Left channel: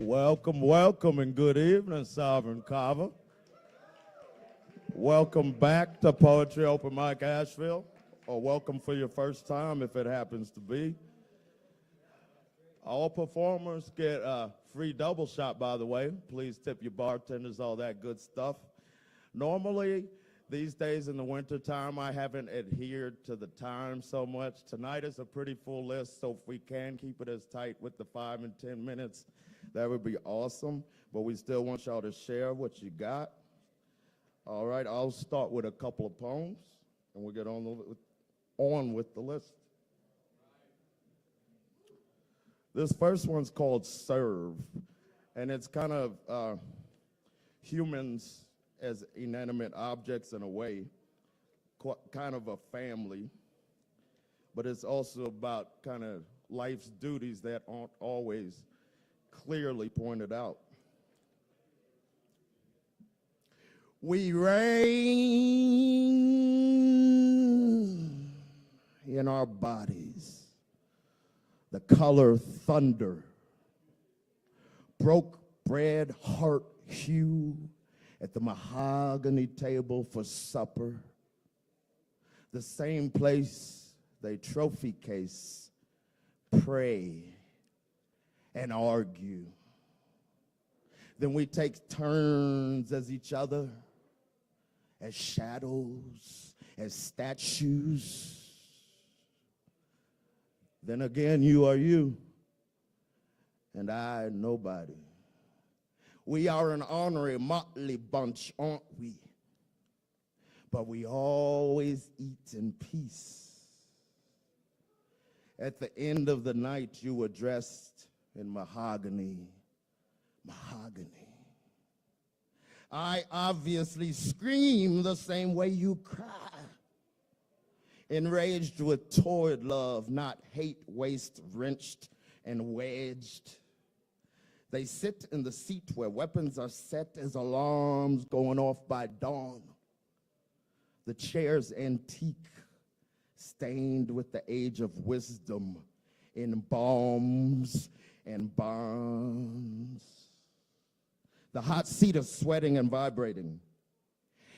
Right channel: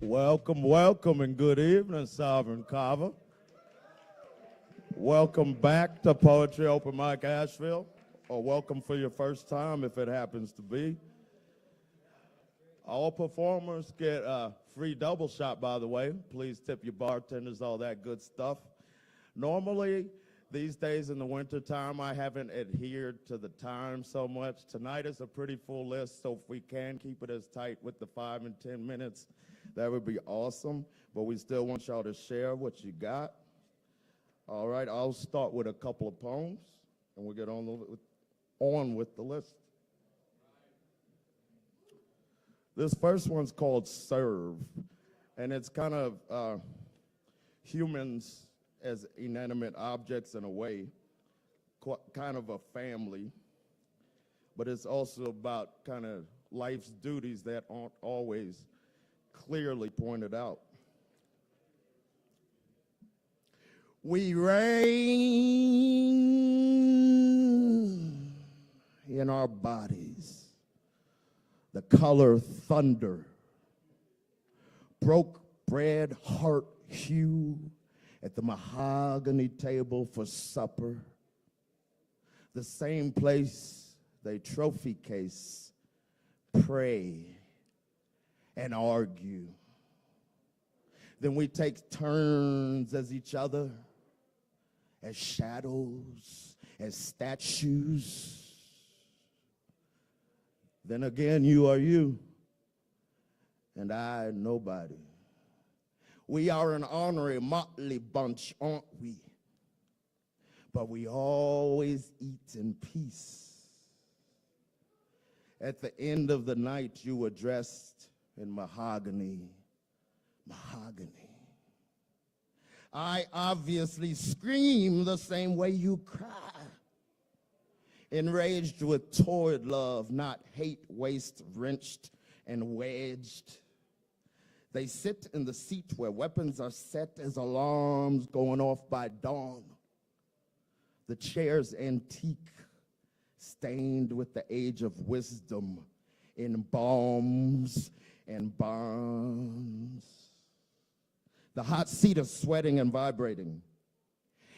Welcome, welcome, and good evening, Sovereign Kava. Welcome back to Poetry Open Mic Asheville, or welcome for your first time if it happens to be. All performers get a free double shot, by the way. Please tip your bartenders, all that good stuff. Normally, these days in the wintertime, I haven't adhered to the time so much. Tonight is a pretty full list, so if we can keep it as tight with the 5 and 10 minutes, that would be awesome, but we still want y'all to share what you got. All right, I'll start with a couple of poems, and we'll get on with the list. This first one's called Serve, and it's kind of humans as inanimate objects in a way, kind of a family, but it's also about kind of life's duties that aren't always clearly pointed out. We reign in our bodies, the color thunder, broke bread heart hue at the mahogany table for supper, the same place they trophy case, pray, and argue. Then we take turns as each other, as shadows, as statues. Then again, you are you, and I nobody. We are an ornery, motley bunch, aren't we? But we always eat in peace. At the end of the night, you were dressed in mahogany. I obviously scream the same way you cry. Enraged with torrid love, not hate, waste, wrenched and wedged. They sit in the seat where weapons are set as alarms going off by dawn. The chair's antique, stained with the age of wisdom in bombs and bonds. The hot seat is sweating and vibrating.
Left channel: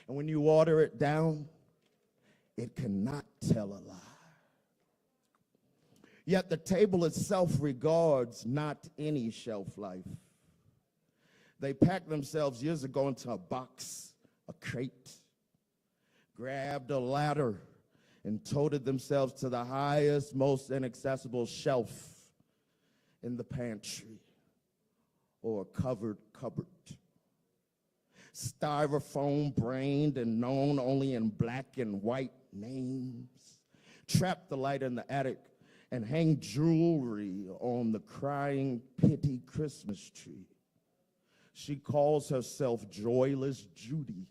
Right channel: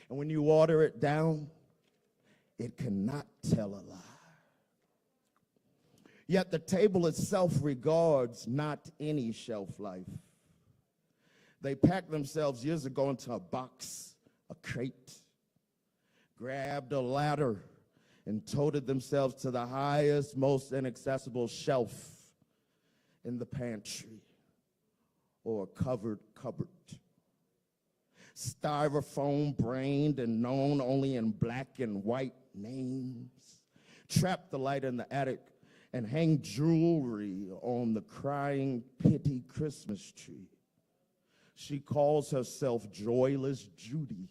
And when you water it down, it cannot tell a lie. Yet the table itself regards not any shelf life. They packed themselves years ago into a box, a crate, grabbed a ladder, and toted themselves to the highest, most inaccessible shelf in the pantry or covered cupboard. Styrofoam brained and known only in black and white names. Trap the light in the attic and hang jewelry on the crying pity Christmas tree. She calls herself Joyless Judy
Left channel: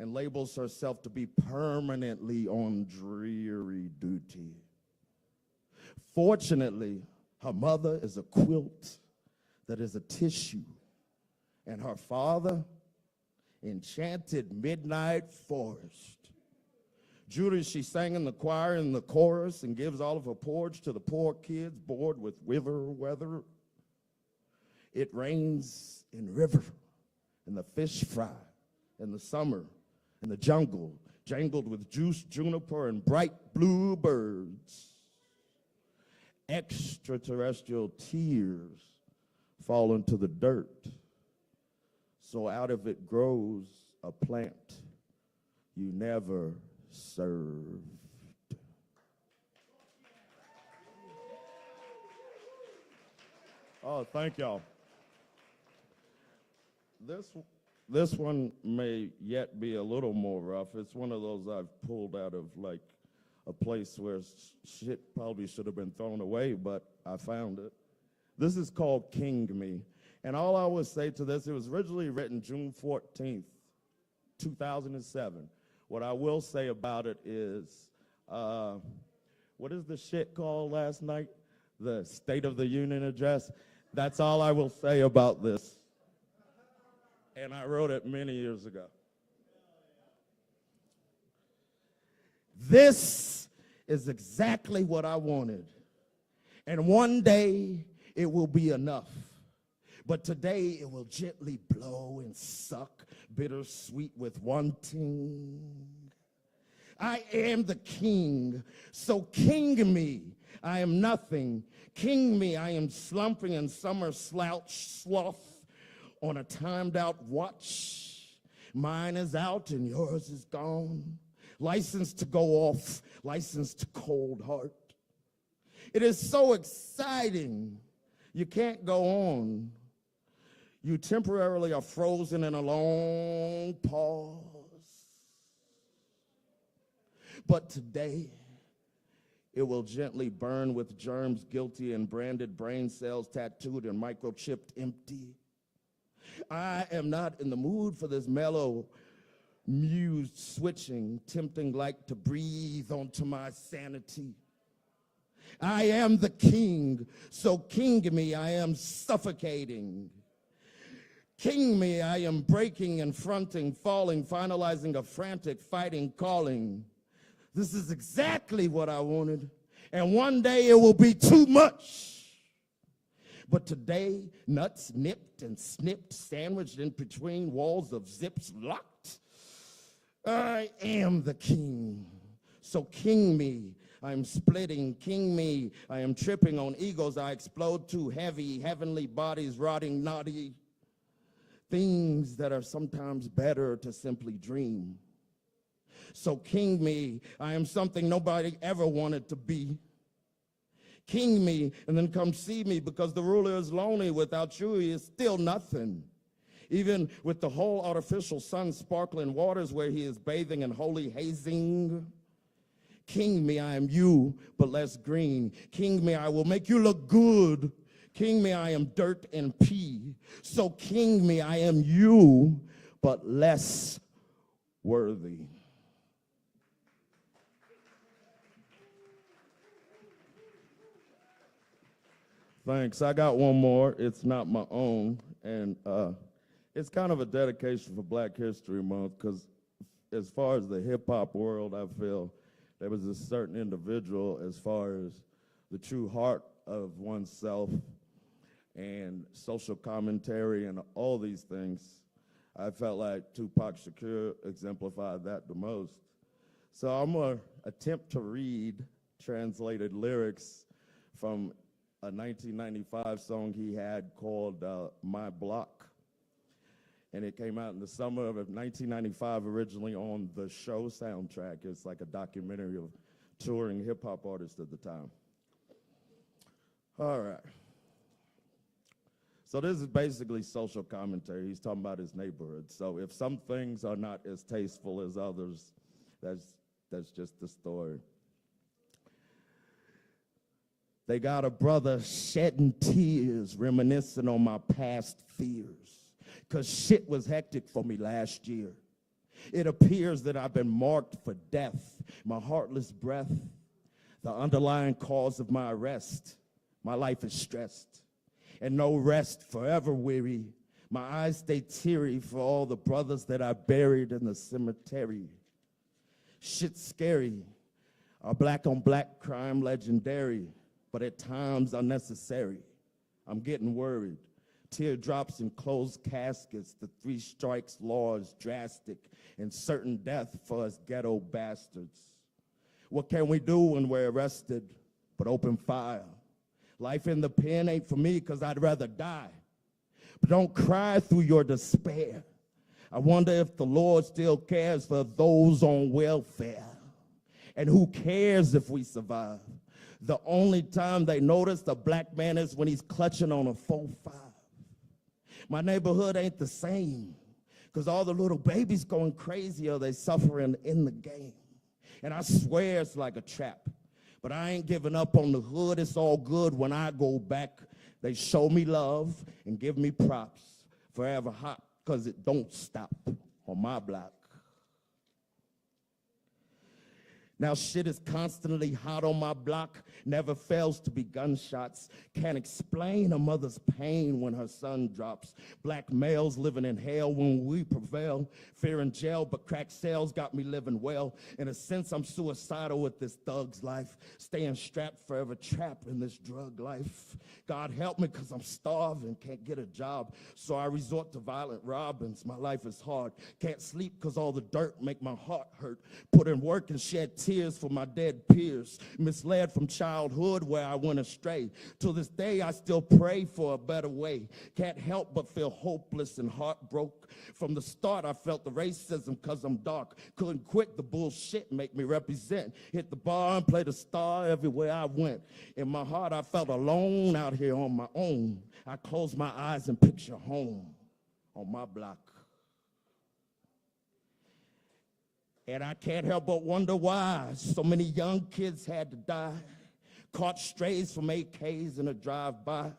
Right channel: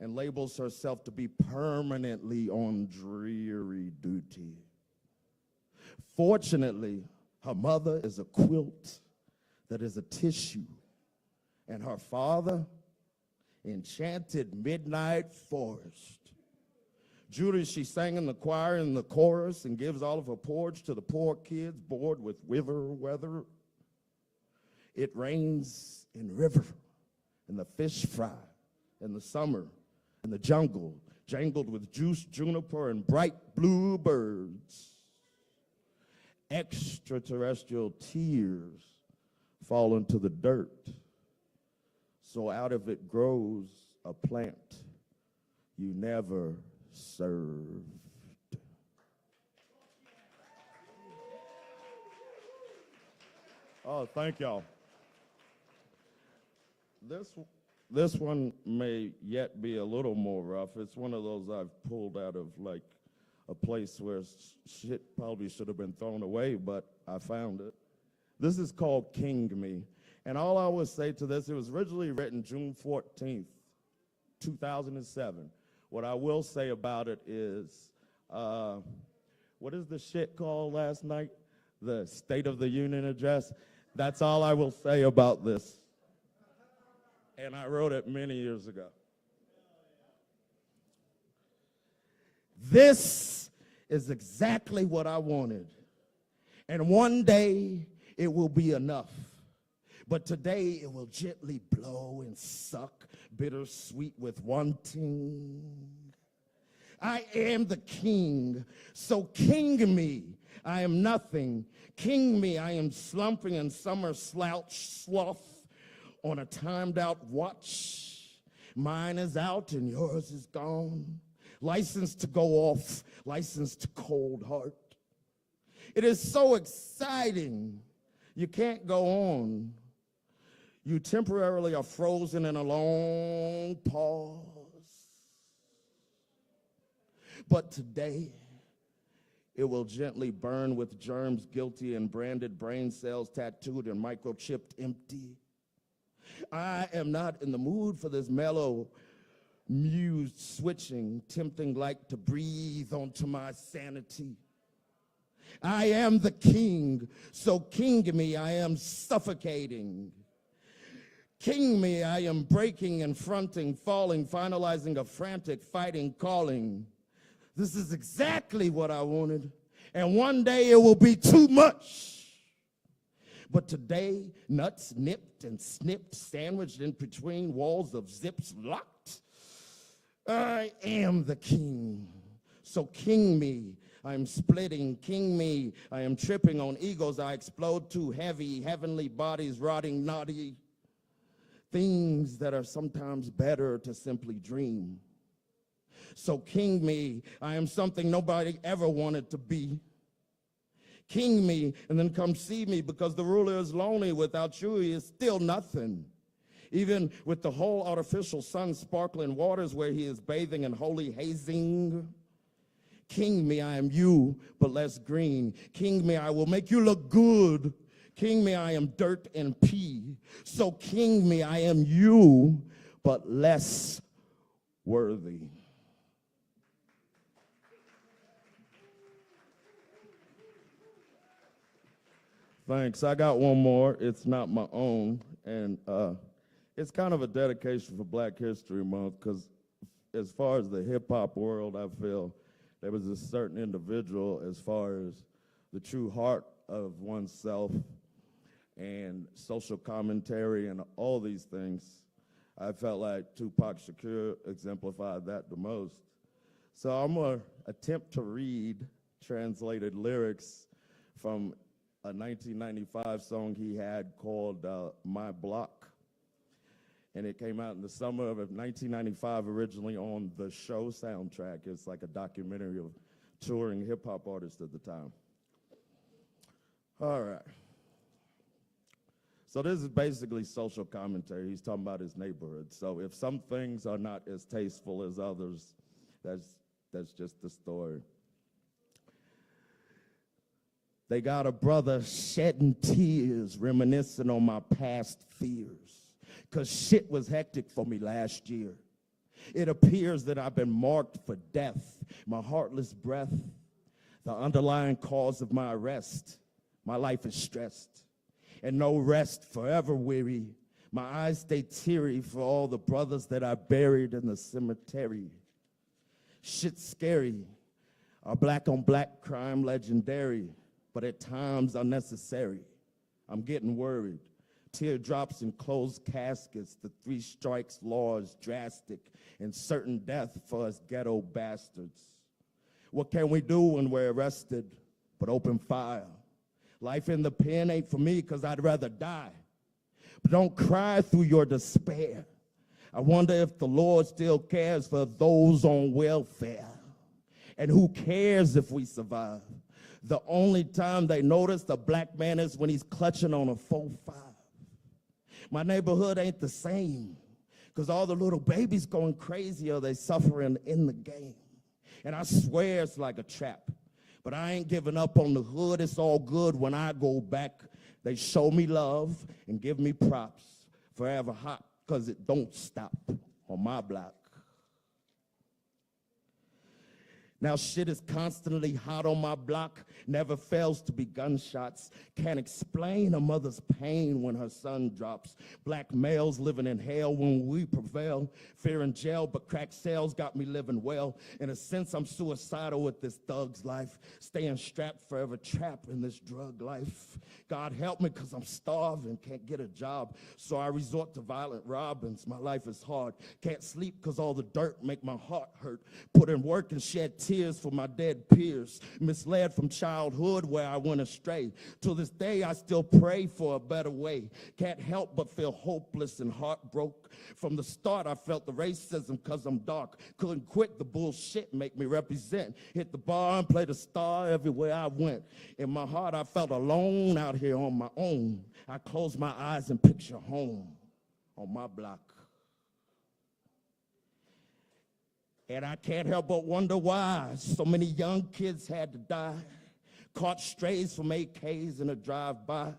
and labels herself to be permanently on dreary duty. Fortunately, her mother is a quilt that is a tissue, and her father, enchanted midnight forest. Judy, she sang in the choir in the chorus and gives all of her porridge to the poor kids bored with river weather. It rains in river, and the fish fry in the summer, in the jungle, jangled with juice, juniper, and bright blue birds. Extraterrestrial tears fall into the dirt, so out of it grows a plant you never served. Oh, thank y'all. This one may yet be a little more rough. It's one of those I've pulled out of like a place where shit probably should have been thrown away, but I found it. This is called King Me. And all I would say to this, it was originally written June 14th, 2007. What I will say about it is, what is the shit called last night? The State of the Union address. That's all I will say about this. And I wrote it many years ago. This is exactly what I wanted. And one day it will be enough. But today it will gently blow and suck, bittersweet with wanting. I am the king, so king me. I am nothing. King me, I am slumping in summer slouch sloth on a timed out watch. Mine is out and yours is gone. License to go off, license to cold heart. It is so exciting. You can't go on. You temporarily are frozen in a long pause. But today, it will gently burn with germs guilty and branded brain cells tattooed and microchipped empty. I am not in the mood for this mellow, mused switching, tempting like to breathe onto my sanity. I am the king, so king me, I am suffocating. King me, I am breaking and fronting, falling, finalizing a frantic, fighting, calling. This is exactly what I wanted, and one day it will be too much. But today, nuts nipped and snipped, sandwiched in between walls of zips locked. I am the king, so king me. I'm splitting, king me. I am tripping on egos. I explode too heavy, heavenly bodies rotting naughty. Things that are sometimes better to simply dream. So king me, I am something nobody ever wanted to be. King me, and then come see me, because the ruler is lonely. Without you, he is still nothing. Even with the whole artificial sun sparkling waters where he is bathing in holy hazing. King me, I am you, but less green. King me, I will make you look good. King me, I am dirt and pee. So king me, I am you, but less worthy. Thanks. I got one more. It's not my own, and it's kind of a dedication for Black History Month, because as far as the hip-hop world, I feel there was a certain individual as far as the true heart of oneself and social commentary and all these things. I felt like Tupac Shakur exemplified that the most. So I'm going to attempt to read translated lyrics from a 1995 song he had called My Block. And it came out in the summer of 1995, originally on the Show soundtrack. It's like a documentary of touring hip-hop artists at the time. All right. So this is basically social commentary. He's talking about his neighborhood. So if some things are not as tasteful as others, that's just the story. They got a brother shedding tears, reminiscing on my past fears, 'cause shit was hectic for me last year. It appears that I've been marked for death, my heartless breath, the underlying cause of my arrest. My life is stressed, and no rest, forever weary. My eyes stay teary for all the brothers that I buried in the cemetery. Shit's scary, our black on black crime legendary, but at times unnecessary. I'm getting worried. Teardrops in closed caskets, the 3 strikes law is drastic, and certain death for us ghetto bastards. What can we do when we're arrested but open fire? Life in the pen ain't for me, 'cause I'd rather die. But don't cry through your despair. I wonder if the Lord still cares for those on welfare. And who cares if we survive? The only time they notice a black man is when he's clutching on a 4-5. My neighborhood ain't the same, 'cause all the little babies going crazy or they suffering in the game. And I swear it's like a trap. But I ain't giving up on the hood. It's all good when I go back. They show me love and give me props. Forever hot, 'cause it don't stop on my block. Now shit is constantly hot on my block, never fails to be gunshots. Can't explain a mother's pain when her son drops. Black males living in hell when we prevail. Fear in jail, but crack sales got me living well. In a sense, I'm suicidal with this thug's life. Staying strapped, forever trapped in this drug life. God help me, cause I'm starving, can't get a job. So I resort to violent robins, my life is hard. Can't sleep cause all the dirt make my heart hurt. Put in work and shed tears for my dead peers. Misled from childhood where I went astray. To this day I still pray for a better way. Can't help but feel hopeless and heartbroken. From the start I felt the racism cause I'm dark. Couldn't quit the bullshit, make me represent. Hit the bar and play the star everywhere I went. In my heart I felt alone out here on my own. I close my eyes and picture home on my block. And I can't help but wonder why so many young kids had to die. Caught strays from AKs in a drive-by.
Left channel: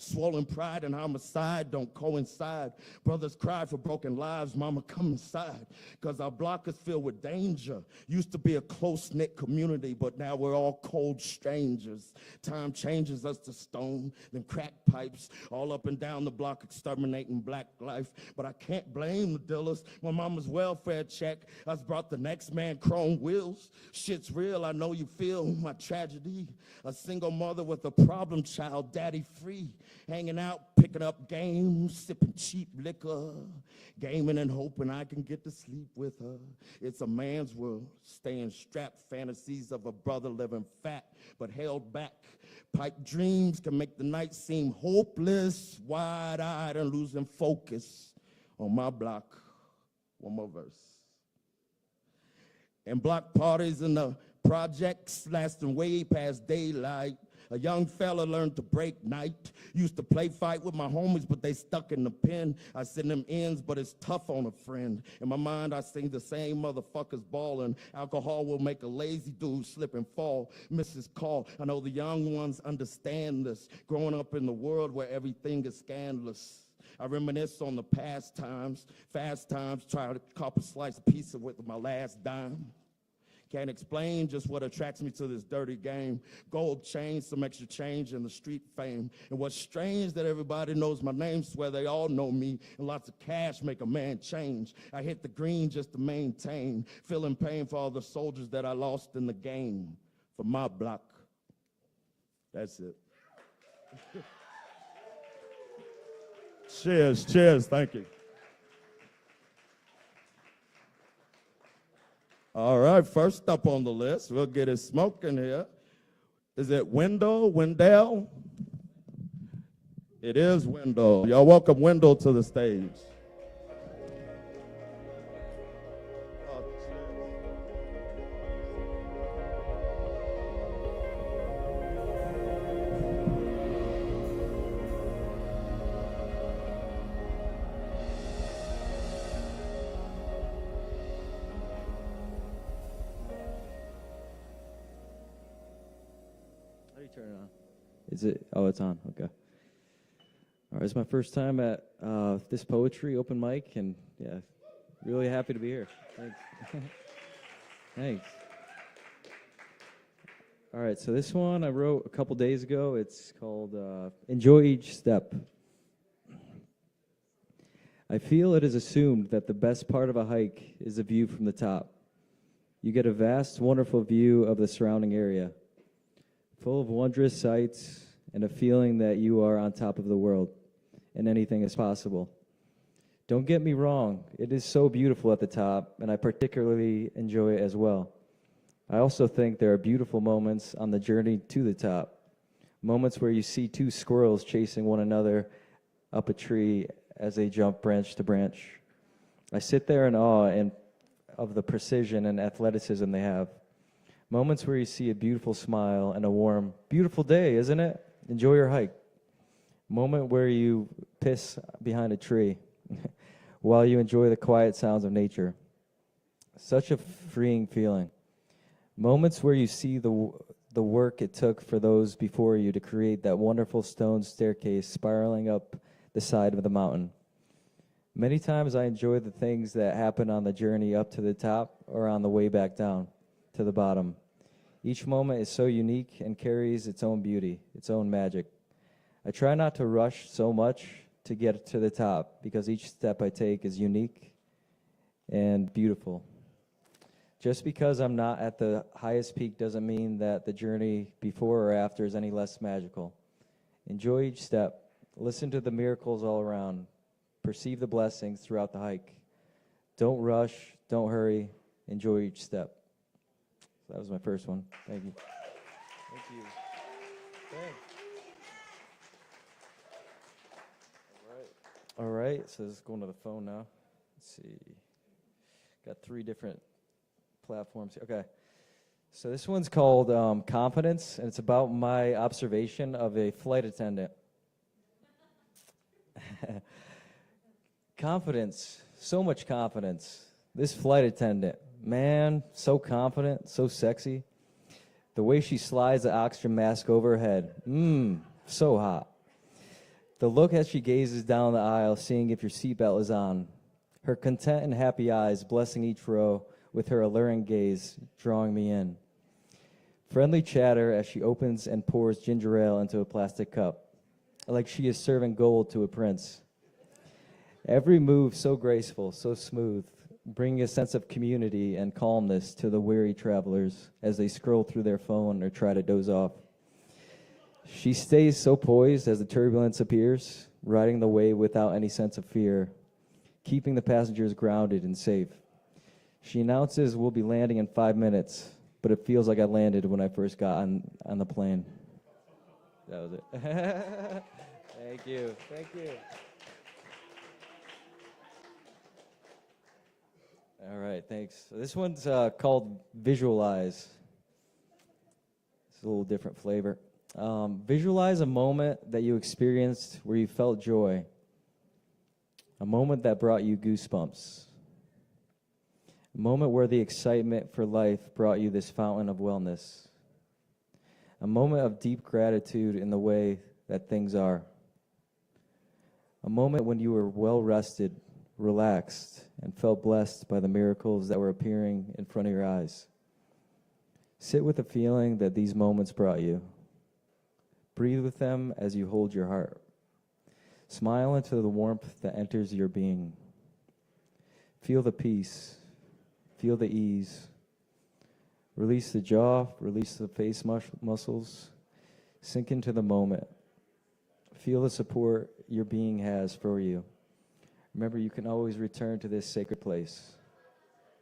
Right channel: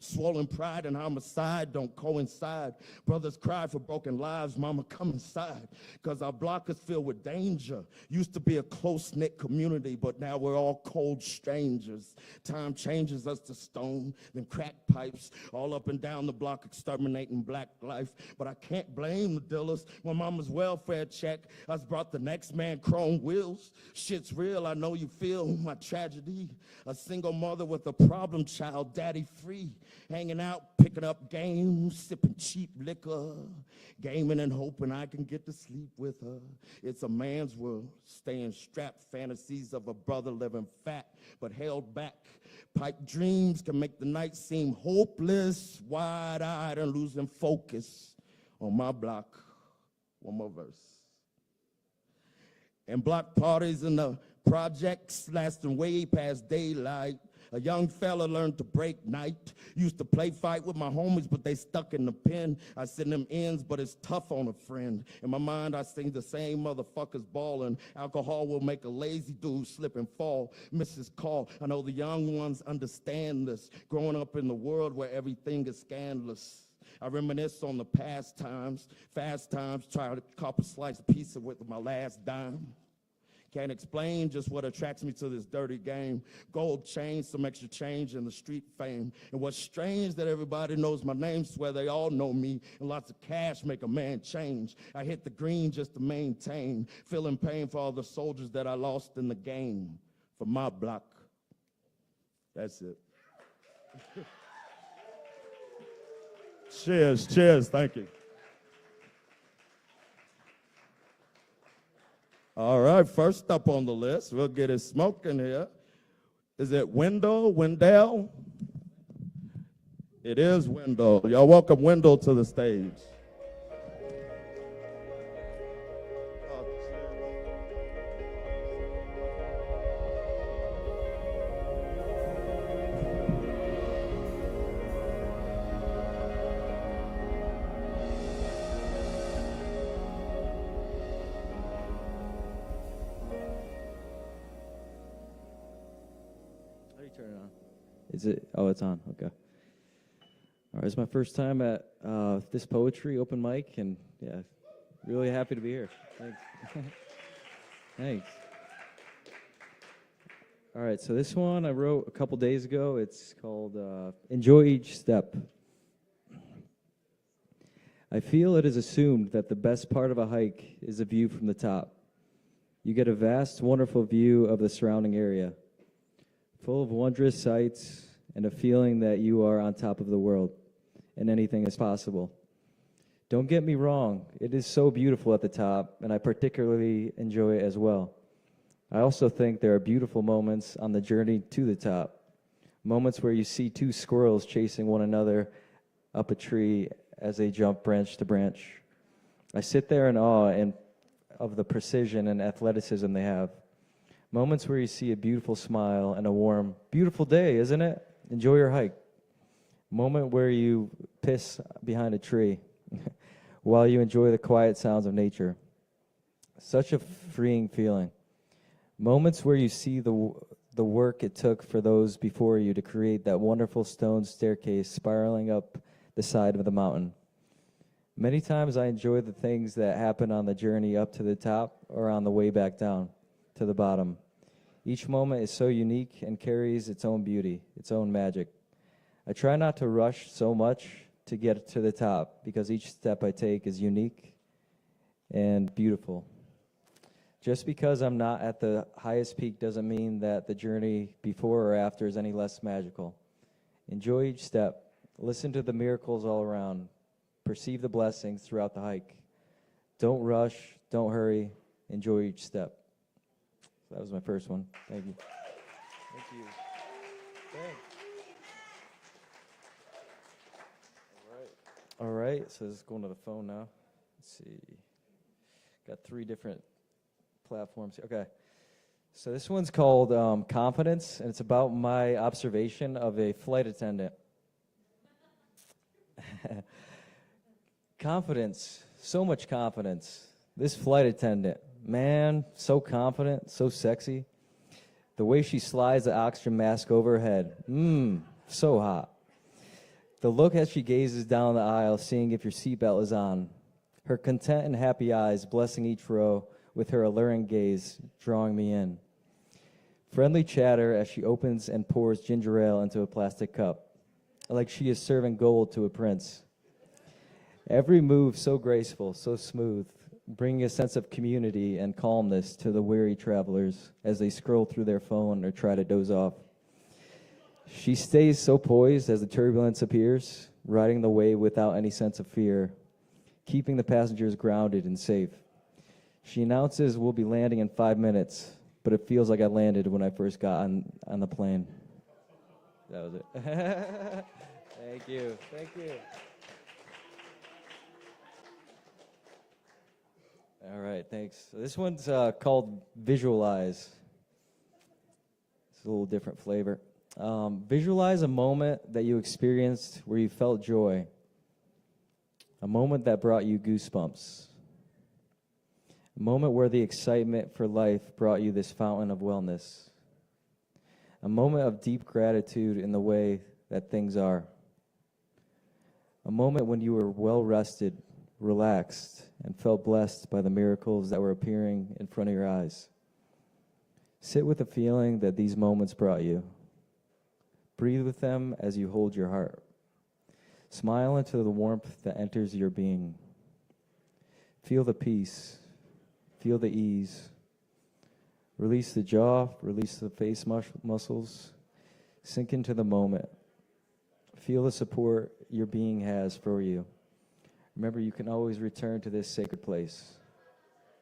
Swollen pride and homicide don't coincide. Brothers cry for broken lives, mama come inside. Cause our block is filled with danger. Used to be a close-knit community, but now we're all cold strangers. Time changes us to stone, then crack pipes. All up and down the block exterminating black life. But I can't blame the dealers. When mama's welfare check us brought the next man chrome wheels. Shit's real, I know you feel my tragedy. A single mother with a problem child, daddy free. Hanging out, picking up games, sipping cheap liquor, gaming and hoping I can get to sleep with her. It's a man's world, staying strapped, fantasies of a brother living fat, but held back. Pipe dreams can make the night seem hopeless, wide-eyed and losing focus. On my block, one more verse. And block parties in the projects lasting way past daylight. A young fella learned to break night. Used to play fight with my homies, but they stuck in the pen. I send them ends, but it's tough on a friend. In my mind, I sing the same motherfuckers ballin'. Alcohol will make a lazy dude slip and fall. Mrs. Call, I know the young ones understand this. Growing up in the world where everything is scandalous. I reminisce on the past times, fast times, try to cop a slice of pizza with my last dime. Can't explain just what attracts me to this dirty game. Gold chain, some extra change, and the street fame. And what's strange that everybody knows my name, swear they all know me. And lots of cash make a man change. I hit the green just to maintain. Feeling pain for all the soldiers that I lost in the game. For my block. That's it. Cheers, cheers, thank you. All right, first up on the list, we'll get it smoking here. Is it Wendell? It is Wendell. Y'all welcome Wendell to the stage. Is it? Oh, it's on. Okay. All right, it's my first time at this poetry open mic, and yeah, really happy to be here. Thanks. Thanks. All right, so this one I wrote a couple days ago. It's called Enjoy Each Step. I feel it is assumed that the best part of a hike is the view from the top. You get a vast, wonderful view of the surrounding area, full of wondrous sights and a feeling that you are on top of the world and anything is possible. Don't get me wrong, it is so beautiful at the top, and I particularly enjoy it as well. I also think there are beautiful moments on the journey to the top, moments where you see two squirrels chasing one another up a tree as they jump branch to branch. I sit there in awe of the precision and athleticism they have. Moments where you see a beautiful smile and a warm, beautiful day, isn't it? Enjoy your hike. Moment where you piss behind a tree while you enjoy the quiet sounds of nature. Such a freeing feeling. Moments where you see the work it took for those before you to create that wonderful stone staircase spiraling up the side of the mountain. Many times I enjoy the things that happen on the journey up to the top or on the way back down. to the bottom. Each moment is so unique and carries its own beauty, its own magic. I try not to rush so much to get to the top because each step I take is unique and beautiful. Just because I'm not at the highest peak doesn't mean that the journey before or after is any less magical. Enjoy each step. Listen to the miracles all around. Perceive the blessings throughout the hike. Don't rush. Don't hurry. Enjoy each step. So that was my first one. Thank you. Thank you. Okay. All right, so this is going to the phone now. Let's see. Got 3 different platforms here. Okay. So this one's called Confidence, and it's about my observation of a flight attendant. Confidence, so much confidence. This flight attendant, man, so confident, so sexy. The way she slides the oxygen mask over her head, so hot. The look as she gazes down the aisle, seeing if your seatbelt is on. Her content and happy eyes blessing each row with her alluring gaze, drawing me in. Friendly chatter as she opens and pours ginger ale into a plastic cup, like she is serving gold to a prince. Every move so graceful, so smooth, bringing a sense of community and calmness to the weary travelers as they scroll through their phone or try to doze off. She stays so poised as the turbulence appears, riding the wave without any sense of fear, keeping the passengers grounded and safe. She announces we'll be landing in 5 minutes, but it feels like I landed when I first got on the plane. That was it. Thank you. Thank you. All right, thanks. So this one's called Visualize. It's a little different flavor. Visualize a moment that you experienced where you felt joy. A moment that brought you goosebumps. A moment where the excitement for life brought you this fountain of wellness. A moment of deep gratitude in the way that things are. A moment when you were well rested, relaxed, and felt blessed by the miracles that were appearing in front of your eyes. Sit with the feeling that these moments brought you. Breathe with them as you hold your heart. Smile into the warmth that enters your being. Feel the peace. Feel the ease. Release the jaw, release the face muscles. Sink into the moment. Feel the support your being has for you. Remember, you can always return to this sacred place.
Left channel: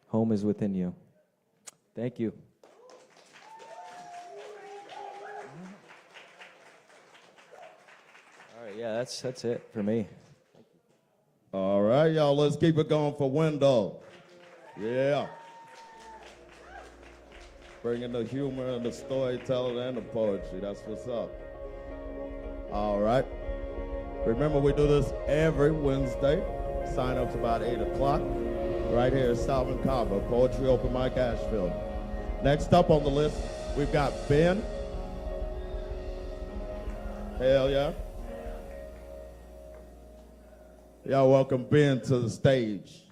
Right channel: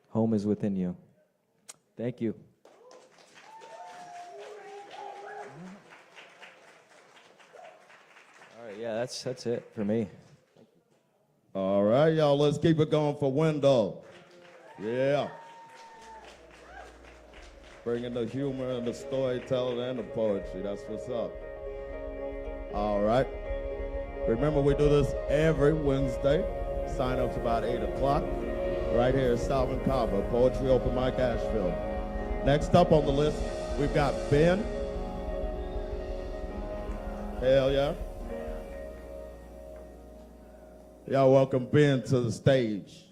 Home is within you. Thank you. All right, yeah, that's it for me. All right, y'all, let's keep it going for Wendell. Yeah. Bringing the humor and the storytelling and the poetry. That's what's up. All right. Remember, we do this every Wednesday. Sign-ups about 8 o'clock. Right here at Salvin Kava, Poetry Open Mic Asheville. Next up on the list, we've got Ben. Hell yeah. Y'all welcome Ben to the stage.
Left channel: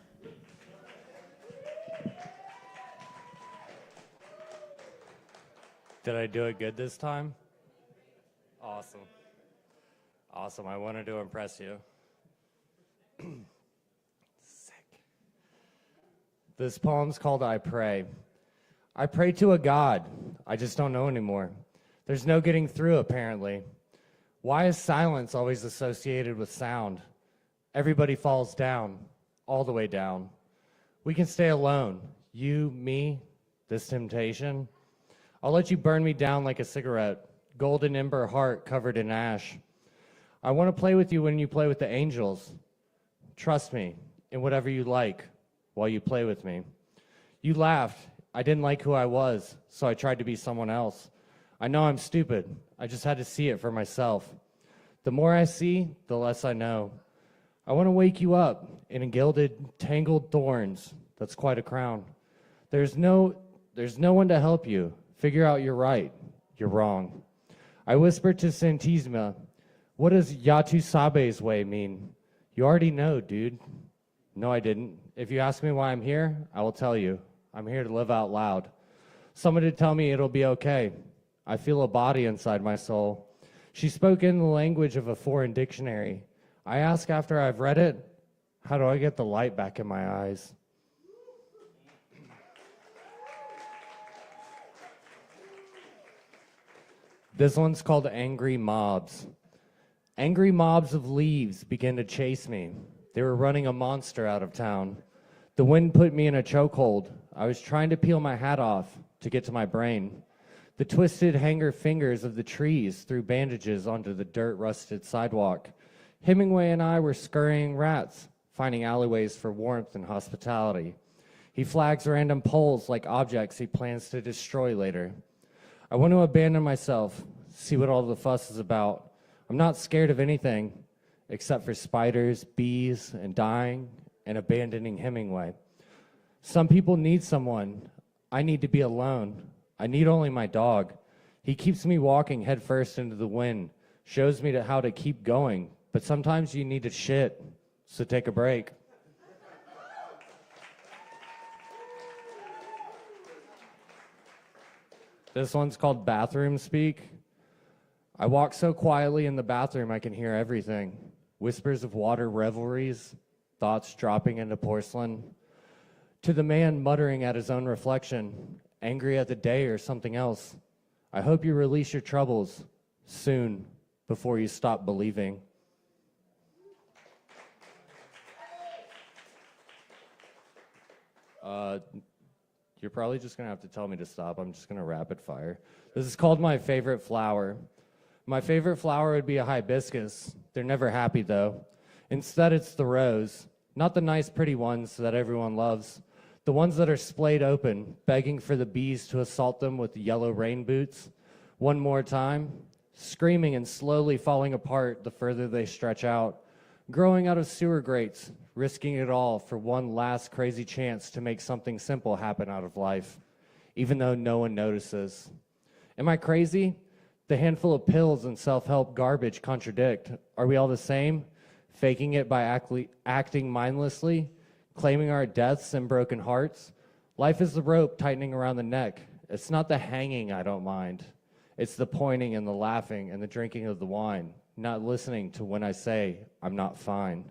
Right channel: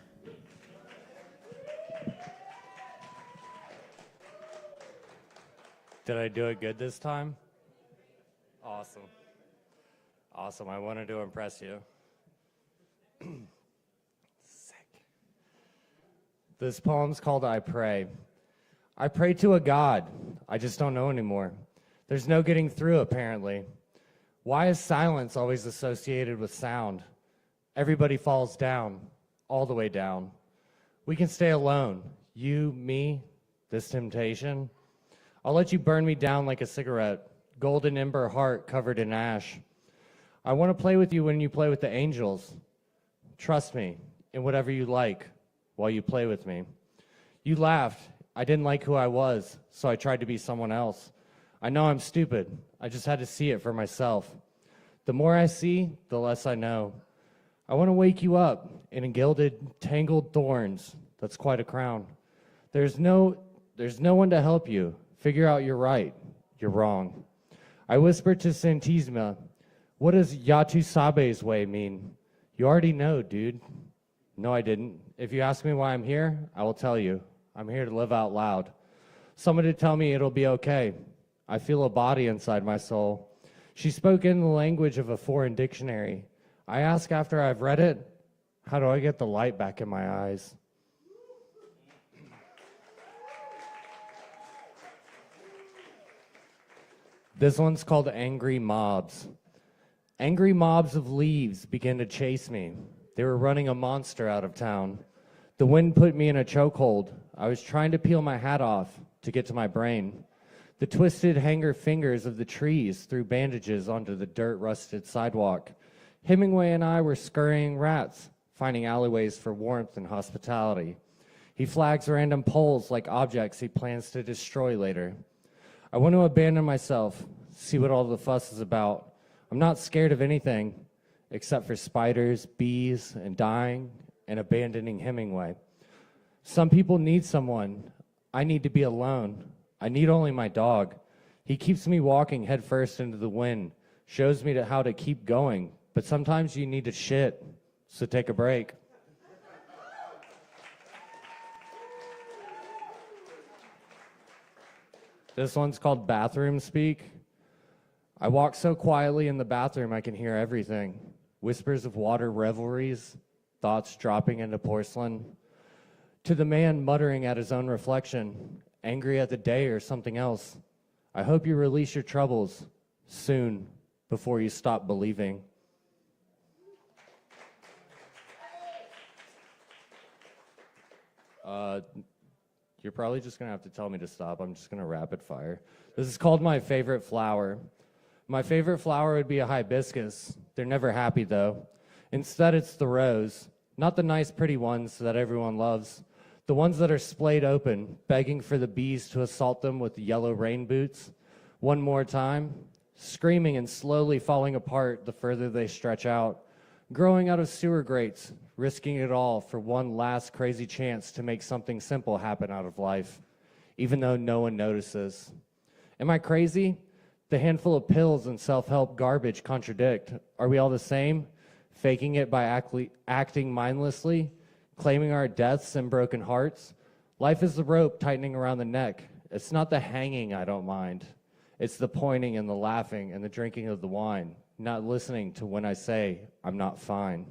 Did I do it good this time? Awesome. Awesome. I wanted to impress you. Sick. This poem's called I Pray. I pray to a God. I just don't know anymore. There's no getting through, apparently. Why is silence always associated with sound? Everybody falls down, all the way down. We can stay alone. You, me, this temptation. I'll let you burn me down like a cigarette, golden ember heart covered in ash. I want to play with you when you play with the angels. Trust me in whatever you like while you play with me. You laughed. I didn't like who I was, so I tried to be someone else. I know I'm stupid. I just had to see it for myself. The more I see, the less I know. I want to wake you up in gilded, tangled thorns. That's quite a crown. There's no one to help you. Figure out you're right, you're wrong. I whispered to Santisma, what does Yatu Sabe's way mean? You already know, dude. No, I didn't. If you ask me why I'm here, I will tell you. I'm here to live out loud. Someone to tell me it'll be okay. I feel a body inside my soul. She spoke in the language of a foreign dictionary. I ask after I've read it, how do I get the light back in my eyes? This one's called Angry Mobs. Angry mobs of leaves began to chase me. They were running a monster out of town. The wind put me in a chokehold. I was trying to peel my hat off to get to my brain. The twisted hanger fingers of the trees threw bandages onto the dirt-rusted sidewalk. Hemingway and I were scurrying rats, finding alleyways for warmth and hospitality. He flags random poles like objects he plans to destroy later. I want to abandon myself, see what all the fuss is about. I'm not scared of anything except for spiders, bees, and dying and abandoning Hemingway. Some people need someone. I need to be alone. I need only my dog. He keeps me walking headfirst into the wind, shows me how to keep going, but sometimes you need to shit, so take a break. This one's called Bathroom Speak. I walk so quietly in the bathroom I can hear everything. Whispers of water revelries, thoughts dropping into porcelain. To the man muttering at his own reflection, angry at the day or something else. I hope you release your troubles soon before you stop believing. You're probably just going to have to tell me to stop. I'm just going to rapid fire. This is called My Favorite Flower. My favorite flower would be a hibiscus. They're never happy, though. Instead, it's the rose. Not the nice, pretty ones that everyone loves. The ones that are splayed open, begging for the bees to assault them with yellow rain boots. One more time, screaming and slowly falling apart the further they stretch out. Growing out of sewer grates, risking it all for one last crazy chance to make something simple happen out of life, even though no one notices. Am I crazy? The handful of pills and self-help garbage contradict. Are we all the same? Faking it by acting mindlessly? Claiming our deaths and broken hearts? Life is the rope tightening around the neck. It's not the hanging I don't mind. It's the pointing and the laughing and the drinking of the wine, not listening to when I say I'm not fine.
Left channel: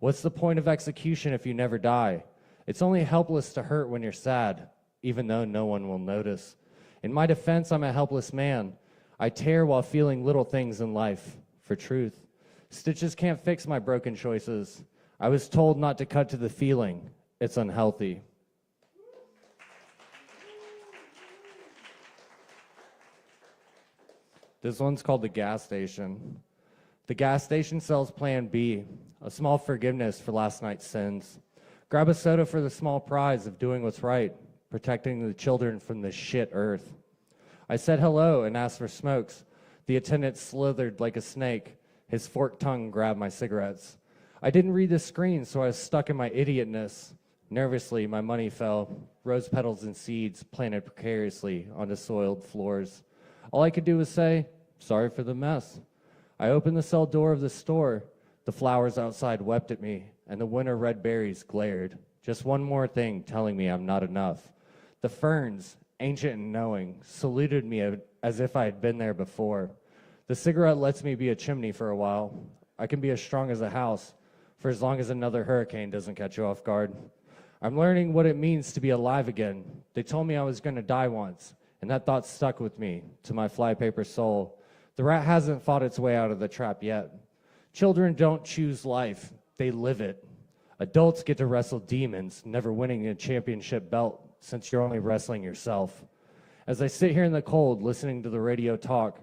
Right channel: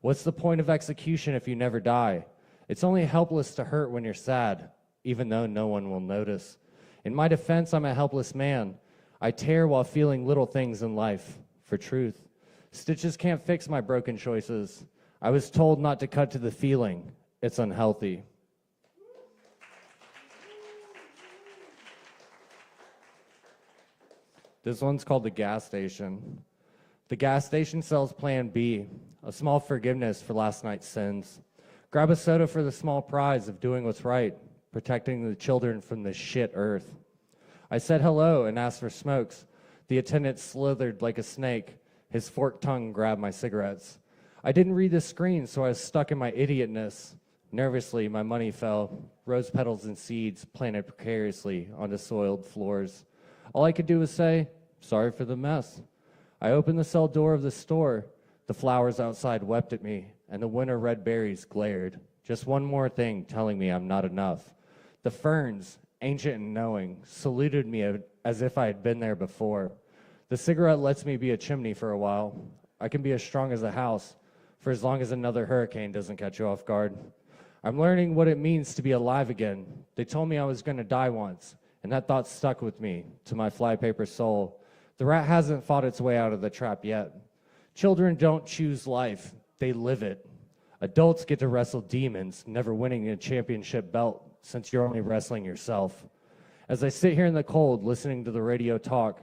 What's the point of execution if you never die? It's only helpless to hurt when you're sad, even though no one will notice. In my defense, I'm a helpless man. I tear while feeling little things in life for truth. Stitches can't fix my broken choices. I was told not to cut to the feeling. It's unhealthy. This one's called The Gas Station. The gas station sells Plan B, a small forgiveness for last night's sins. Grab a soda for the small prize of doing what's right, protecting the children from this shit earth. I said hello and asked for smokes. The attendant slithered like a snake. His forked tongue grabbed my cigarettes. I didn't read the screen, so I was stuck in my idiotness. Nervously, my money fell. Rose petals and seeds planted precariously onto soiled floors. All I could do was say, sorry for the mess. I opened the cell door of the store. The flowers outside wept at me, and the winter red berries glared. Just one more thing telling me I'm not enough. The ferns, ancient and knowing, saluted me as if I had been there before. The cigarette lets me be a chimney for a while. I can be as strong as a house for as long as another hurricane doesn't catch you off guard. I'm learning what it means to be alive again. They told me I was going to die once, and that thought stuck with me to my flypaper soul. The rat hasn't fought its way out of the trap yet. Children don't choose life, they live it. Adults get to wrestle demons, never winning a championship belt since you're only wrestling yourself. As I sit here in the cold listening to the radio talk,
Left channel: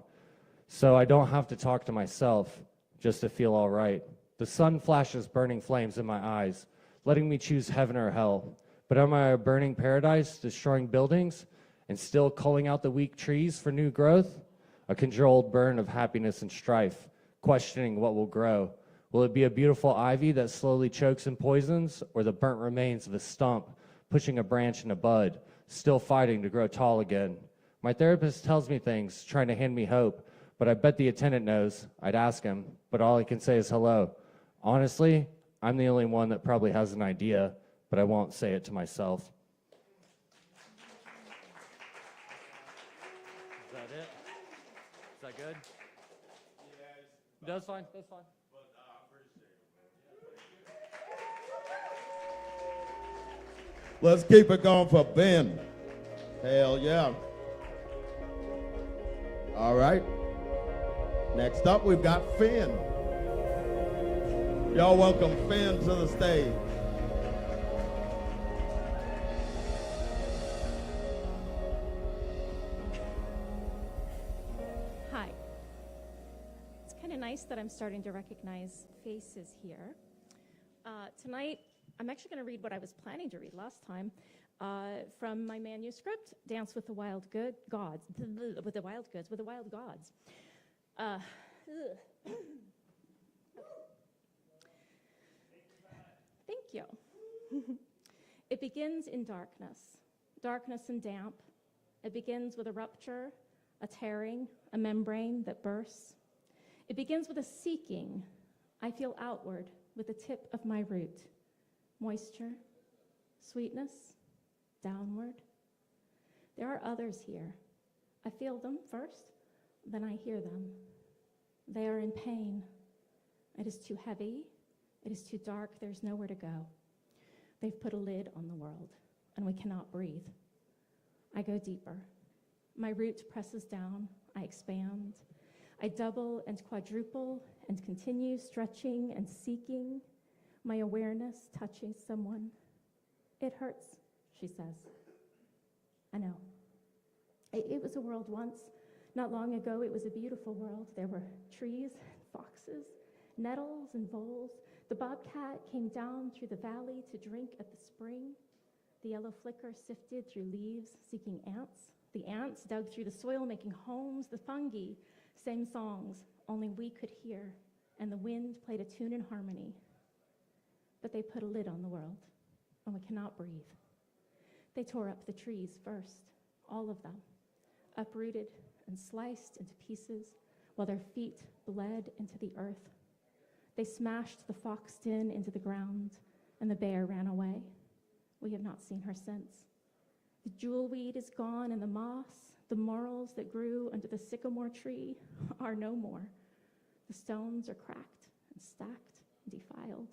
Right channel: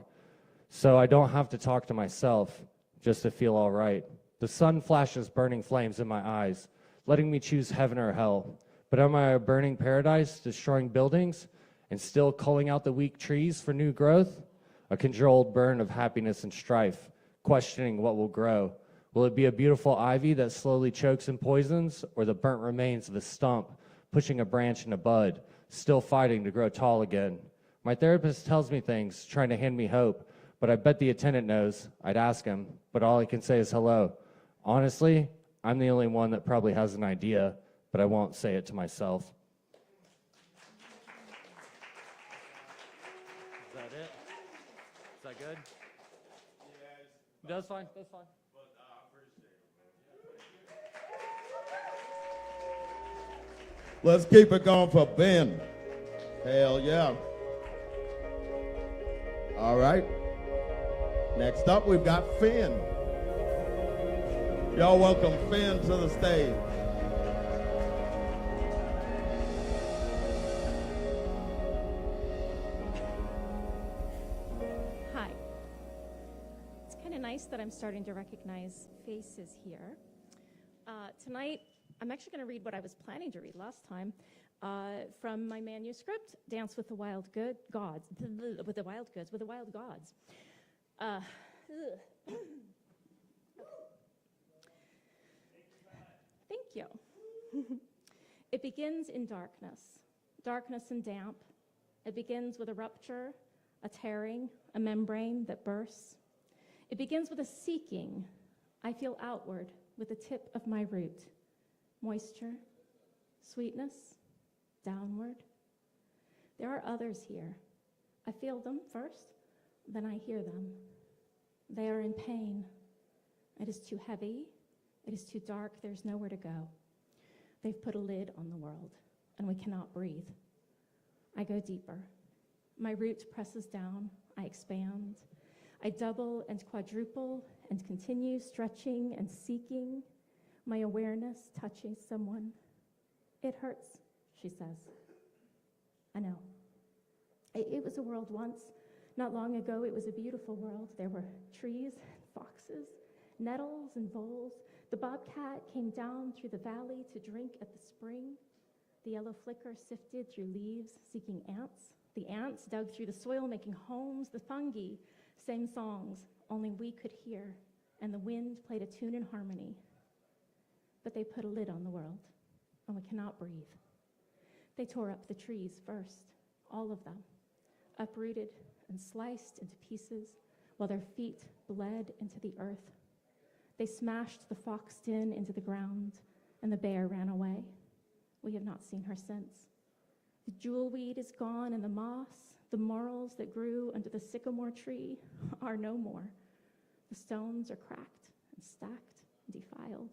so I don't have to talk to myself, just to feel all right. The sun flashes burning flames in my eyes, letting me choose heaven or hell. But am I a burning paradise, destroying buildings, and still culling out the weak trees for new growth? A controlled burn of happiness and strife, questioning what will grow. Will it be a beautiful ivy that slowly chokes and poisons, or the burnt remains of a stump, pushing a branch and a bud, still fighting to grow tall again? My therapist tells me things, trying to hand me hope, but I bet the attendant knows. I'd ask him, but all I can say is hello. Honestly, I'm the only one that probably has an idea, but I won't say it to myself. That's fine. That's fine. Let's keep it going for Ben. Hell yeah. All right. Next up, we've got Finn. Y'all welcome Finn to the stage. Hi. It's kind of nice that I'm starting to recognize faces here. Tonight, I'm actually going to read what I was planning to read last time from my manuscript, Dance with the Wild Gods. With the Wild Gods. Thank you. It begins in darkness and damp. It begins with a rupture, a tearing, a membrane that bursts. It begins with a seeking. I feel outward with the tip of my root. Moisture, sweetness, downward. There are others here. I feel them first, then I hear them. They are in pain. It is too heavy. It is too dark. There's nowhere to go. They've put a lid on the world, and we cannot breathe. I go deeper. My root presses down. I expand. I double and quadruple and continue stretching and seeking. My awareness touching someone. It hurts, she says. I know. It was a world once. Not long ago, it was a beautiful world. There were trees, foxes, nettles and voles. The bobcat came down through the valley to drink at the spring. The yellow flicker sifted through leaves, seeking ants. The ants dug through the soil, making homes. The fungi sang songs only we could hear, and the wind played a tune in harmony. But they put a lid on the world, and we cannot breathe. They tore up the trees first, all of them, uprooted and sliced into pieces while their feet bled into the earth. They smashed the fox den into the ground, and the bear ran away. We have not seen her since. The jewelweed is gone, and the moss, the morels that grew under the sycamore tree are no more. The stones are cracked and stacked and defiled.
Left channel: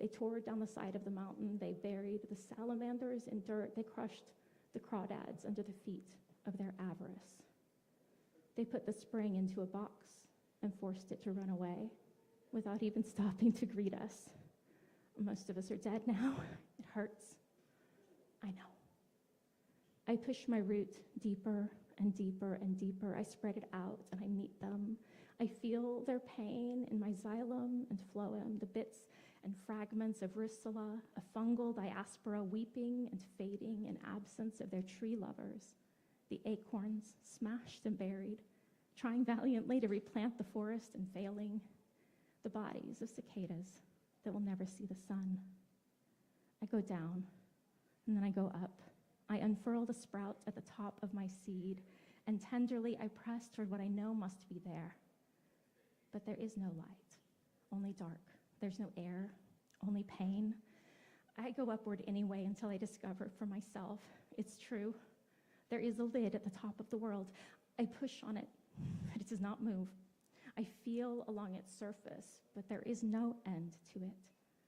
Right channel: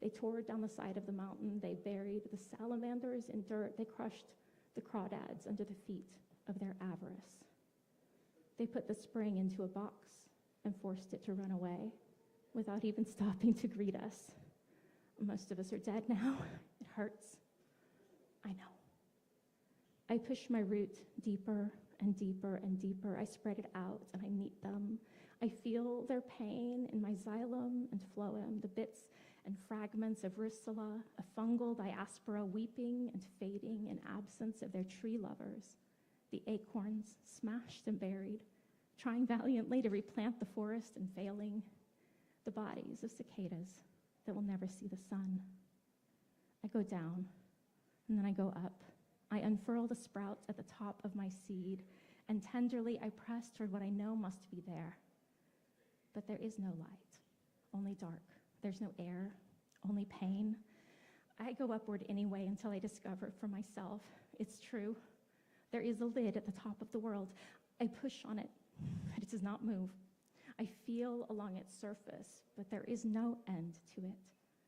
They tore down the side of the mountain. They buried the salamanders in dirt. They crushed the crawdads under the feet of their avarice. They put the spring into a box and forced it to run away without even stopping to greet us. Most of us are dead now. It hurts. I know. I push my root deeper and deeper and deeper. I spread it out and I meet them. I feel their pain in my xylem and phloem, the bits and fragments of ricilla, a fungal diaspora weeping and fading in absence of their tree lovers. The acorns smashed and buried, trying valiantly to replant the forest and failing. The bodies of cicadas that will never see the sun. I go down, and then I go up. I unfurl the sprout at the top of my seed, and tenderly I press toward what I know must be there. But there is no light, only dark. There's no air, only pain. I go upward anyway until I discover for myself. It's true. There is a lid at the top of the world. I push on it, but it does not move. I feel along its surface, but there is no end to it.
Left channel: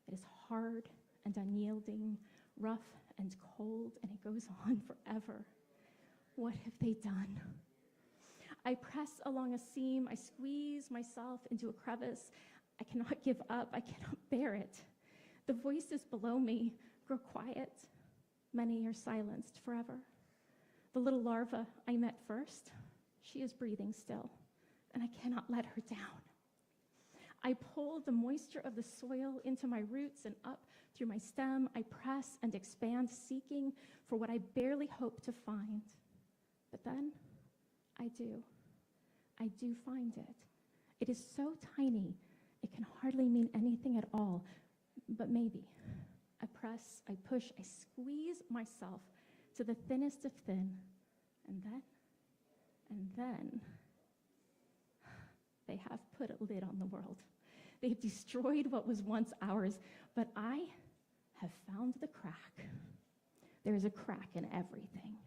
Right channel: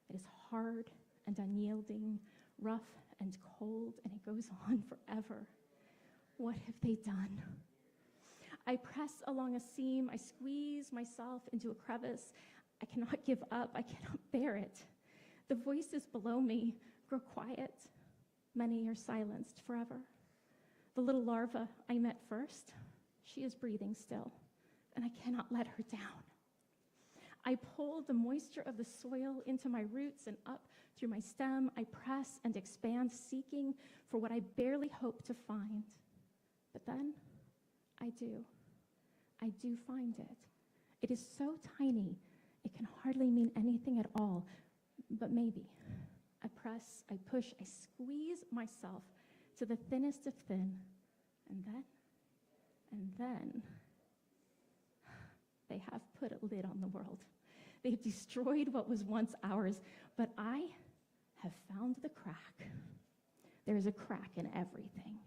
It is hard and unyielding, rough and cold, and it goes on forever. What have they done? I press along a seam. I squeeze myself into a crevice. I cannot give up. I cannot bear it. The voices below me grow quiet. Many are silenced forever. The little larva I met first, she is breathing still, and I cannot let her down. I pull the moisture of the soil into my roots and up through my stem. I press and expand, seeking for what I barely hope to find. But then I do. I do find it. It is so tiny, it can hardly mean anything at all, but maybe. I press, I push, I squeeze myself to the thinnest of thin, and then, they have put a lid on the world. They have destroyed what was once ours, but I have found the crack. There's a crack in everything.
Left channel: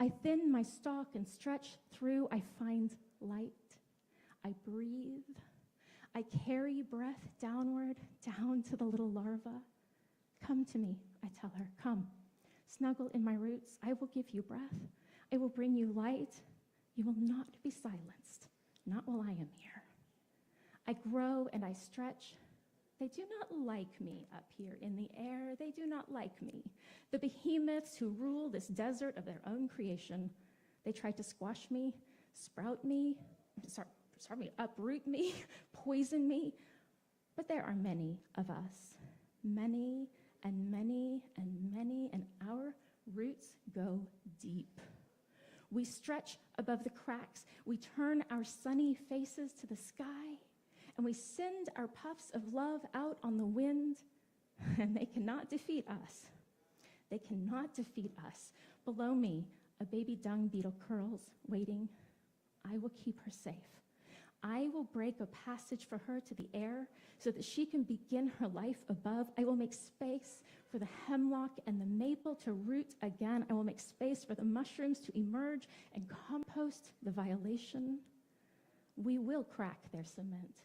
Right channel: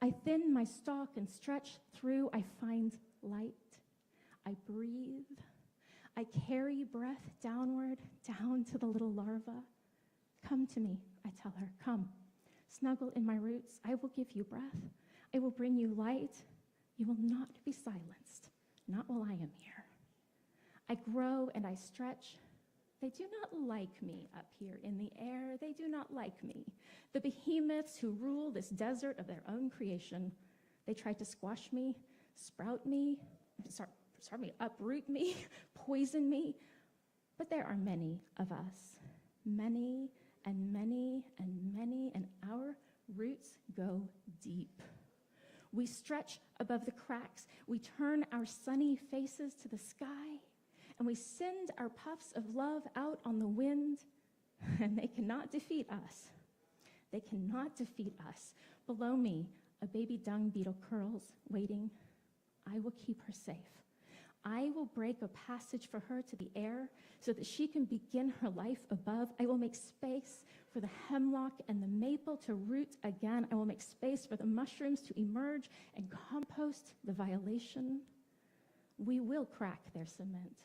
I thin my stalk and stretch through. I find light. I breathe. I carry breath downward, down to the little larva. Come to me, I tell her, come. Snuggle in my roots, I will give you breath. I will bring you light. You will not be silenced, not while I am here. I grow and I stretch. They do not like me up here in the air. They do not like me. The behemoths who rule this desert of their own creation, they try to squash me, sprout me, uproot me, poison me. But there are many of us, many and many and many, and our roots go deep. We stretch above the cracks. We turn our sunny faces to the sky, and we send our puffs of love out on the wind, and they cannot defeat us. They cannot defeat us. Below me, a baby dung beetle curls, waiting. I will keep her safe. I will break a passage for her to the air so that she can begin her life above. I will make space for the hemlock and the maple to root again. I will make space for the mushrooms to emerge and compost the violation. We will crack their cement.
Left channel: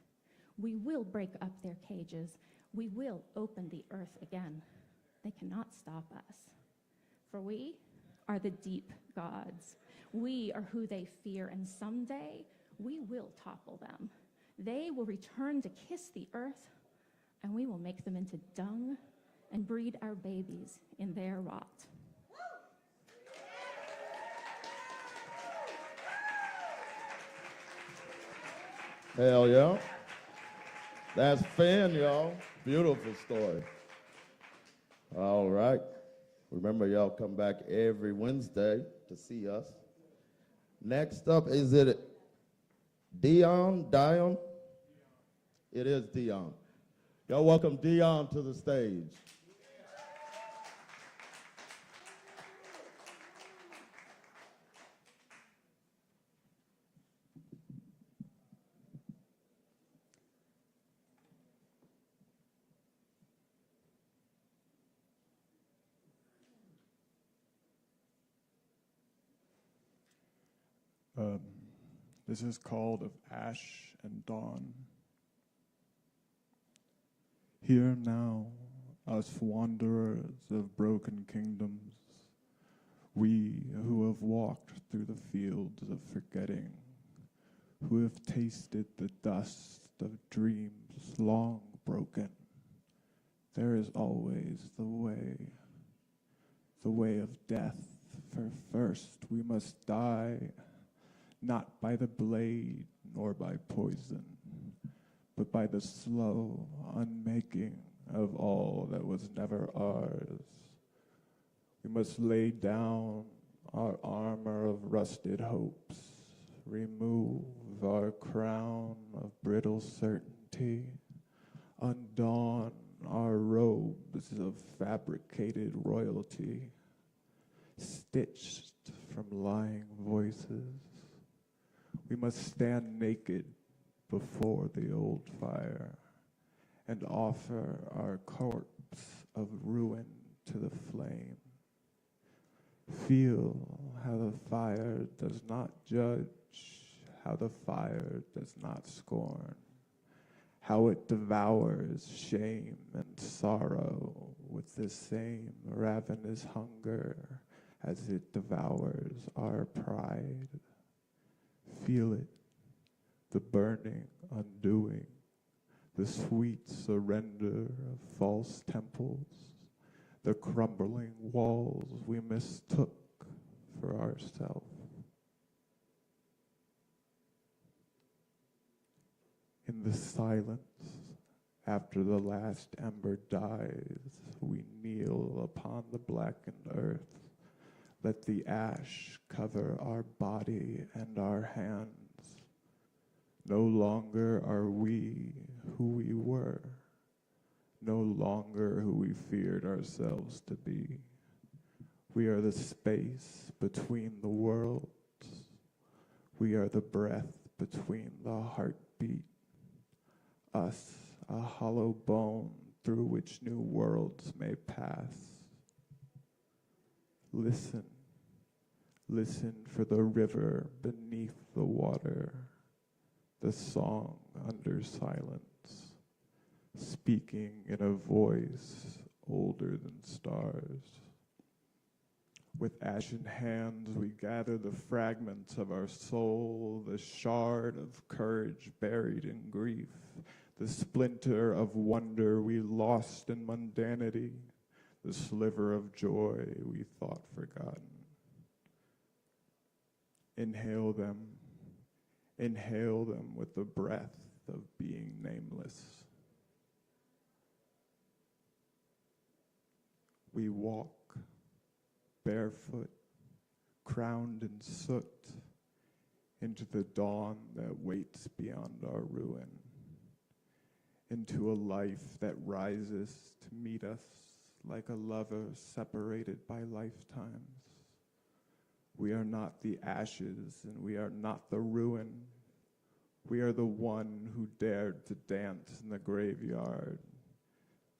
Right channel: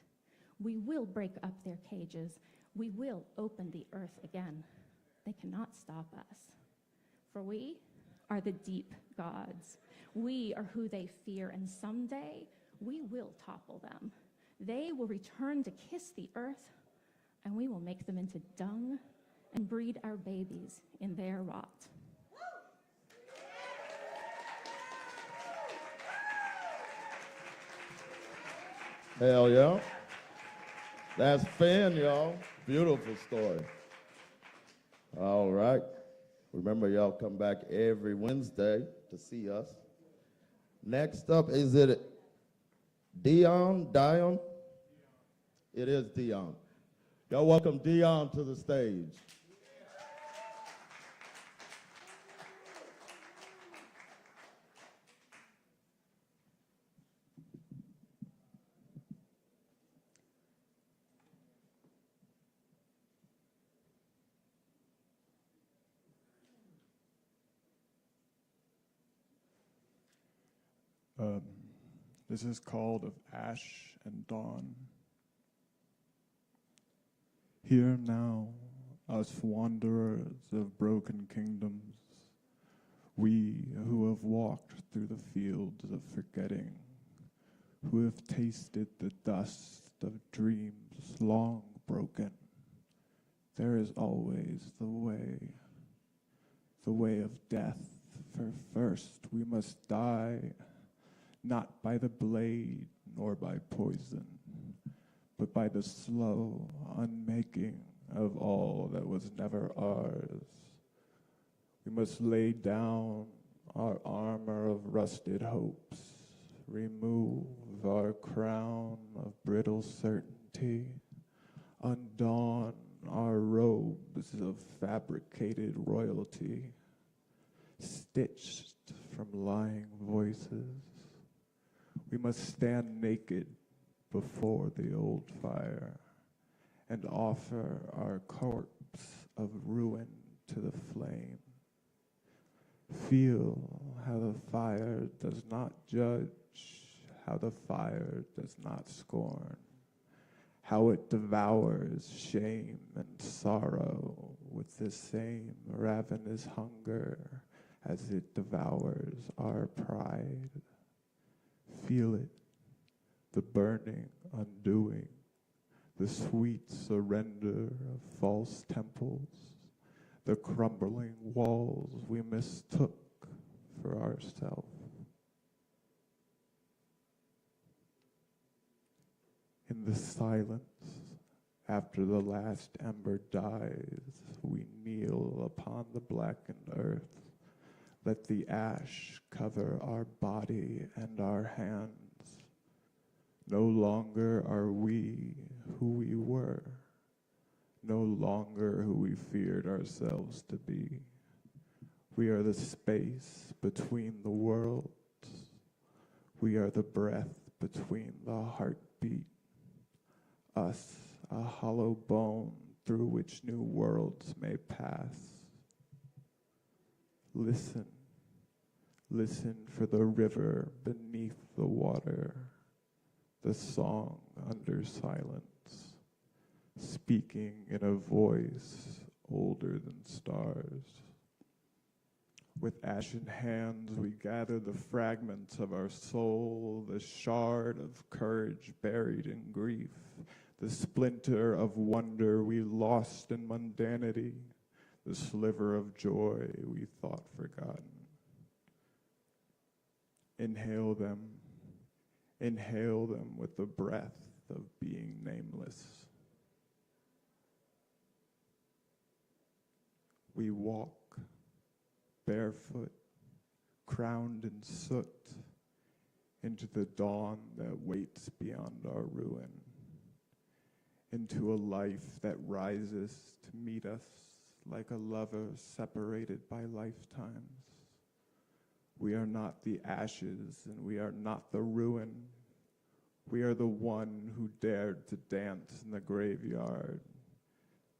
We will break up their cages. We will open the earth again. They cannot stop us. For we are the deep gods. We are who they fear, and someday we will topple them. They will return to kiss the earth, and we will make them into dung and breed our babies in their rot. Hell yeah. That's Finn, y'all. Beautiful story. All right. Remember, y'all come back every Wednesday to see us. Next up, is it Dion? It is Dion. Y'all welcome Dion to the stage. This is called Of Ash and Dawn. Here now, us wanderers of broken kingdoms, we who have walked through the fields of forgetting, who have tasted the dust of dreams long broken, there is always the way of death, for first we must die, not by the blade nor by poison, but by the slow unmaking of all that was never ours. We must lay down our armor of rusted hopes, remove our crown of brittle certainty, undon our robes of fabricated royalty, stitched from lying voices. We must stand naked before the old fire and offer our corpse of ruin to the flame. Feel how the fire does not judge, how the fire does not scorn, how it devours shame and sorrow with the same ravenous hunger as it devours our pride. Feel it, the burning undoing, the sweet surrender of false temples, the crumbling walls we mistook for ourselves. In the silence, after the last ember dies, we kneel upon the blackened earth. Let the ash cover our body and our hands. No longer are we who we were, no longer who we feared ourselves to be. We are the space between the worlds. We are the breath between the heartbeat. Us, a hollow bone through which new worlds may pass. Listen, listen for the river beneath the water. the song under silence, speaking in a voice older than stars. With ashen hands we gather the fragments of our soul, the shard of courage buried in grief, the splinter of wonder we lost in mundanity, the sliver of joy we thought forgotten. Inhale them with the breath of being nameless. We walk barefoot, crowned in soot, into the dawn that waits beyond our ruin, into a life that rises to meet us like a lover separated by lifetimes. We are not the ashes, and we are not the ruin. We are the one who dared to dance in the graveyard,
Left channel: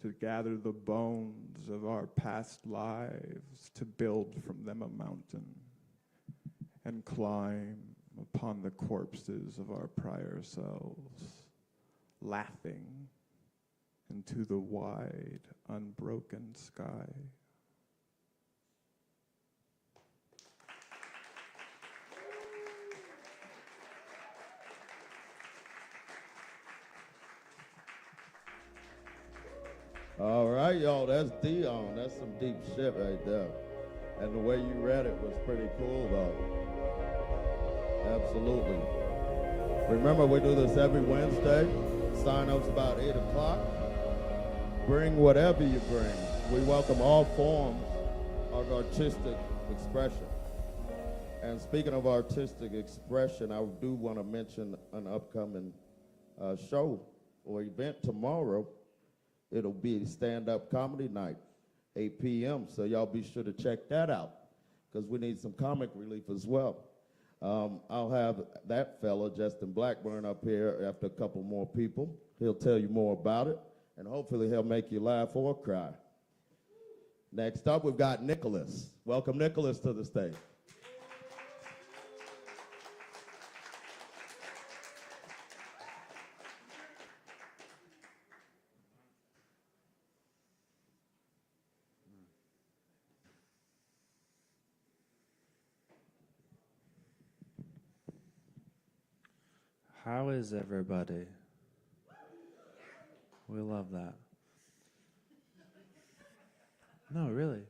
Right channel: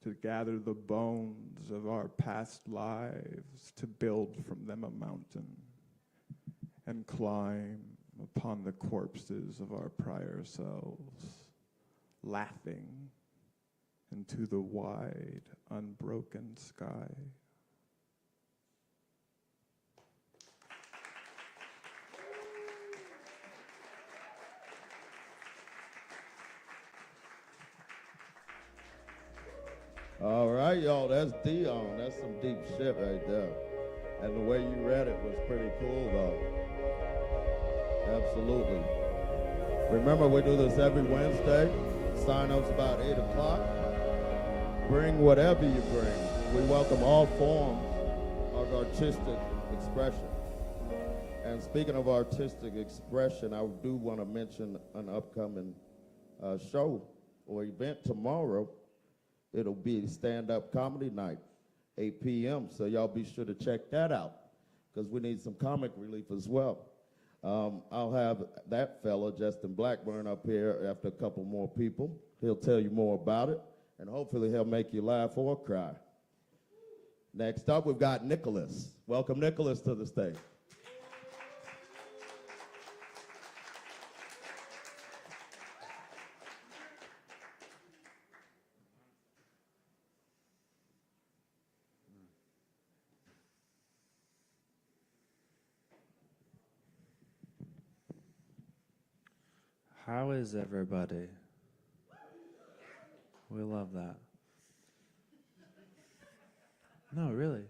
to gather the bones of our past lives, to build from them a mountain, and climb upon the corpses of our prior selves, laughing into the wide, unbroken sky. All right, y'all, that's Dion. That's some deep shit right there. And the way you read it was pretty cool, though. Absolutely. Remember, we do this every Wednesday. Sign-ups about 8 o'clock. Bring whatever you bring. We welcome all forms of artistic expression. And speaking of artistic expression, I do want to mention an upcoming show or event tomorrow. It'll be stand-up comedy night, 8 p.m. So y'all be sure to check that out, because we need some comic relief as well. I'll have that fella, Justin Blackburn, up here after a couple more people. He'll tell you more about it, and hopefully he'll make you laugh or cry. Next up, we've got Nicholas. Welcome Nicholas to the stage. How is everybody? We love that. No, really.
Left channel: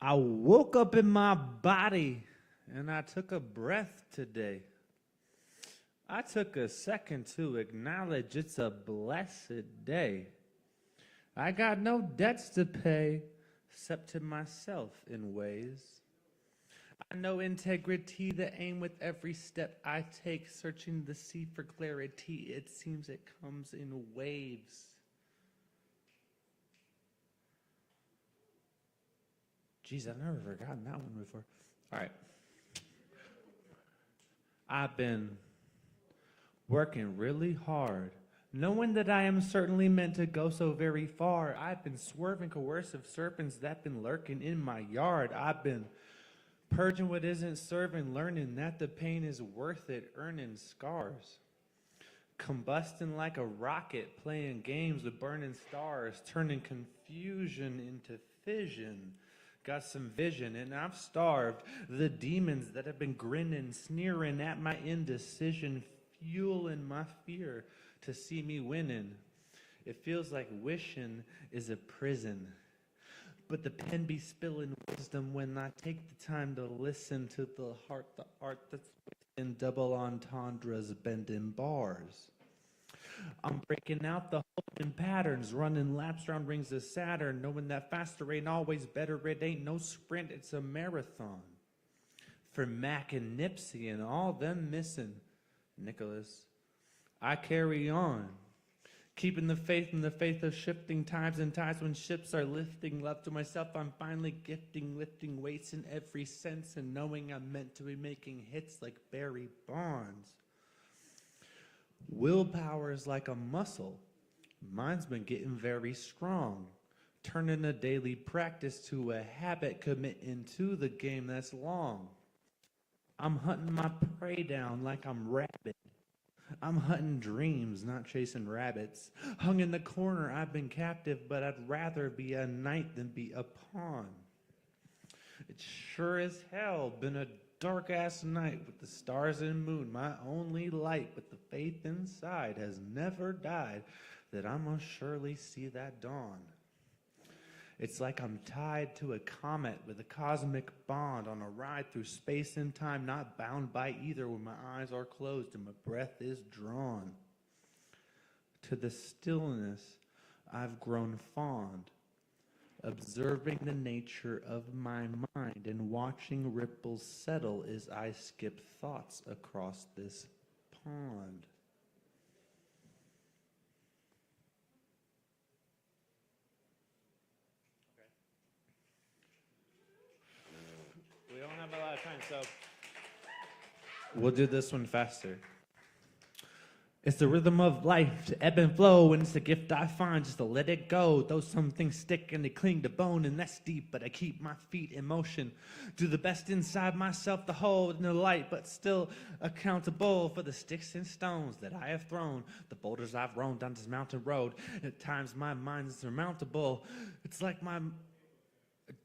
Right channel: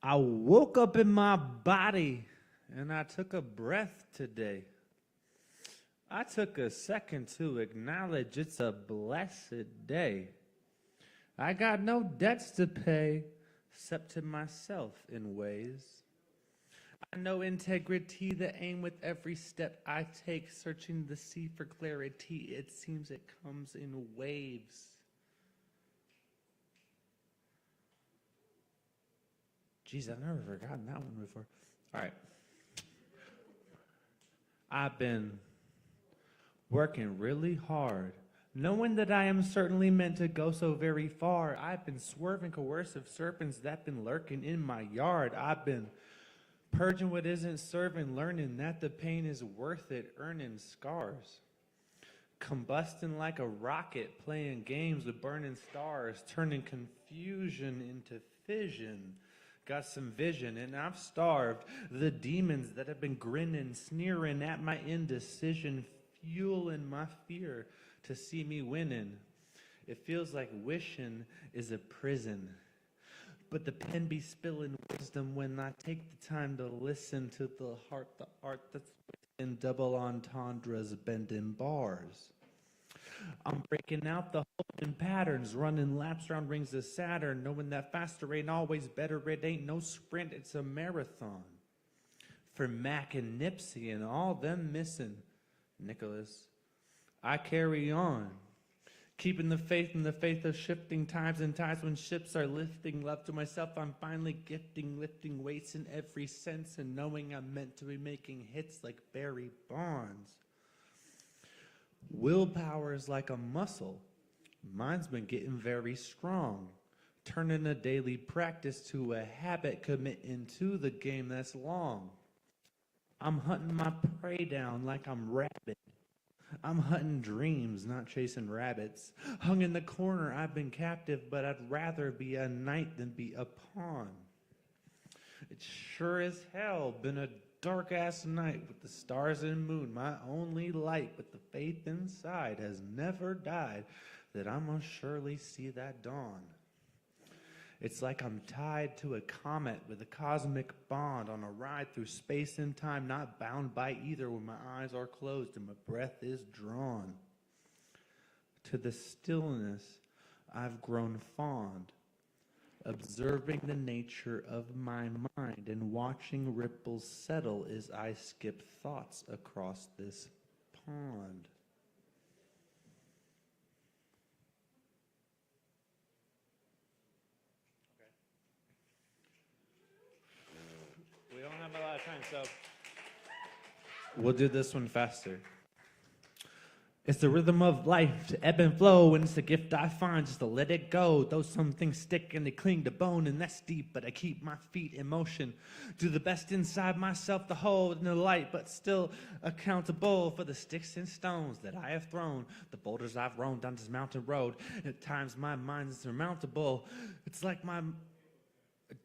I woke up in my body and I took a breath today. I took a second to acknowledge it's a blessed day. I got no debts to pay except to myself in ways. I know integrity, the aim with every step I take, searching the sea for clarity. It seems it comes in waves. Jeez, I've never forgotten that one before. All right. I've been working really hard, knowing that I am certainly meant to go so very far. I've been swerving coercive serpents that been lurking in my yard. I've been purging what isn't serving, learning that the pain is worth it, earning scars. Combusting like a rocket, playing games with burning stars, turning confusion into fission. Got some vision and I've starved the demons that have been grinning, sneering at my indecision, fueling my fear to see me winning. It feels like wishing is a prison. But the pen be spilling wisdom when I take the time to listen to the heart, the art that's in double entendres, bending bars. I'm breaking out the holding patterns, running laps around rings of Saturn, knowing that faster ain't always better. It ain't no sprint, it's a marathon. For Mac and Nipsey and all them missing, Nicholas, I carry on. Keeping the faith in the faith of shifting times and times when ships are lifting. Love to myself, I'm finally gifting, lifting weights in every sense and knowing I'm meant to be making hits like Barry Bonds. Willpower is like a muscle. Mine's been getting very strong. Turning a daily practice to a habit, committing to the game that's long. I'm hunting my prey down like I'm rabid. I'm hunting dreams, not chasing rabbits. Hung in the corner, I've been captive, but I'd rather be a knight than be a pawn. It's sure as hell been a dark-ass night with the stars and moon, my only light, but the faith inside has never died that I must surely see that dawn. It's like I'm tied to a comet with a cosmic bond on a ride through space and time, not bound by either, where my eyes are closed and my breath is drawn. To the stillness I've grown fond, observing the nature of my mind and watching ripples settle as I skip thoughts across this pond. We don't have a lot of time, so we'll do this one faster. It's the rhythm of life, to ebb and flow, and it's a gift I find just to let it go. Though some things stick and they cling to bone, and that's deep, but I keep my feet in motion. Do the best inside myself to hold no light, but still accountable for the sticks and stones that I have thrown, the boulders I've roamed down this mountain road. At times my mind is surmountable. At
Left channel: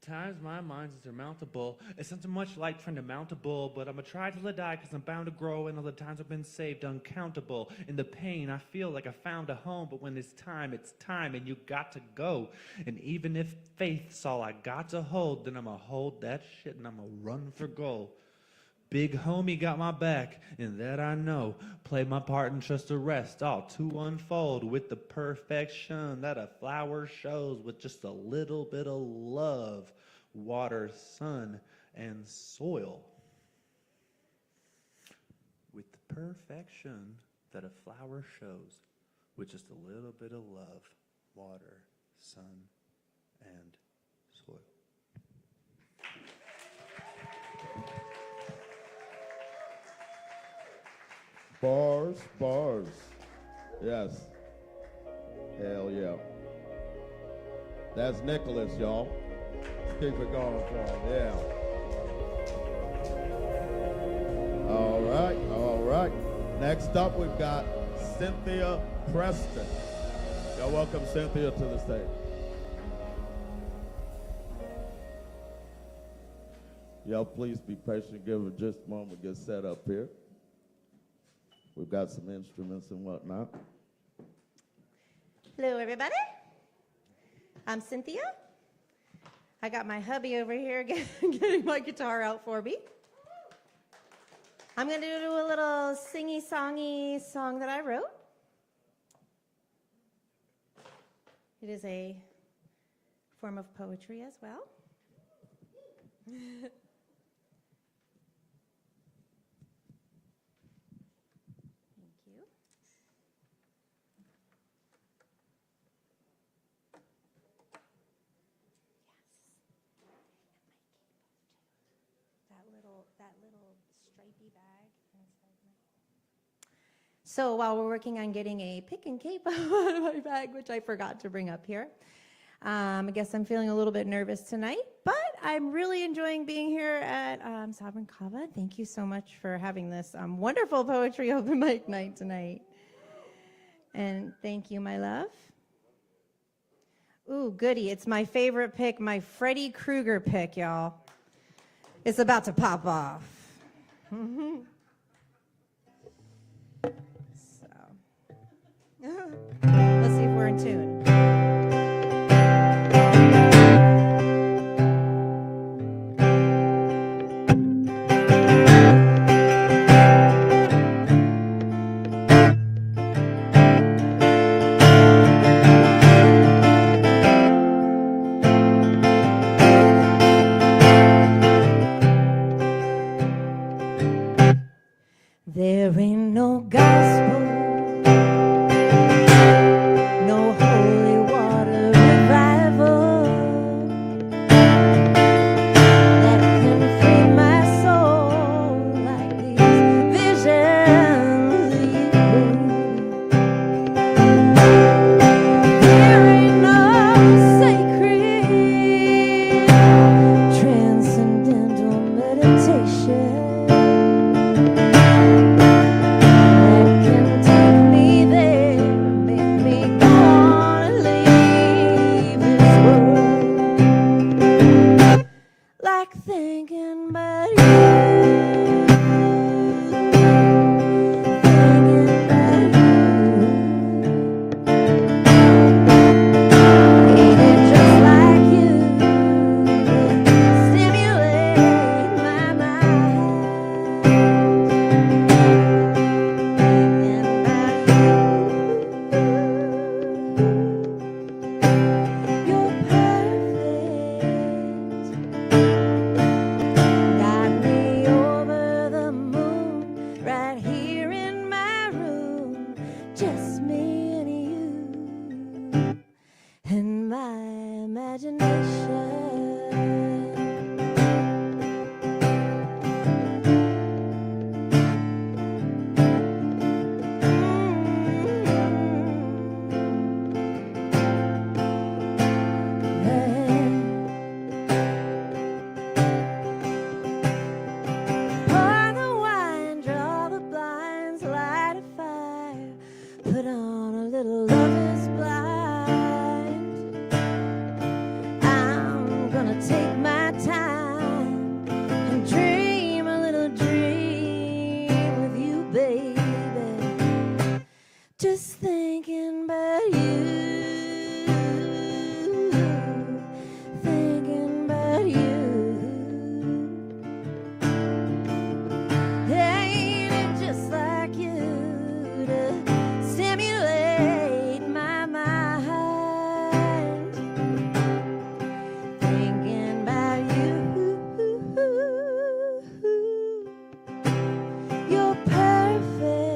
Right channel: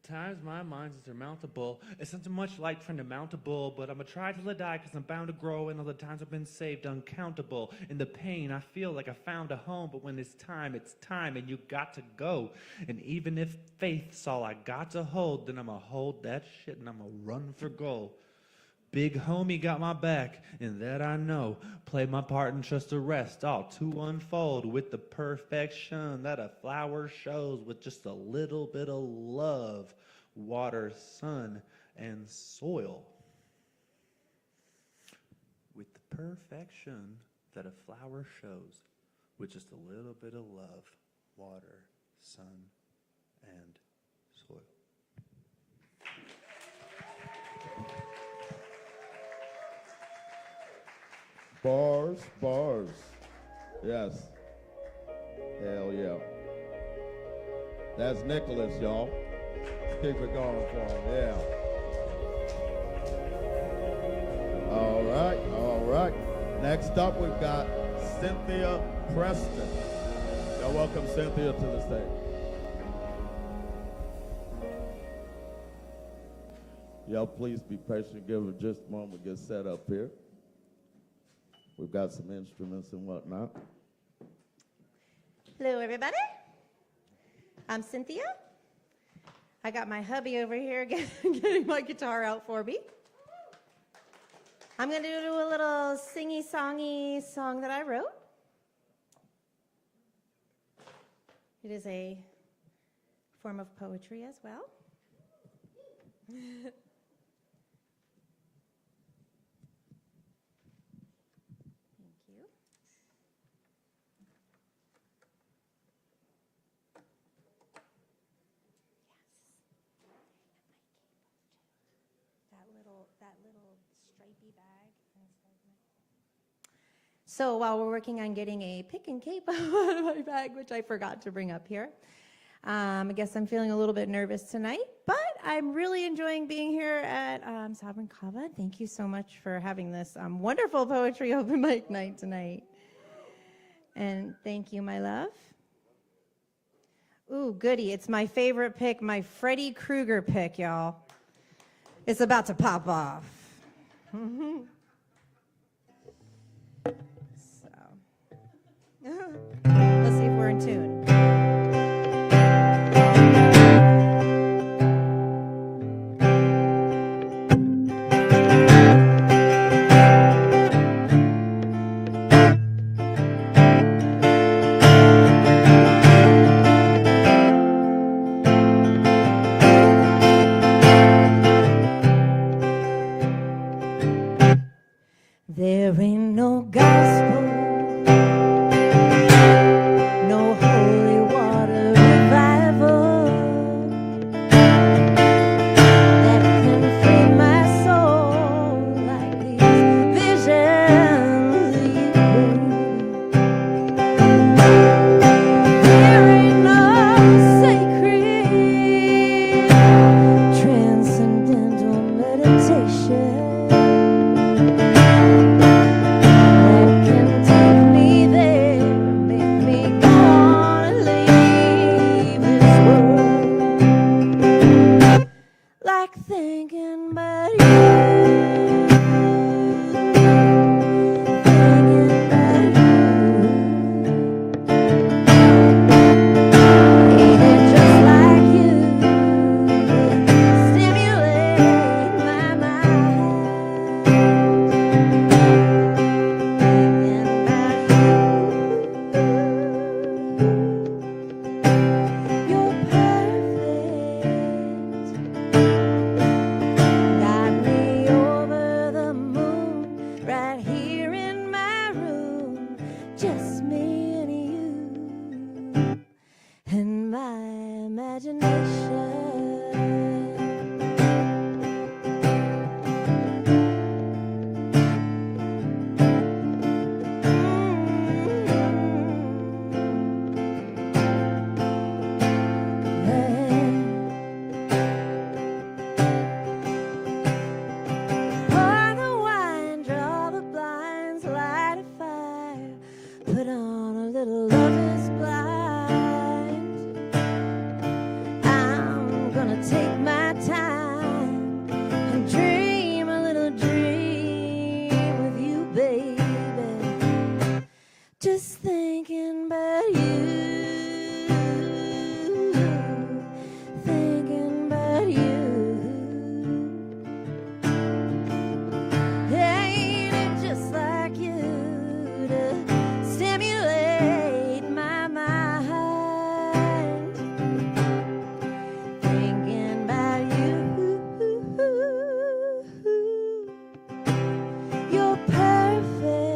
times my mind is surmountable. It's not too much like friend mountable, but I'ma try till I die, cause I'm bound to grow, and all the times I've been saved uncountable. In the pain I feel like I found a home, but when it's time, and you got to go. And even if faith's all I got to hold, then I'ma hold that shit and I'ma run for gold. Big homie got my back, and that I know. Play my part and trust the rest, all to unfold with the perfection that a flower shows, with just a little bit of love, water, sun, and soil. With the perfection that a flower shows, with just a little bit of love, water, sun, and soil. Bars, bars. Yes. Hell yeah. That's Nicholas, y'all. Keep it going for him. Yeah. All right. Next up, we've got Cynthia Preston. Y'all welcome Cynthia to the stage. Y'all please be patient. Give her just a moment to get set up here. We've got some instruments and whatnot. Hello, everybody. I'm Cynthia. I got my hubby over here getting my guitar out for me. I'm going to do a little singy-songy song that I wrote. It is a form of poetry as well. So while we're working on getting a pick and cape out of my bag, which I forgot to bring up here, I guess I'm feeling a little bit nervous tonight, but I'm really enjoying being here at Sovereign Kava. Thank you so much for having this wonderful poetry open mic night tonight. And thank you, my love. Ooh, goody. It's my favorite pick, my Freddy Krueger pick, y'all. It's about to pop off. Let's see if we're in tune. There ain't no gospel, no holy thinking about you. Thinking about you. Ain't it just like you to stimulate my mind? Thinking about you. You're perfect. Got me over the moon, right here in my room. Just me and you, and my imagination. Pour the wine, draw the blinds, light a fire, put on a little Love is Blind. I'm gonna take my time and dream a little dream with you, baby. Just thinking about you. Thinking about you. Ain't it just like you to stimulate my mind? Thinking about you. You're perfect.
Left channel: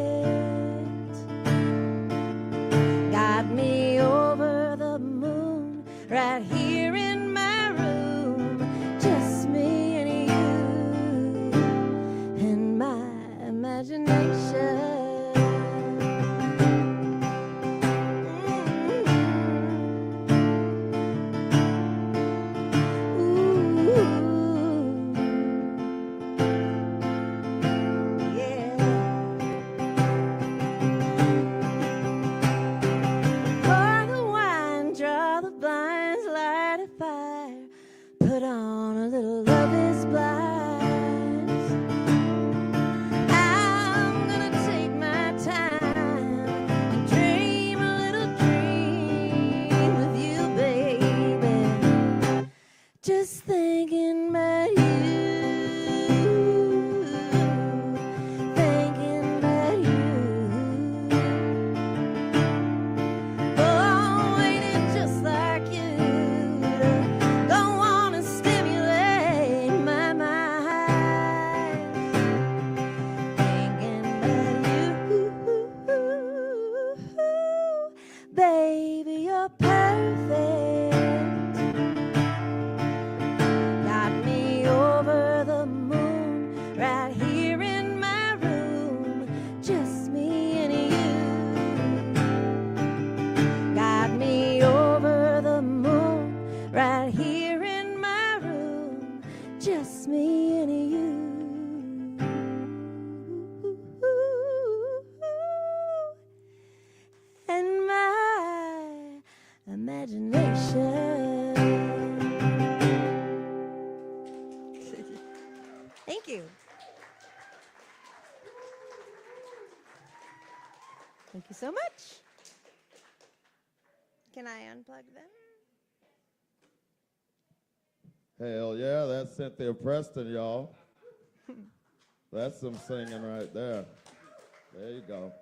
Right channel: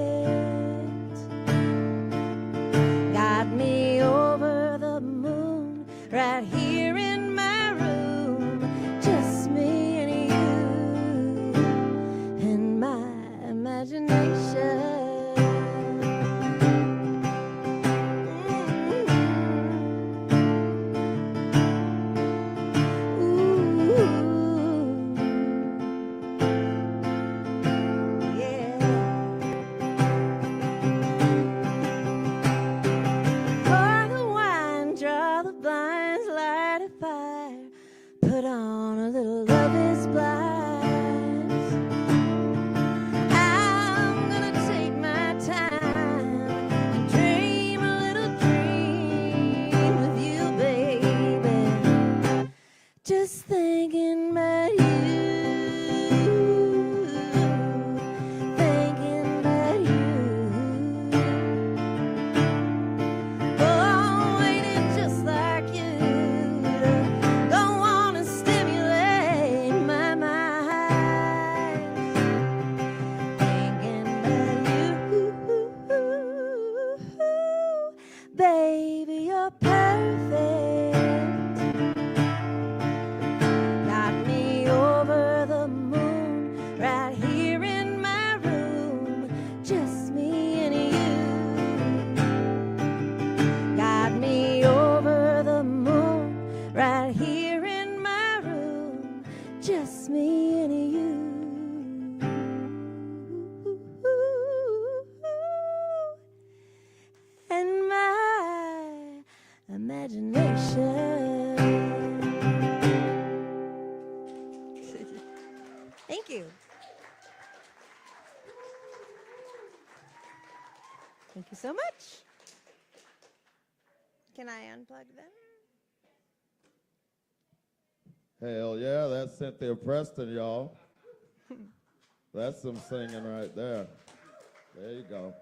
Got me over the moon, right here in my room. Just me and you, and my imagination. Yeah. Pour the wine, draw the blinds, light a fire, put on a little Love is Blind. I'm gonna take my time and dream a little dream with you, baby. Just thinking about you. Thinking about you. Oh, ain't it just like you to go on and stimulate my mind? Thinking about you. Baby, you're perfect. Got me over the moon, right here in my room. Just me and you. Got me over the moon, right here in my room. Just me and you. And my imagination. Thank you. Thank you so much. Can I unplug them? Hell yeah, that's Cynthia Preston, y'all. That's some singing right there. There you go.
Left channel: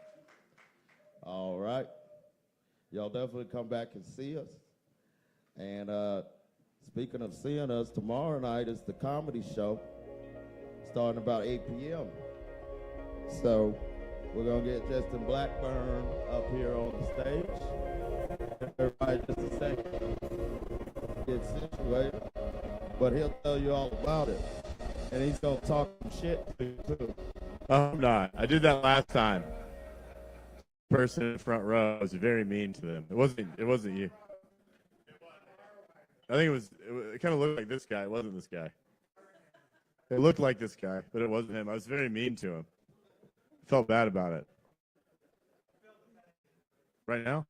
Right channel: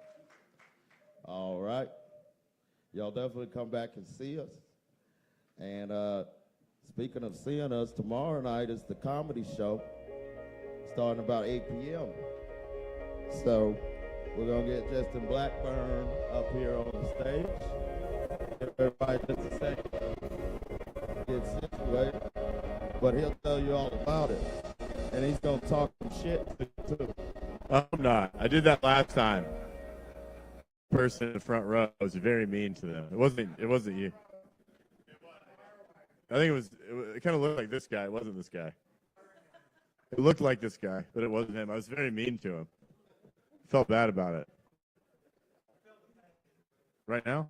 All right. Y'all definitely come back and see us. And speaking of seeing us, tomorrow night is the comedy show, starting about 8 p.m. So we're going to get Justin Blackburn up here on the stage. Everybody just to say, get situated. But he'll tell you all about it. And he's going to talk some shit too. I'm not. I did that last time. Person in the front row was very mean to them. It wasn't you. I think it kind of looked like this guy. It wasn't this guy. It looked like this guy, but it wasn't him. I was very mean to him. Felt bad about it. Right now?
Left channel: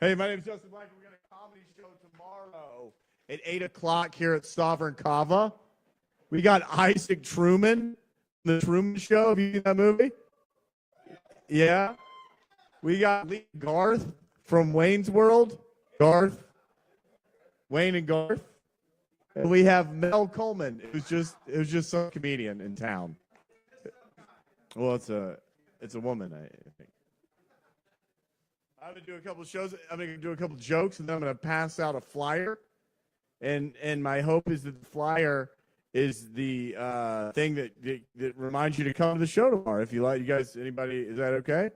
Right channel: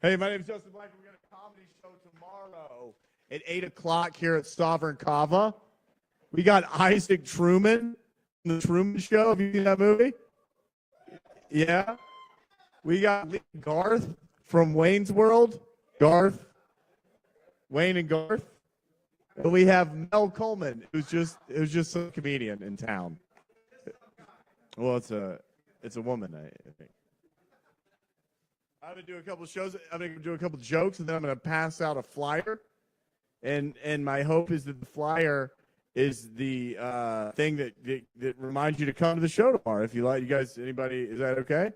Hey, my name's Justin Black. We've got a comedy show tomorrow at 8 o'clock here at Sovereign Kava. We got Isaac Truman, The Truman Show. Have you seen that movie? Yeah. We got Lee Garth from Wayne's World. Garth. Wayne and Garth. And we have Mel Coleman. It was just some comedian in town. Well, it's a woman, I think. I'm gonna do a couple of shows. I'm gonna do a couple of jokes, and then I'm gonna pass out a flyer. And my hope is that the flyer is the thing that reminds you to come to the show tomorrow. If you like, you guys, anybody, is that okay?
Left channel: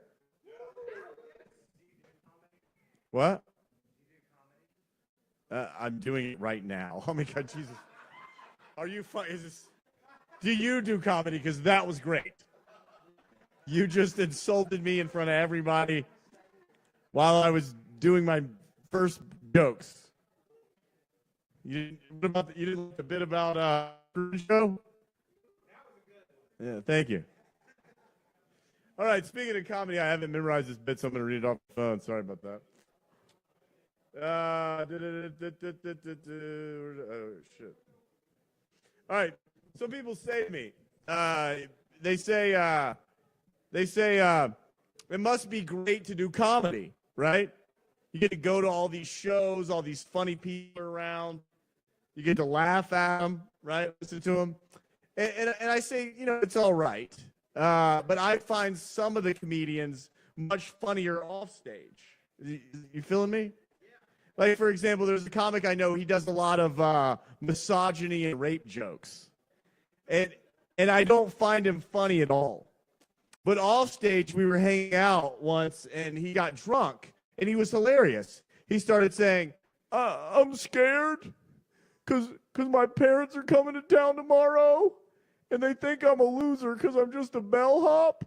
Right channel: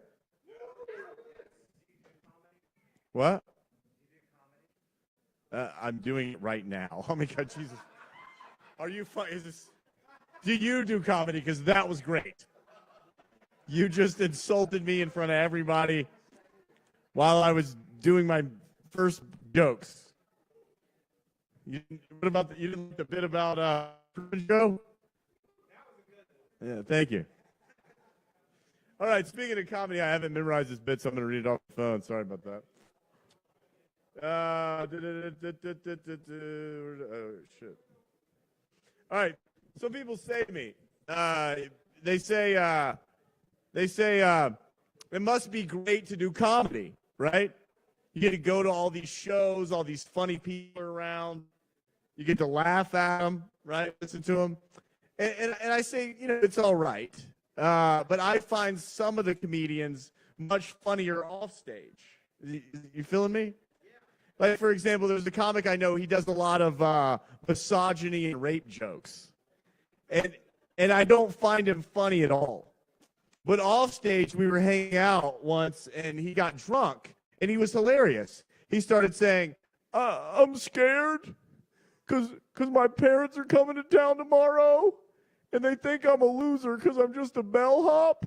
What? I'm doing it right now. Oh my God, Jesus! Are you fun? Is this? Do you do comedy? Because that was great. You just insulted me in front of everybody while I was doing my first jokes. You didn't like the bit about the show? Yeah, thank you. All right, speaking of comedy, I haven't memorized this bit, so I'm going to read it off the phone. Sorry about that. Oh, shit. All right, so people say to me, they say it must be great to do comedy, right? You get to go to all these shows, all these funny people around. You get to laugh at them, right? Listen to them. And I say, it's all right. But I find some of the comedians much funnier off stage. You feeling me? Like, for example, there's a comic I know, he does a lot of misogyny and rape jokes. And I don't find him funny at all. But off stage, we were hanging out once, and he got drunk, and he was hilarious. He started saying, I'm scared because my parents are coming to town tomorrow, and they think I'm a loser because I'm just a bellhop.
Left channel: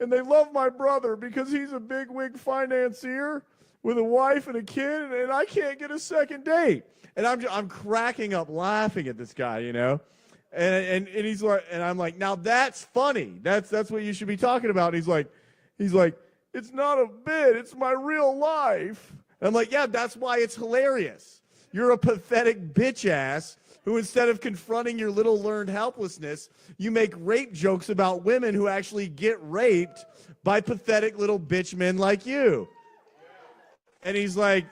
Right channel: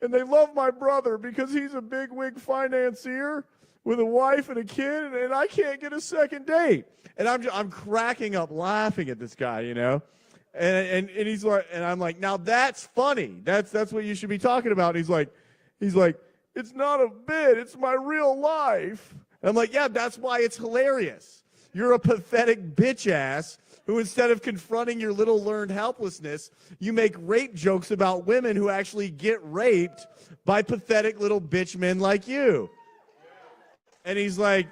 And they love my brother because he's a bigwig financier with a wife and a kid, and I can't get a second date. And I'm cracking up laughing at this guy, And he's like, and I'm like, now that's funny. That's what you should be talking about. He's like, it's not a bit, it's my real life. And I'm like, yeah, that's why it's hilarious. You're a pathetic bitch ass who, instead of confronting your little learned helplessness, you make rape jokes about women who actually get raped by pathetic little bitch men like you. And he's like,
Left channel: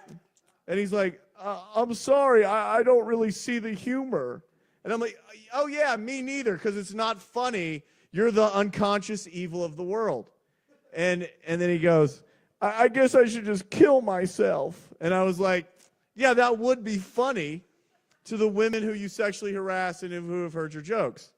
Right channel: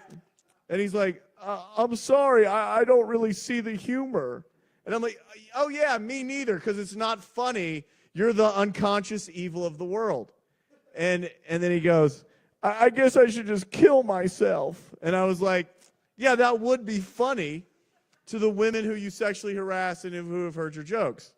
I'm sorry, I don't really see the humor. And I'm like, oh yeah, me neither, because it's not funny. You're the unconscious evil of the world. And then he goes, I guess I should just kill myself. And I was like, yeah, that would be funny to the women who you sexually harass and who have heard your jokes.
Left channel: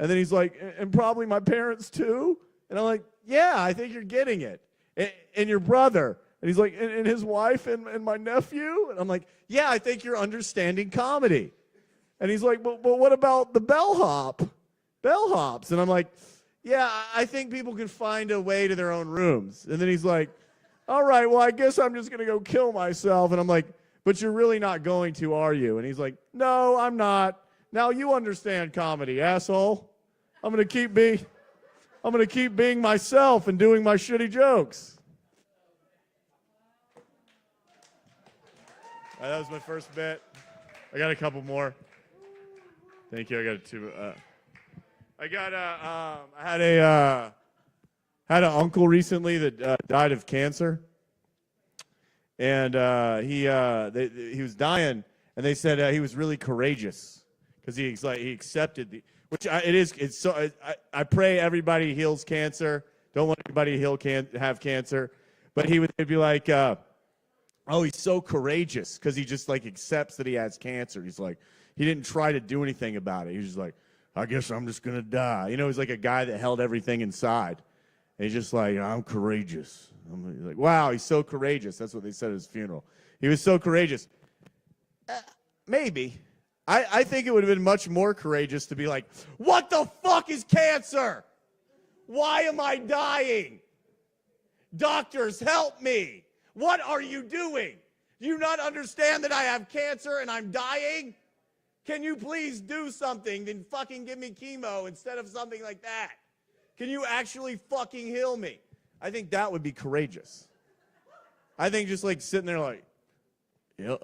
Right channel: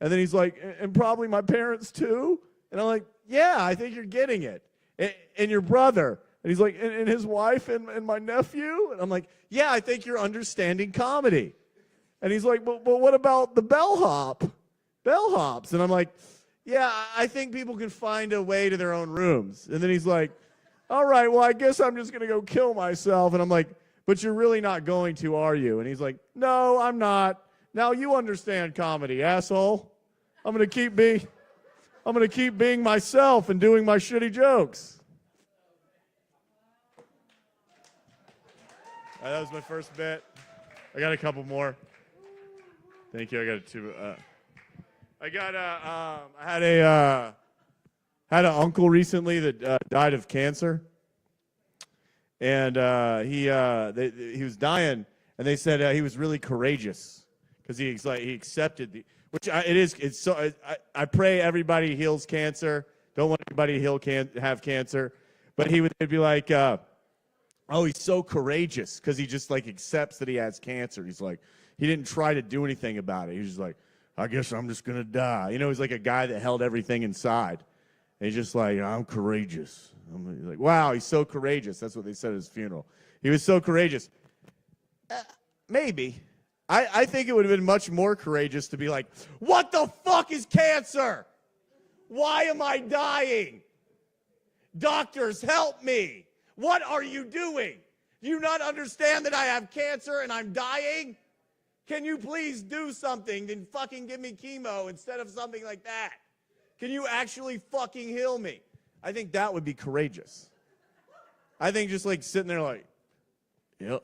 And then he's like, and probably my parents too? And I'm like, yeah, I think you're getting it. And your brother. And he's like, and his wife and my nephew? And I'm like, yeah, I think you're understanding comedy. And he's like, well, what about the bellhops? And I'm like, yeah, I think people can find a way to their own rooms. And then he's like, all right, well, I guess I'm just going to go kill myself. And I'm like, but you're really not going to, are you? And he's like, no, I'm not. Now you understand comedy, asshole. I'm going to keep being myself and doing my shitty jokes. That was my first bit. I got a couple more. Thank you. I got two. I had an uncle recently that died of cancer, and he was dying, and they said he was really courageous because he accepted I pray everybody heals cancer. Don't let anybody have cancer, but they'd be like, oh, he's so courageous because he just accepts that he has cancer. He's like, he didn't try to do anything about it. He was just like, I guess I'm just going to die. He's like a guy that held everything inside. And he's just like, I'm courageous. I'm like, wow, he's so courageous. That's what they said at his funeral. He was so courageous. Maybe. I think it would have been much more courageous to be like, what the fuck is cancer? Why am I dying? Doctors, help me. What are you doing? Do you not understand that I have cancer and I'm dying? Can you please do something and fucking give me chemo instead of something like that? Can you actually fucking heal me? I think that would be courageous. I think just sitting there yeah.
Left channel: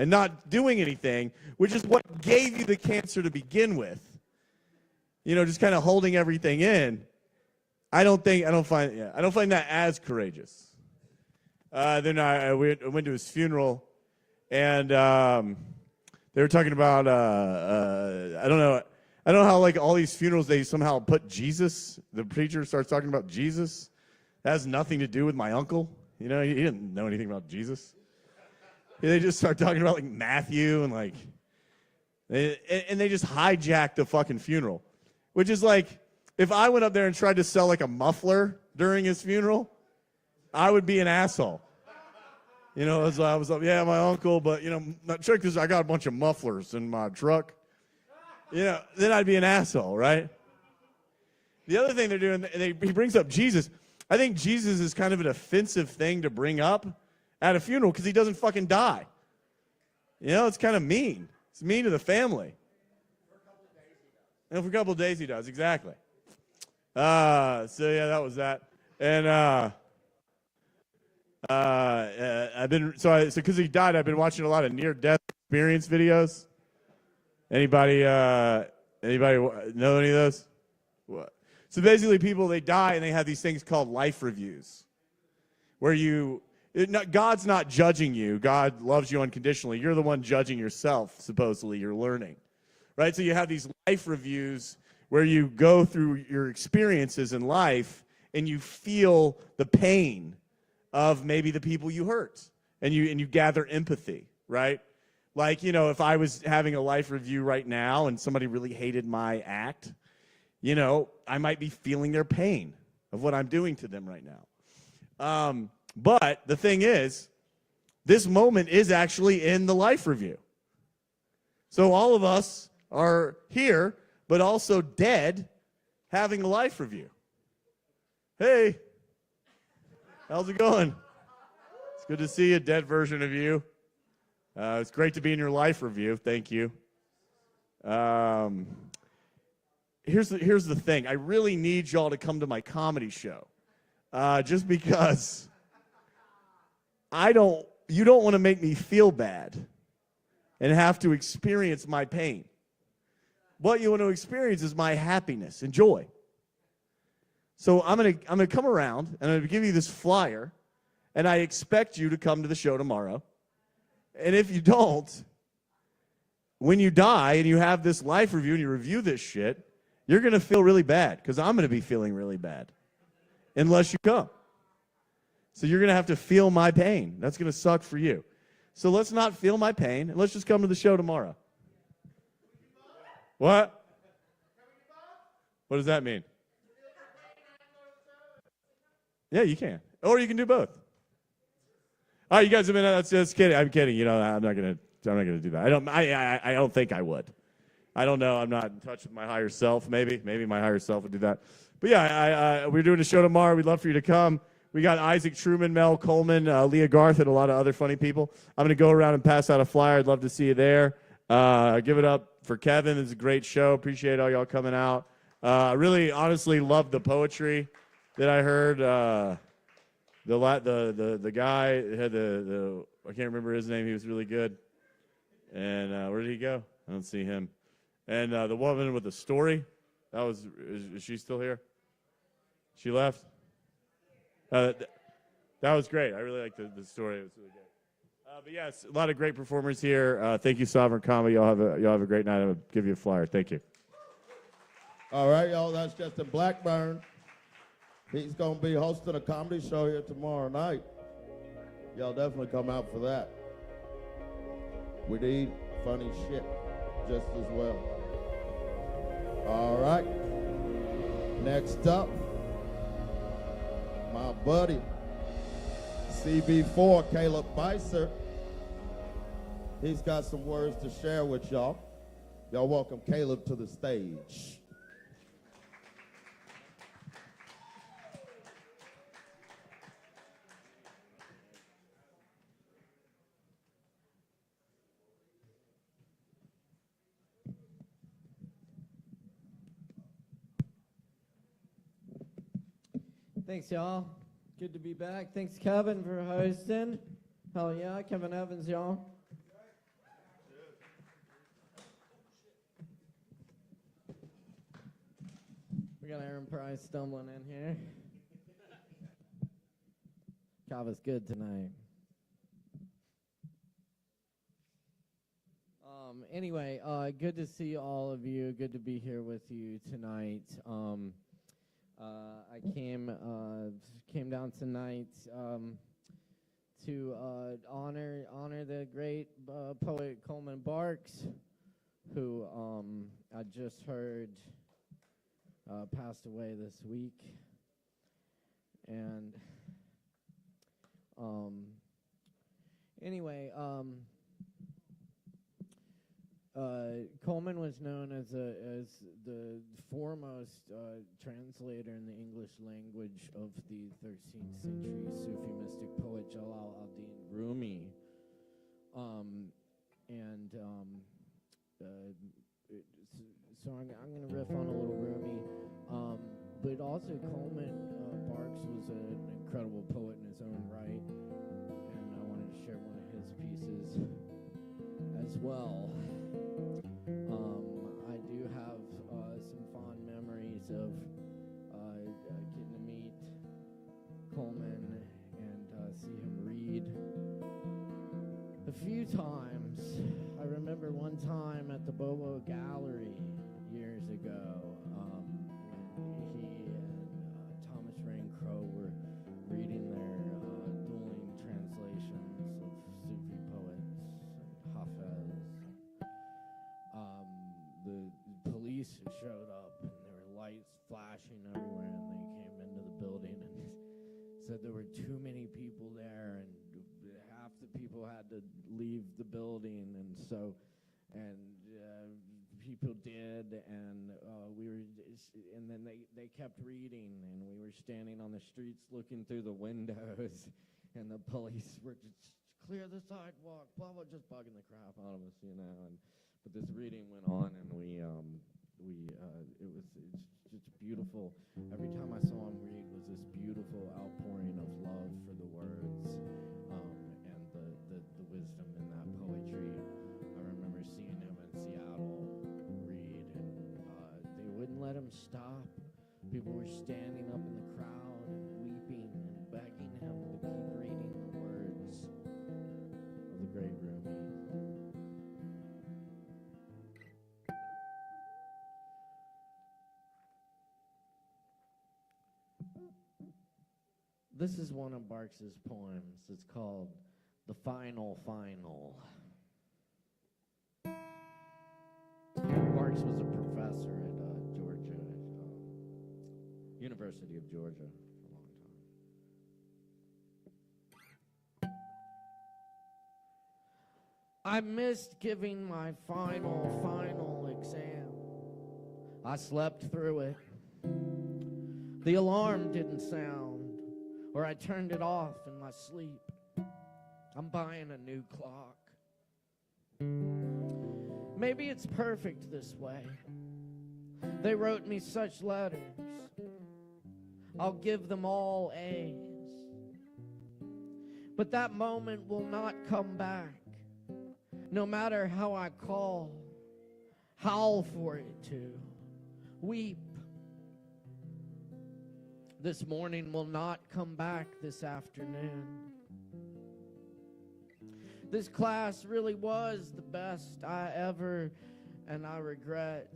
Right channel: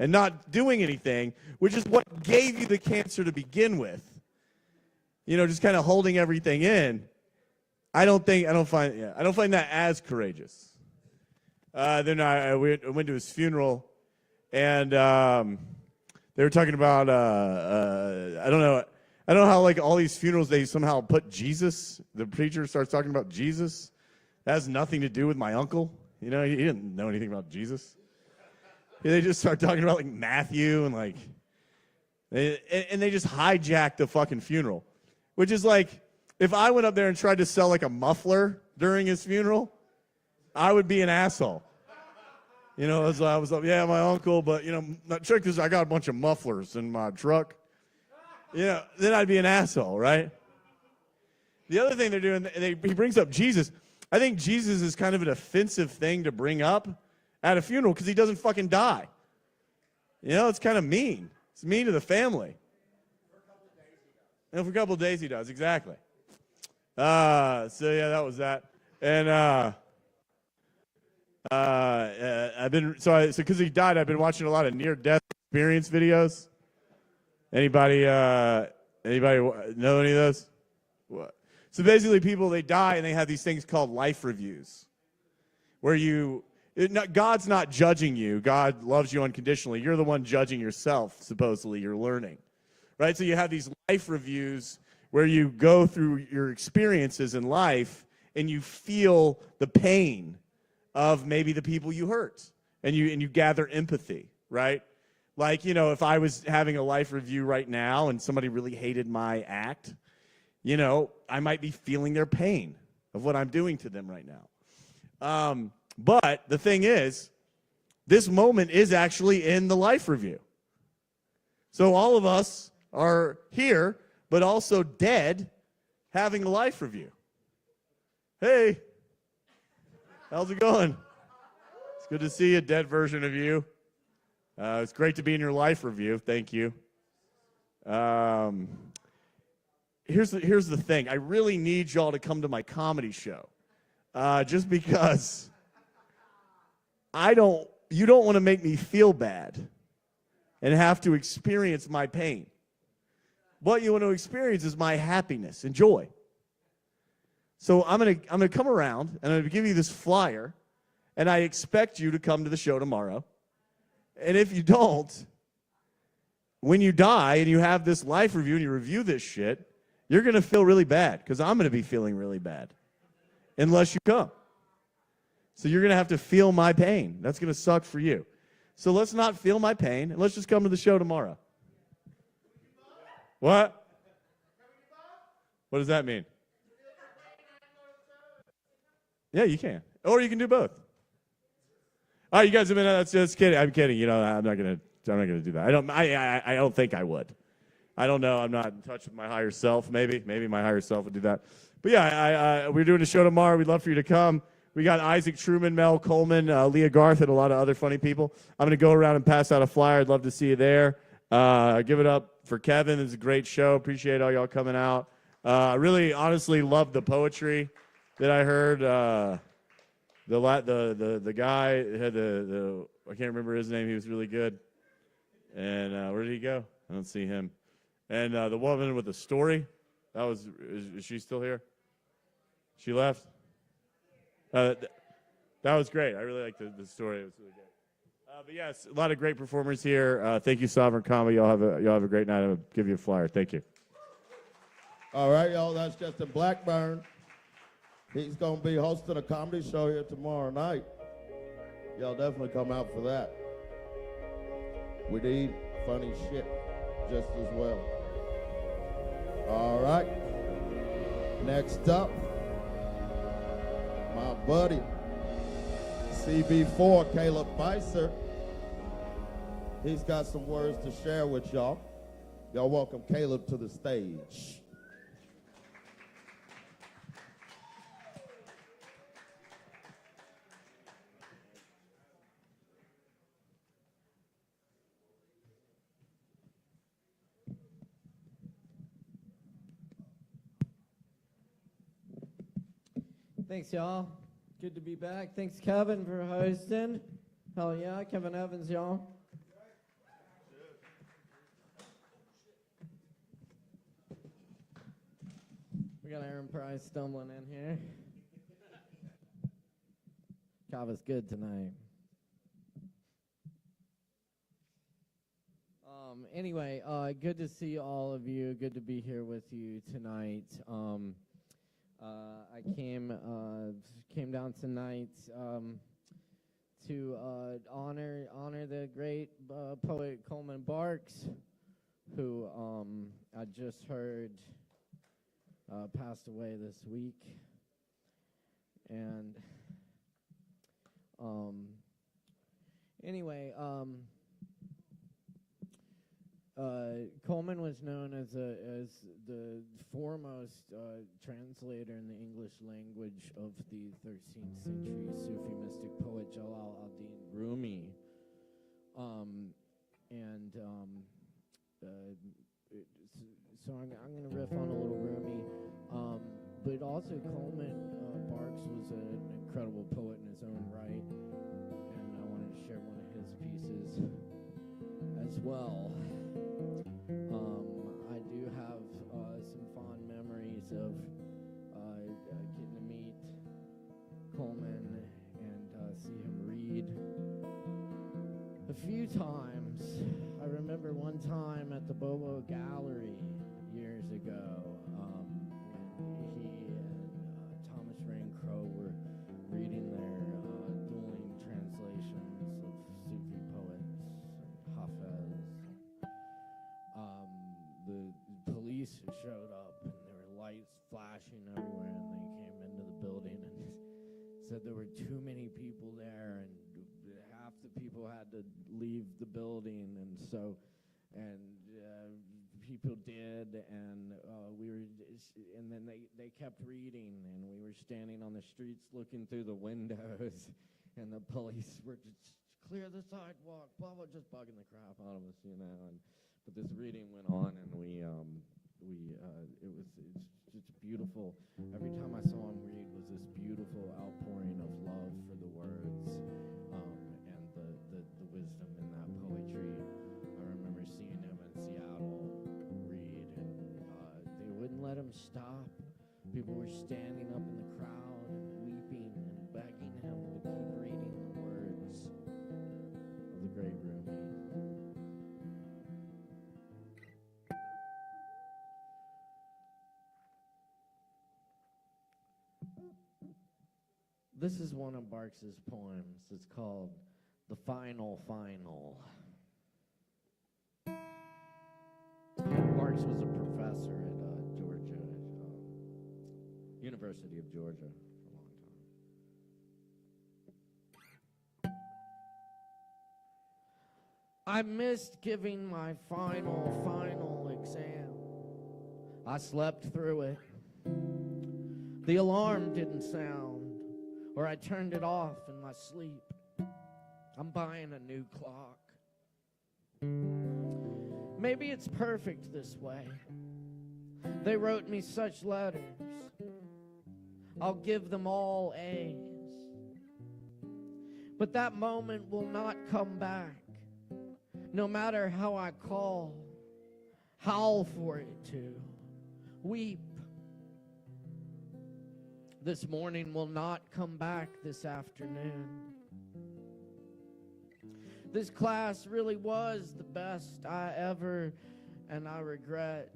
and not doing anything, which is what gave you the cancer to begin with. You know, just kind of holding everything in. I don't find that as courageous. Then I went to his funeral, and they were talking about I don't know how like all these funerals they somehow put Jesus. The preacher starts talking about Jesus. That has nothing to do with my uncle. You know, he didn't know anything about Jesus. Yeah, they just start talking about like Matthew and like, and they just hijacked the fucking funeral, which is like, if I went up there and tried to sell like a muffler during his funeral, I would be an asshole. You know, I was like, yeah, my uncle, but you know, check this, I got a bunch of mufflers in my truck. Yeah, then I'd be an asshole, right? The other thing they're doing, he brings up Jesus. I think Jesus is kind of an offensive thing to bring up at a funeral because he doesn't fucking die. You know, it's kind of mean. It's mean to the family. And for a couple of days he does, exactly. So yeah, that was that. And I've been so because he died, I've been watching a lot of near-death experience videos. Anybody know any of those? What? So basically, people, they die and they have these things called life reviews, where God's not judging you. God loves you unconditionally. You're the one judging yourself. Supposedly, you're learning, right? So you have these life reviews where you go through your experiences in life and you feel the pain of maybe the people you hurt, and you gather empathy, right? Like, you know, if I was having a life review right now and somebody really hated my act, you know, I might be feeling their pain of what I'm doing to them right now. But the thing is, this moment is actually in the life review. So all of us are here, but also dead, having a life review. Hey, how's it going? It's good to see a dead version of you. It's great to be in your life review. Thank you. Here's the thing. I really need y'all to come to my comedy show, just because you don't want to make me feel bad and have to experience my pain. What you want to experience is my happiness and joy. So I'm gonna come around and I'm gonna give you this flyer, and I expect you to come to the show tomorrow. And if you don't, when you die and you have this life review and you review this shit, you're going to feel really bad because I'm going to be feeling really bad unless you come. So you're going to have to feel my pain. That's going to suck for you. So let's not feel my pain and let's just come to the show tomorrow. What? What does that mean? Yeah, you can. Or you can do both. All right, you guys have been just kidding. I'm kidding. You know, I'm not gonna do that. I don't think I would. I don't know. I'm not in touch with my higher self. Maybe my higher self would do that. But yeah, we're doing a show tomorrow. We'd love for you to come. We got Isaac Truman, Mel Coleman, Leah Garth, and a lot of other funny people. I'm gonna go around and pass out a flyer. I'd love to see you there. Give it up for Kevin. It's a great show. Appreciate all y'all coming out. I really, honestly, love the poetry that I heard. The guy had I can't remember his name. He was really good. And where did he go? I don't see him. And the woman with the story, is she still here? She left? That was great. I really liked the story. It was really good. But yes, a lot of great performers here. Thank you, Sovereign Comedy. Y'all have a great night. I'll give you a flyer. Thank you. All right, y'all. That's just a Blackburn. He's going to be hosting a comedy show here tomorrow night. Y'all definitely come out for that. We need funny shit just as well. All right. Next up, my buddy, CB4, Caleb Beissert. He's got some words to share with y'all. Y'all welcome Caleb to the stage. Thanks, y'all. Good to be back. Thanks, Kevin, for hosting. Hell yeah, Kevin Evans, y'all. We got Aaron Price stumbling in here. Kava's good tonight. Anyway, good to see all of you. Good to be here with you tonight. I came down tonight to honor the great poet Coleman Barks, who I just heard passed away this week. And anyway, Coleman was known as the foremost translator in the English language of the 13th century Sufi mystic poet Jalal-ad-Din Rumi. So I'm going to riff on a little Rumi, but also Coleman Barks was an incredible poet in his own right, and I wanted to share one of his pieces as well. I do have some fond memories of getting to meet Coleman and see him read a few times. I remember one time at the Bobo Gallery years ago when he and Thomas Rain Crow were reading their dueling translations of Sufi poets and Hafez. The police showed up and there were lights flashing everywhere, and they came into the building and said there were too many people there and half the people had to leave the building, and people did, and and then they kept reading, and we were standing on the streets looking through the windows, and the police were just clear the sidewalk, blah blah, just bugging the crap out of us, But this reading went on, and it's beautiful. Every time I saw him read was this beautiful outpouring of love for the words, and the wisdom in that poetry. I remember seeing him in Seattle read, and they wouldn't let him stop. People were standing up in the crowd and weeping and begging him to keep reading the words of the great Rumi. This is one of Barks's poems. It's called The Final Final. Barks was a professor at Georgia, University of Georgia for a long time. I missed giving my final exam. I slept through it. The alarm didn't sound, or I turned it off in my sleep. I'm buying a new clock. Maybe it's perfect this way. They wrote me such letters. I'll give them all A's. But that moment will not come back. No matter how I call, howl for it to, weep. This morning will not come back this afternoon. This class really was the best I ever, and I regret.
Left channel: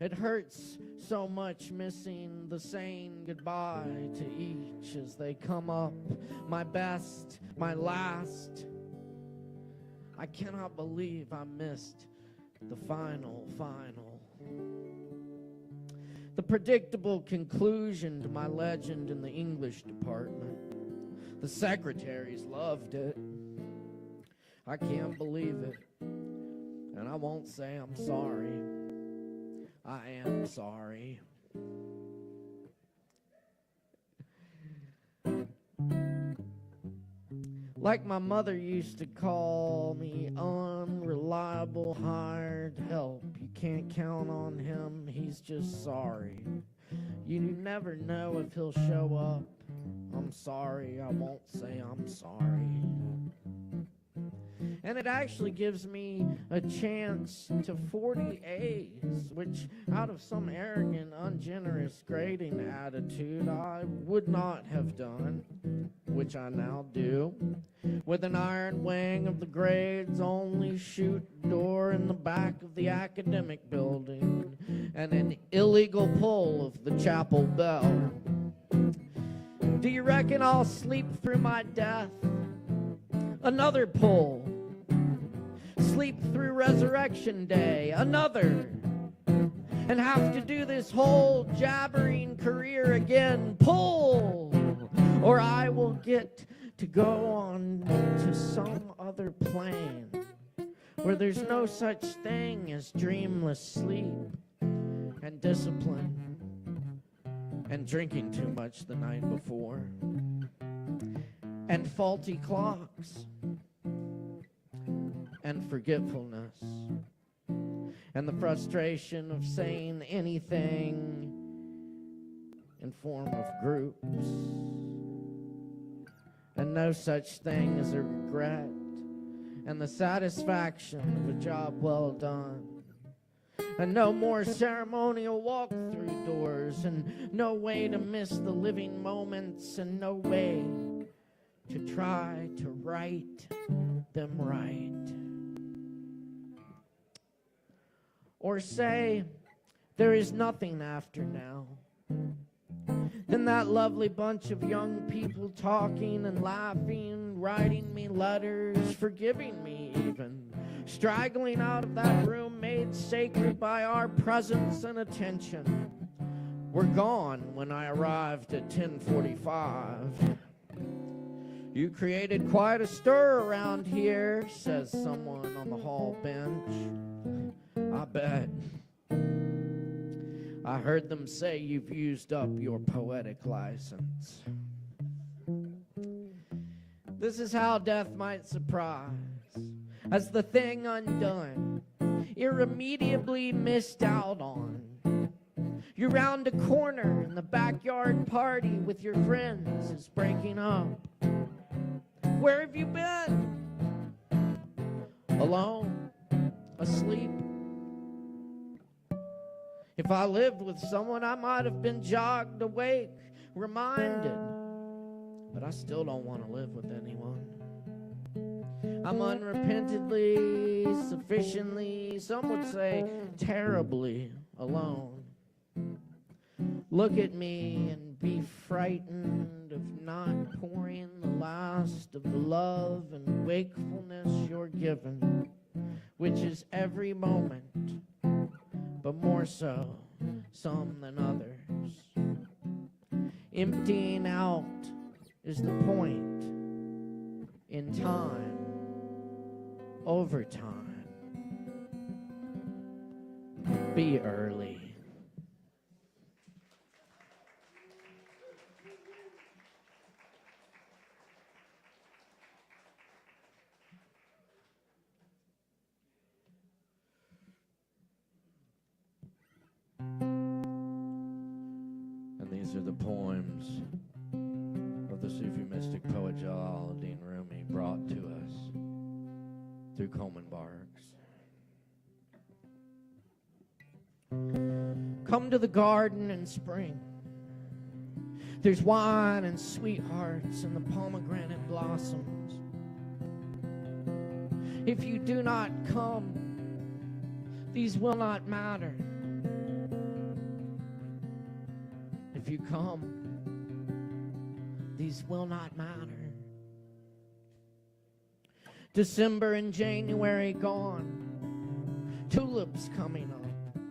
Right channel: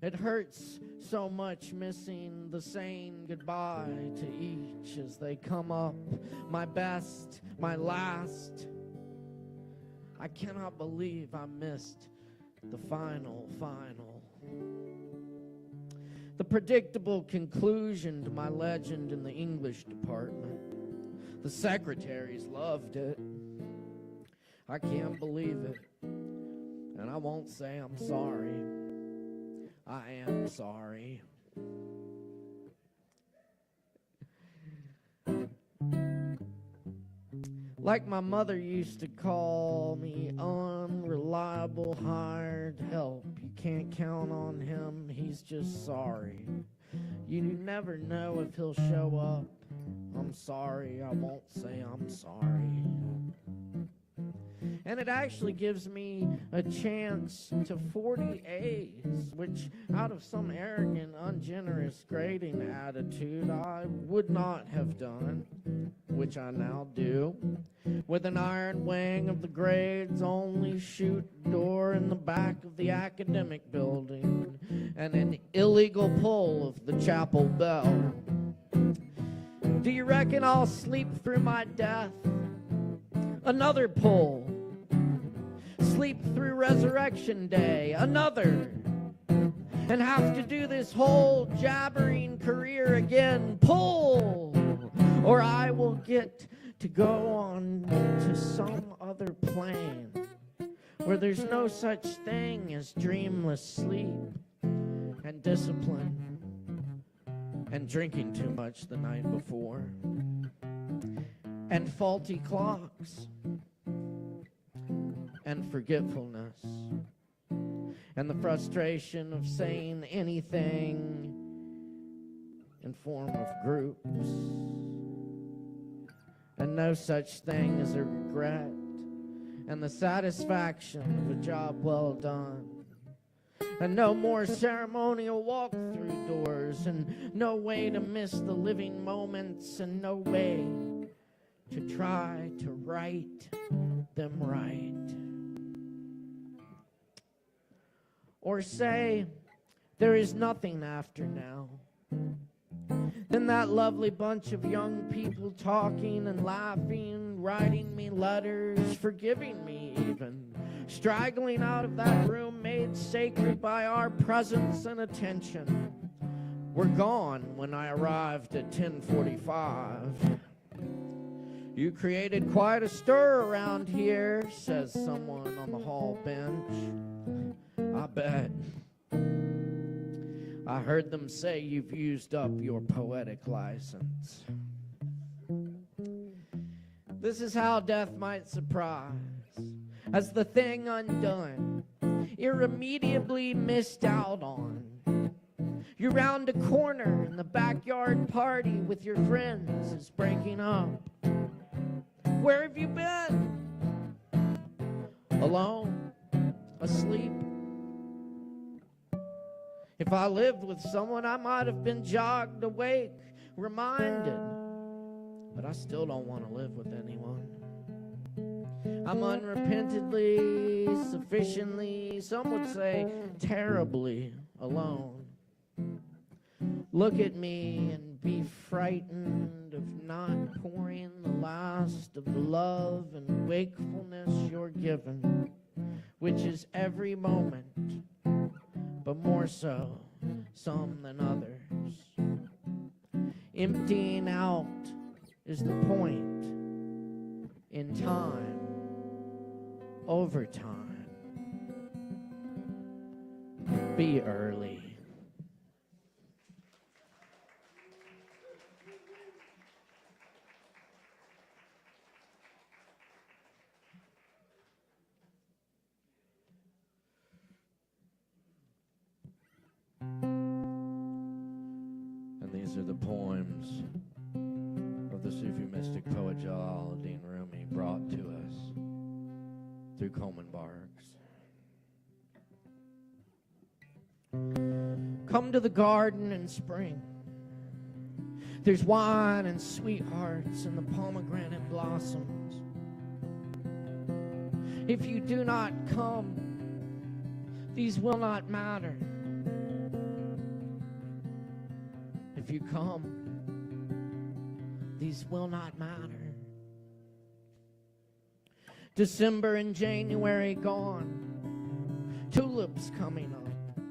It hurts so much missing the saying goodbye to each as they come up. My best, my last. I cannot believe I missed the final. The predictable conclusion to my legend in the English department. The secretaries loved it. I can't believe it. And I won't say I'm sorry. I am sorry. Like my mother used to call me, unreliable hired help. You can't count on him, he's just sorry. You never know if he'll show up. I'm sorry, I won't say I'm sorry. And it actually gives me a chance to 40 A's, which out of some arrogant, ungenerous grading attitude I would not have done, which I now do. With an iron wing of the grades only chute door in the back of the academic building, and an illegal pull of the chapel bell. Do you reckon I'll sleep through my death? Another pull. Sleep through Resurrection Day, another. And have to do this whole jabbering career again. Pull! Or I will get to go on to some other plane where there's no such thing as dreamless sleep and discipline and drinking too much the night before and faulty clocks and forgetfulness and the frustration of saying anything in form of groups and no such thing as a regret and the satisfaction of a job well done and no more ceremonial walk-through doors and no way to miss the living moments and no way to try to right them right. Or say there is nothing after now. Then that lovely bunch of young people talking and laughing, writing me letters, forgiving me even, straggling out of that room made sacred by our presence and attention, were gone when I arrived at 10:45. You created quite a stir around here, says someone on the hall bench. I bet. I heard them say you've used up your poetic license. This is how death might surprise. As the thing undone, irremediably missed out on. You're round a corner and the backyard party with your friends is breaking up. Where have you been? Alone? Asleep? If I lived with someone, I might have been jogged awake, reminded. But I still don't want to live with anyone. I'm unrepentantly, sufficiently, some would say terribly alone. Look at me and be frightened of not pouring the last of the love and wakefulness you're given, which is every moment, but more so some than others. Emptying out is the point in time, over time. Be early. These are the poems of the Sufi mystic poet Jalaluddin Rumi brought to us through Coleman Barks. Come to the garden in spring. There's wine and sweethearts and the pomegranate blossoms. If you do not come, these will not matter. If you come, these will not matter. December and January gone, tulips coming up.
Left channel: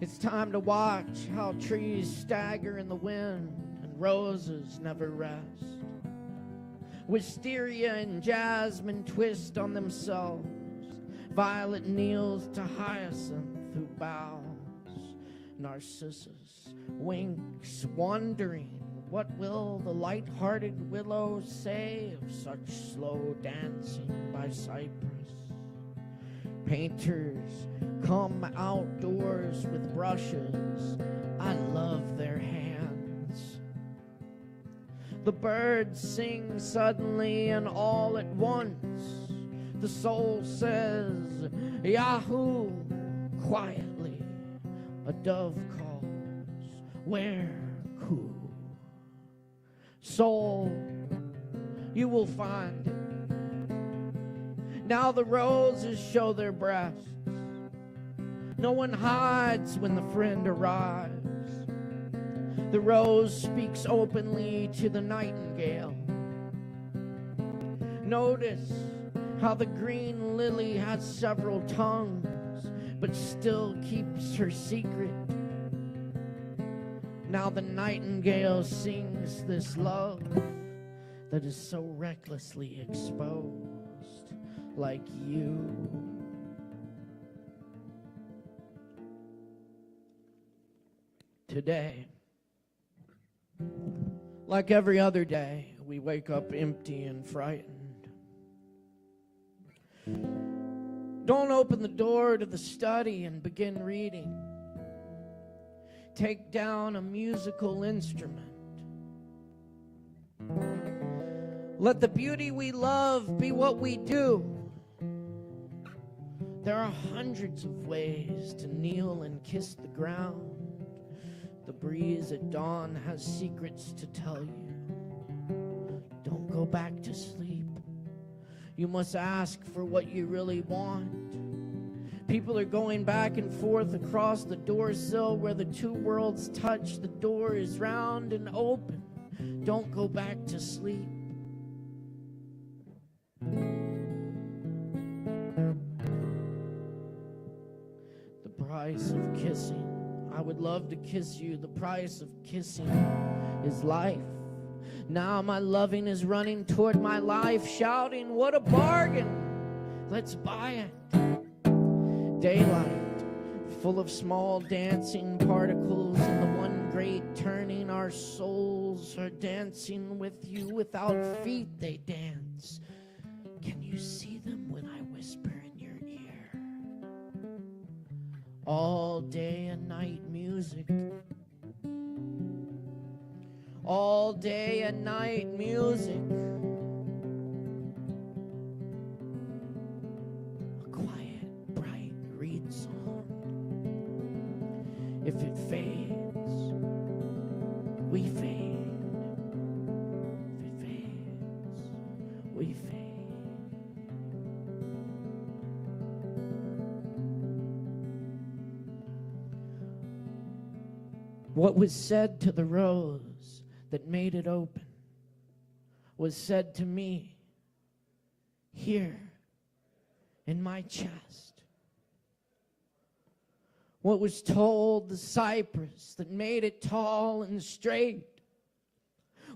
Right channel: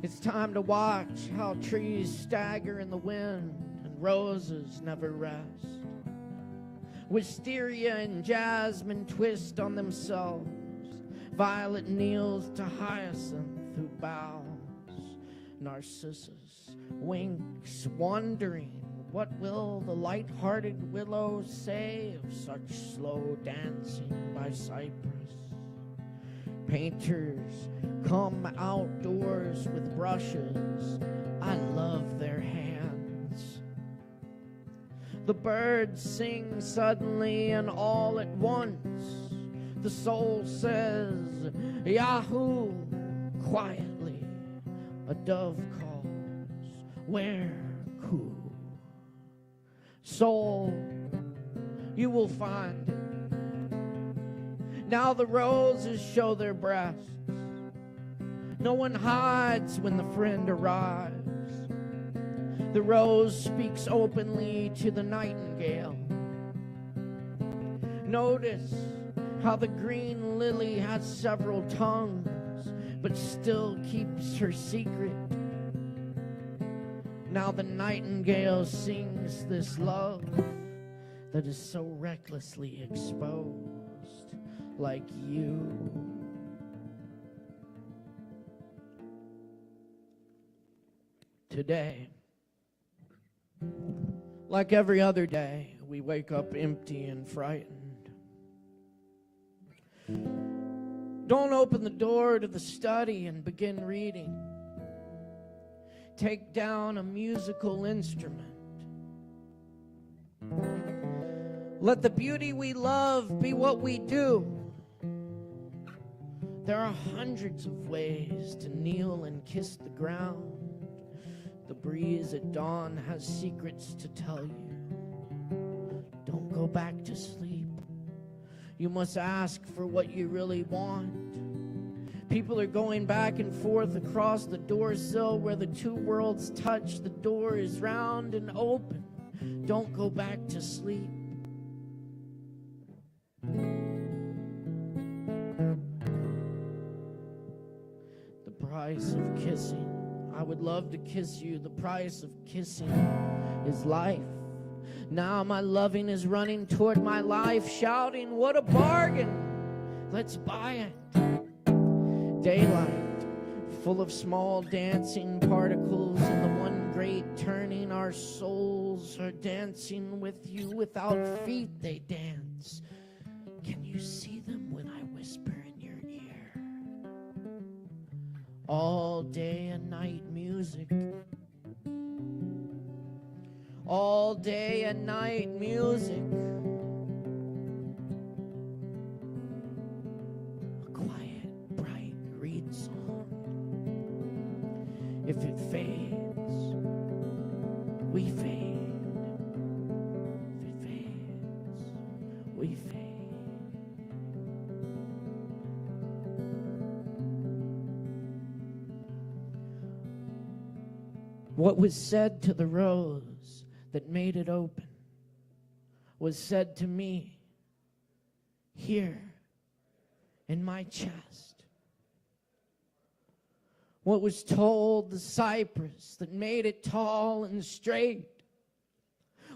It's time to watch how trees stagger in the wind and roses never rest. Wisteria and jasmine twist on themselves. Violet kneels to hyacinth who bows. Narcissus winks, wondering what will the light-hearted willows say of such slow dancing by cypress. Painters come outdoors with brushes. I love their hands. The birds sing suddenly and all at once. The soul says, Yahoo! Quietly, a dove calls, where cool? Soul, you will find it. Now the roses show their breasts. No one hides when the friend arrives. The rose speaks openly to the nightingale. Notice how the green lily has several tongues, but still keeps her secret. Now the nightingale sings this love that is so recklessly exposed, like you. Today, like every other day, we wake up empty and frightened. Don't open the door to the study and begin reading. Take down a musical instrument. Let the beauty we love be what we do. There are hundreds of ways to kneel and kiss the ground. The breeze at dawn has secrets to tell you. Don't go back to sleep. You must ask for what you really want. People are going back and forth across the door sill where the two worlds touch. The door is round and open. Don't go back to sleep. The price of kissing. I would love to kiss you. The price of kissing is life. Now my loving is running toward my life, shouting, what a bargain! Let's buy it. Daylight, full of small dancing particles, and the one great turning. Our souls are dancing with you. Without feet they dance. Can you see them when I whisper in your ear? All day and night music. All day and night music. A quiet, bright reed song. If it fades, we fade. If it fades, we fade. What was said to the rose that made it open was said to me here in my chest. What was told the cypress that made it tall and straight.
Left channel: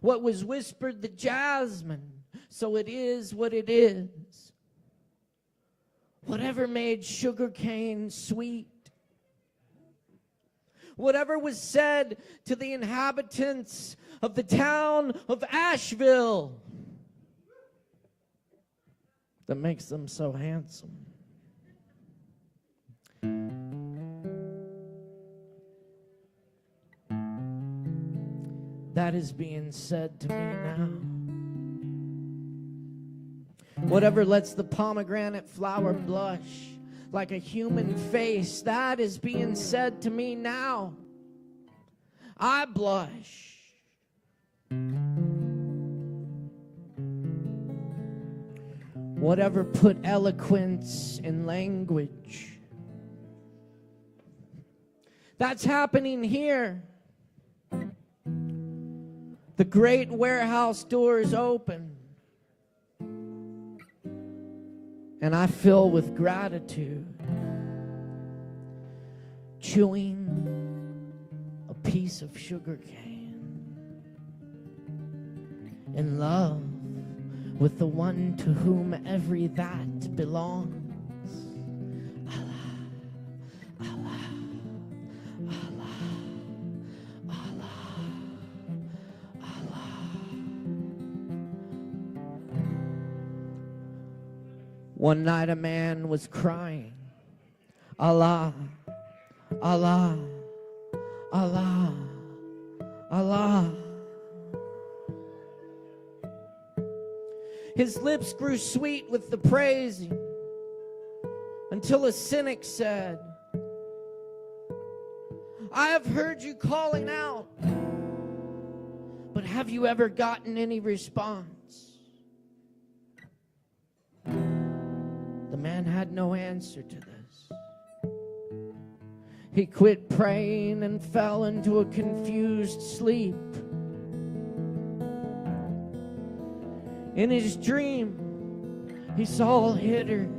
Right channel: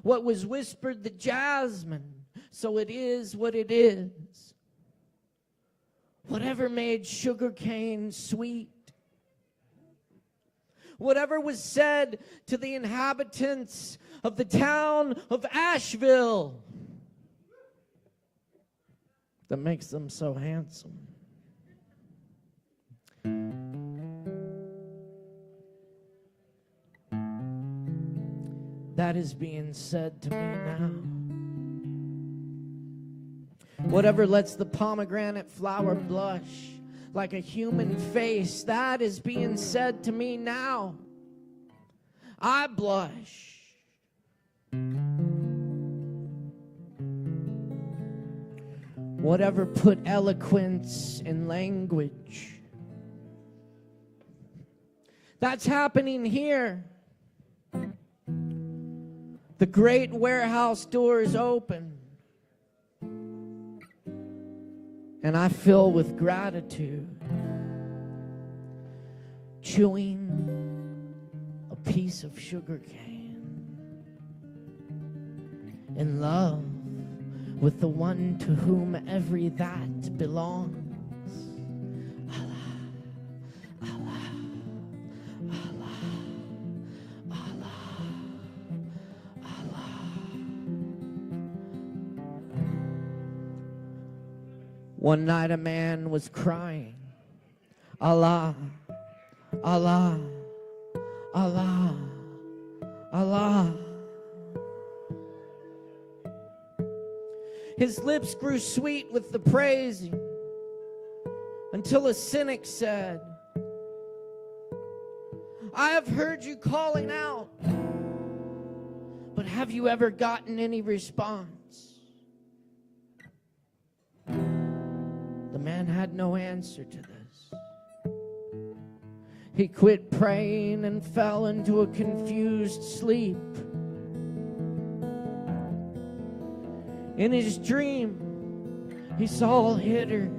What was whispered the jasmine, so it is what it is. Whatever made sugarcane sweet. Whatever was said to the inhabitants of the town of Asheville that makes them so handsome. That is being said to me now. Whatever lets the pomegranate flower blush like a human face, that is being said to me now. I blush. Whatever put eloquence in language, that's happening here. The great warehouse doors open, and I fill with gratitude, chewing a piece of sugar cane, in love with the one to whom every that belongs. Allah, Allah, Allah, Allah, Allah. One night a man was crying, Allah, Allah, Allah, Allah. His lips grew sweet with the praising, until a cynic said, I have heard you calling out, but have you ever gotten any response? The man had no answer to this. He quit praying and fell into a confused sleep. In his dream, he saw a hitter,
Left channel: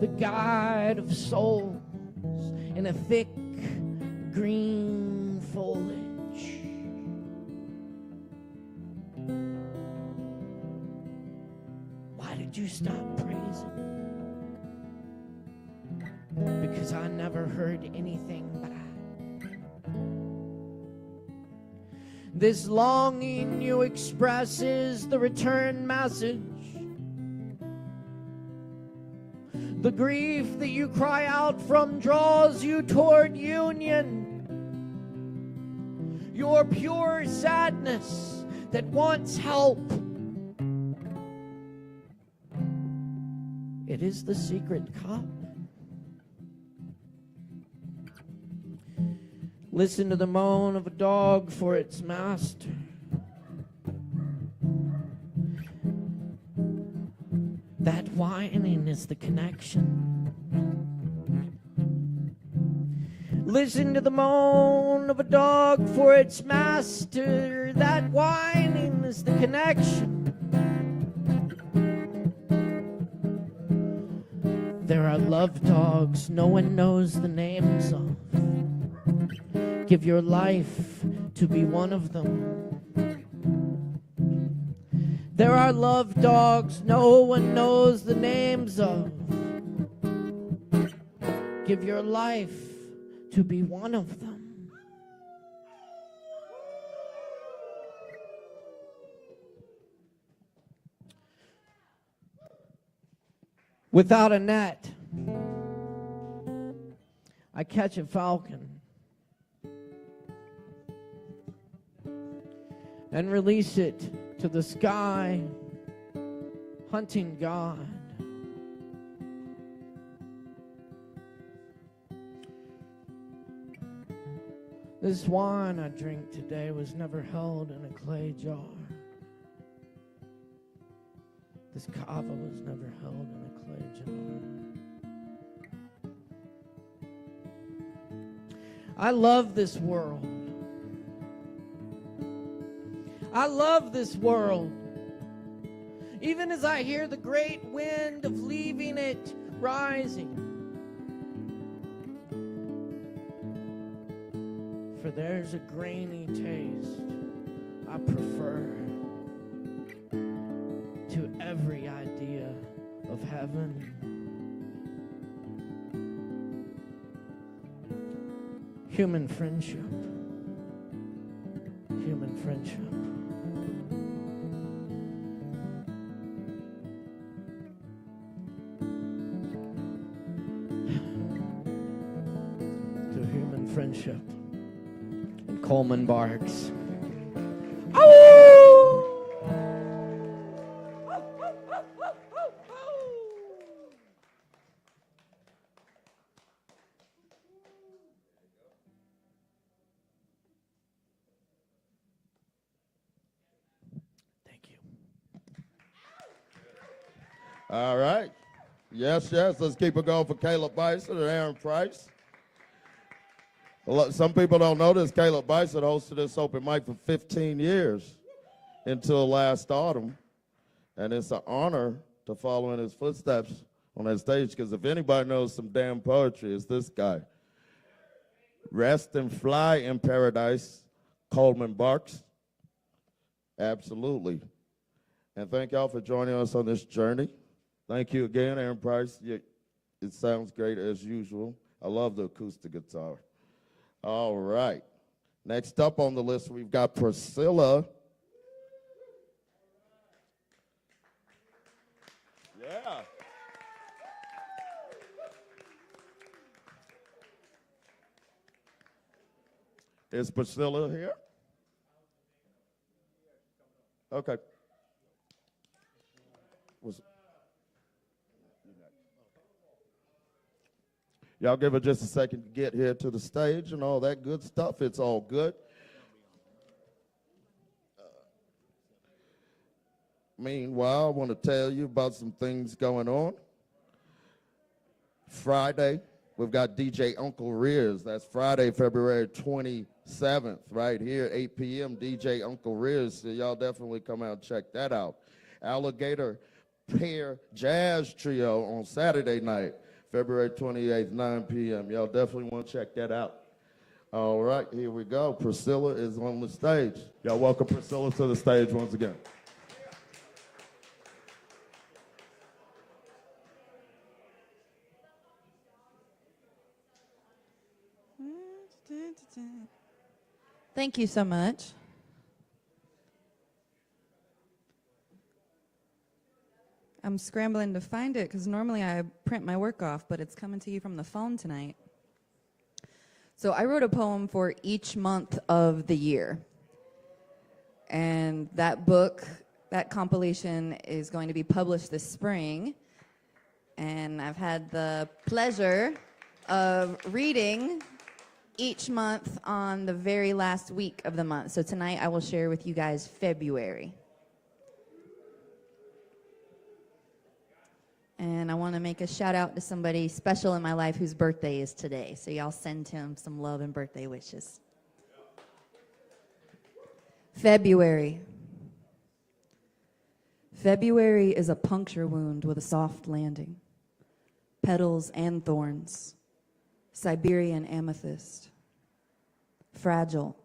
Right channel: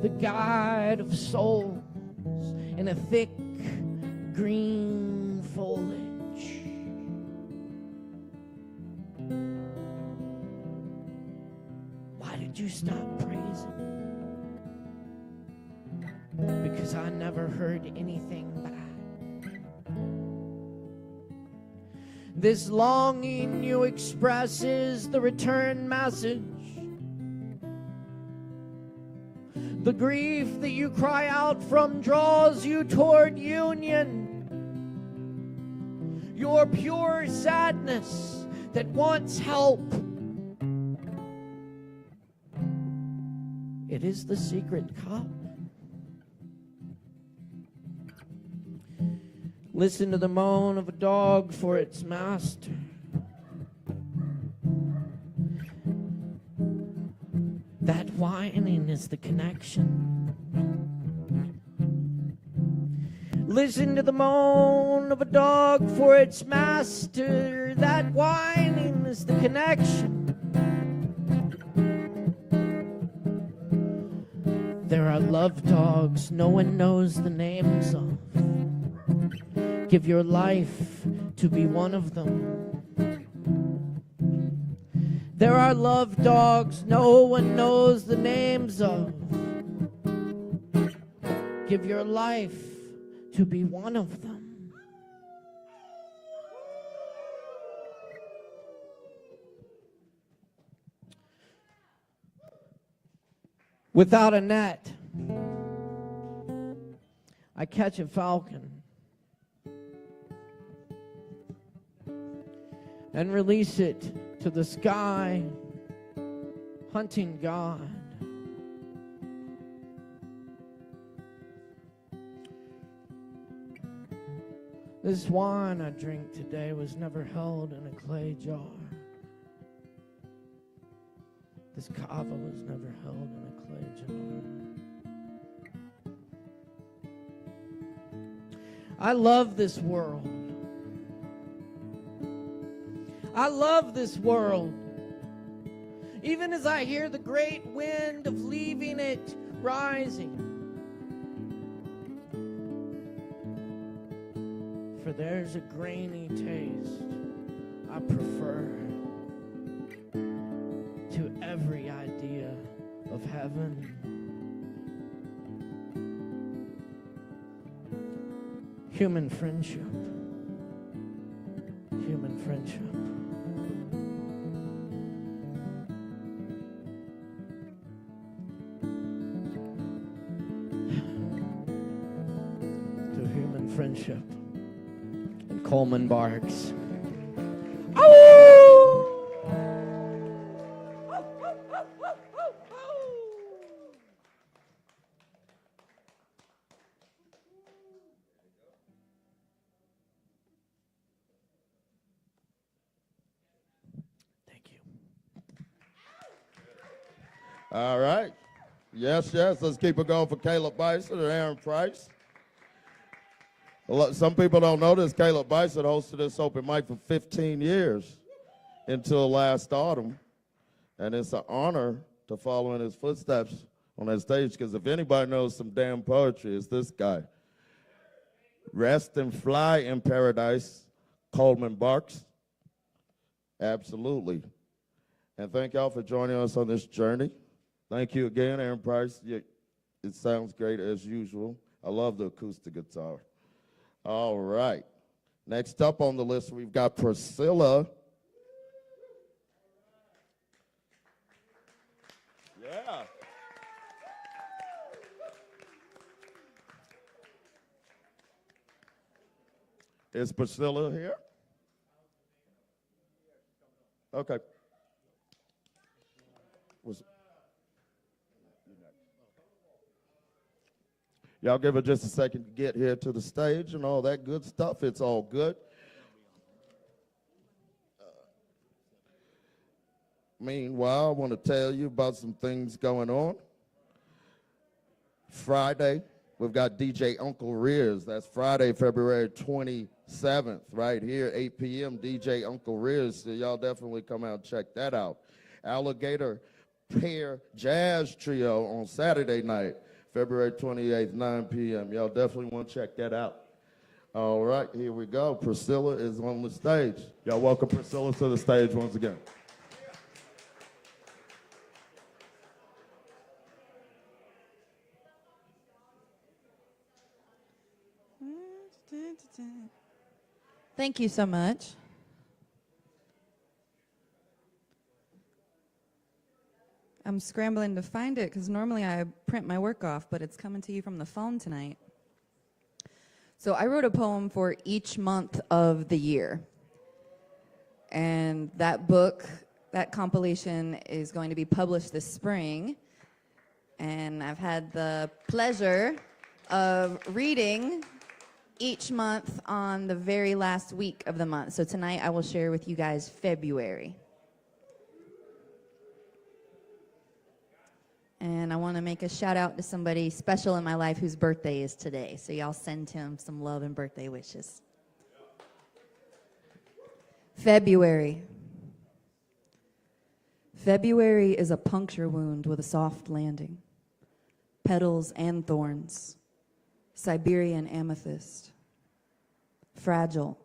the guide of souls, in a thick green foliage. Why did you stop praising? Because I never heard anything back. This longing you express is the return message. The grief that you cry out from draws you toward union. Your pure sadness that wants help. It is the secret cup. Listen to the moan of a dog for its master. That whining is the connection. Listen to the moan of a dog for its master. That whining is the connection. There are love dogs no one knows the names of. Give your life to be one of them. There are love dogs no one knows the names of. Give your life to be one of them. Without a net, I catch a falcon and release it to the sky, hunting God. This wine I drink today was never held in a clay jar. This Kava was never held in a clay jar. I love this world. I love this world. Even as I hear the great wind of leaving it rising. For there's a grainy taste I prefer to every idea of heaven. Human friendship. Human friendship. To human friendship. And Coleman barks. Oh! All right. Yes, yes. Let's keep it going for Caleb Beissert and Aaron Price. Well, some people don't know this. Caleb Beissert hosted this open mic for 15 years until last autumn. And it's an honor to follow in his footsteps on that stage, because if anybody knows some damn poetry, it's this guy. Rest and fly in paradise, Coleman barks. Absolutely. And thank y'all for joining us on this journey. Thank you again, Aaron Price. It sounds great as usual. I love the acoustic guitar. All right. Next up on the list, we've got Priscilla. Yeah. Is Priscilla here? Okay. Y'all give her just a second to get here to the stage and all that good stuff. It's all good. Meanwhile, I want to tell you about some things going on. Friday, we've got DJ Uncle Rears. That's Friday, February 27th, right here, 8 p.m. DJ Uncle Rears. So y'all definitely come out and check that out. Alligator Pear Jazz Trio on Saturday night, February 28th, 9 p.m. Y'all definitely want to check that out. All right, here we go. Priscilla is on the stage. Y'all welcome Priscilla to the stage once again. Thank you so much. I'm scrambling to find it because normally I print my work off, but it's coming to you from the phone tonight. So I wrote a poem for each month of the year. And that book, that compilation is going to be published this spring. And I've had the pleasure of reading each month on the very last week of the month. So tonight I will share with you guys February. And I want to make a shout out to somebody special in my life whose birthday is today. So y'all send him some love and birthday wishes. February. February is a puncture wound with a soft landing. Petals and thorns. Siberian amethyst. Fragile,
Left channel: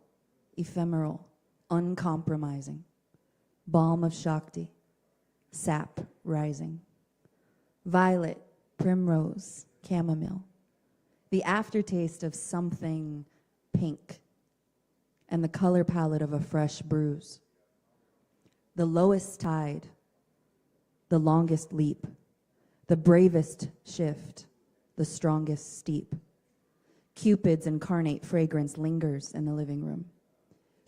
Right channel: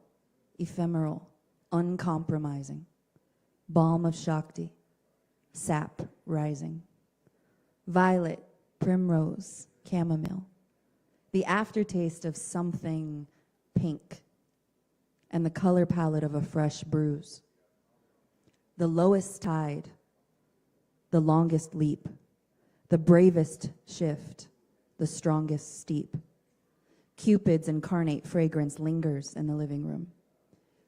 ephemeral, uncompromising. Balm of Shakti, sap rising. Violet, primrose, chamomile. The aftertaste of something pink. And the color palette of a fresh bruise. The lowest tide, the longest leap, the bravest shift, the strongest steep. Cupid's incarnate fragrance lingers in the living room.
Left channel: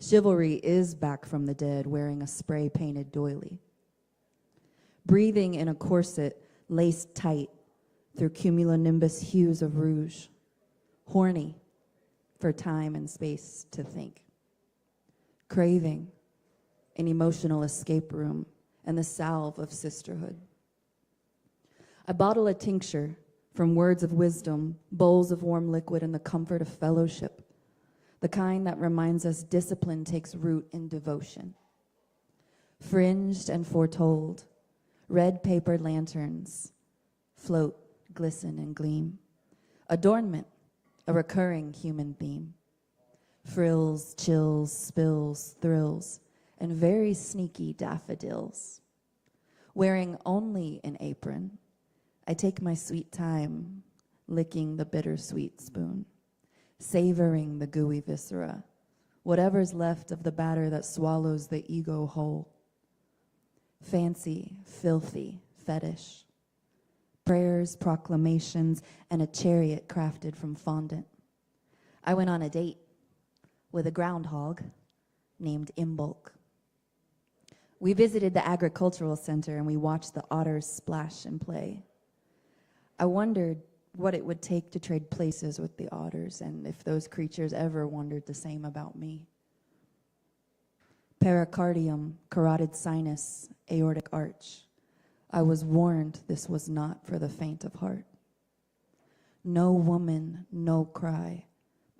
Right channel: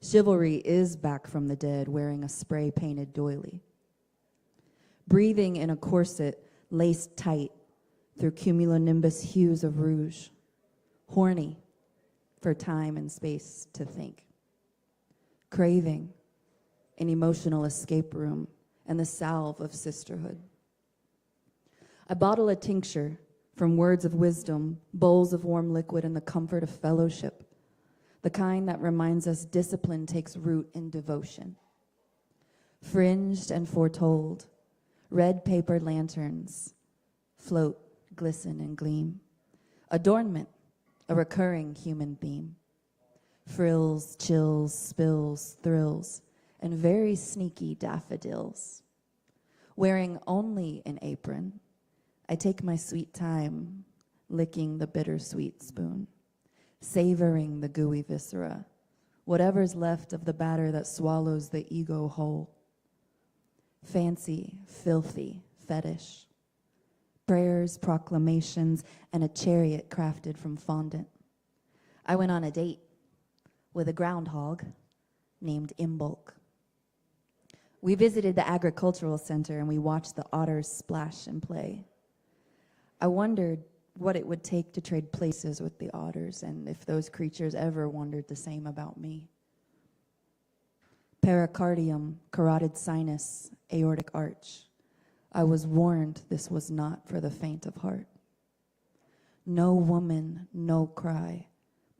Chivalry is back from the dead, wearing a spray-painted doily. Breathing in a corset laced tight through cumulonimbus hues of rouge. Horny for time and space to think. Craving an emotional escape room and the salve of sisterhood. I bottle a tincture from words of wisdom, bowls of warm liquid, and the comfort of fellowship, the kind that reminds us discipline takes root in devotion. Fringed and foretold, red paper lanterns float, glisten, and gleam. Adornment, a recurring human theme. Frills, chills, spills, thrills, and very sneaky daffodils. Wearing only an apron, I take my sweet time, licking the bittersweet spoon, savoring the gooey viscera, whatever's left of the batter that swallows the ego whole. Fancy, filthy, fetish. Prayers, proclamations, and a chariot crafted from fondant. I went on a date with a groundhog named Imbolc. We visited the agricultural center and we watched the otters splash and play. I wondered what it would take to trade places with the otters and if those creatures ever wondered the same about me. Pericardium, carotid sinus, aortic arch. I was warned this was not for the faint of heart. No woman, no cry,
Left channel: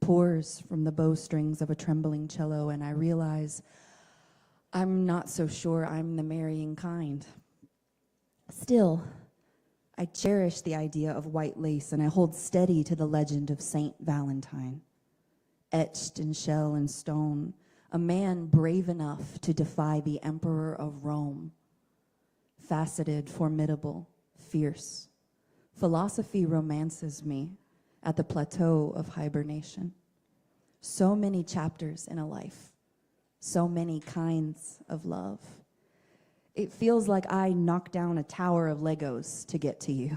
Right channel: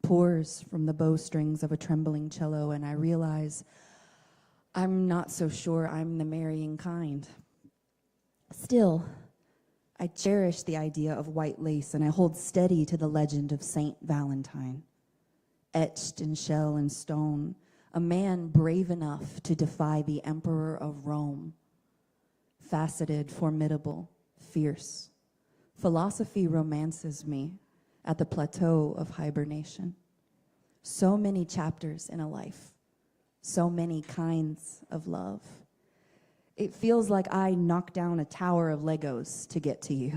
pours from the bowstrings of a trembling cello, and I realize I'm not so sure I'm the marrying kind. Still, I cherish the idea of white lace, and I hold steady to the legend of Saint Valentine. Etched in shell and stone, a man brave enough to defy the emperor of Rome. Faceted, formidable, fierce. Philosophy romances me at the plateau of hibernation. So many chapters in a life, so many kinds of love. It feels like I knocked down a tower of Legos to get to you.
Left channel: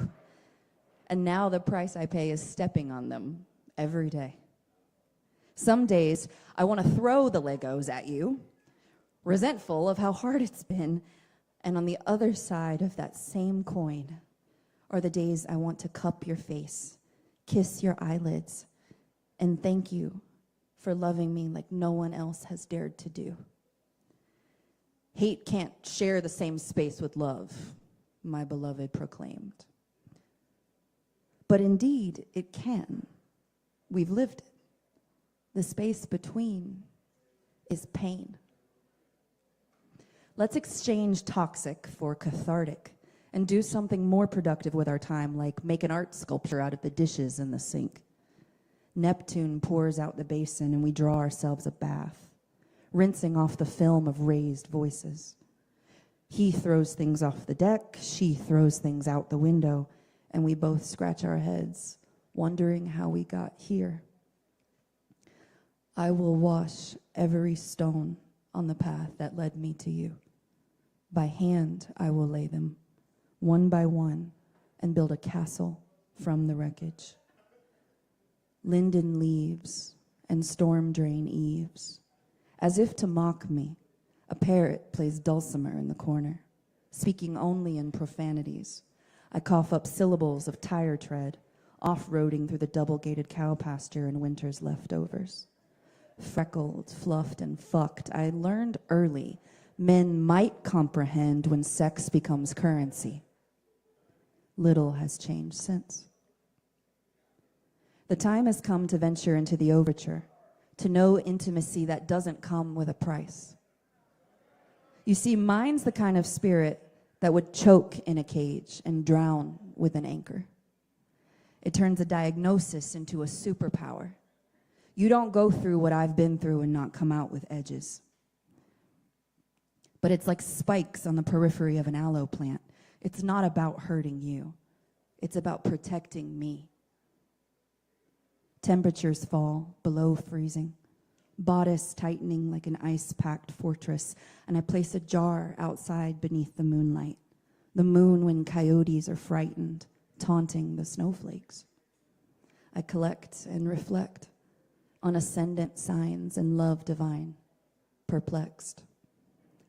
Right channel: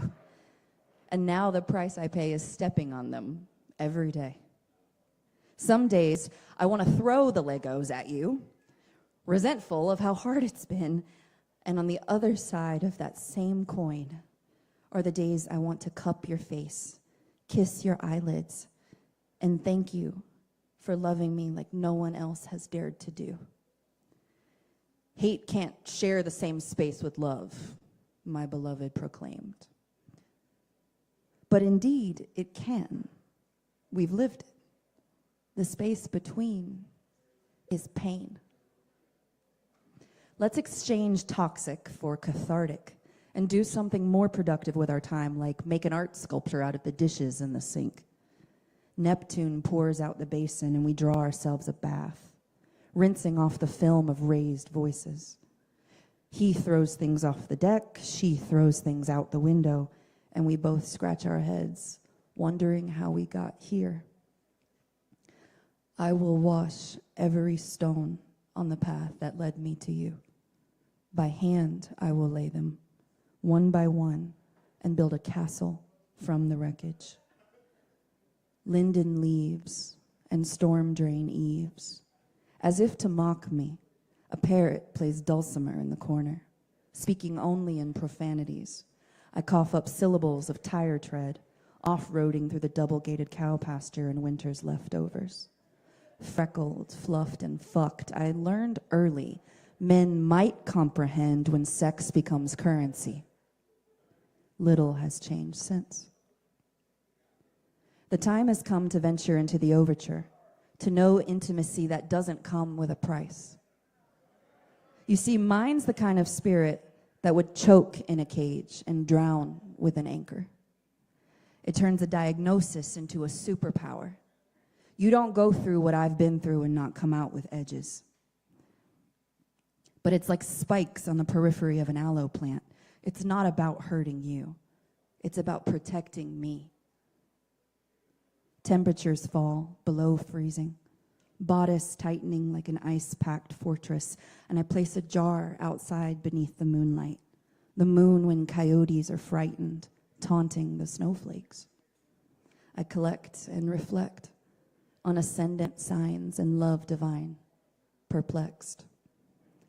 And now the price I pay is stepping on them every day. Some days I want to throw the Legos at you, resentful of how hard it's been. And on the other side of that same coin are the days I want to cup your face, kiss your eyelids, and thank you for loving me like no one else has dared to do. Hate can't share the same space with love, my beloved proclaimed. But indeed, it can. We've lived it. The space between is pain. Let's exchange toxic for cathartic and do something more productive with our time, like make an art sculpture out of the dishes in the sink. Neptune pours out the basin and we draw ourselves a bath, rinsing off the film of raised voices. He throws things off the deck, she throws things out the window, and we both scratch our heads, wondering how we got here. I will wash every stone on the path that led me to you. By hand I will lay them, one by one, and build a castle from the wreckage. Linden leaves and storm drain eaves. As if to mock me, a parrot plays dulcimer in the corner, speaking only in profanities. I cough up syllables of tire tread, off-roading through the double-gated cow pasture in winter's leftovers. Freckled, fluffed, and fucked, I learned early men might comprehend when sex becomes currency. Little has changed since. The time has come to venture into the overture, to know intimacy that doesn't come with a price. You see, mine's the kind of spirit that would choke in a cage and drown with an anchor. It turns a diagnosis into a superpower. You don't go through what I've been through and not come out with edges. But it's like spikes on the periphery of an aloe plant. It's not about hurting you. It's about protecting me. Temperatures fall below freezing, bodice tightening like an ice-packed fortress, and I place a jar outside beneath the moonlight, the moon when coyotes are frightened, taunting the snowflakes. I collect and reflect on ascendant signs and love divine, perplexed.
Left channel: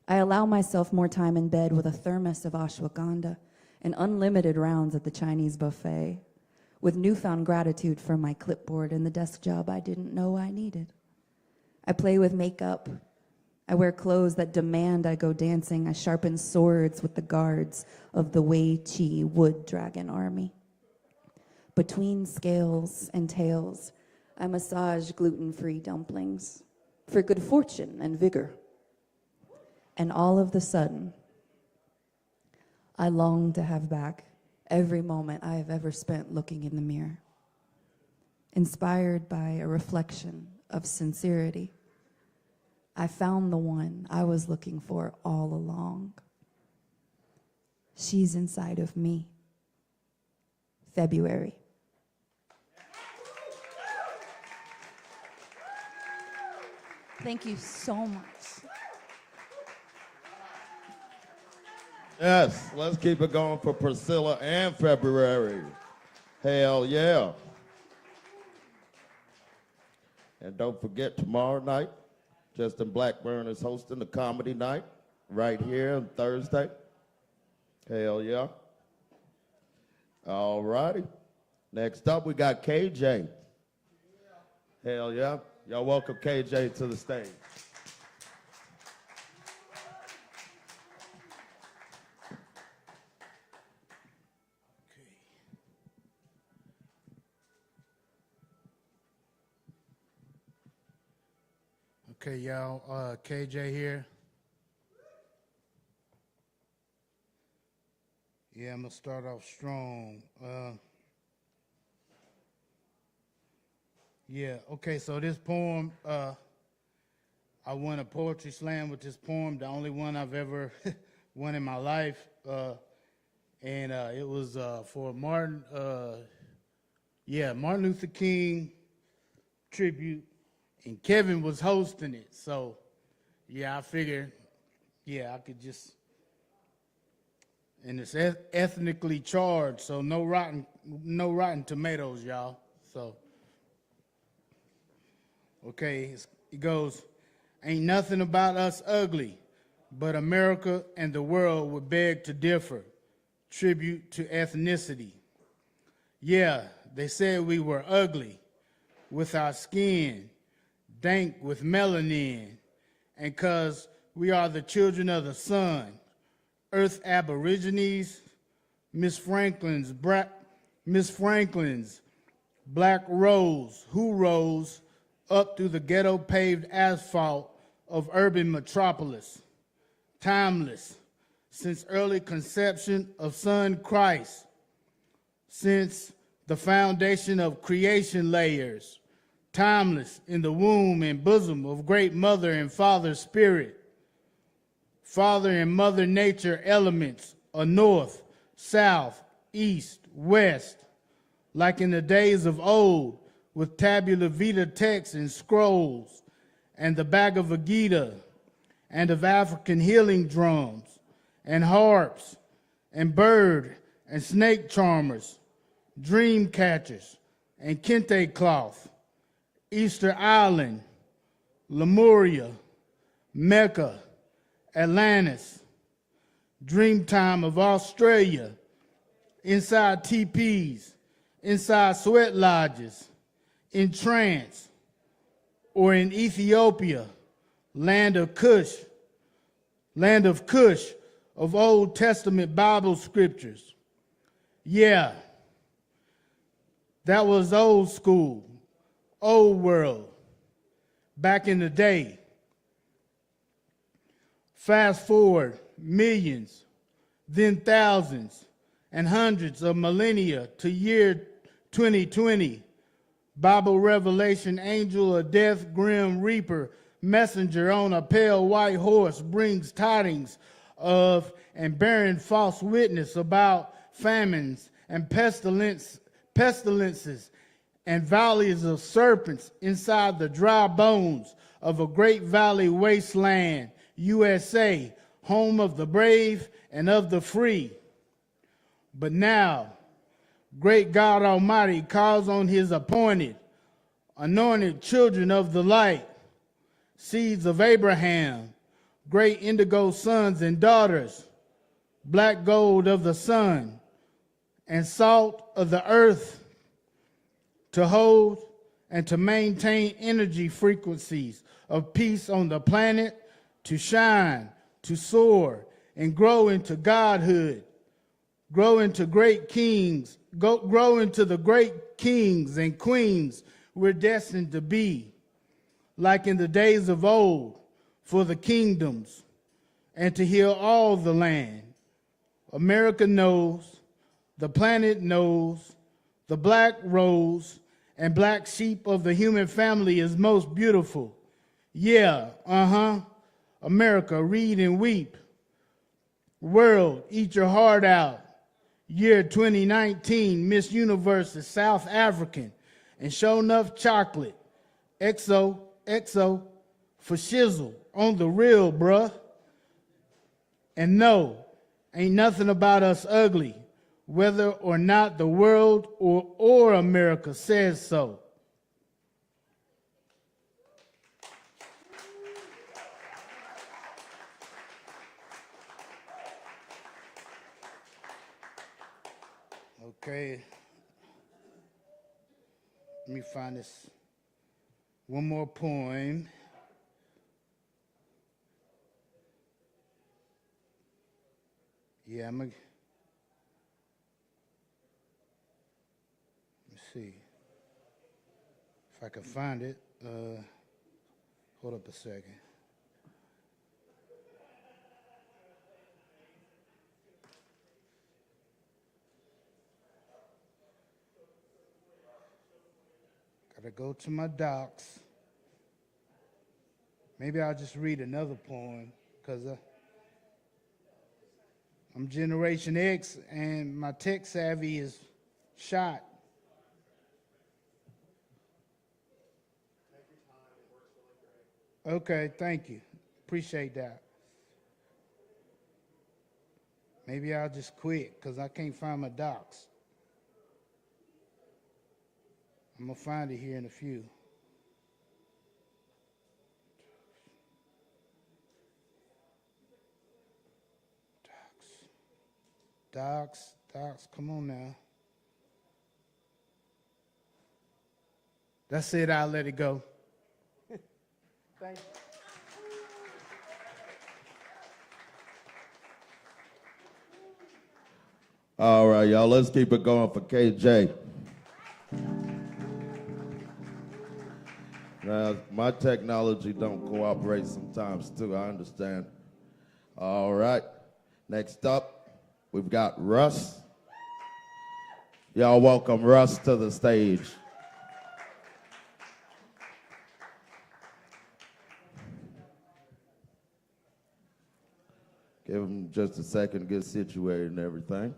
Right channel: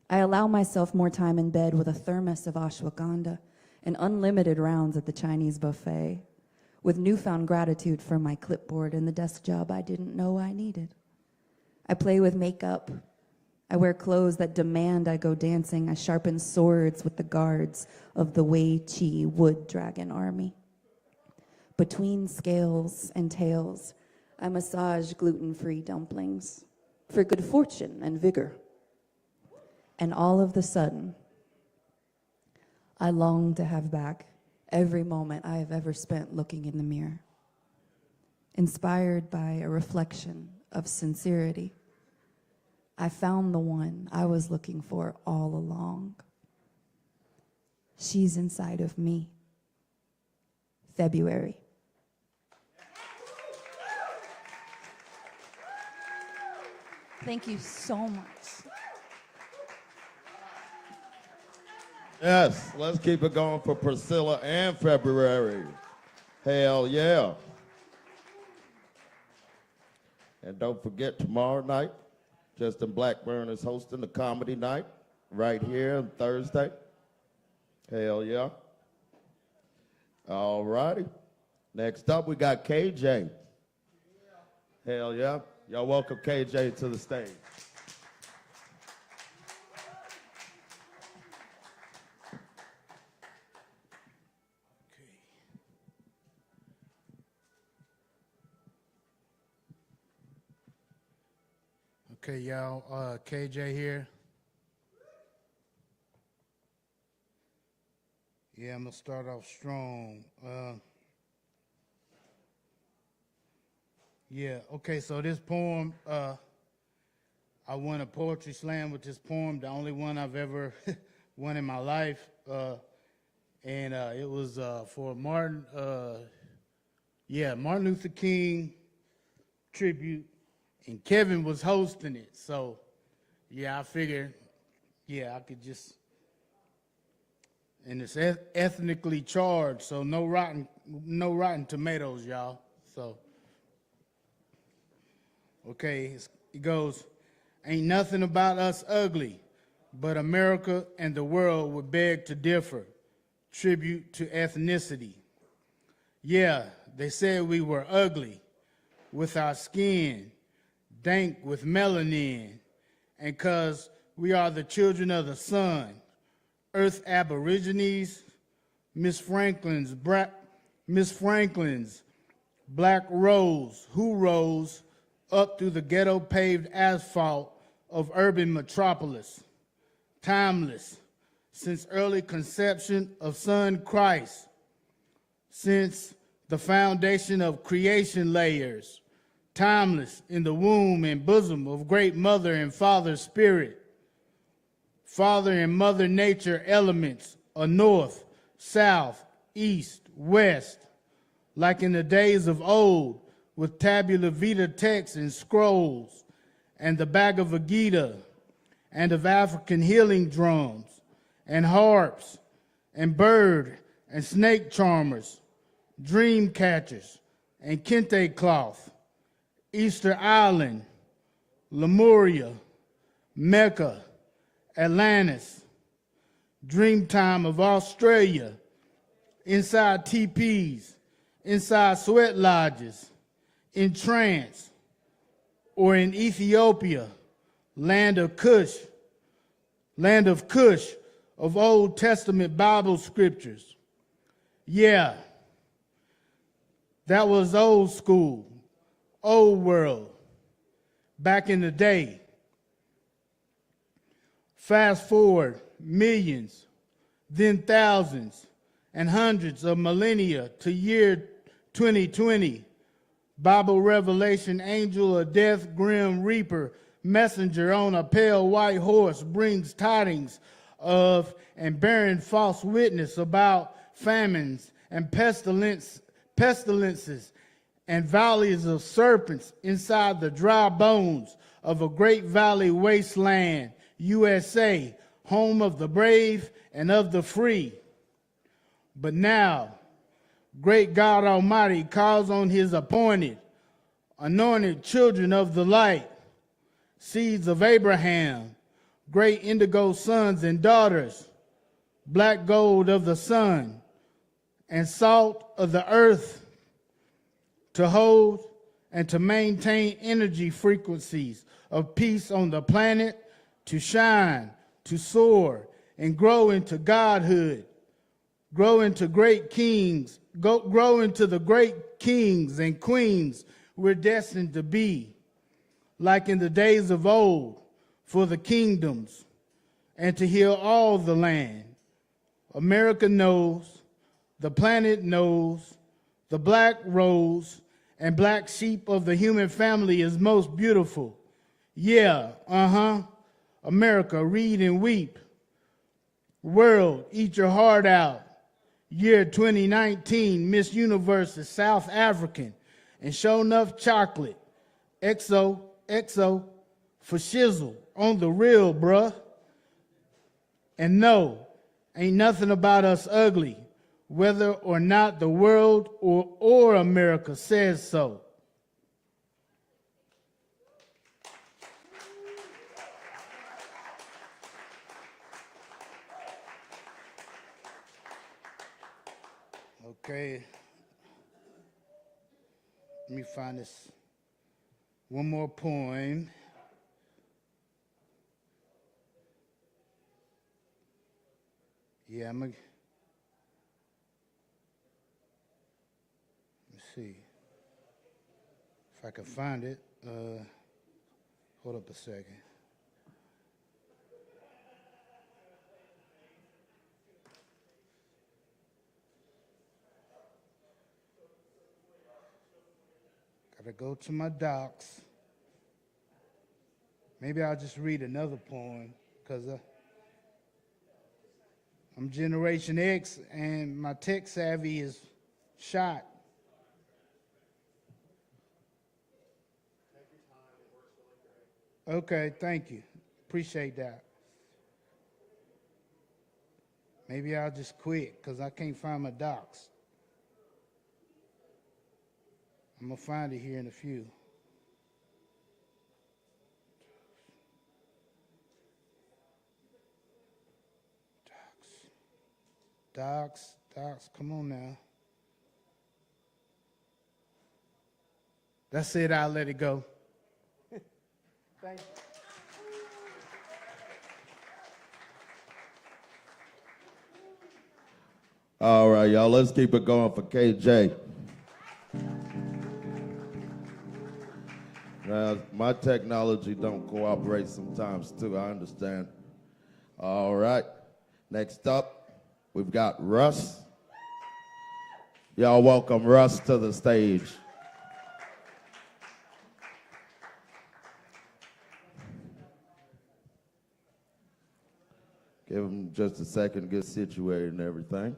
I allow myself more time in bed with a thermos of ashwagandha and unlimited rounds at the Chinese buffet, with newfound gratitude for my clipboard and the desk job I didn't know I needed. I play with makeup. I wear clothes that demand I go dancing. I sharpen swords with the guards of the Wei Chi wood dragon army. Between scales and tails, I massage gluten-free dumplings for good fortune and vigor. And all of the sudden, I long to have back every moment I have ever spent looking in the mirror. Inspired by a reflection of sincerity, I found the one I was looking for all along. She's inside of me. February. Thank you so much. Yes, let's keep it going for Priscilla and February. Hell yeah. And don't forget, tomorrow night, Justin Blackburn is hosting a comedy night right here on Thursday. Hell yeah. All righty. Next up, we got KJ. Hell yeah. Y'all welcome KJ to the stage. Okay, y'all, KJ here. Yeah, I'm gonna start off strong. Yeah, okay, so this poem, I won a poetry slam with this poem, the only one I've ever won in my life. And it was for Martin Luther King tribute. And Kevin was hosting it, so yeah, I figured, yeah, I could just, and it's ethnically charged, so no rotten tomatoes, y'all. So, okay, it goes, ain't nothing about us ugly, but America and the world would beg to differ. Tribute to ethnicity. Yeah, They said we were ugly with our skin, dank with melanin, and 'cause we are the children of the sun, Earth Aborigines, Miss Franklin's black rose, who rose up through the ghetto paved asphalt of urban metropolis, timeless, since early conception of Son Christ, since the foundation of creation layers, timeless in the womb and bosom of great mother and father spirit, father and mother nature elements of north, south, east, west, like in the days of old, with tabula vita texts and scrolls, and the Bhagavad Gita, and of African healing drums, and harps, and bird and snake charmers, dream catchers, and kente cloth, Easter Island, Lemuria, Mecca, Atlantis, Dreamtime of Australia, inside teepees, inside sweat lodges, in trance, or in Ethiopia, land of Cush, of Old Testament Bible scriptures. Yeah, that was old school, old world, back in the day. Fast forward millions, then thousands, and hundreds of millennia to year 2020. Bible revelation, angel of death, grim reaper, messenger on a pale white horse brings tidings of and bearing false witness about famines and pestilences and valleys of serpents inside the dry bones of a great valley wasteland, USA, home of the brave and of the free. But now, great God Almighty calls on his appointed, anointed children of the light, seeds of Abraham, great indigo sons and daughters, black gold of the sun, and salt of the earth, to hold and to maintain energy frequencies of peace on the planet, to shine, to soar, and grow into godhood, grow into great kings, grow into the great kings and queens we're destined to be, like in the days of old, for the kingdoms, and to heal all the land. America knows, the planet knows, the black rose and black sheep of the human family is most beautiful. Yeah, America, read and weep. World, eat your heart out. Year 2019, Miss Universe is South African, and show enough chocolate. XO, for shizzle, on the real, bruh. And no, ain't nothing about us ugly, whether or not the world or America says so. Okay. Let me find this one more poem. Yeah, let me see if I can find it. Hold up a second. Gotta go to my docs. Maybe I'll just read another poem, because I'm Generation X and my tech savvy is shot. Okay, thank you. Appreciate that. Maybe I'll just quit because I can't find my docs. I'm going to find it here in a few. Docs, come on now. That's it. I'll let it go. All right, y'all, let's keep it going for KJ. My technology don't cooperate sometimes too, I understand. All right, next up, we've got Russ. Y'all welcome Russ to the stage. Give him just a second to get situated and everything.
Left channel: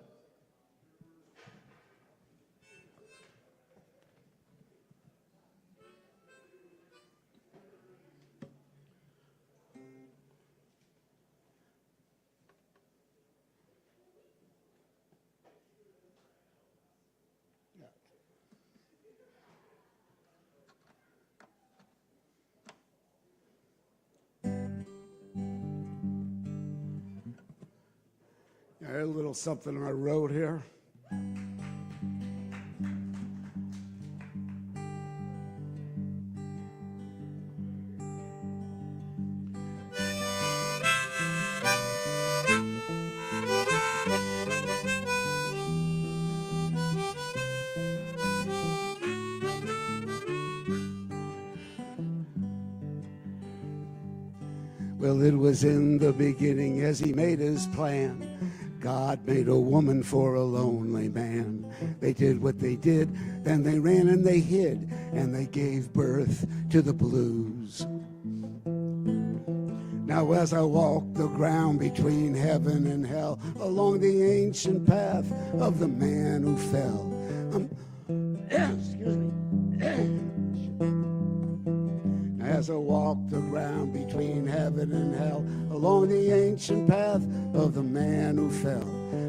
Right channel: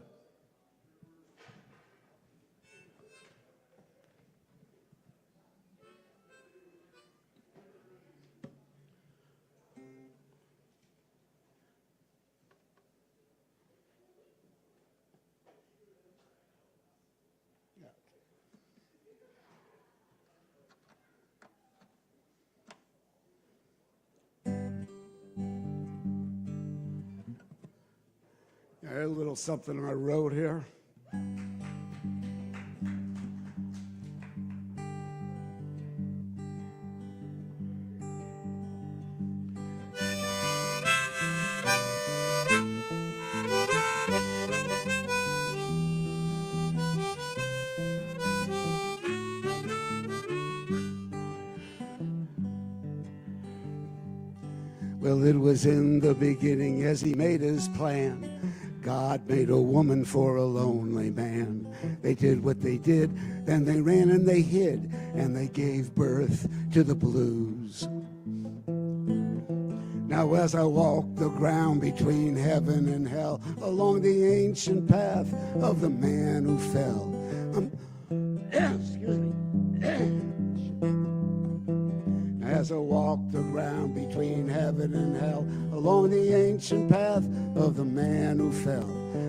A little something I wrote here. Well, it was in the beginning as he made his plan. God made a woman for a lonely man. They did what they did, then they ran and they hid, and they gave birth to the blues. Now as I walk the ground between heaven and hell, along the ancient path of the man who fell, as I walk the ground between heaven and hell, along the ancient path of the man who fell,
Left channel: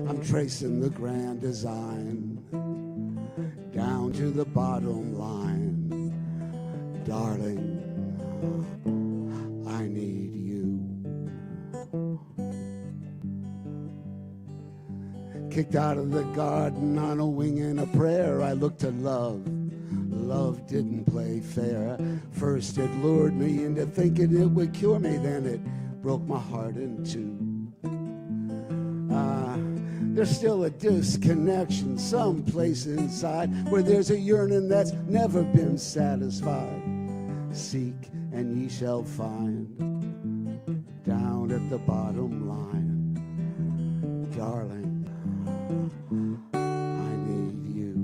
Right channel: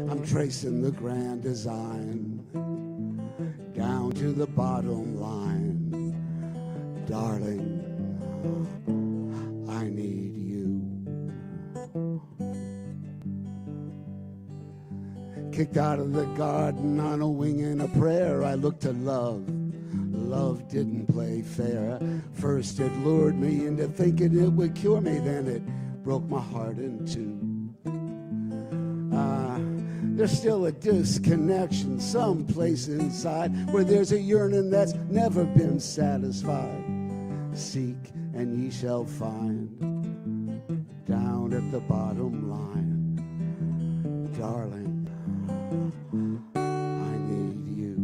I'm tracing the grand design down to the bottom line. Darling, I need you. Kicked out of the garden on a wing and a prayer, I looked to love. Love didn't play fair. First it lured me into thinking it would cure me, then it broke my heart in two. There's still a disconnection someplace inside where there's a yearning that's never been satisfied. Seek and ye shall find down at the bottom line. Darling, I need you.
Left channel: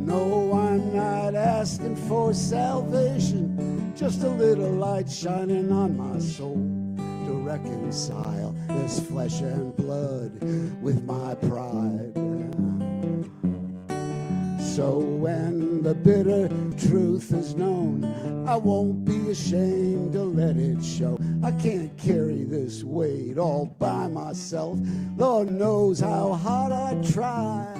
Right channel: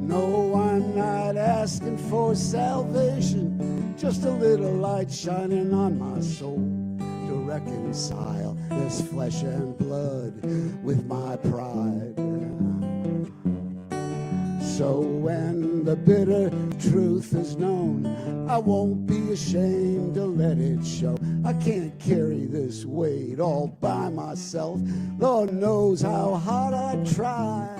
No, I'm not asking for salvation, just a little light shining on my soul to reconcile this flesh and blood with my pride. So when the bitter truth is known, I won't be ashamed to let it show. I can't carry this weight all by myself. Lord knows how hard I try.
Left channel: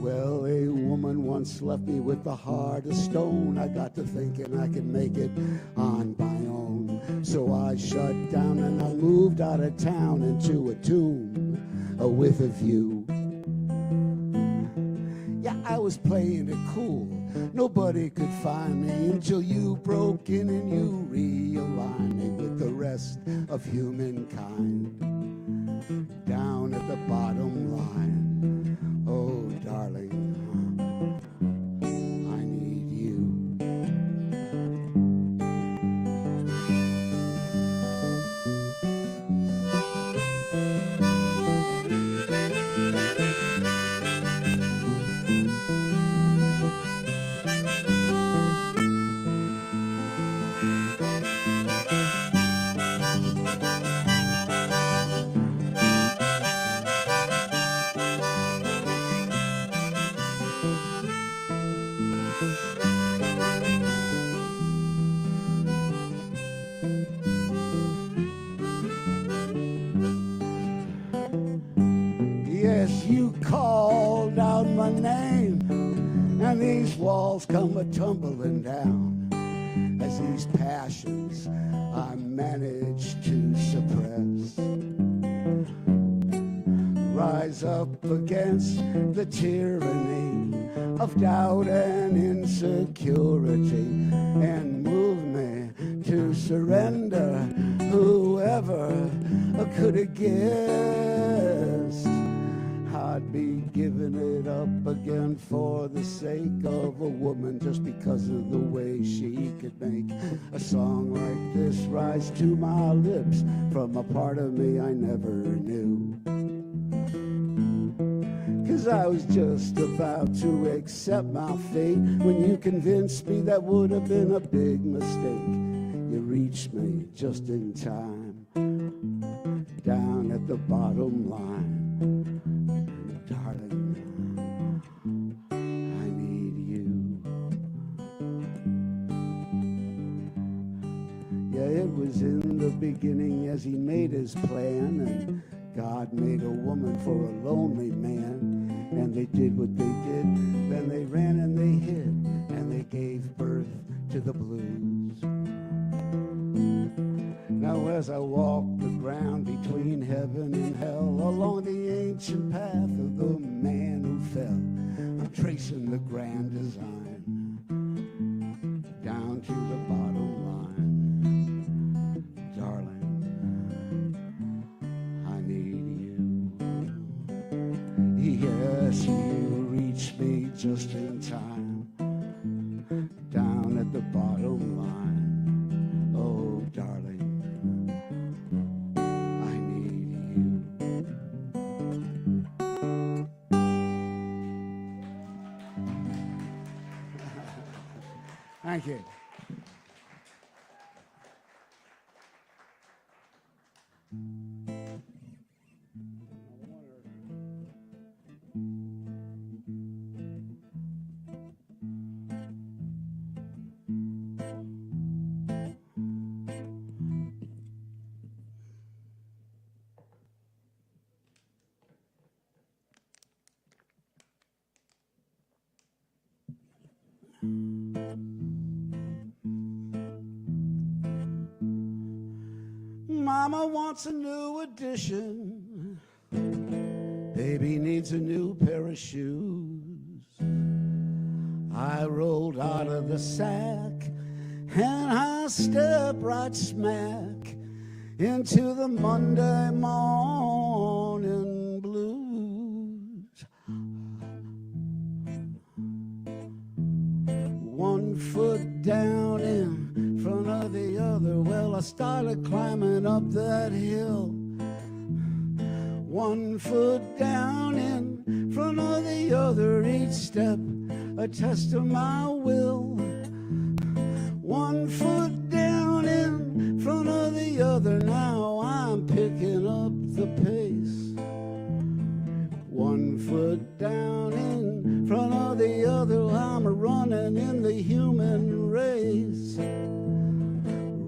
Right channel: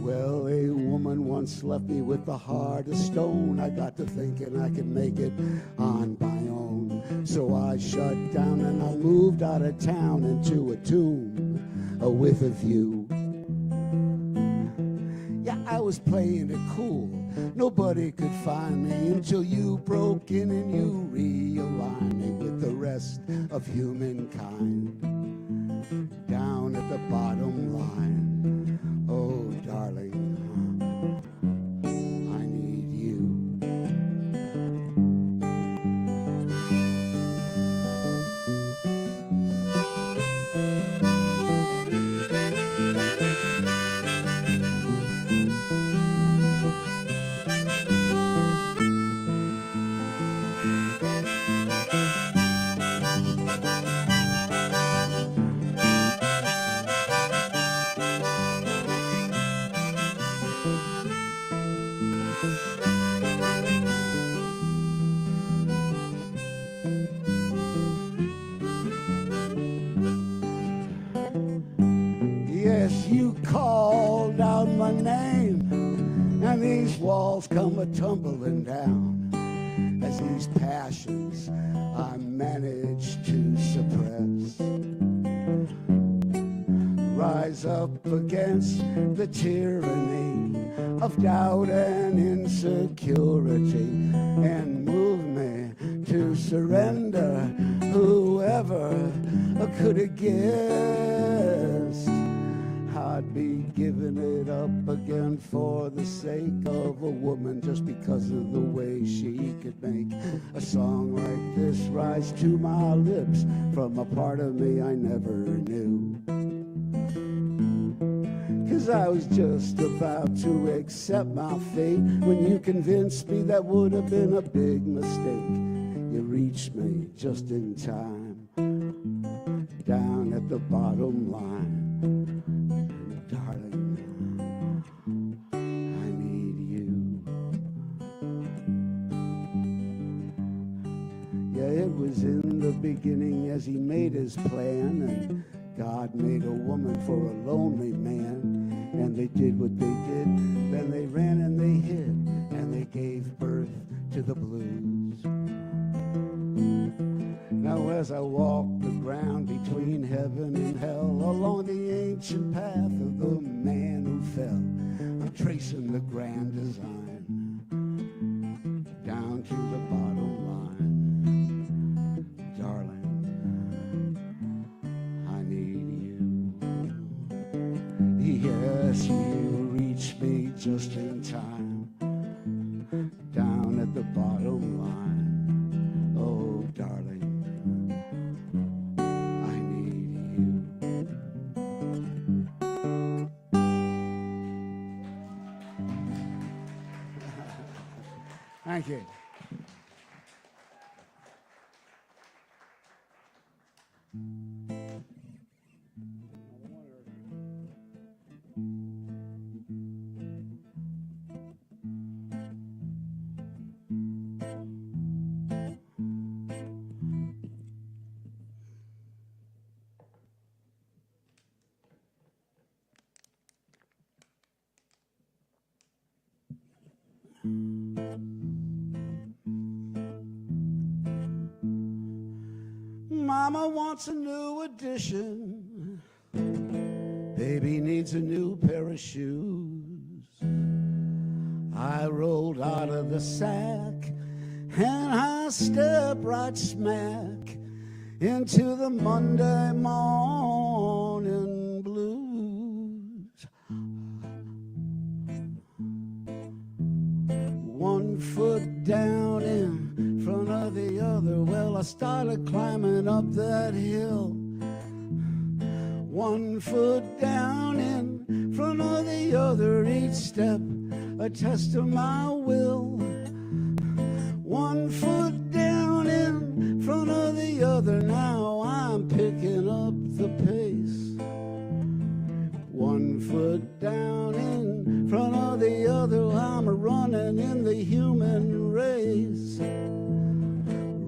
Well, a woman once left me with a heart of stone. I got to thinking I can make it on my own. So I shut down and I moved out of town into a tomb with a view. Yeah, I was playing it cool. Nobody could find me until you broke in and you realigned me with the rest of humankind. Down at the bottom line. Oh, darling, I need you. Yes, you called out my name, and these walls come a-tumbling down as these passions I managed to suppress rise up against the tyranny of doubt and insecurity and move me to surrender. Whoever could have guessed I'd be giving it up again for the sake of a woman, just because of the way she could make a song like this rise to my lips from a part of me I never knew. 'Cause I was just about to accept my fate when you convinced me that would have been a big mistake. You reached me just in time, down at the bottom line. Darling, I need you. Yeah, it was in the beginning as he made his plan, and God made a woman for a lonely man. And they did what they did, then they ran and they hid, and they gave birth to the blues. Now as I walk the ground between heaven and hell, along the ancient path of the man who fell, I'm tracing the grand design down to the bottom line. Darling, I need you. Yes, you reach me just in time, down at the bottom line. Oh, darling, I need you. Thank you. Mama wants a new addition. Baby needs a new pair of shoes. I rolled out of the sack and I stepped right smack into the Monday morning blues. 1 foot down in front of the other. Well, I started climbing up that hill. 1 foot down in front of the other. Each step a test of my will. 1 foot down in front of the other. Now I'm picking up the pace. 1 foot down in front of the other. I'm running in the human race.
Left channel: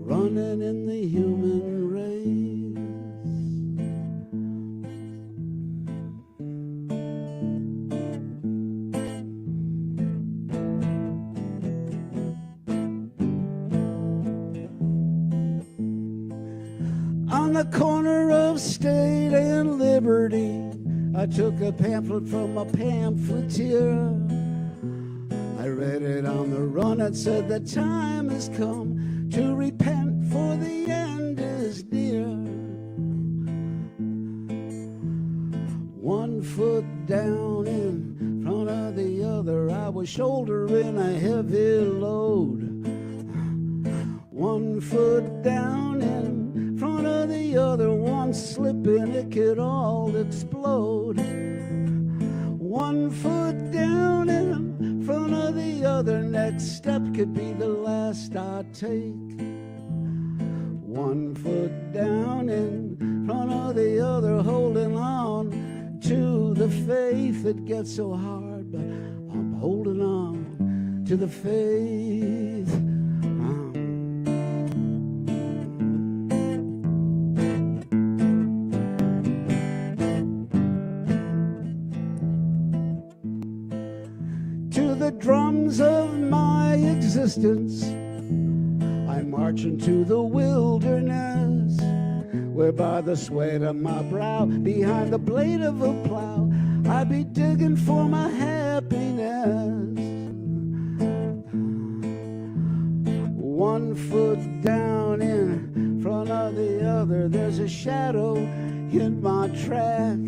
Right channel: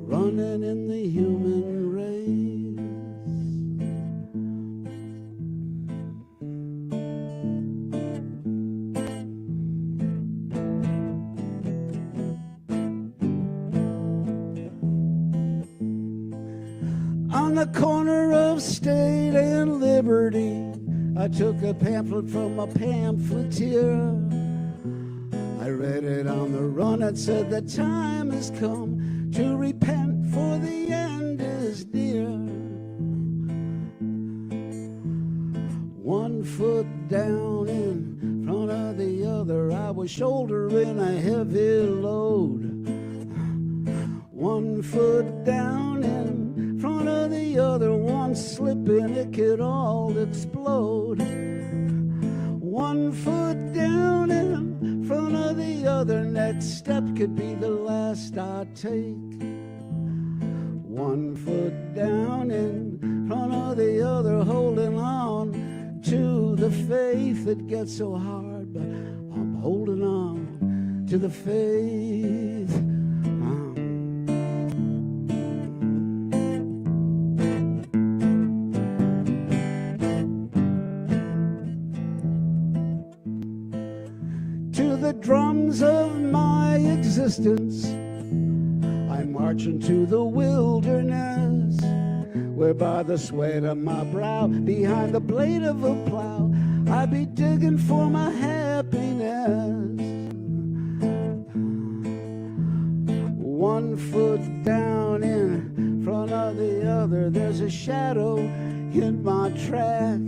Running in the human race. On the corner of State and Liberty, I took a pamphlet from a pamphleteer. I read it on the run. It said the time has come to repent, for the end is near. 1 foot down in front of the other. I was shouldering a heavy load. 1 foot down in front of the other. One slip and it could all explode. 1 foot down in front of the other. Next step could be the last I take. 1 foot down in front of the other, holding on to the faith. It gets so hard, but I'm holding on to the faith. To the drums of my existence, I march into the wilderness where by the sweat of my brow, behind the blade of a plow, I be digging for my happiness. One foot down in front of the other, there's a shadow in my track.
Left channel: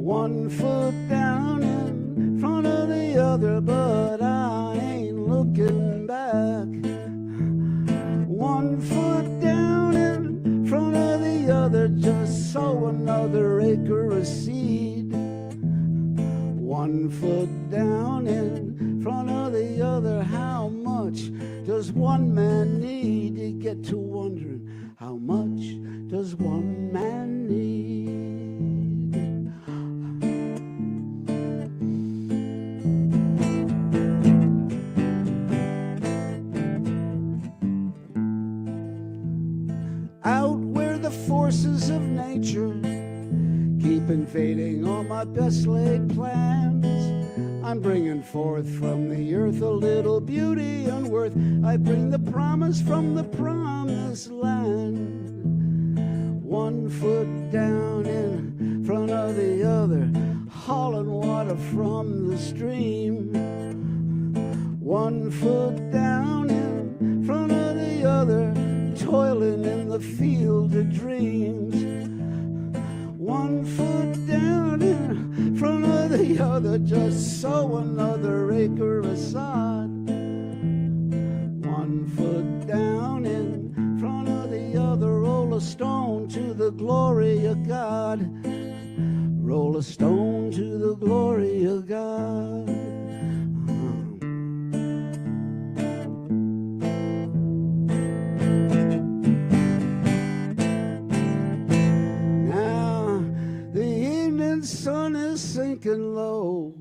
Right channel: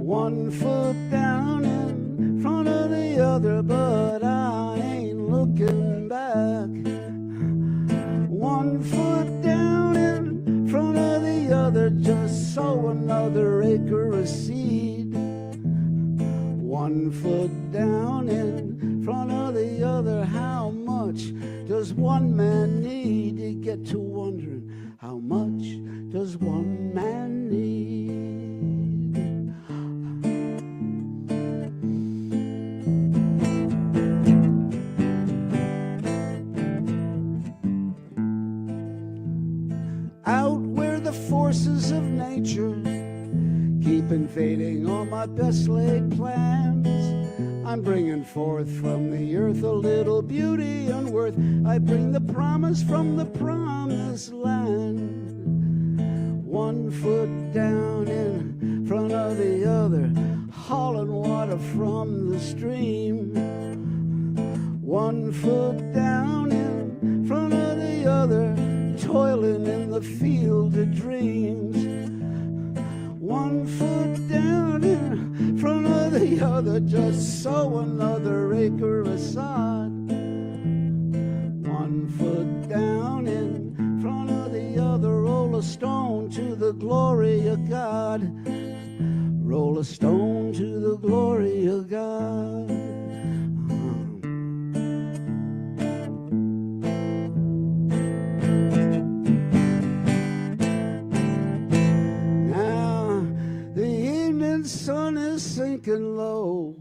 One foot down in front of the other, but I ain't looking back. One foot down in front of the other, just sow another acre of seed. One foot down in front of the other, how much does one man need? You get to wondering, how much does one man need? Out where the forces of nature keep invading all my best laid plans, I'm bringing forth from the earth a little beauty and worth. I bring the promise from the promised land. One foot down in front of the other, hauling water from the stream. One foot down in front of the other, toiling in the field of dreams. One foot down in front of the other, just sow another acre of sod. One foot down in front of the other, roll a stone to the glory of God. Roll a stone to the glory of God. Sun is sinking low.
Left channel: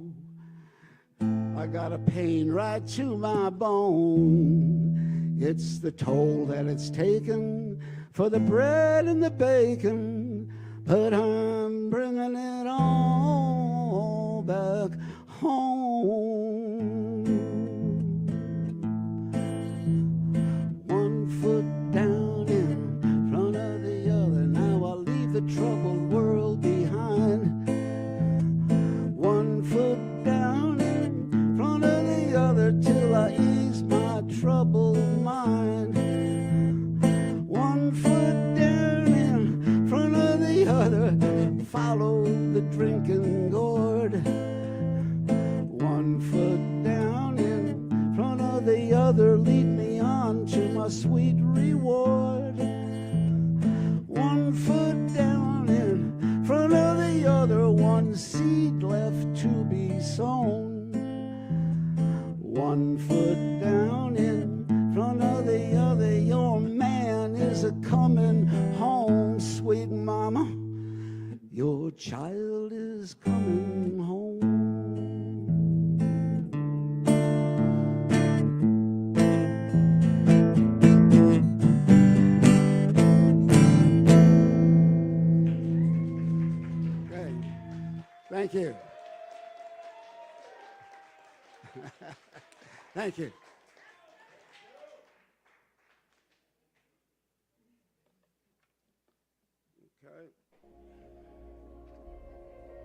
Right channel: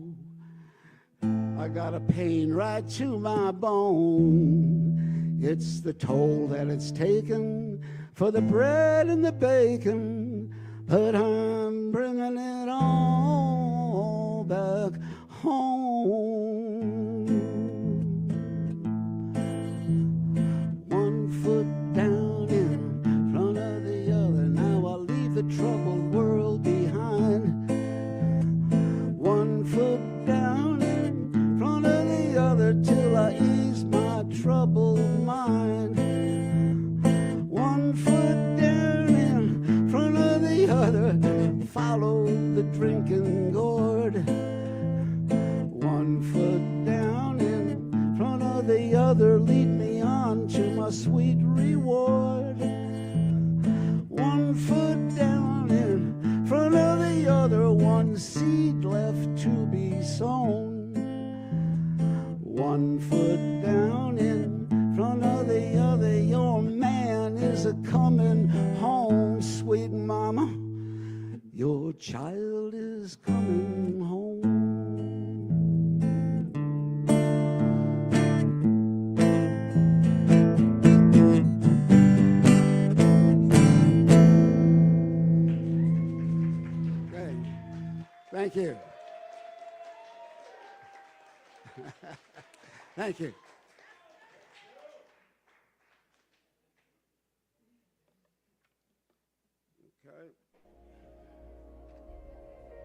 I got a pain right to my bone. It's the toll that it's taken for the bread and the bacon, but I'm bringing it all back home. One foot down in front of the other, now I'll leave the troubled world behind. One foot down in front of the other till I ease my troubled mind. One foot down in front of the other, follow the drinking gourd. One foot down in front of the other, lead me on to my sweet reward. One foot down in front of the other, one seed left to be sown. One foot down in front of the other, your man is a coming home. Sweet mama, your child is coming home. Thank you. Thank you.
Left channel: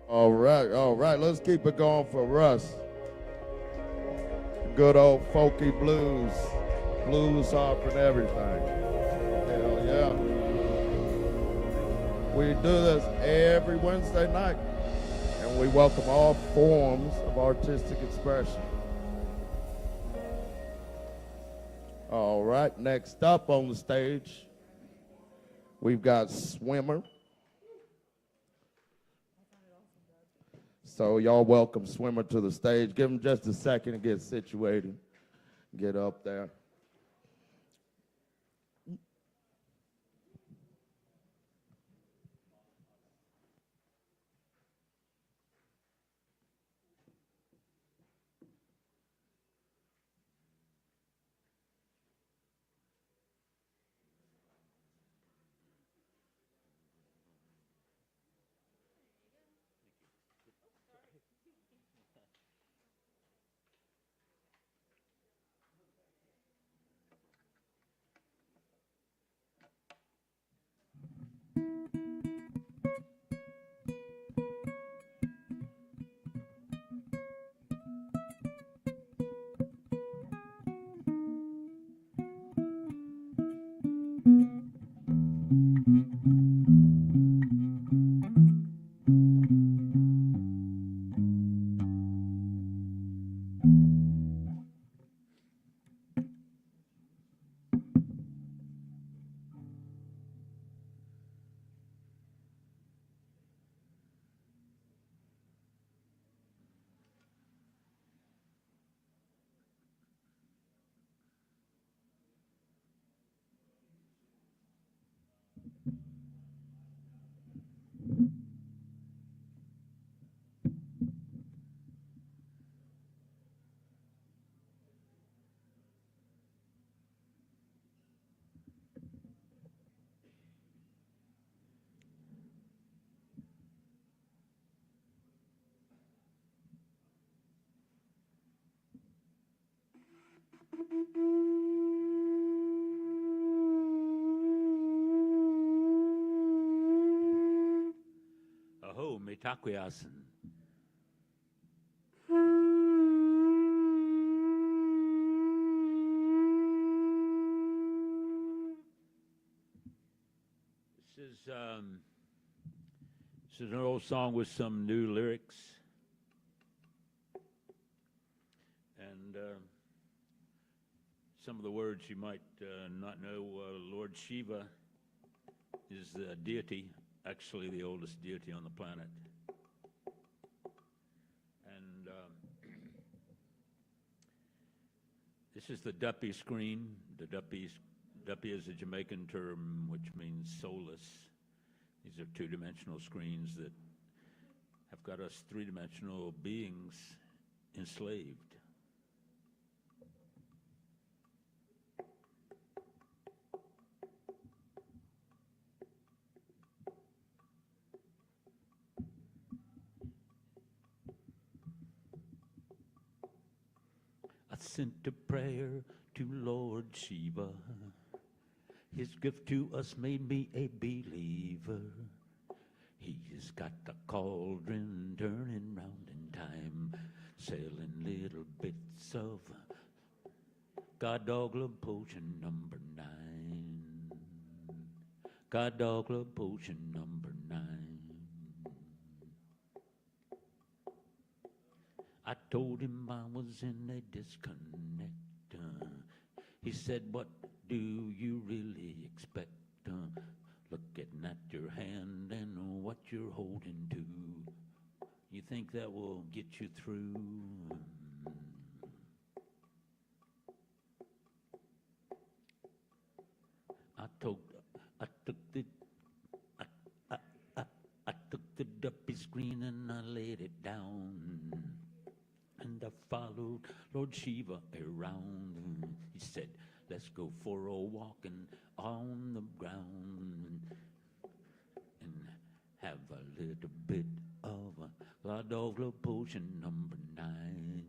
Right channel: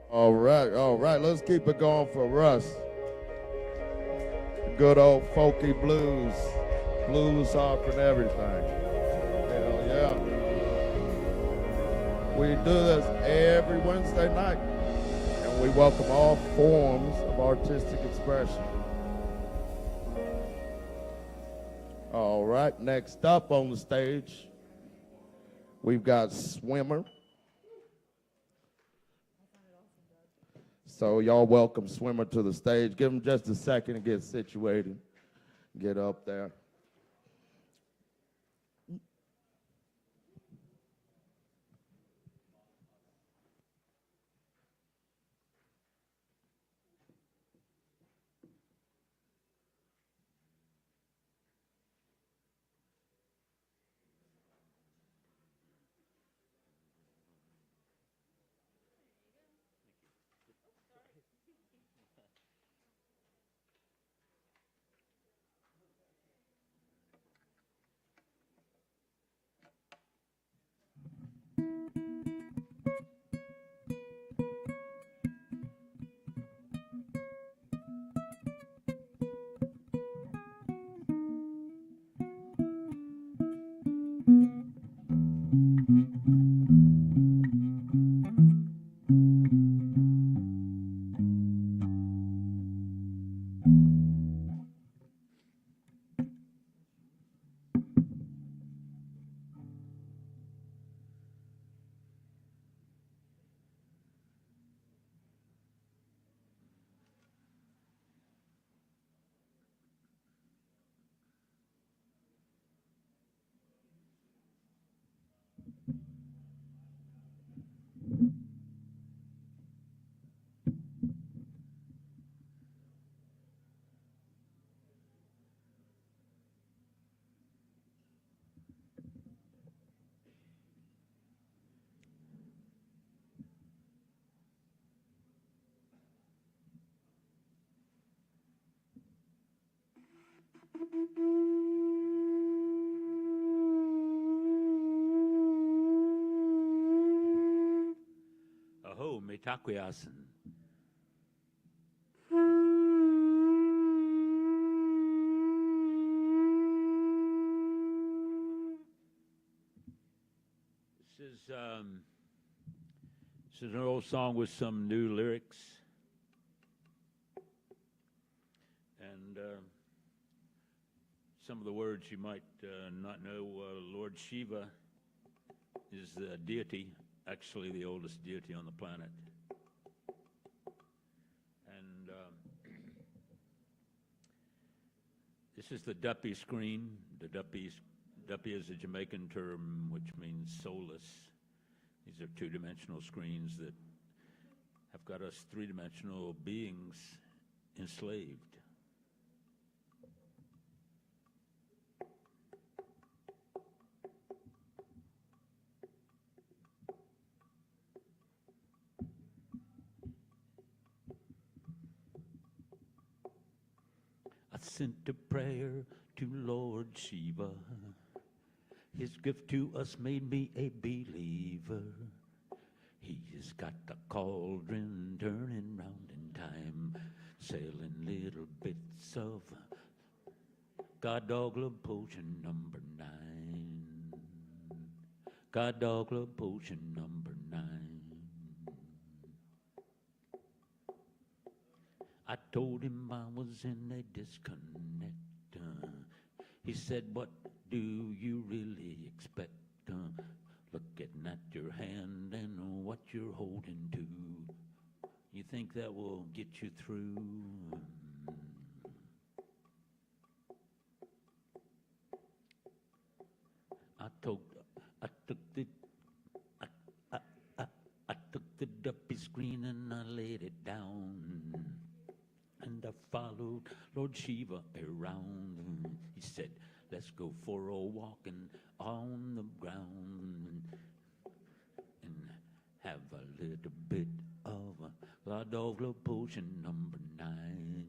All right, let's keep it going for Russ. Good old folky blues offering everything. Hell yeah. We do this every Wednesday night, and we welcome all forms of artistic expression. All right, next up on the stage, we've got Swimmer. So y'all welcome Swimmer to the stage. Give him just a second to get situated, get up there. Aho, me takuyasen. This is an old song with some new lyrics. And some of the words you might not know. Lord Shiva is the deity, actually the oldest deity on the planet. And this is the duppy screen. The duppy is a Jamaican term which means soulless. These are two-dimensional screens that have got us three-dimensional beings enslaved. I sent a prayer to Lord Shiva. His gift to us made me a believer. He's got the cauldron turning round in time, selling little bits of God Dogla potion number 9. God Dogla potion number 9. I told him I was in a disconnect. He said, what do you really expect? Looking at your hand and what you're holding to. You think that will get you through? I took the duppy screen and I laid it down. And I followed Lord Shiva around. He said, let's go for a walking on the ground and have a little bit of a God Dogla potion number 9.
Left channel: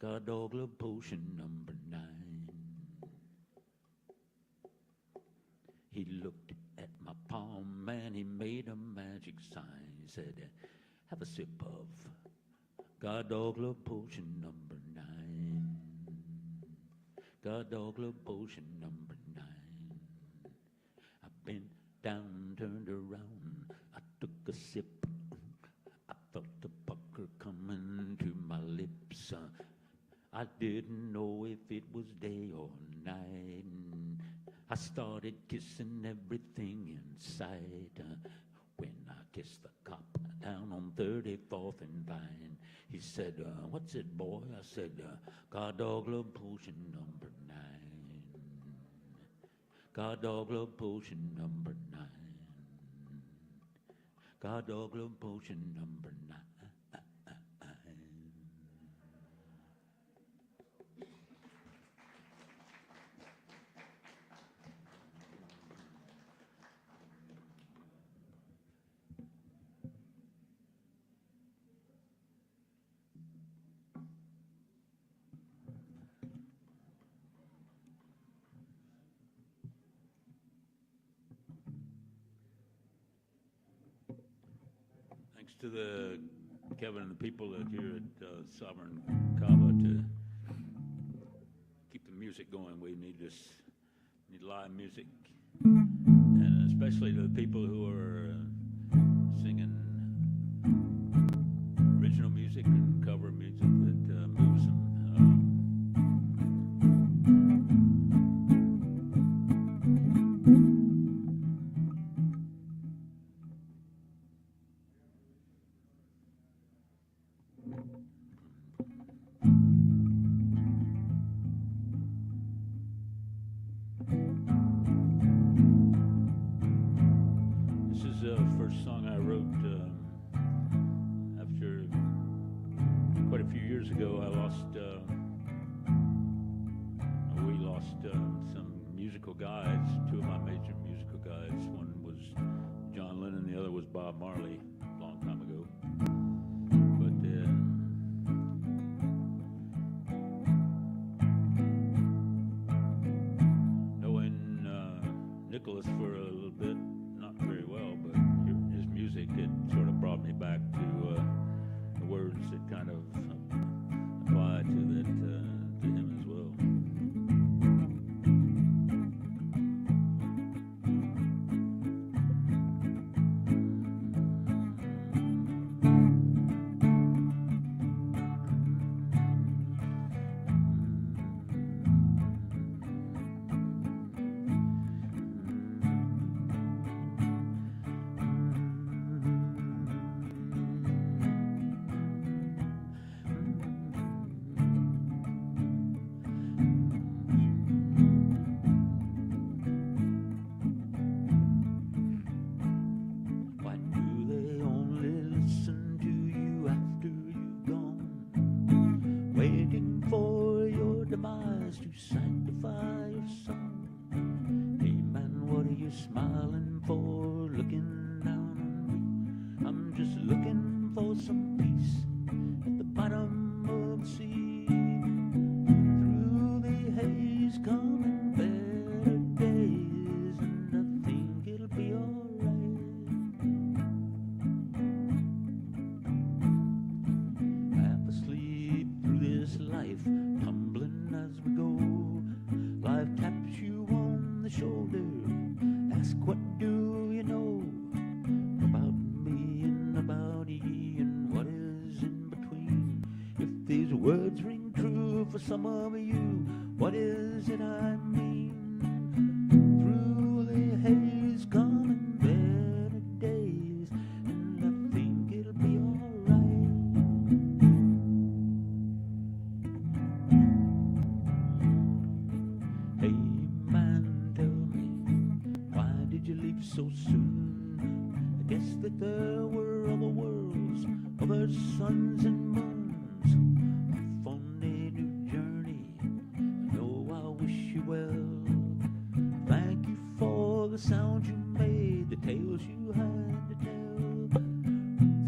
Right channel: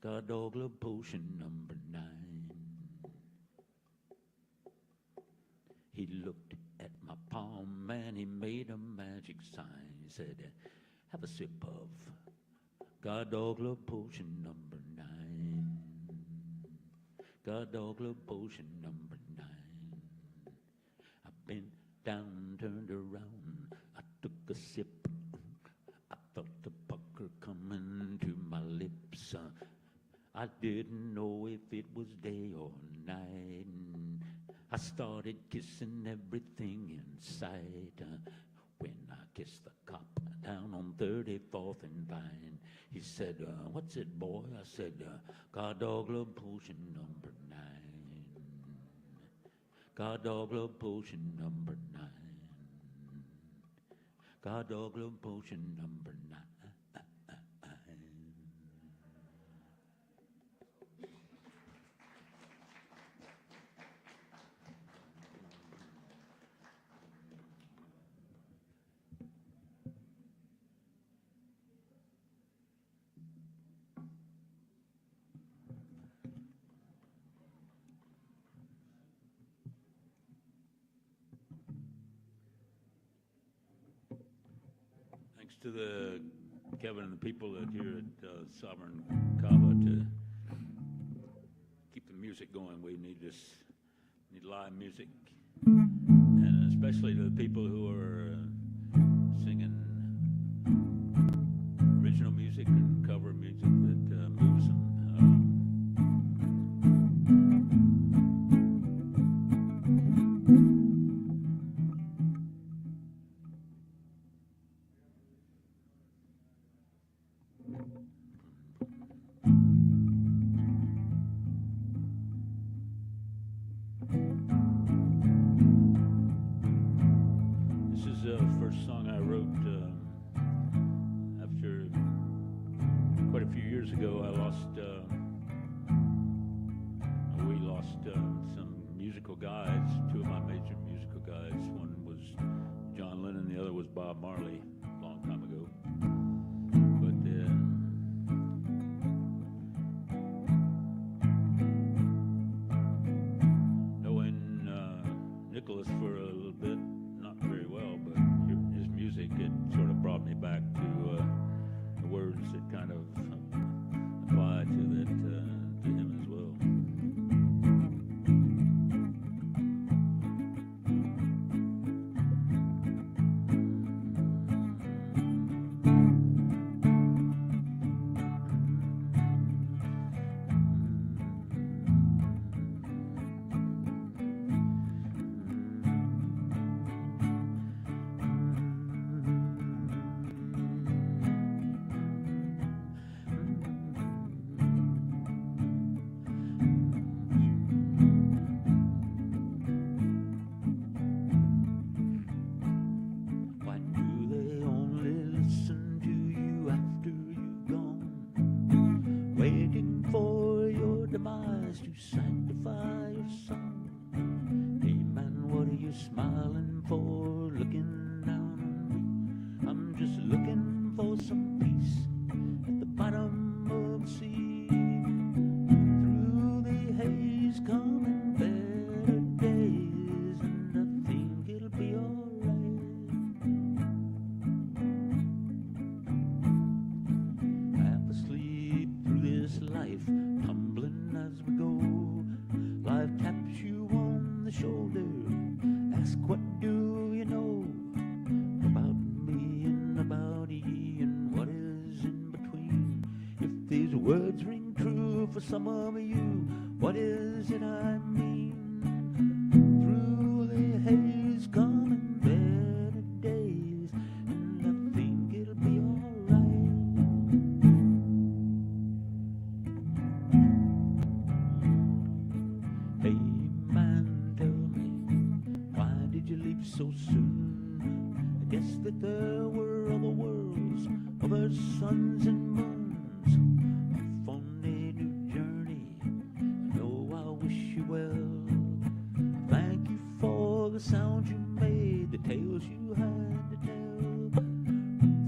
God Dogla potion number 9. He looked at my palm and he made a magic sign. He said, have a sip of God Dogla potion number 9. God Dogla potion number 9. I bent down, turned around, I took a sip. I felt the pucker coming to my lips. I didn't know if it was day or night. I started kissing everything in sight. When I kissed the cop down on 34th and Vine, he said, what's it, boy? I said, God Dogla potion number 9. God Dogla potion number 9. God Dogla potion number 9. To the Kevin and the people that here at Sovereign Kava to keep the music going. We need live music, and especially to the people who are singing original music and cover music that moves them. First song I wrote after quite a few years ago. We lost some musical guides, two of my major musical guides. One was John Lennon, the other was Bob Marley, a long time ago. But What is it I mean? Through the haze coming better days, and I think it'll be alright. Hey man, tell me, why did you leave so soon? I guess that there were other worlds, other suns and moons. Off on a new journey, oh, I wish you well. Thank you for the sounds you made, the tales you had to tell.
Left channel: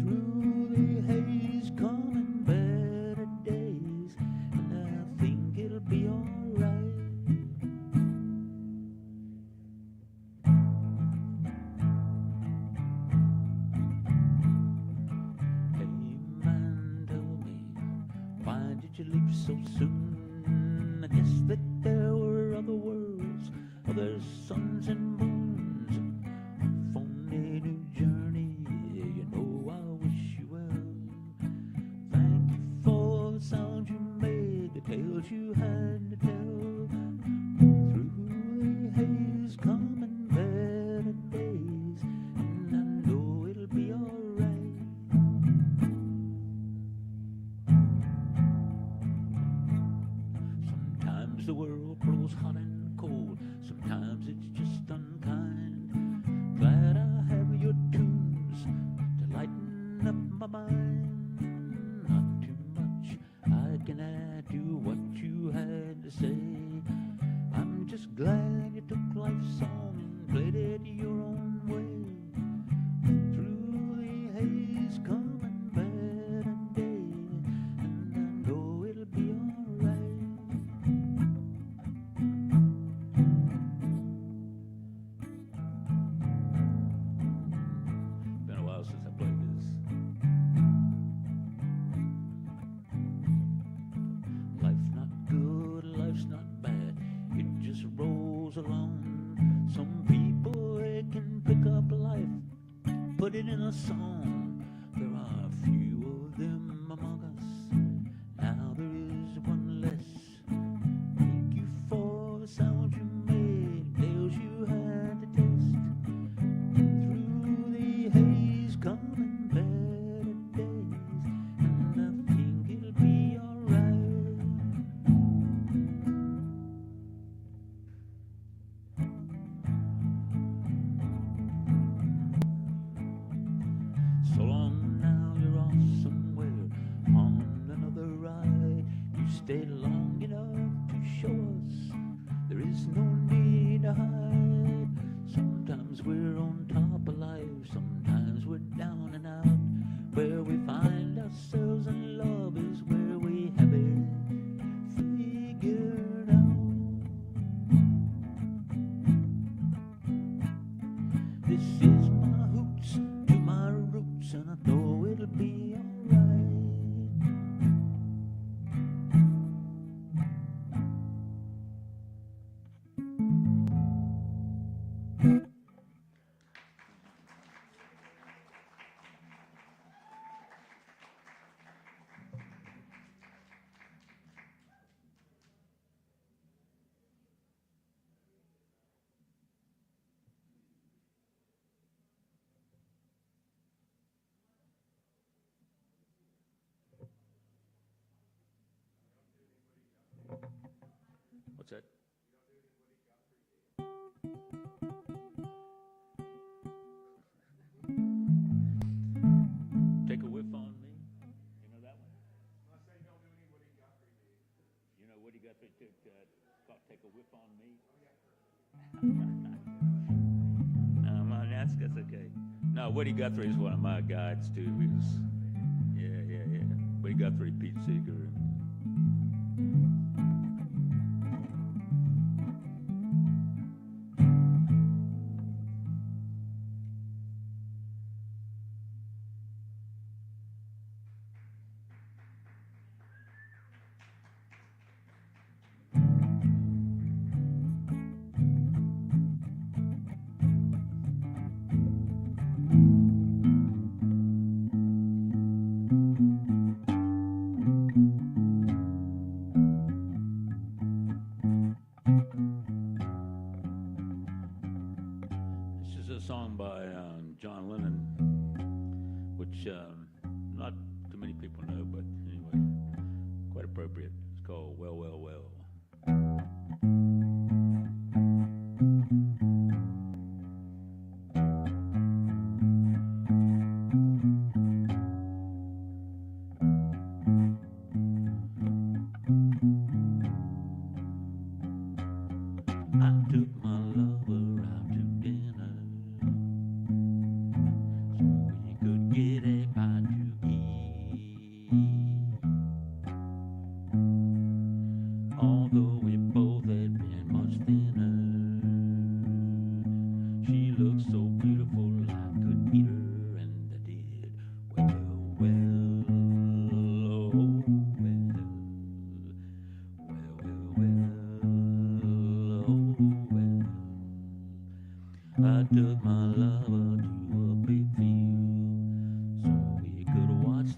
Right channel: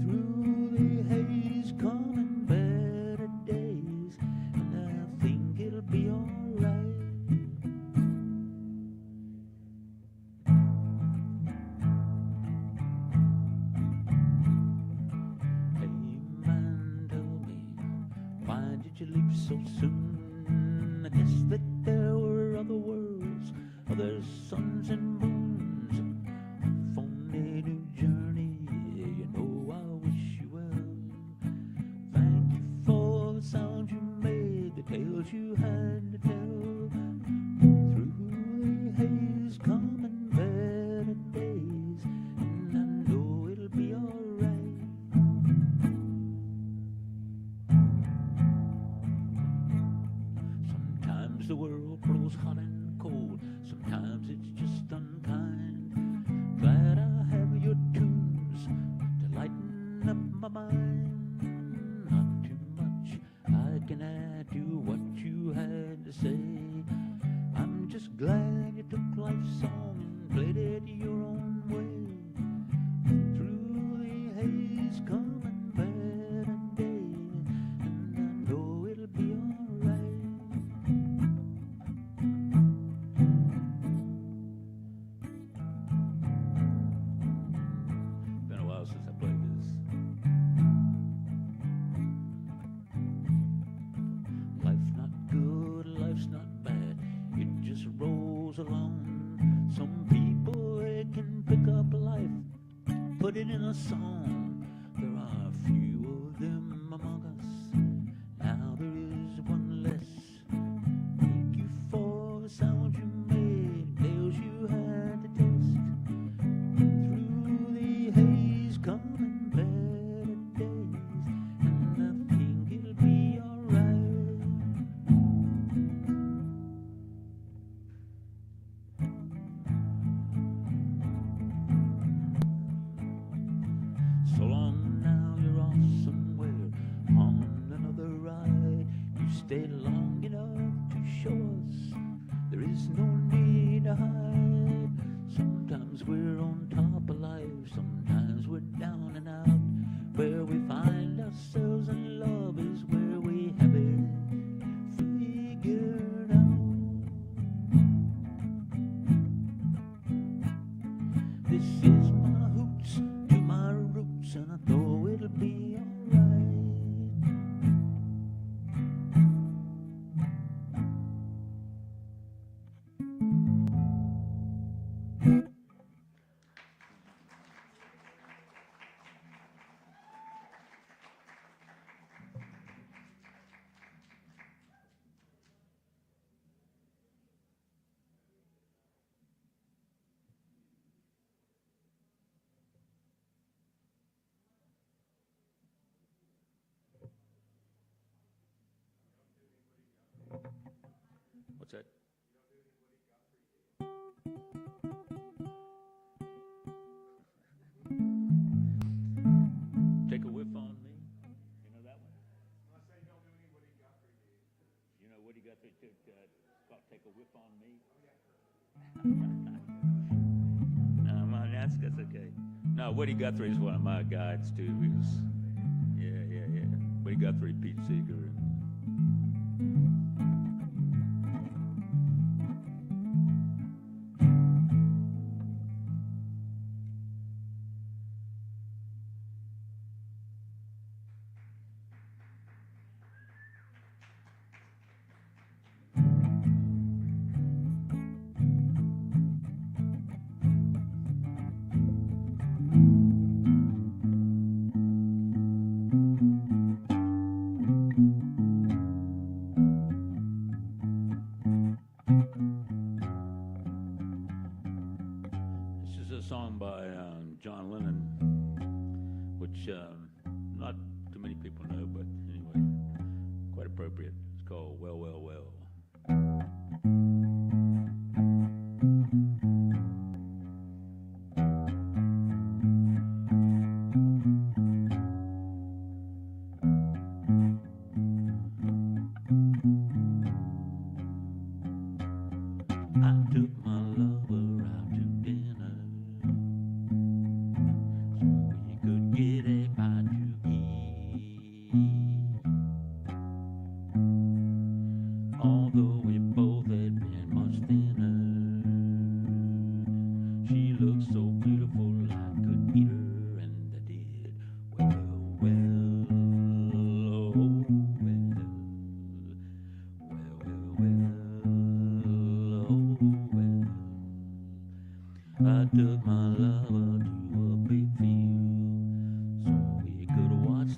Through the haze coming better days, and I think it'll be alright. Hey man, tell me, why did you leave so soon? I guess that there were other worlds, other suns and moons. Off on a new journey, you know I wish you well. Thank you for the sounds you made, the tales you had to tell. Through the haze coming better days, and I know it'll be alright. Sometimes the world grows hot and cold, sometimes it's just unkind. Glad I have your tunes to lighten up my mind. Not too much I can add to what you had to say. I'm just glad you took life's song and played it your own way. Through the haze coming better days, and I know it'll be alright. Been a while since I played this. Life's not good, life's not bad, it just rolls along. Some people, they can pick up life, put it in a song. There are a few of them among us, now there is one less. Thank you for the sound you made, tales you had to test. Through the haze coming better days, and I think it'll be alright. So long now, you're off somewhere on another ride. You stayed long enough to show us there is no need to hide. Sometimes we're on top of life, sometimes we're down and out. Where we find ourselves and love is where we have it figured out. This is my hoots to my roots, and I know it'll be alright. What's that? Take a whiff on me. You know that one? You know Woody Guthrie took Take a Whiff on Me? That's okay. No, Woody Guthrie is one of my guides too. Because, yeah. Woody Guthrie, Pete Seeger.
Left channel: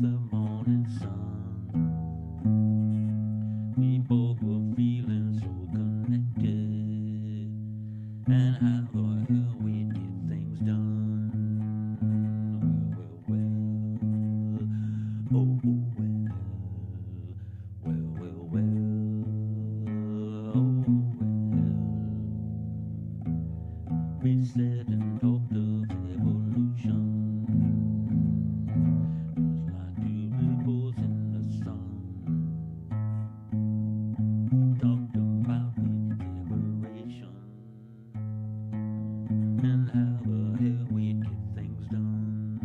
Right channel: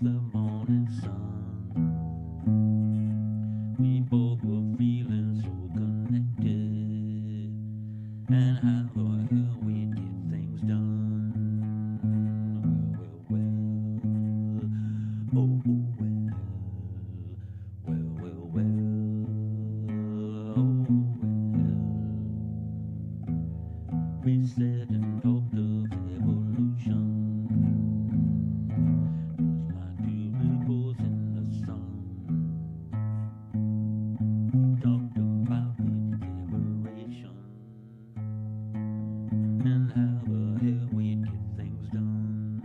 the morning sun. We both were feeling so connected, and I thought how we'd get things done. Well, oh well, oh well. We said and talked of evolution, just like two ripples in the sun. Talked about liberation and how the hell we get things done.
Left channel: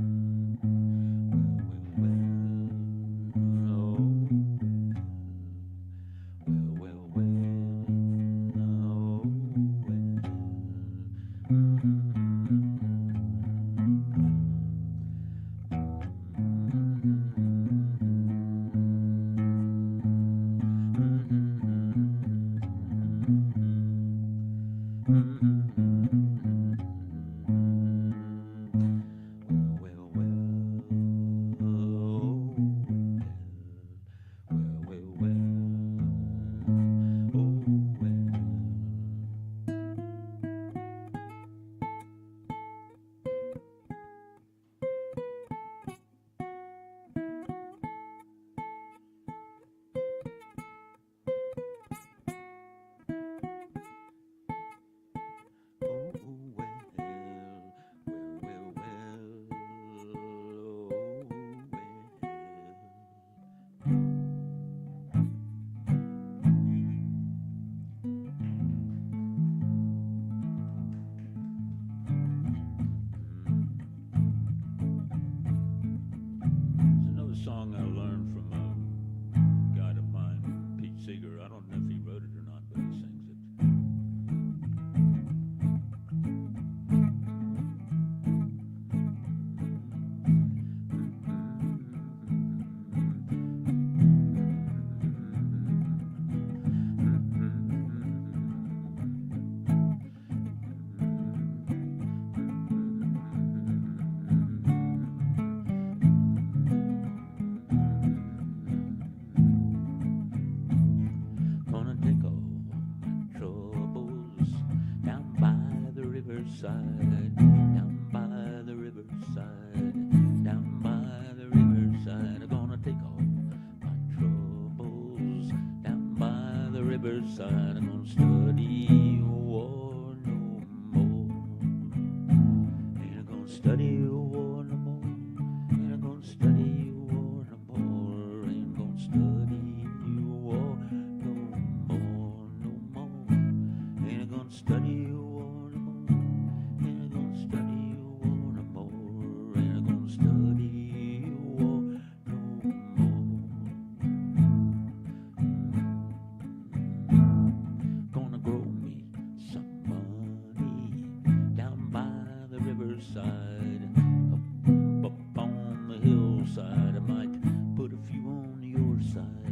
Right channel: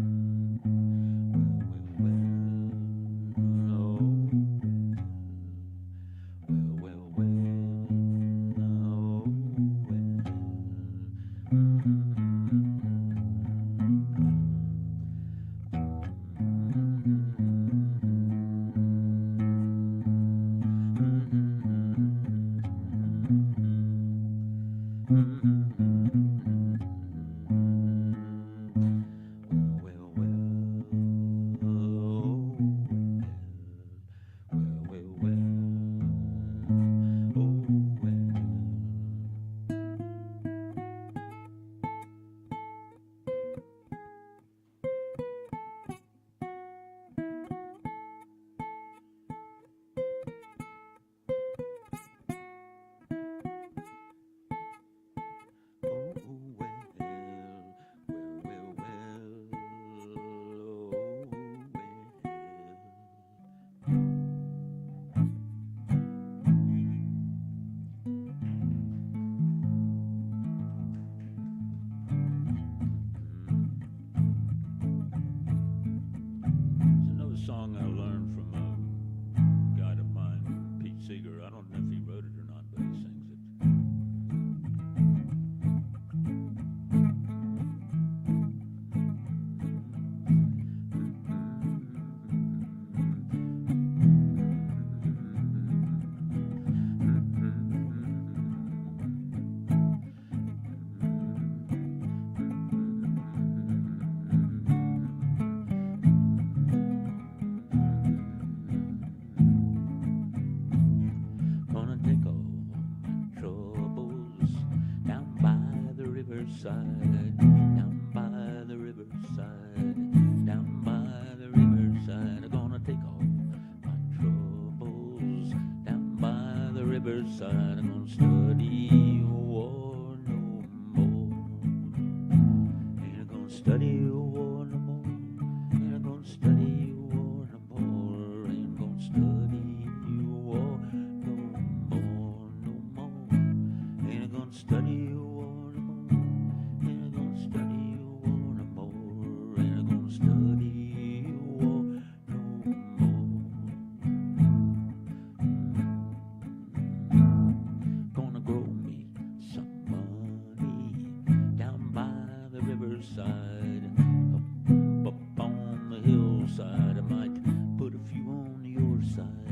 Up on the hillside, I might put a few on your side.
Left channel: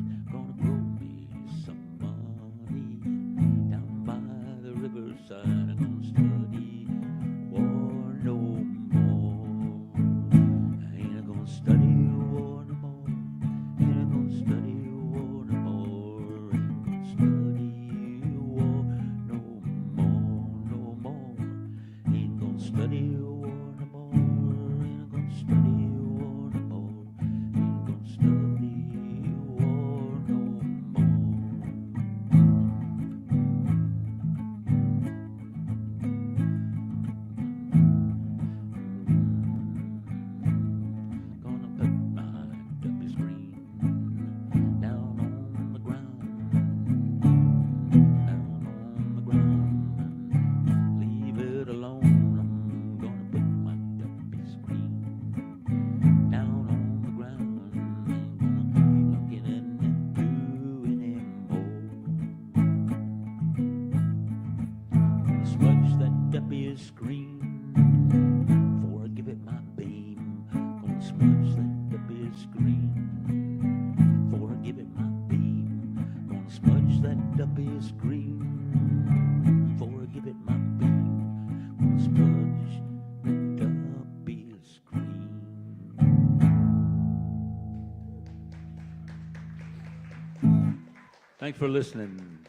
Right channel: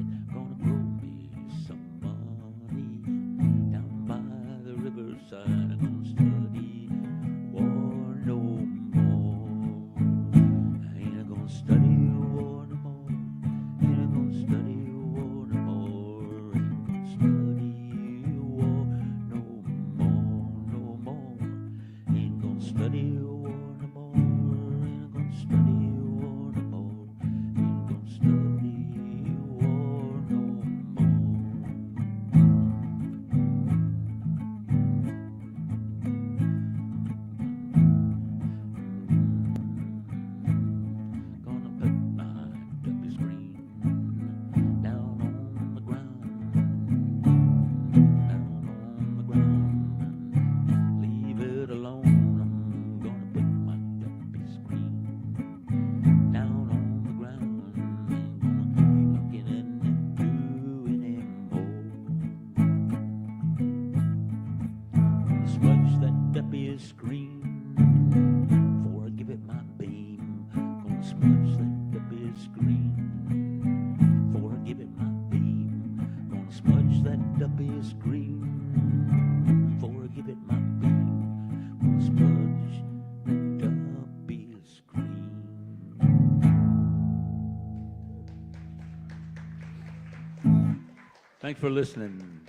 Thanks for listening.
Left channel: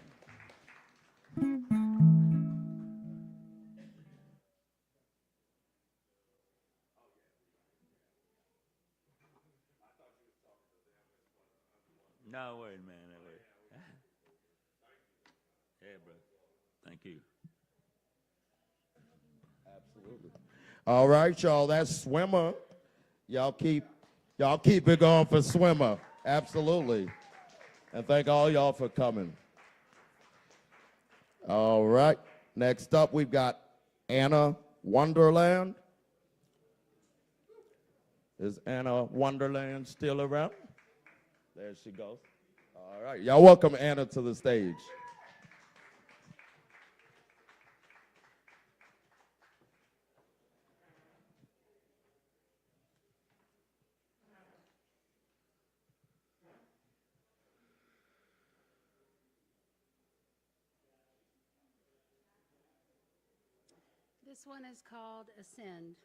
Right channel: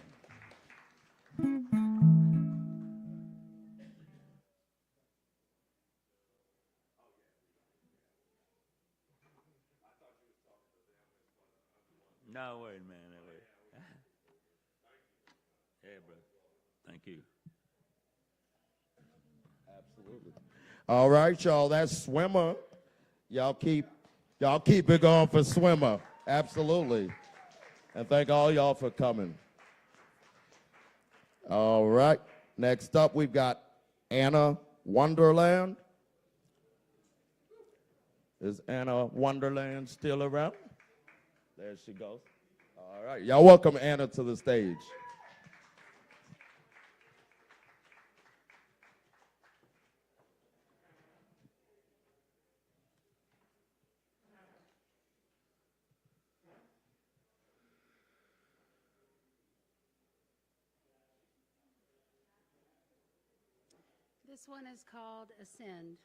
No, wait a minute. Wait. Yeah, brother. Thank you. All right, y'all. That's Swimmer. Y'all keep it going for Swimmer. Absolutely. And thank all y'all for coming. All right. Next up, we've got Anna Wonderland. Is Anna Wonderland still around? There she goes. All right. Y'all welcome Anna to the stage. This one is called Ascend.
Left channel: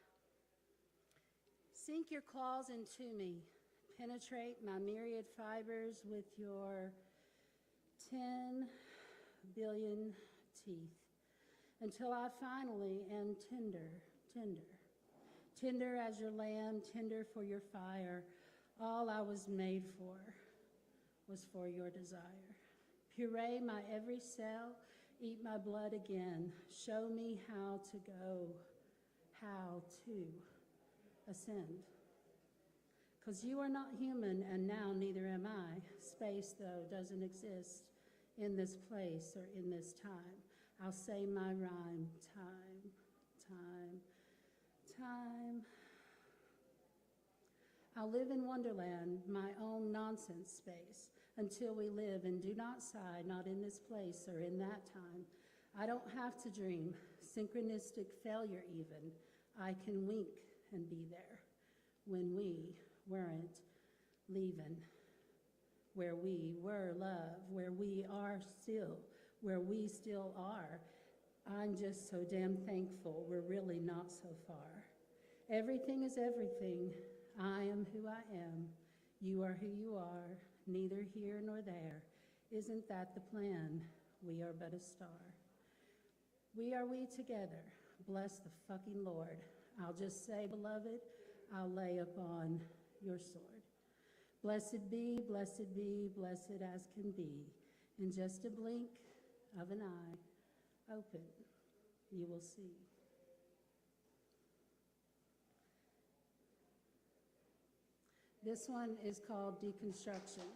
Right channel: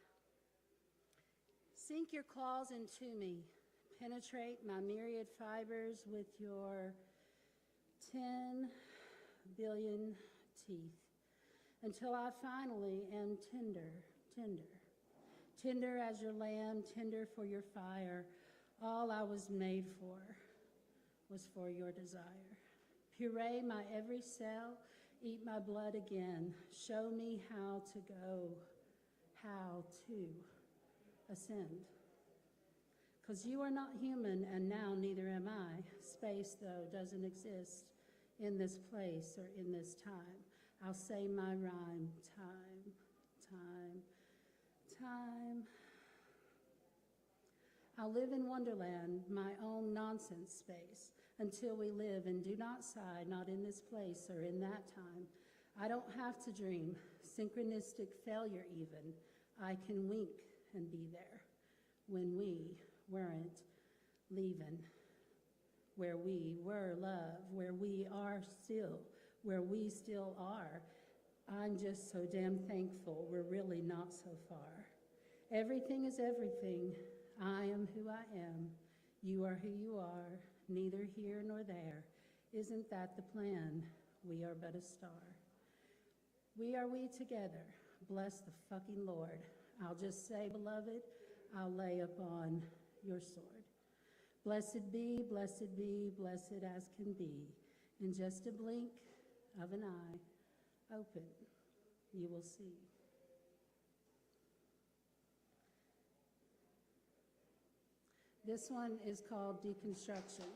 Sink your claws into me. Penetrate my myriad fibers with your 10 billion teeth until I finally am tender, tender. Tender as your lamb, tender for your fire. All I was made for was for your desire. Puree my every cell, eat my blood again. Show me how to go, how to ascend. Because you are not human, and now neither am I. Space, though, doesn't exist in this place or in this time. I'll say my rhyme. Time, time, time. I'll live in Wonderland, my own nonsense space, until we live and do not sigh, not in this place or in that time. I don't have to dream, synchronistic failure even. I can wink and be there when we weren't leaving, where we were love, where we are still, where we still are. I'm just so damn thankful we're really not so far. Everything is everything. I am who I am. You are who you are, neither here nor there. Isn't that the plan? We are but a star. We are we together. Bless the fucking Lord. I'll just say, beloved, I'll lay upon your sword. Blessed be, blessed be, blessed as can be. In just a blink of an eye, open, you will see. This one is called Deconstruction.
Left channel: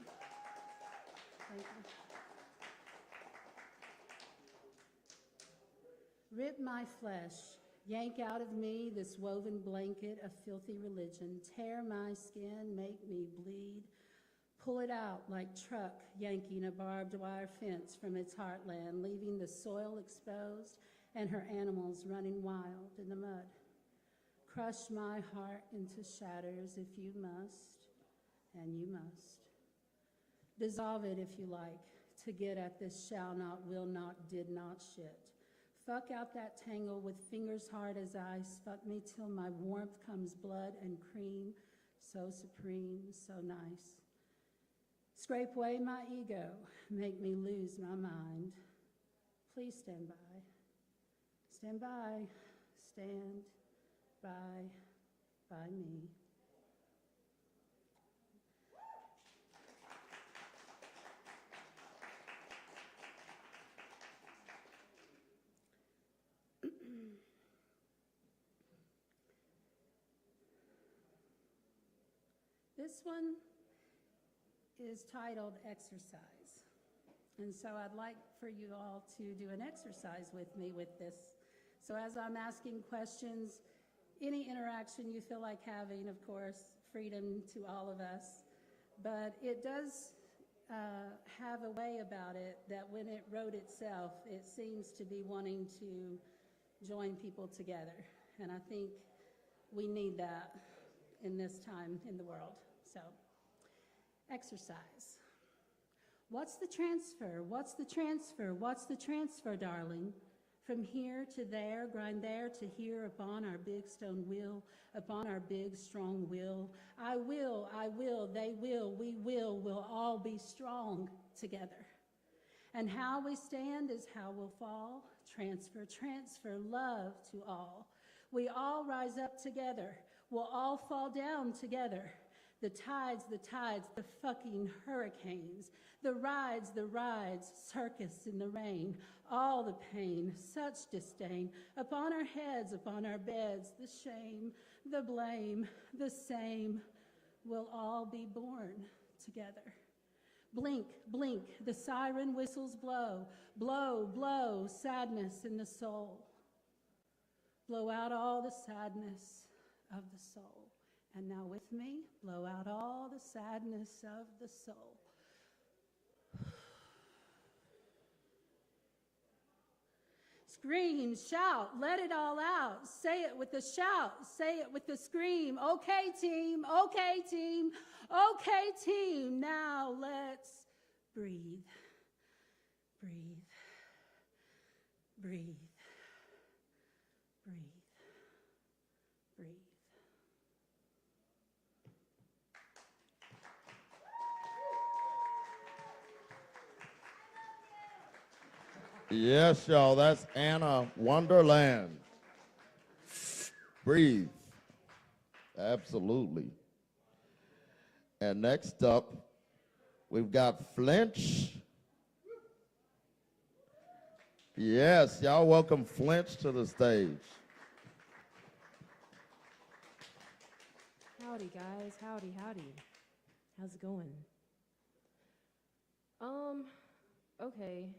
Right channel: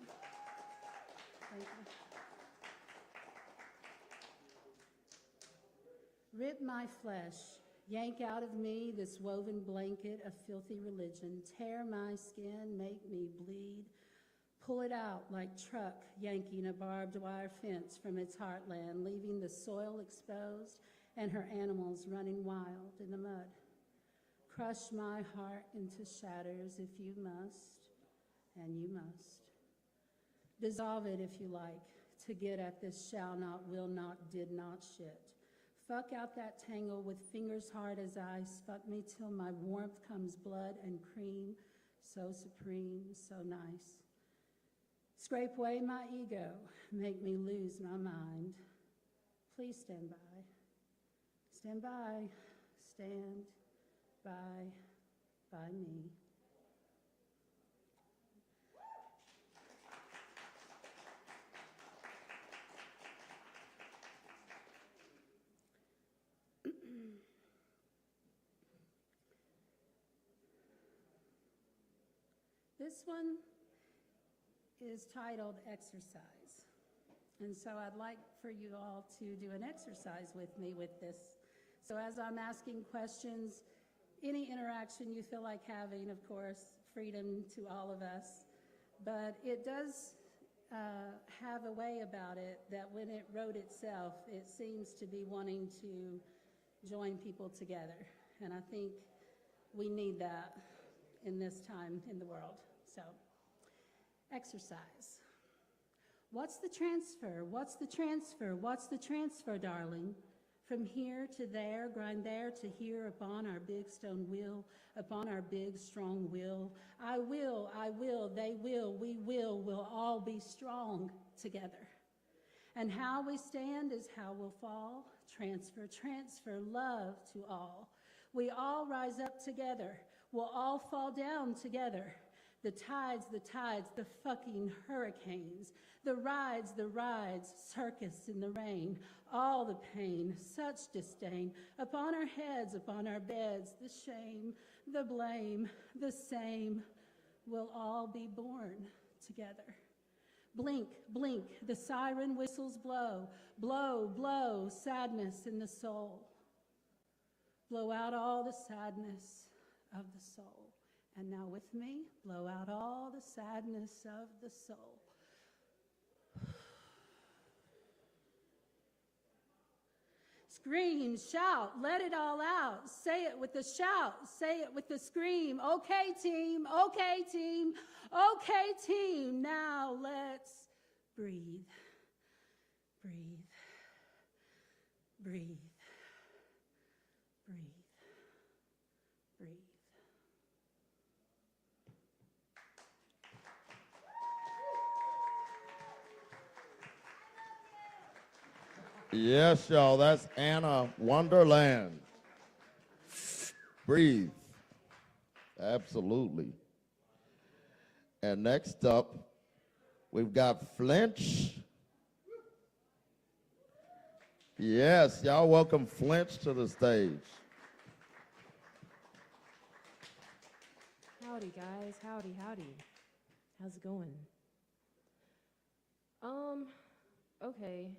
Rip my flesh, yank out of me this woven blanket of filthy religion, tear my skin, make me bleed, pull it out like truck yanking a barbed wire fence from its heartland, leaving the soil exposed and her animals running wild in the mud. Crush my heart into shatters if you must, and you must. Dissolve it if you like, to get at this shall not, will not, did not shit. Fuck out that tangle with fingers hard as ice. Fuck me till my warmth comes blood and cream. So supreme, so nice. Scrape away my ego. Make me lose my mind. Please stand by. Stand by. Stand by me. This one is titled Exercise. And so I'd like for you all to do an exercise with me with this. So as I'm asking questions, any interaction you feel like having, of course, freedom to all of us. But it does have a way about it that when it wrote itself, it seems to be wanting to join people together. And I think we need that in this time in the world. So, exercise. What's the transfer? What's the transfer? What's the transfer, darling? From here to there, grind there to here upon our big stone wheel, upon our big strong will. I will, they will, we will all be strong together. And how we stand is how we'll fall. Transfer, transfer, love to all. We all rise up together. We'll all fall down together. The tides, the fucking hurricanes. The rides, circus in the rain. All the pain, such disdain. Upon our heads, upon our beds, the shame, the blame, the same. We'll all be born together. Blink, blink, the siren whistles blow. Blow, blow, sadness in the soul. Blow out all the sadness of the soul. And now with me, blow out all the sadness of the soul. Scream, shout, let it all out. Say it with a shout, say it with a scream. Okay, team, okay, team, okay, team. Now let's breathe, breathe, breathe, breathe, breathe. Yes, y'all, that's Anna Wonderland. Breathe. Absolutely. And next up, we've got Flinch. Yes, y'all welcome Flinch to the stage. Howdy, guys. Howdy, howdy. How's it going? Okay.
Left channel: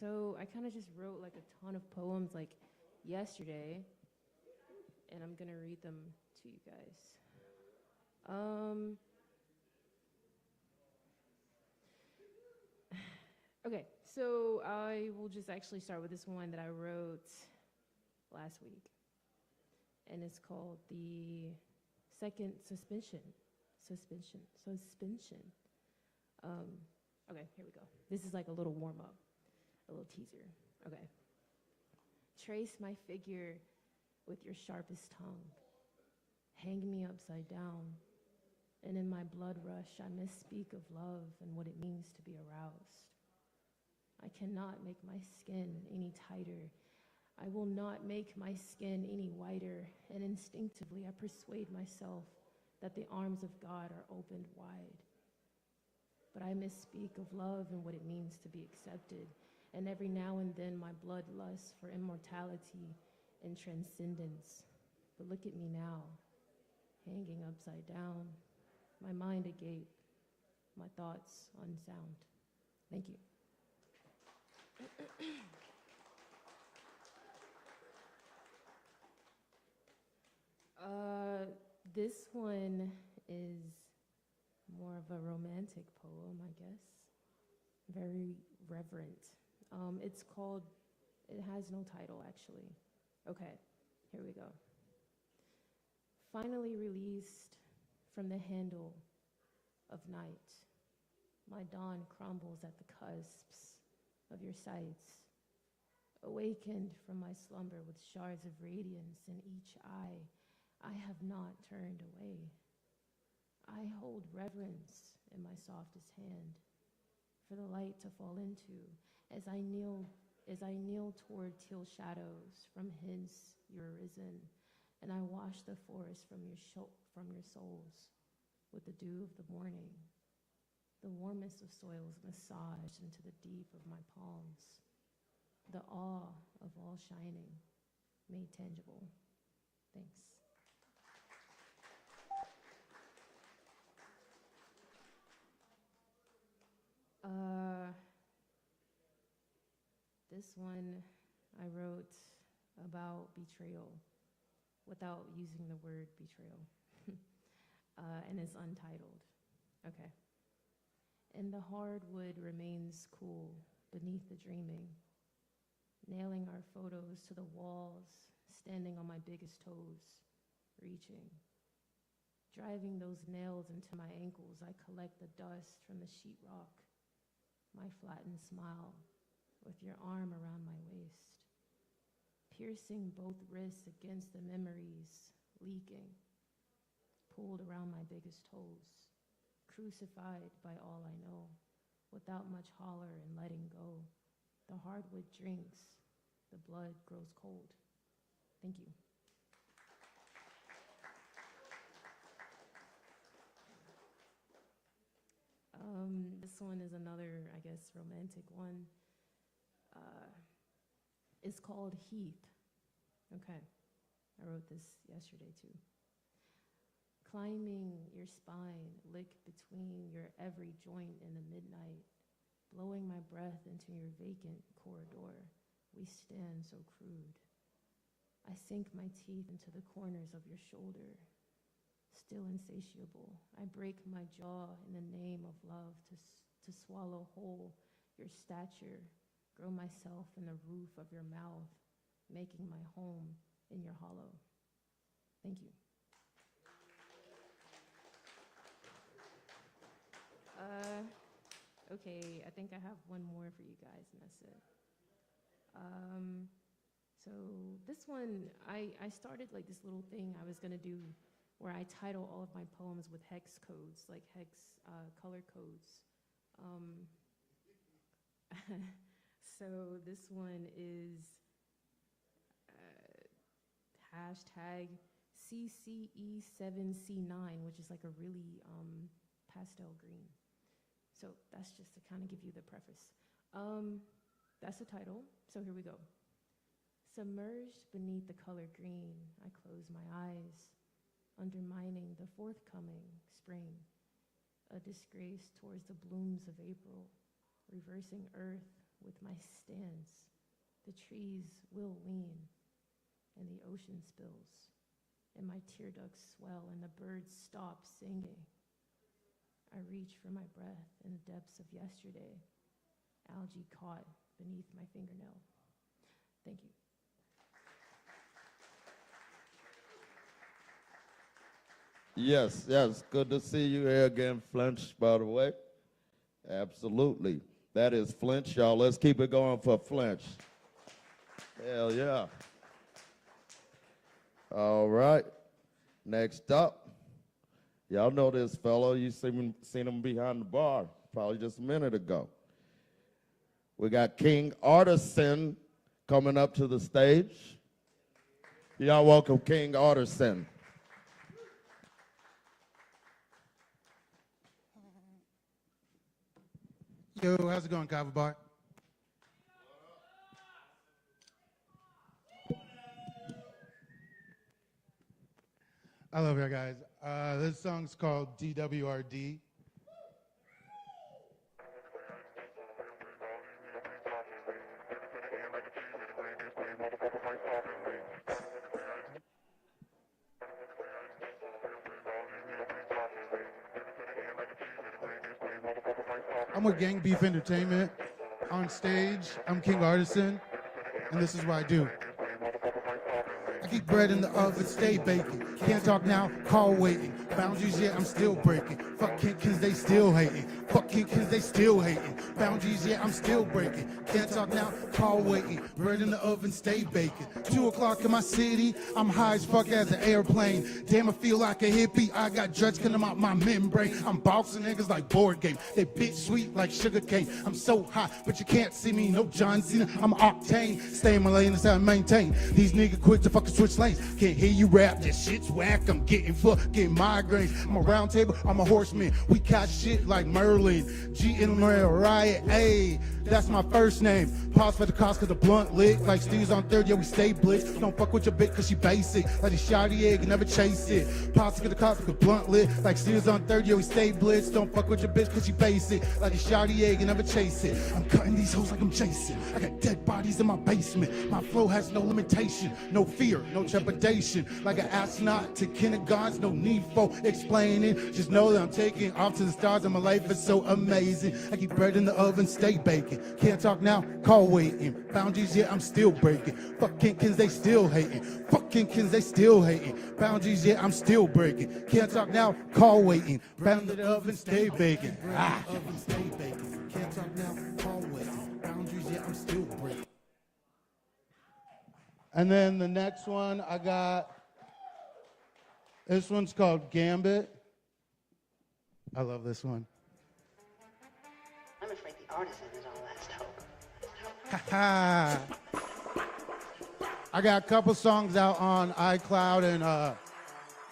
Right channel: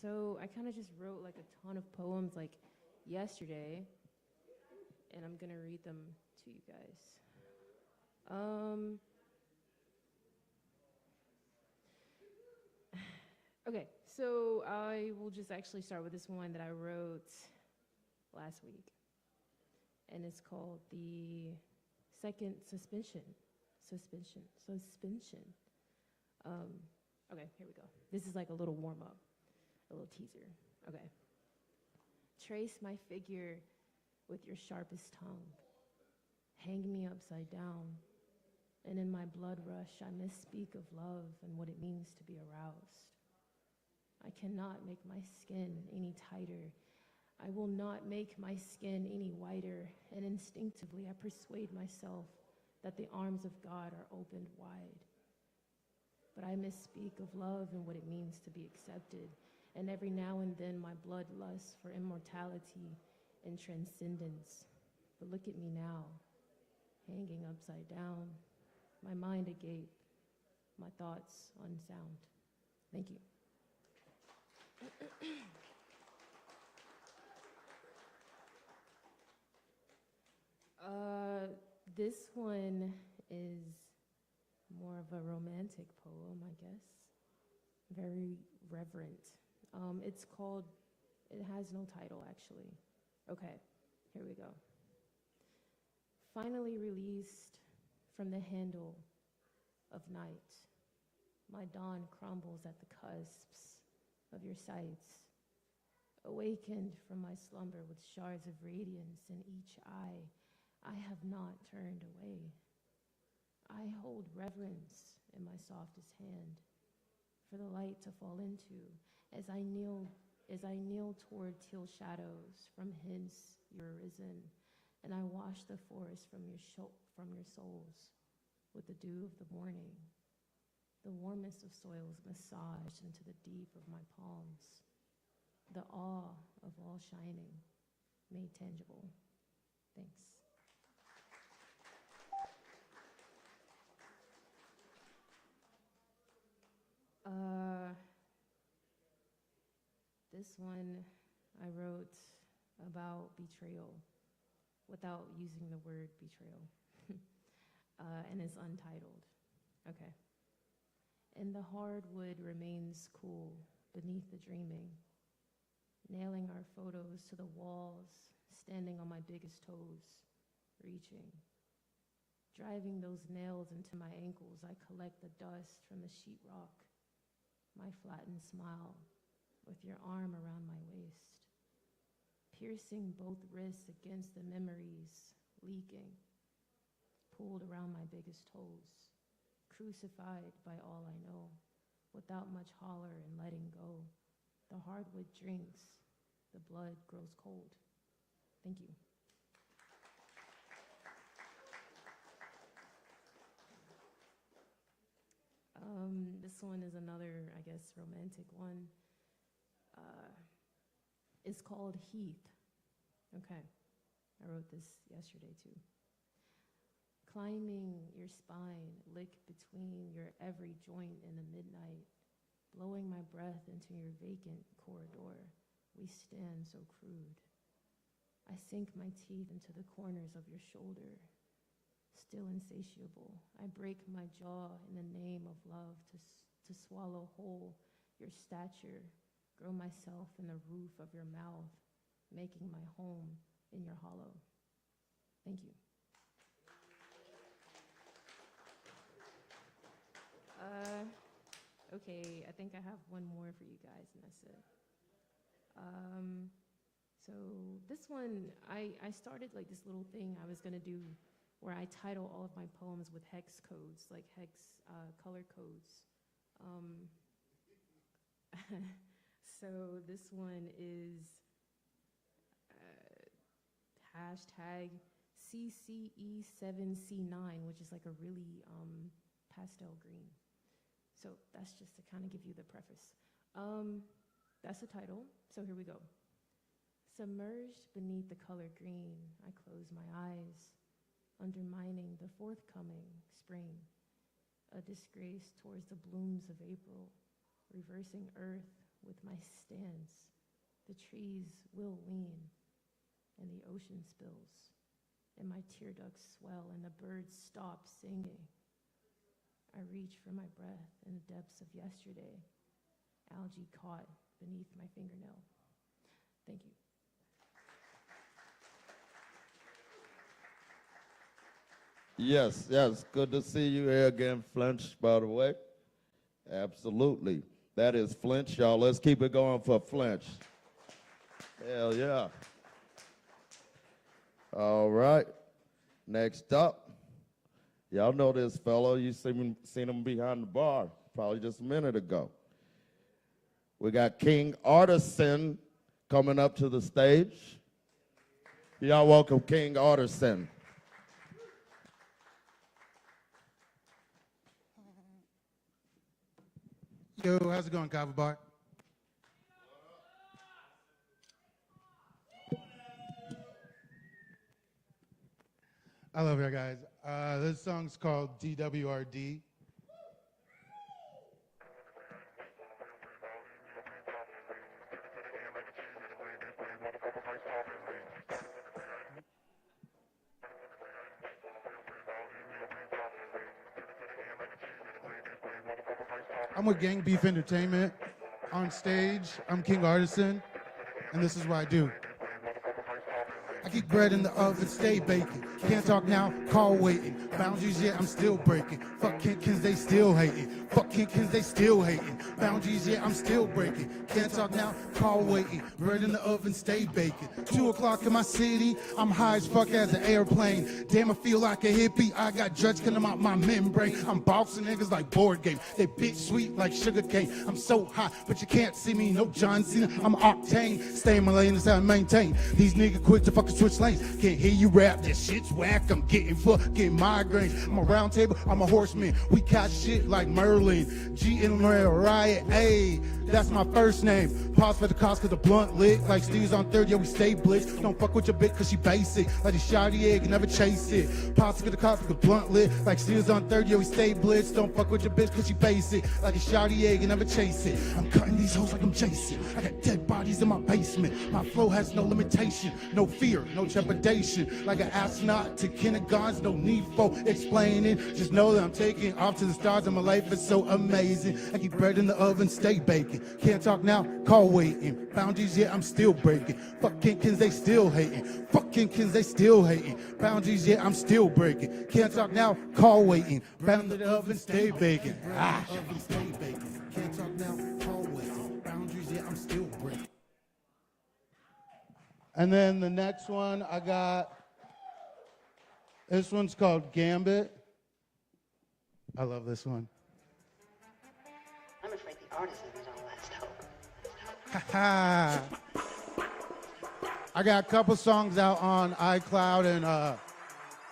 So I kind of just wrote like a ton of poems like yesterday, and I'm gonna read them to you guys. Okay, so I will just actually start with this one that I wrote last week, and it's called The Second Suspension. Suspension. Okay, here we go. This is like a little warm up. A little teaser. Okay. Trace my figure with your sharpest tongue. Hang me upside down. And in my blood rush, I misspeak of love and what it means to be aroused. I cannot make my skin any tighter. I will not make my skin any whiter. And instinctively, I persuade myself that the arms of God are opened wide. But I misspeak of love and what it means to be accepted. And every now and then my blood lusts for immortality and transcendence. But look at me now, hanging upside down, my mind agape, my thoughts unsound. Thank you. This one is more of a romantic poem, I guess. Very reverent. It's called, it has no title actually. Okay, here we go. Finally released from the handle of night, my dawn crumbles at the cusps of your sights. Awakened from my slumber with shards of radiance in each eye, I have not turned away. I hold reverence in my softest hand for the light to fall into as I kneel toward teal shadows from hence you're arisen, and I wash the forest from your souls with the dew of the morning. The warmest of soils massaged into the deep of my palms, the awe of all shining made tangible. Thanks. This one I wrote about betrayal without using the word betrayal. And it's untitled. Okay. And the hardwood remains cool beneath the dreaming, nailing our photos to the walls, standing on my biggest toes, reaching. Driving those nails into my ankles, I collect the dust from the sheetrock, my flattened smile with your arm around my waist, piercing both wrists against the memories, leaking, pulled around my biggest toes, crucified by all I know, without much holler and letting go, the hardwood drinks, the blood grows cold. Thank you. This one is another, I guess, romantic one. It's called Heath. Okay, I wrote this yesterday too. Climbing your spine, lick between your every joint in the midnight, blowing my breath into your vacant corridor, we stand so crude. I sink my teeth into the corners of your shoulder, still insatiable. I break my jaw in the name of love to swallow whole your stature, grow myself in the roof of your mouth, making my home in your hollow. Thank you. Okay, I think I have one more for you guys, and that's it. So this one, I started like this little thing I was gonna do where I title all of my poems with hex codes, like hex color codes. So this one is hashtag CCE7C9, which is like a really pastel green. So that's just to kind of give you the preface. That's the title, so here we go. Submerged beneath the color green, I close my eyes, undermining the forthcoming spring, a disgrace towards the blooms of April, reversing earth with my stance. The trees will lean, and the ocean spills, and my tear ducts swell, and the birds stop singing. I reach for my breath in the depths of yesterday, algae caught beneath my fingernail. Thank you. Yes, yes. Good to see you here again, Flinch, by the way. Absolutely. That is Flinch, y'all. Let's keep it going for Flinch. Hell yeah. All right. Next up, y'all know this fellow. You seen him behind the bar probably just a minute ago. We got King Artisan coming up to the stage. Y'all welcome King Artisan. Yo, how's it going, Kava Bar? I love you guys. This song's called DWRD. I'm with Gang Beef Entertainment. On stage, I'm King Artisan, and this is what I do. I keep bread in the oven, stay baking. Can't talk now, call waiting. Boundaries, yeah, I'm still breaking. Fuck kids, they still hating. Fuck kids, they still hating. Boundaries, yeah, I'm still breaking. Can't talk now, call waiting. Bread in the oven, stay baking. 2 o'clock in my city, I'm high as fuck as an airplane. Damn, I feel like a hippie. I got dreads coming out my membrane. I'm bossing niggas like board game. They bitch sweet like sugar cane. I'm so hot, but you can't see me. No John Cena, I'm octane. Stay in my lane, that's how I maintain. These niggas quit to fucking switch lanes. Can't hear you rap, that shit's whack. I'm getting fucking migraines. I'm a round table, I'm a horseman. We got shit like Merlin. G and Riot, ayy. That's my first name. Pause for the cost cause the blunt lick. Like Steve's on third, yeah, we stay blitzed. Don't fuck with your bitch cause she basic. Like a shotty egg, never chase it. Pause for the cost cause the blunt lick. Like Steve's on third, yeah, we stay blitzed. Don't fuck with your bitch cause she basic. Like a shotty egg, never chase it. I'm cutting these hoes like I'm Jason. I got dead bodies in my basement. My flow has no limitation. No fear, no trepidation. Like an astronaut to kindergartens, no need for explaining. Just know that I'm taking off to the stars and my life is so amazing. I keep bread in the oven, stay baking. Can't talk now, call waiting. Boundaries, yeah, I'm still breaking. Fucking kids, they still hating. Fucking kids, they still hating. Boundaries, yeah, I'm still breaking. Can't talk now, call waiting. Round the oven, stay baking. Oven, stay baking. Can't talk now, call waiting. Boundaries, yeah, I'm still breaking. And then the next one, I got, this one's called Gambit. I love this one. I'm afraid the artisan is our last hope. I got a couple songs out on iCloud and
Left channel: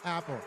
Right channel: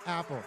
Apple.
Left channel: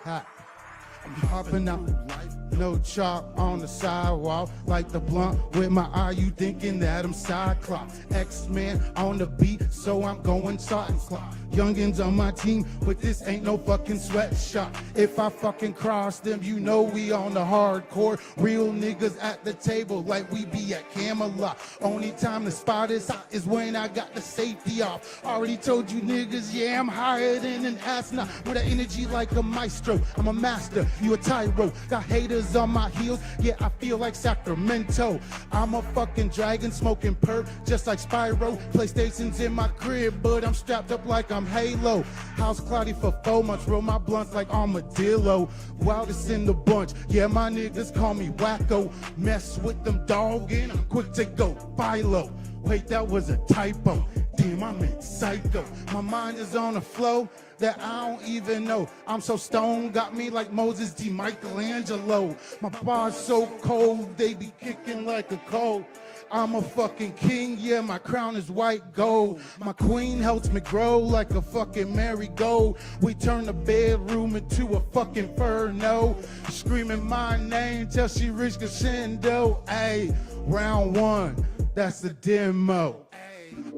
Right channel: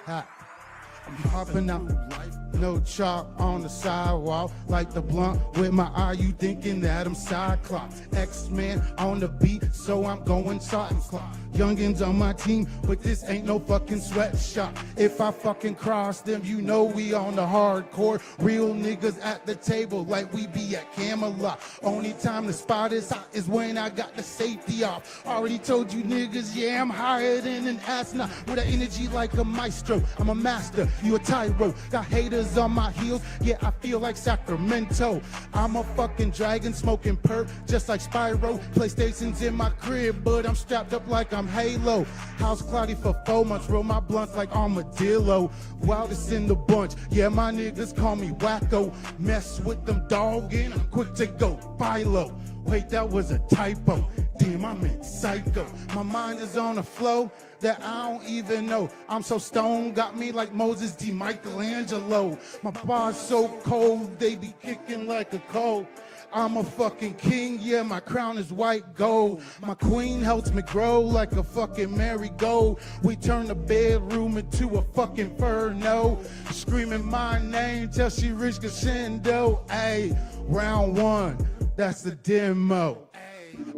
Up and down, no chalk on the sidewalk, like the blunt with my eye. You thinking that I'm Cyclops? X-Men on the beat, so I'm going starting clock. Youngins on my team, but this ain't no fucking sweatshop. If I fucking cross them, you know we on the hardcore. Real niggas at the table, like we be at Camelot. Only time the spot is hot is when I got the safety off. Already told you niggas, yeah, I'm higher than an astronaut. With an energy like a maestro, I'm a master, you a tyro. Got haters on my heels, yeah, I feel like Sacramento. I'm a fucking dragon, smoking perp, just like Spyro. PlayStation's in my crib, but I'm strapped up like I'm Halo. House cloudy for 4 months, roll my blunts like armadillo. Wildest in the bunch, yeah, my niggas call me wacko. Mess with them doggin', I'm quick to go Philo. Wait, that was a typo. Damn, I meant psycho. My mind is on a flow that I don't even know. I'm so stoned, got me like Moses D. Michelangelo. My bars so cold, they be kicking like a cold. I'm a fucking king, yeah, my crown is white gold. My queen helps me grow like a fucking marigold. We turn the bedroom into a fucking inferno. Screaming my name till she reach crescendo. Ayy, round one, that's the demo.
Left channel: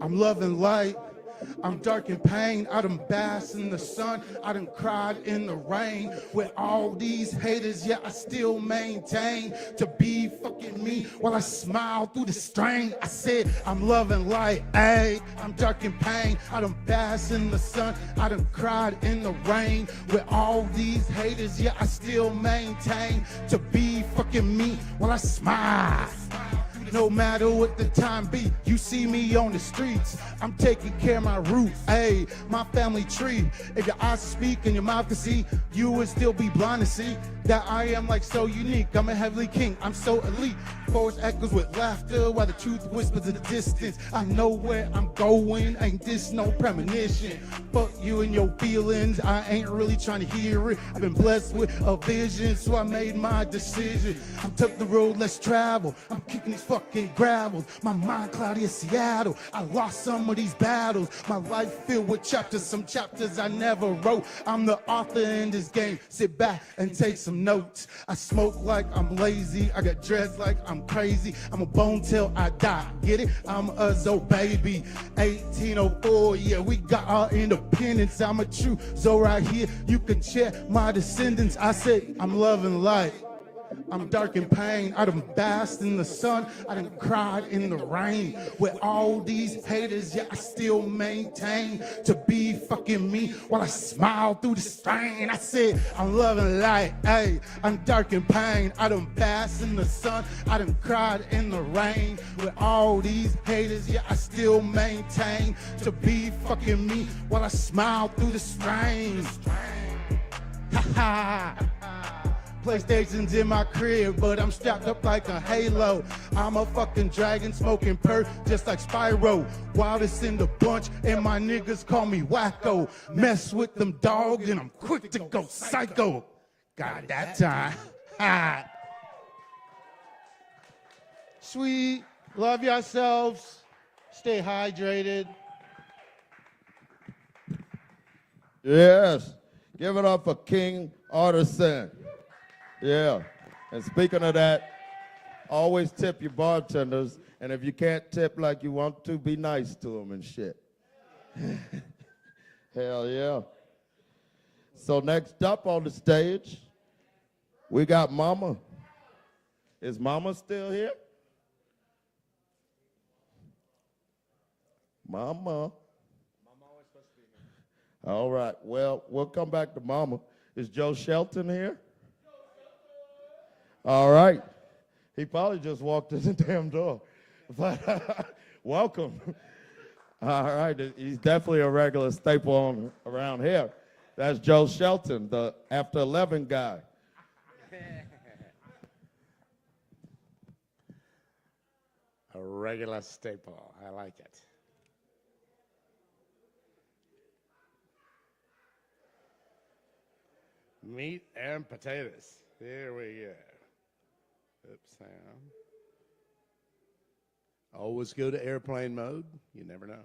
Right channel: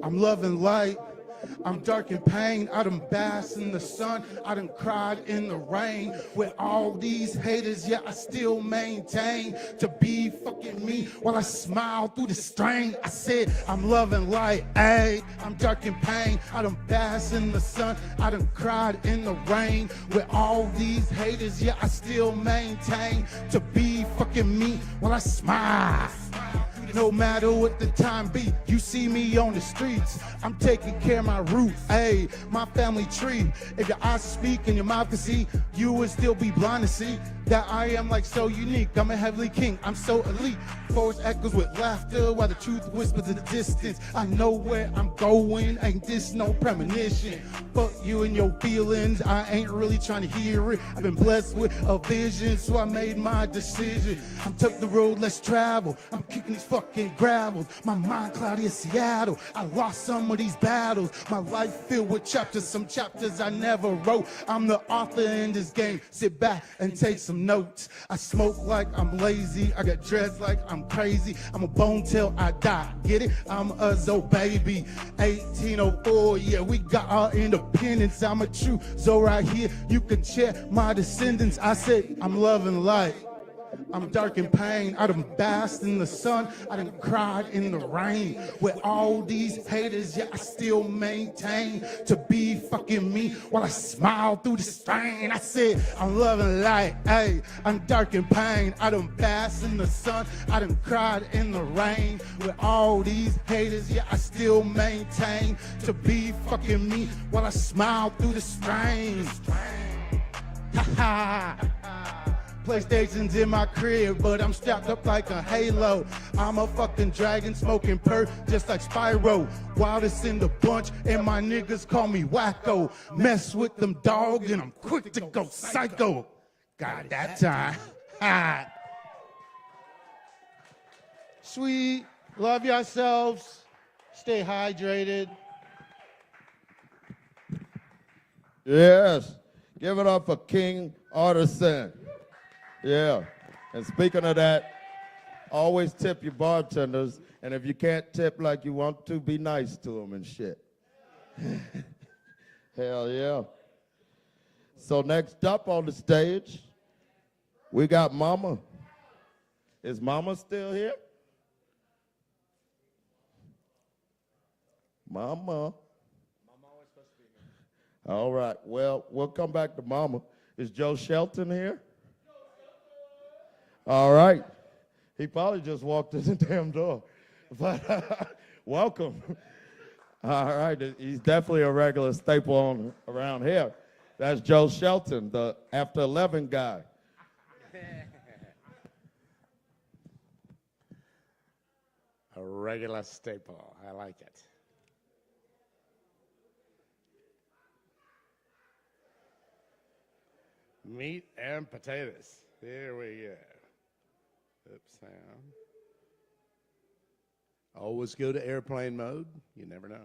I'm loving light, I'm dark in pain. I done basked in the sun, I done cried in the rain. With all these haters, yeah, I still maintain to be fucking me while I smile through the strain. I said I'm loving light, ayy, I'm dark in pain. I done basked in the sun, I done cried in the rain. With all these haters, yeah, I still maintain to be fucking me while I smile. No matter what the time be, you see me on the streets. I'm taking care of my roots, ayy, my family tree. If your eyes speak and your mouth can see, you would still be blind to see that I am like so unique. I'm a heavenly king, I'm so elite. Forest echoes with laughter while the truth whispers in the distance. I know where I'm going, ain't this no premonition. Fuck you and your feelings, I ain't really trying to hear it. I've been blessed with a vision, so I made my decision. I took the road less traveled, I'm kicking these fucking gravels. My mind cloudy as Seattle, I lost some of these battles. My life filled with chapters, some chapters I never wrote. I'm the author in this game, sit back and take some notes. I smoke like I'm lazy, I got dreads like I'm crazy. I'm a bone till I die, get it? I'm a Zo baby. 1804, yeah, we got our independence. I'm a true Zo right here, you can check my descendants. I say I'm loving light, I'm dark in pain. I done basked in the sun, I done cried in the rain. With all these haters, yeah, I still maintain to be fucking me while I smile through the strain. I said I'm loving light, hey, I'm dark in pain. I done basked in the sun, I done cried in the rain. With all these haters, yeah, I still maintain to be fucking me while I smile through the strain. Ha ha. PlayStation's in my crib, but I'm strapped up like a Halo. I'm a fucking dragon smoking perp, just like Spyro. Wildest in the bunch, and my niggas call me wacko. Mess with them dog, and I'm quick to go psycho. God, that time. Ha. Sweet, love yourselves, stay hydrated. Yes, give it up for King Artisan. Yeah, and speaking of that, always tip your bartenders, and if you can't tip like you want to, be nice to them and shit. Hell yeah. So next up on the stage, we got Mama. Is Mama still here? Mama. All right, well, we'll come back to Mama. Is Joe Shelton here? All right. He probably just walked in the damn door. But welcome. All right. He's definitely a regular staple around here. That's Joe Shelton, the After 11 guy. A regular staple. I like it. Meat and potatoes. Here we go. Oops, hang Always go to airplane mode. You never know.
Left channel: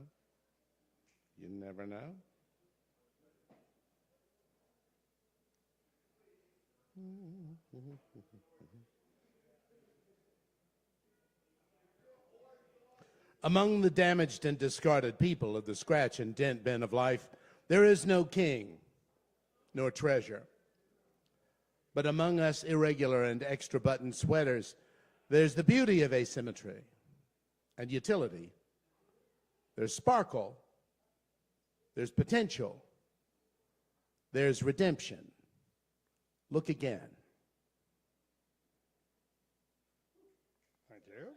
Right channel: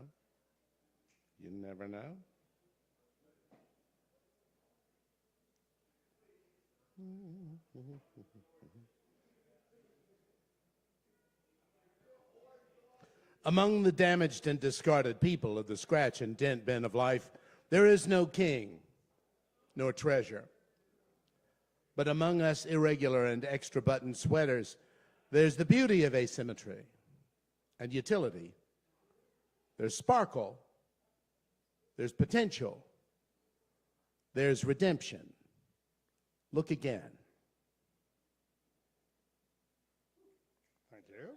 You never know. Among the damaged and discarded people of the scratch and dent bin of life, there is no king nor treasure. But among us irregular and extra button sweaters, there's the beauty of asymmetry and utility. There's sparkle. There's potential. There's redemption. Look again. Thank you.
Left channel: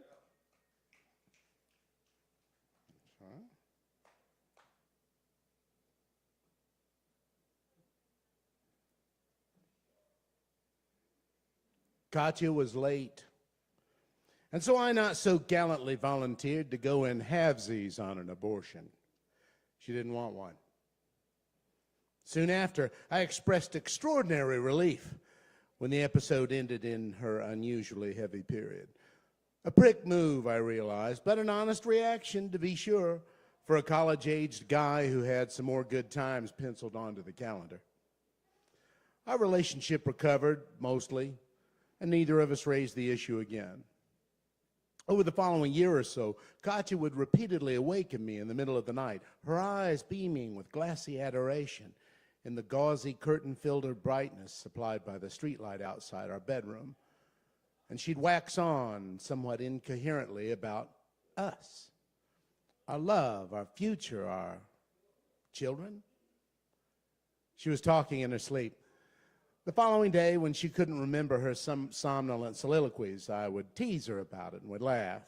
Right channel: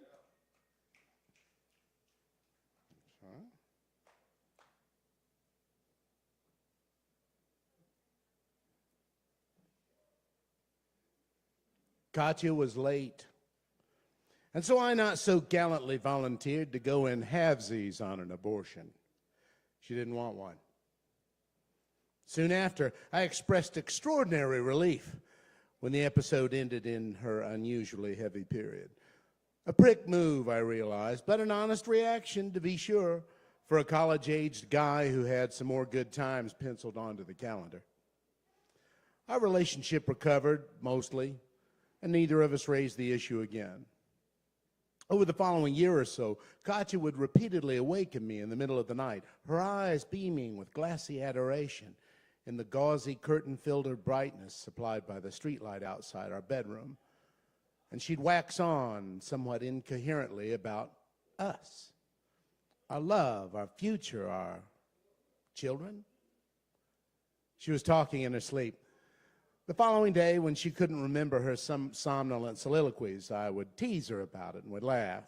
Katya was late, and so I not so gallantly volunteered to go in halvesies on an abortion. She didn't want one. Soon after, I expressed extraordinary relief when the episode ended in her unusually heavy period. A prick move, I realized, but an honest reaction, to be sure, for a college-aged guy who had some more good times penciled onto the calendar. Our relationship recovered, mostly, and neither of us raised the issue again. Over the following year or so, Katya would repeatedly awaken me in the middle of the night, her eyes beaming with glassy adoration in the gauzy curtain-filled brightness supplied by the streetlight outside our bedroom. And she'd wax on somewhat incoherently about us, our love, our future, our children. She was talking in her sleep. The following day, when she couldn't remember her somnolent soliloquies, I would tease her about it and would laugh.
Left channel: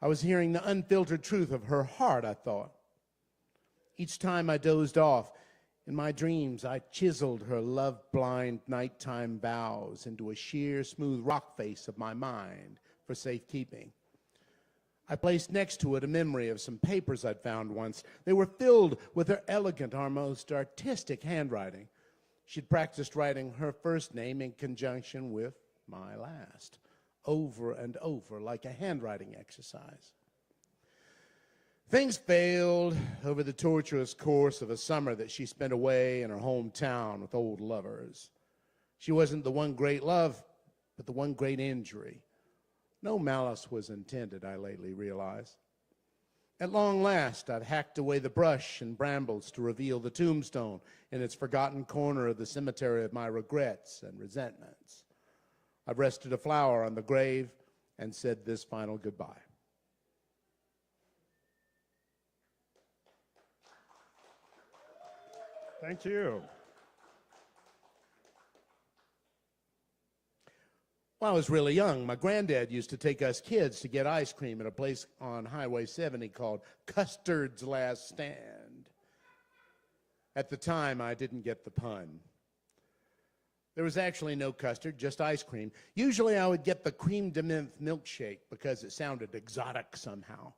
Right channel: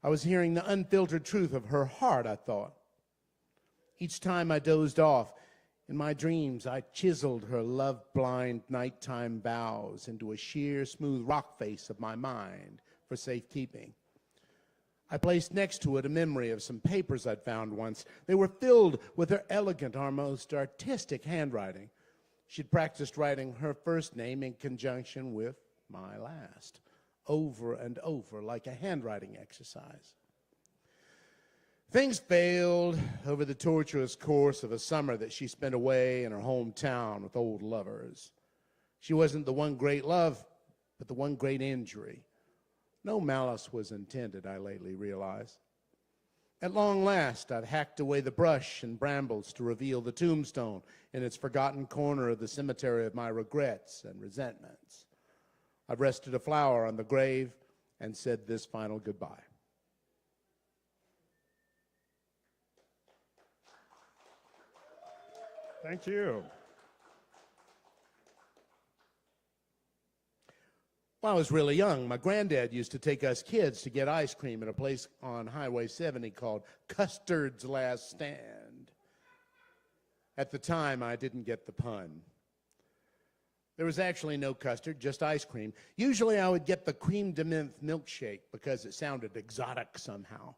I was hearing the unfiltered truth of her heart, I thought. Each time I dozed off, in my dreams, I chiseled her love-blind nighttime vows into a sheer, smooth rock face of my mind for safekeeping. I placed next to it a memory of some papers I'd found once. They were filled with her elegant, our most artistic handwriting. She'd practiced writing her first name in conjunction with my last, over and over, like a handwriting exercise. Things failed over the tortuous course of a summer that she spent away in her hometown with old lovers. She wasn't the one great love, but the one great injury. No malice was intended, I lately realized. At long last, I'd hacked away the brush and brambles to reveal the tombstone in its forgotten corner of the cemetery of my regrets and resentments. I've rested a flower on the grave and said this final goodbye. Thank you. When I was really young, my granddad used to take us kids to get ice cream at a place on Highway 70 called Custard's Last Stand. At the time, I didn't get the pun. There was actually no custard, just ice cream. Usually I would get the cream de menthe milkshake because it sounded exotic somehow.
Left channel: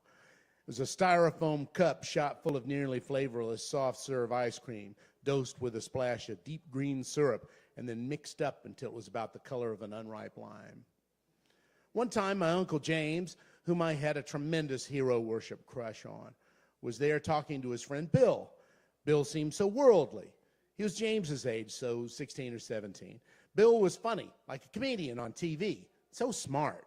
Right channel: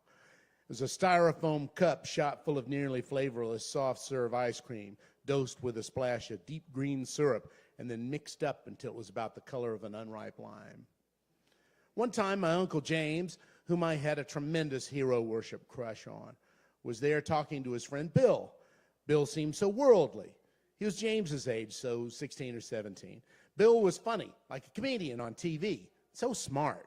It was a styrofoam cup shot full of nearly flavorless soft serve ice cream, dosed with a splash of deep green syrup, and then mixed up until it was about the color of an unripe lime. One time, my Uncle James, whom I had a tremendous hero worship crush on, was there talking to his friend Bill. Bill seemed so worldly. He was James's age, so 16 or 17. Bill was funny, like a comedian on TV, so smart.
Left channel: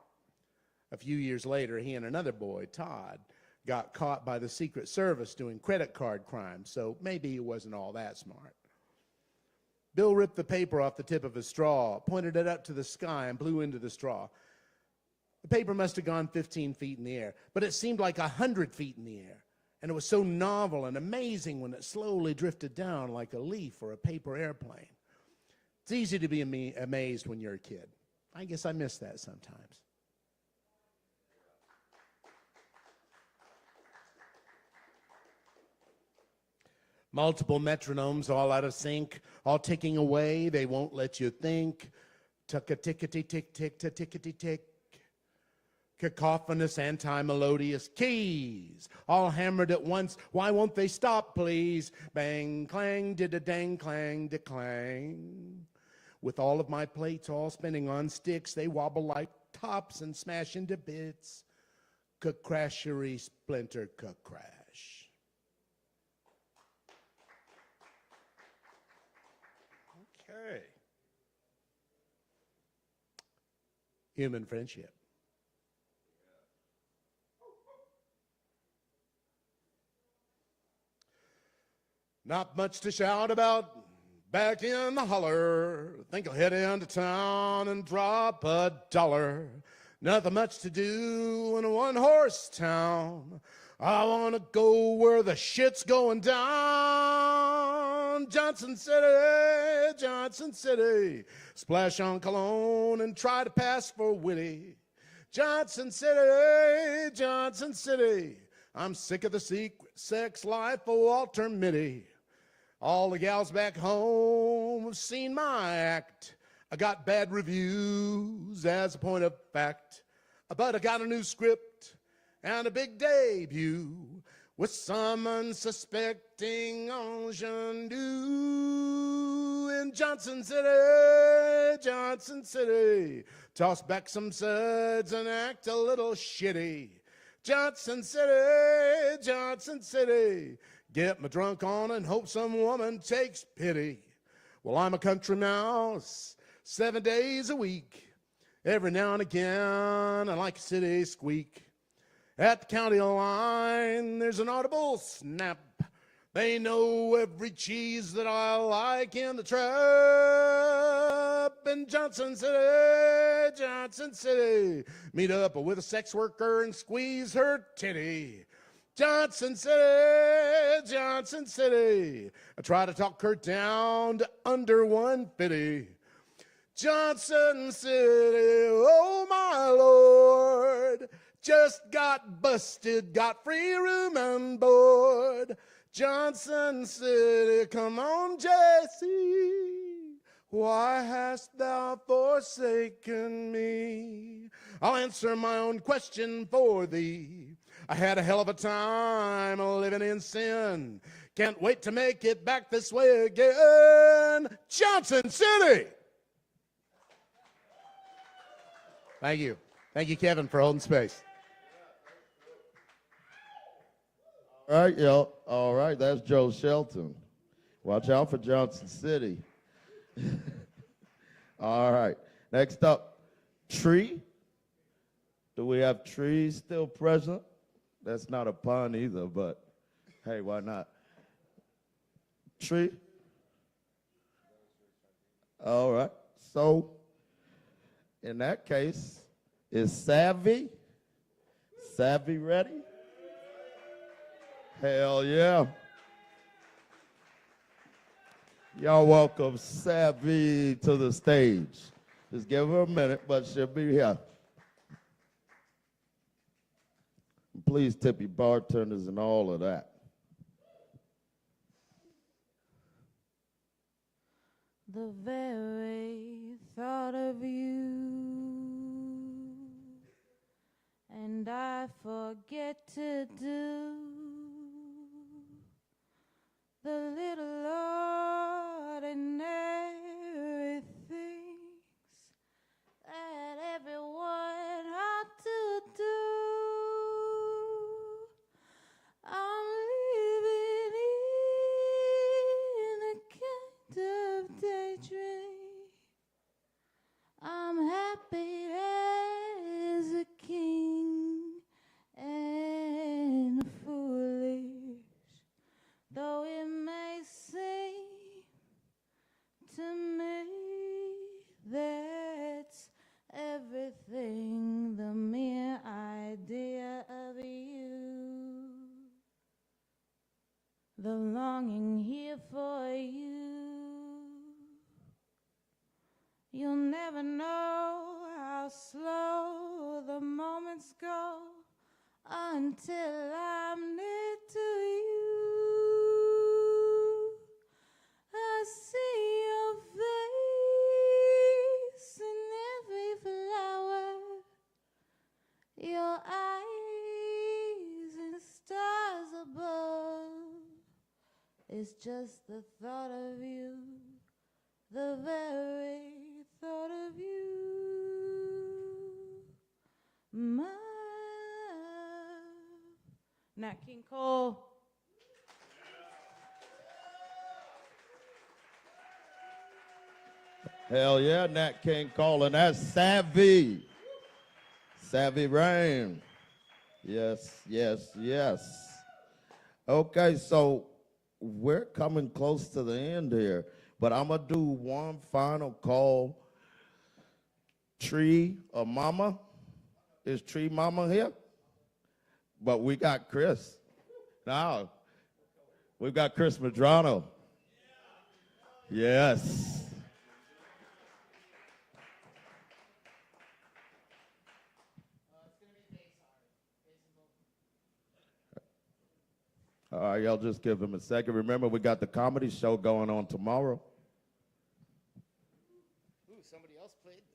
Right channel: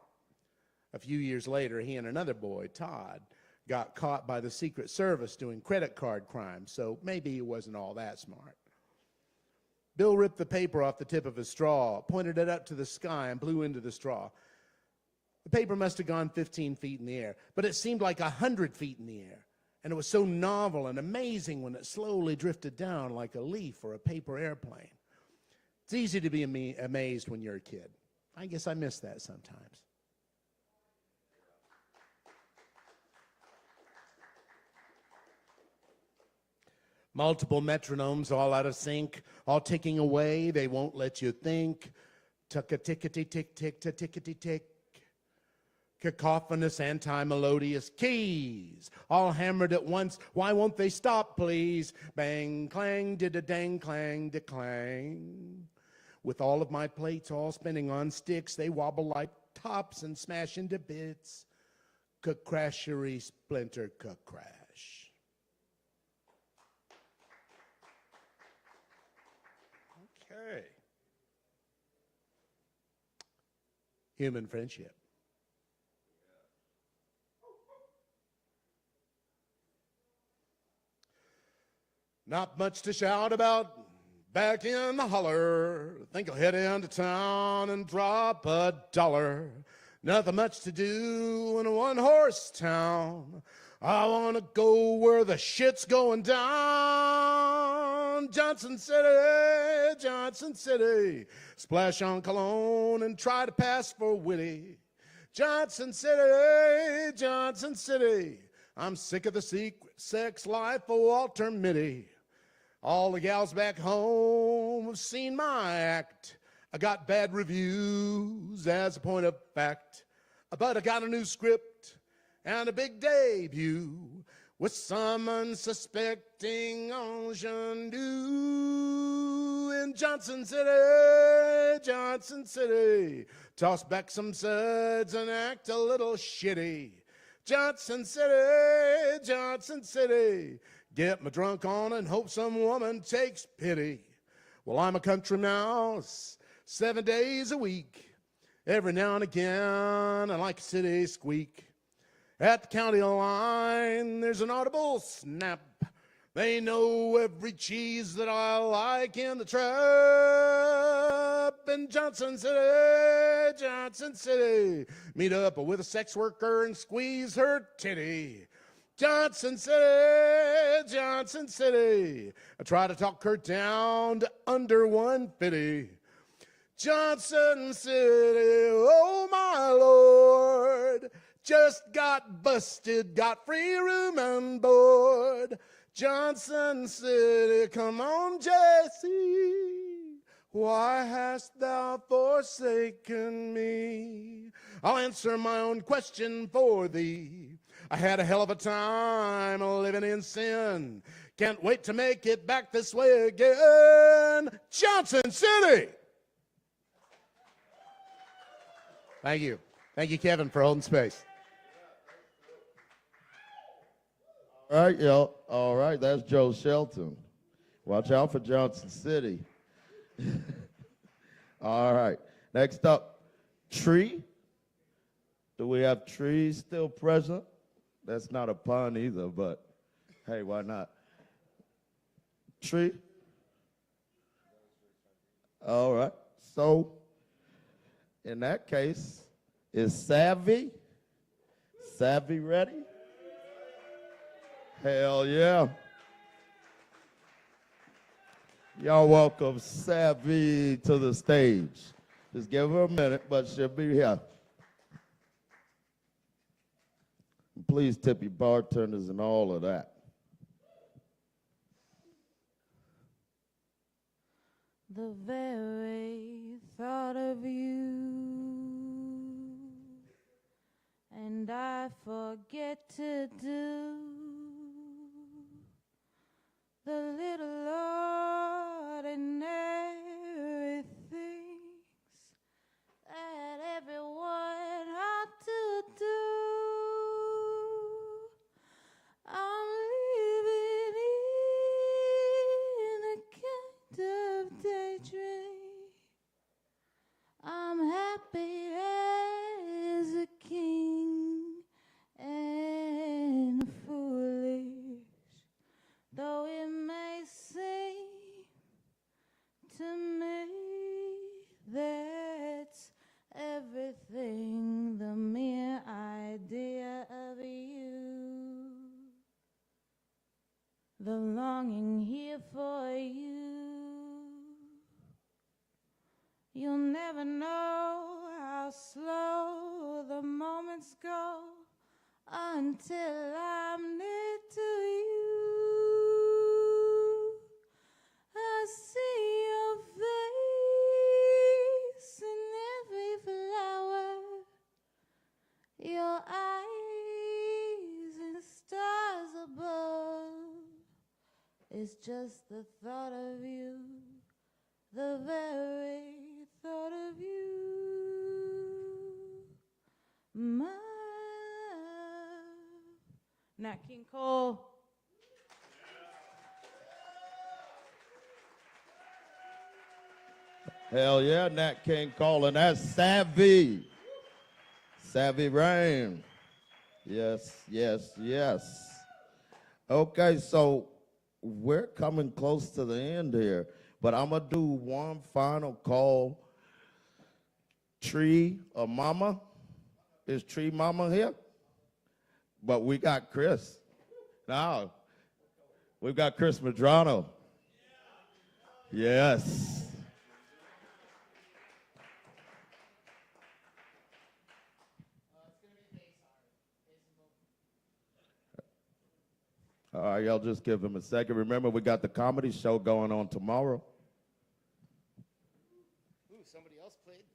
A few years later, he and another boy, Todd, got caught by the Secret Service doing credit card crimes, so maybe he wasn't all that smart. Bill ripped the paper off the tip of his straw, pointed it up to the sky, and blew into the straw. The paper must have gone 15 feet in the air, but it seemed like 100 feet in the air. And it was so novel and amazing when it slowly drifted down like a leaf or a paper airplane. It's easy to be amazed when you're a kid. I guess I miss that sometimes. Multiple metronomes all out of sync, all ticking away, they won't let you think. Tuck-a-tickety-tick-tick-ta-tickety-tick. Cacophonous, anti-melodious keys, all hammered at once. Why won't they stop, please? Bang, clang, did-a-dang, clang, de-clang. With all of my plates all spinning on sticks, they wobble like tops and smash into bits. crashery splinter crash. Okay. Human friendship. Not much to shout about back in the holler. Think I'll head into town and drop $1. Nothing much to do in a one-horse town. I want to go where the shit's going down. Johnson City, Johnson City. Splash on cologne and try to pass for witty. Johnson City, Johnson City. I'm sick of the secret sex life of Walter Mitty. All the gals back home have seen my act. I got bad reviews as a point of fact. But I got a new script and a big debut with some unsuspecting ingenue in Johnson City, Johnson City. Toss back some suds and act a little shitty. Johnson City, Johnson City. Get my drunk on and hope some woman takes pity. Well, I'm a country mouse 7 days a week. Every now and again, I like a city squeak. At the county line, there's an audible snap. They know every cheese that I like in the trap. In Johnson City, Johnson City. Meet up with a sex worker and squeeze her titty. Johnson City, Johnson City. I try to talk her down to under 150. Johnson City, oh my Lord. Just got busted, got free room on board. Johnson City, come on, Jesse. Why hast thou forsaken me? I'll answer my own question for thee. I had a hell of a time living in sin. Can't wait to make it back this way again. Johnson City! Thank you. Thank you, Kevin, for holding space. All right, y'all. All right, that's Joe Shelton. Watch out for Johnson City. All right. Next up, Tree. Do we have Tree still present? That's not a pun either, but hey, why not? Tree. All right. So, in that case, is Savvy? Savvy ready? Hell yeah. Y'all welcome Savvy to the stage. Just give her a minute, but she'll be here. Please tip your bartenders and all of that. The very thought of you, and I forget to do the little ordinary things that everyone ought to do. I'm living in a kind of daydream. I'm happy as a king and foolish, though it may seem to me that's everything, the mere idea of you, the longing here for you. You'll never know how slow the moments go until I'm near to you. I see your face in every flower, your eyes and stars above. It's just the thought of you, the very thought of you. My Nat King Cole. Hell yeah, Nat King Cole, and that's Savvy. Savvy Rain. Yes, yes, yes. Okay, so we're coming close to the end here, but I'm gonna do one final call. Tree or Mama? Is Tree Mama here? But we got Chris. Now, we've got Chris Madrano. Yes. All right, I'll just give him a second. Remember, we got the comedy show going on tomorrow. Ooh, somebody else played this.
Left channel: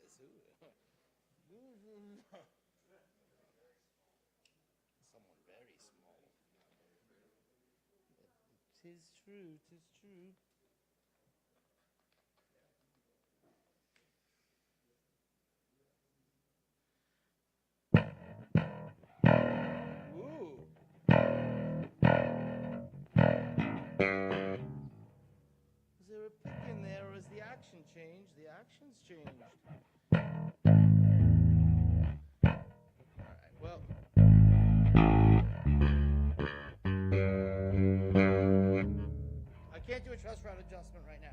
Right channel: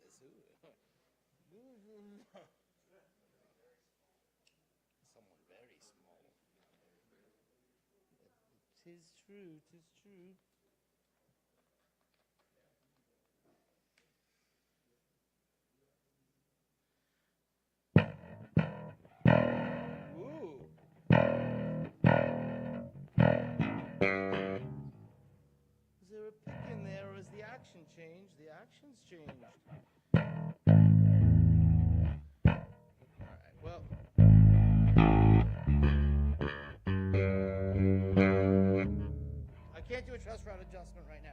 Someone very small. Tis true, tis true. Is there a pick in there, or has the action changed? The action's changed. Alright, well. I can't do a truss rod adjustment right now.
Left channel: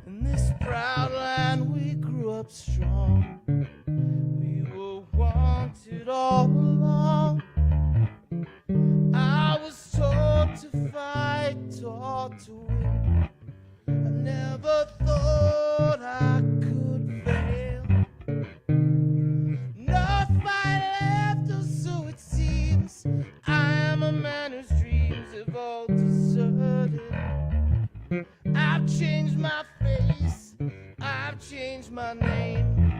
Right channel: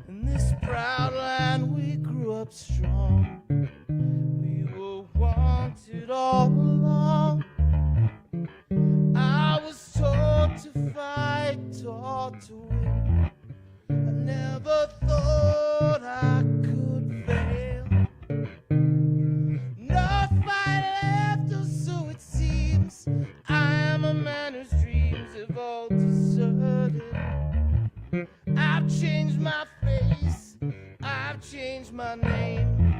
In this proud land we grew up strong. We were wanted all along. I was taught to fight, taught to win. I never thought I could fail. No fight left, or so it seems. I am a man whose dreams have all deserted. I've changed my face, I've changed my name.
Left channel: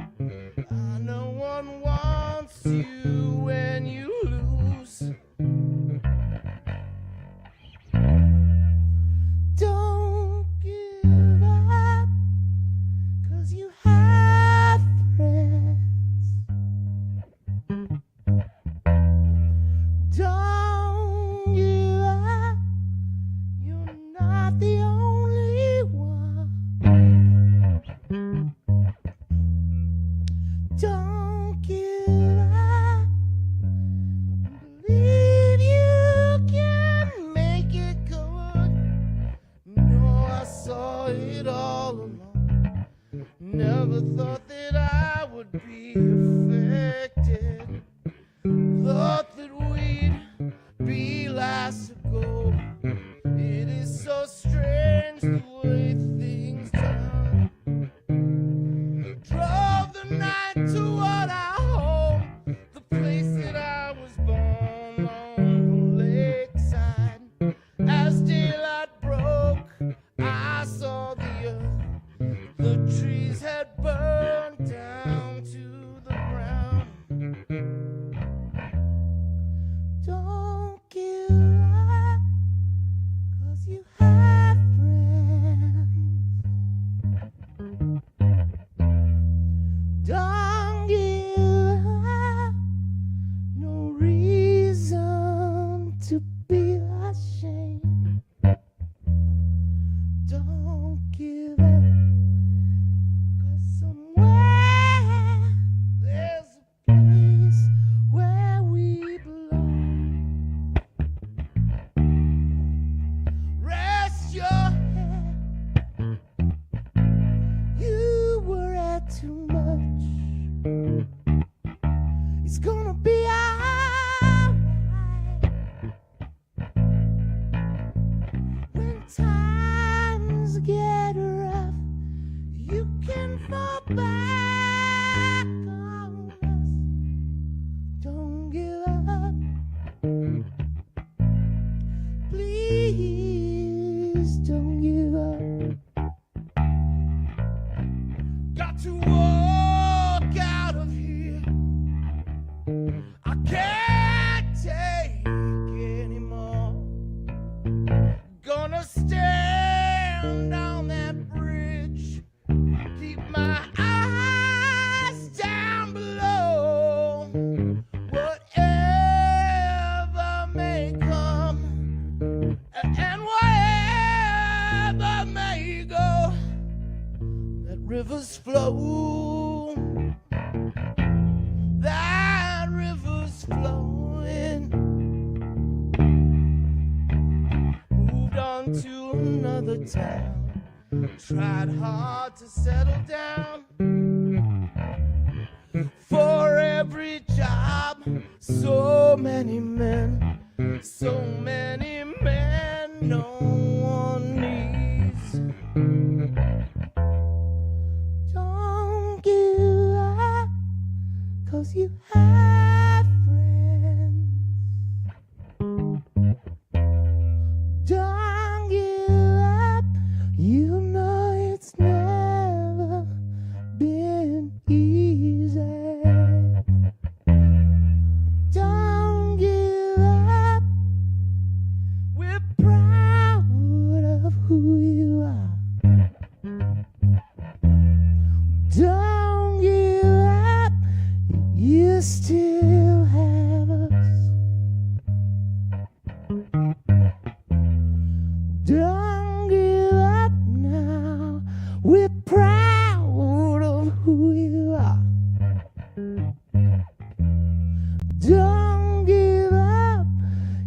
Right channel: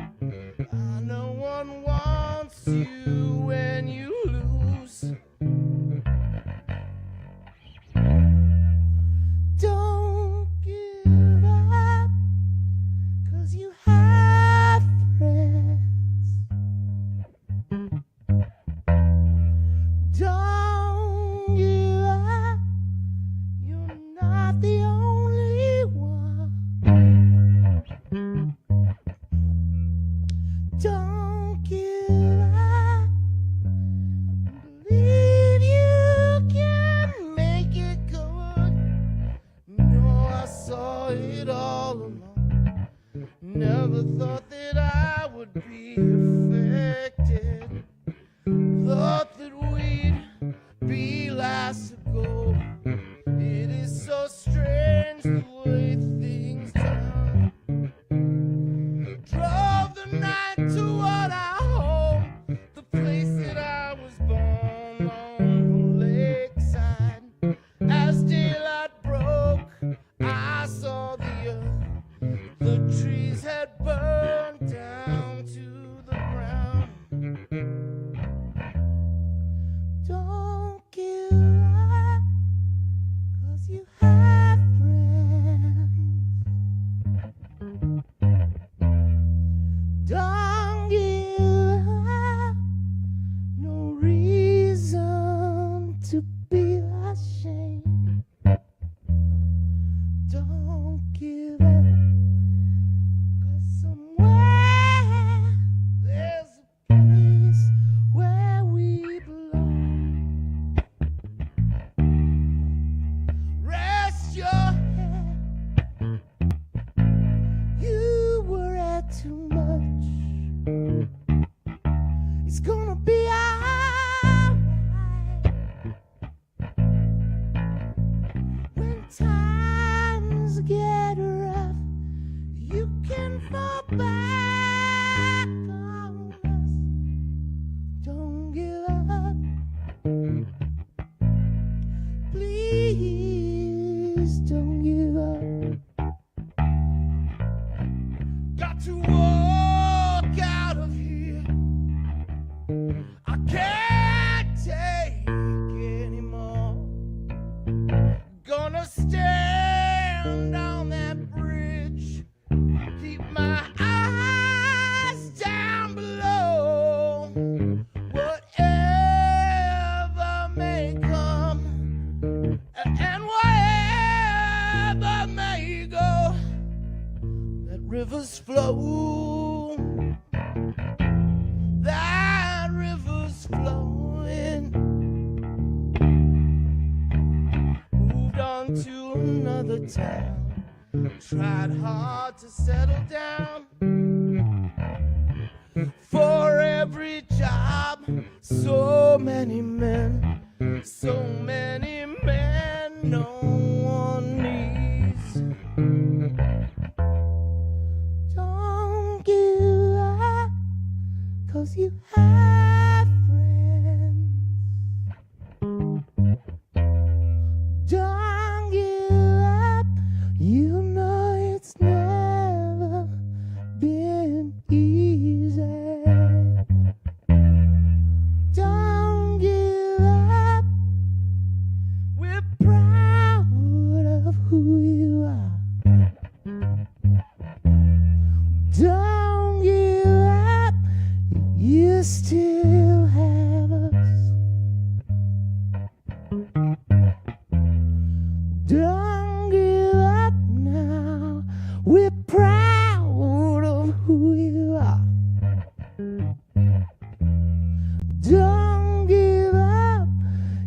No one wants you when you lose. Don't give up, 'cause you have friends. Don't give up, you're not the only one. Don't give up, believe you can make it good. No, I saw it all along. Never thought that I would be affected. Thought that we'd be last to go. It is so strange the way things turn. Drove the night toward our home, the place that I was born, on the lakeside. As daylight broke, I saw the earth. The trees had burned down to the ground. Don't give up, 'cause you have friends. Don't give up, no reason to be ashamed. Don't give up, 'cause somewhere there's a place where we belong. Rest your head, you were at too much. my eyes down below. Whatever may come and wherever may go, let rivers flow. That river's flowing. Moved on to another town. Tried hard to settle down. For every job, so many men, no one needs. Don't give up, 'cause you have friends. Don't give up, you know it's never been easy. Don't give up, we're proud of who you are. Don't give up, you still have us. Don't give up now, we're proud of who you are. Don't give up,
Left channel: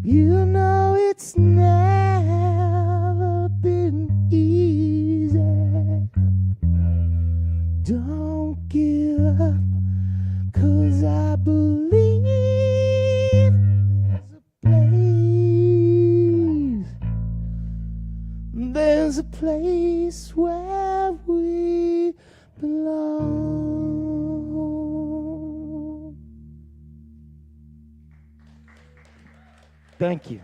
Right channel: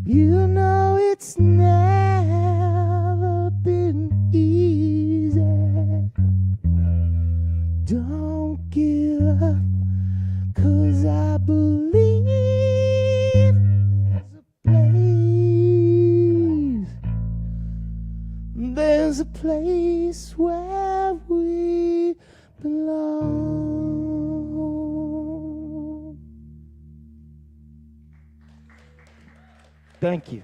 you know it's never been easy. Don't give up, 'cause I believe there's a place where we belong. Thank you.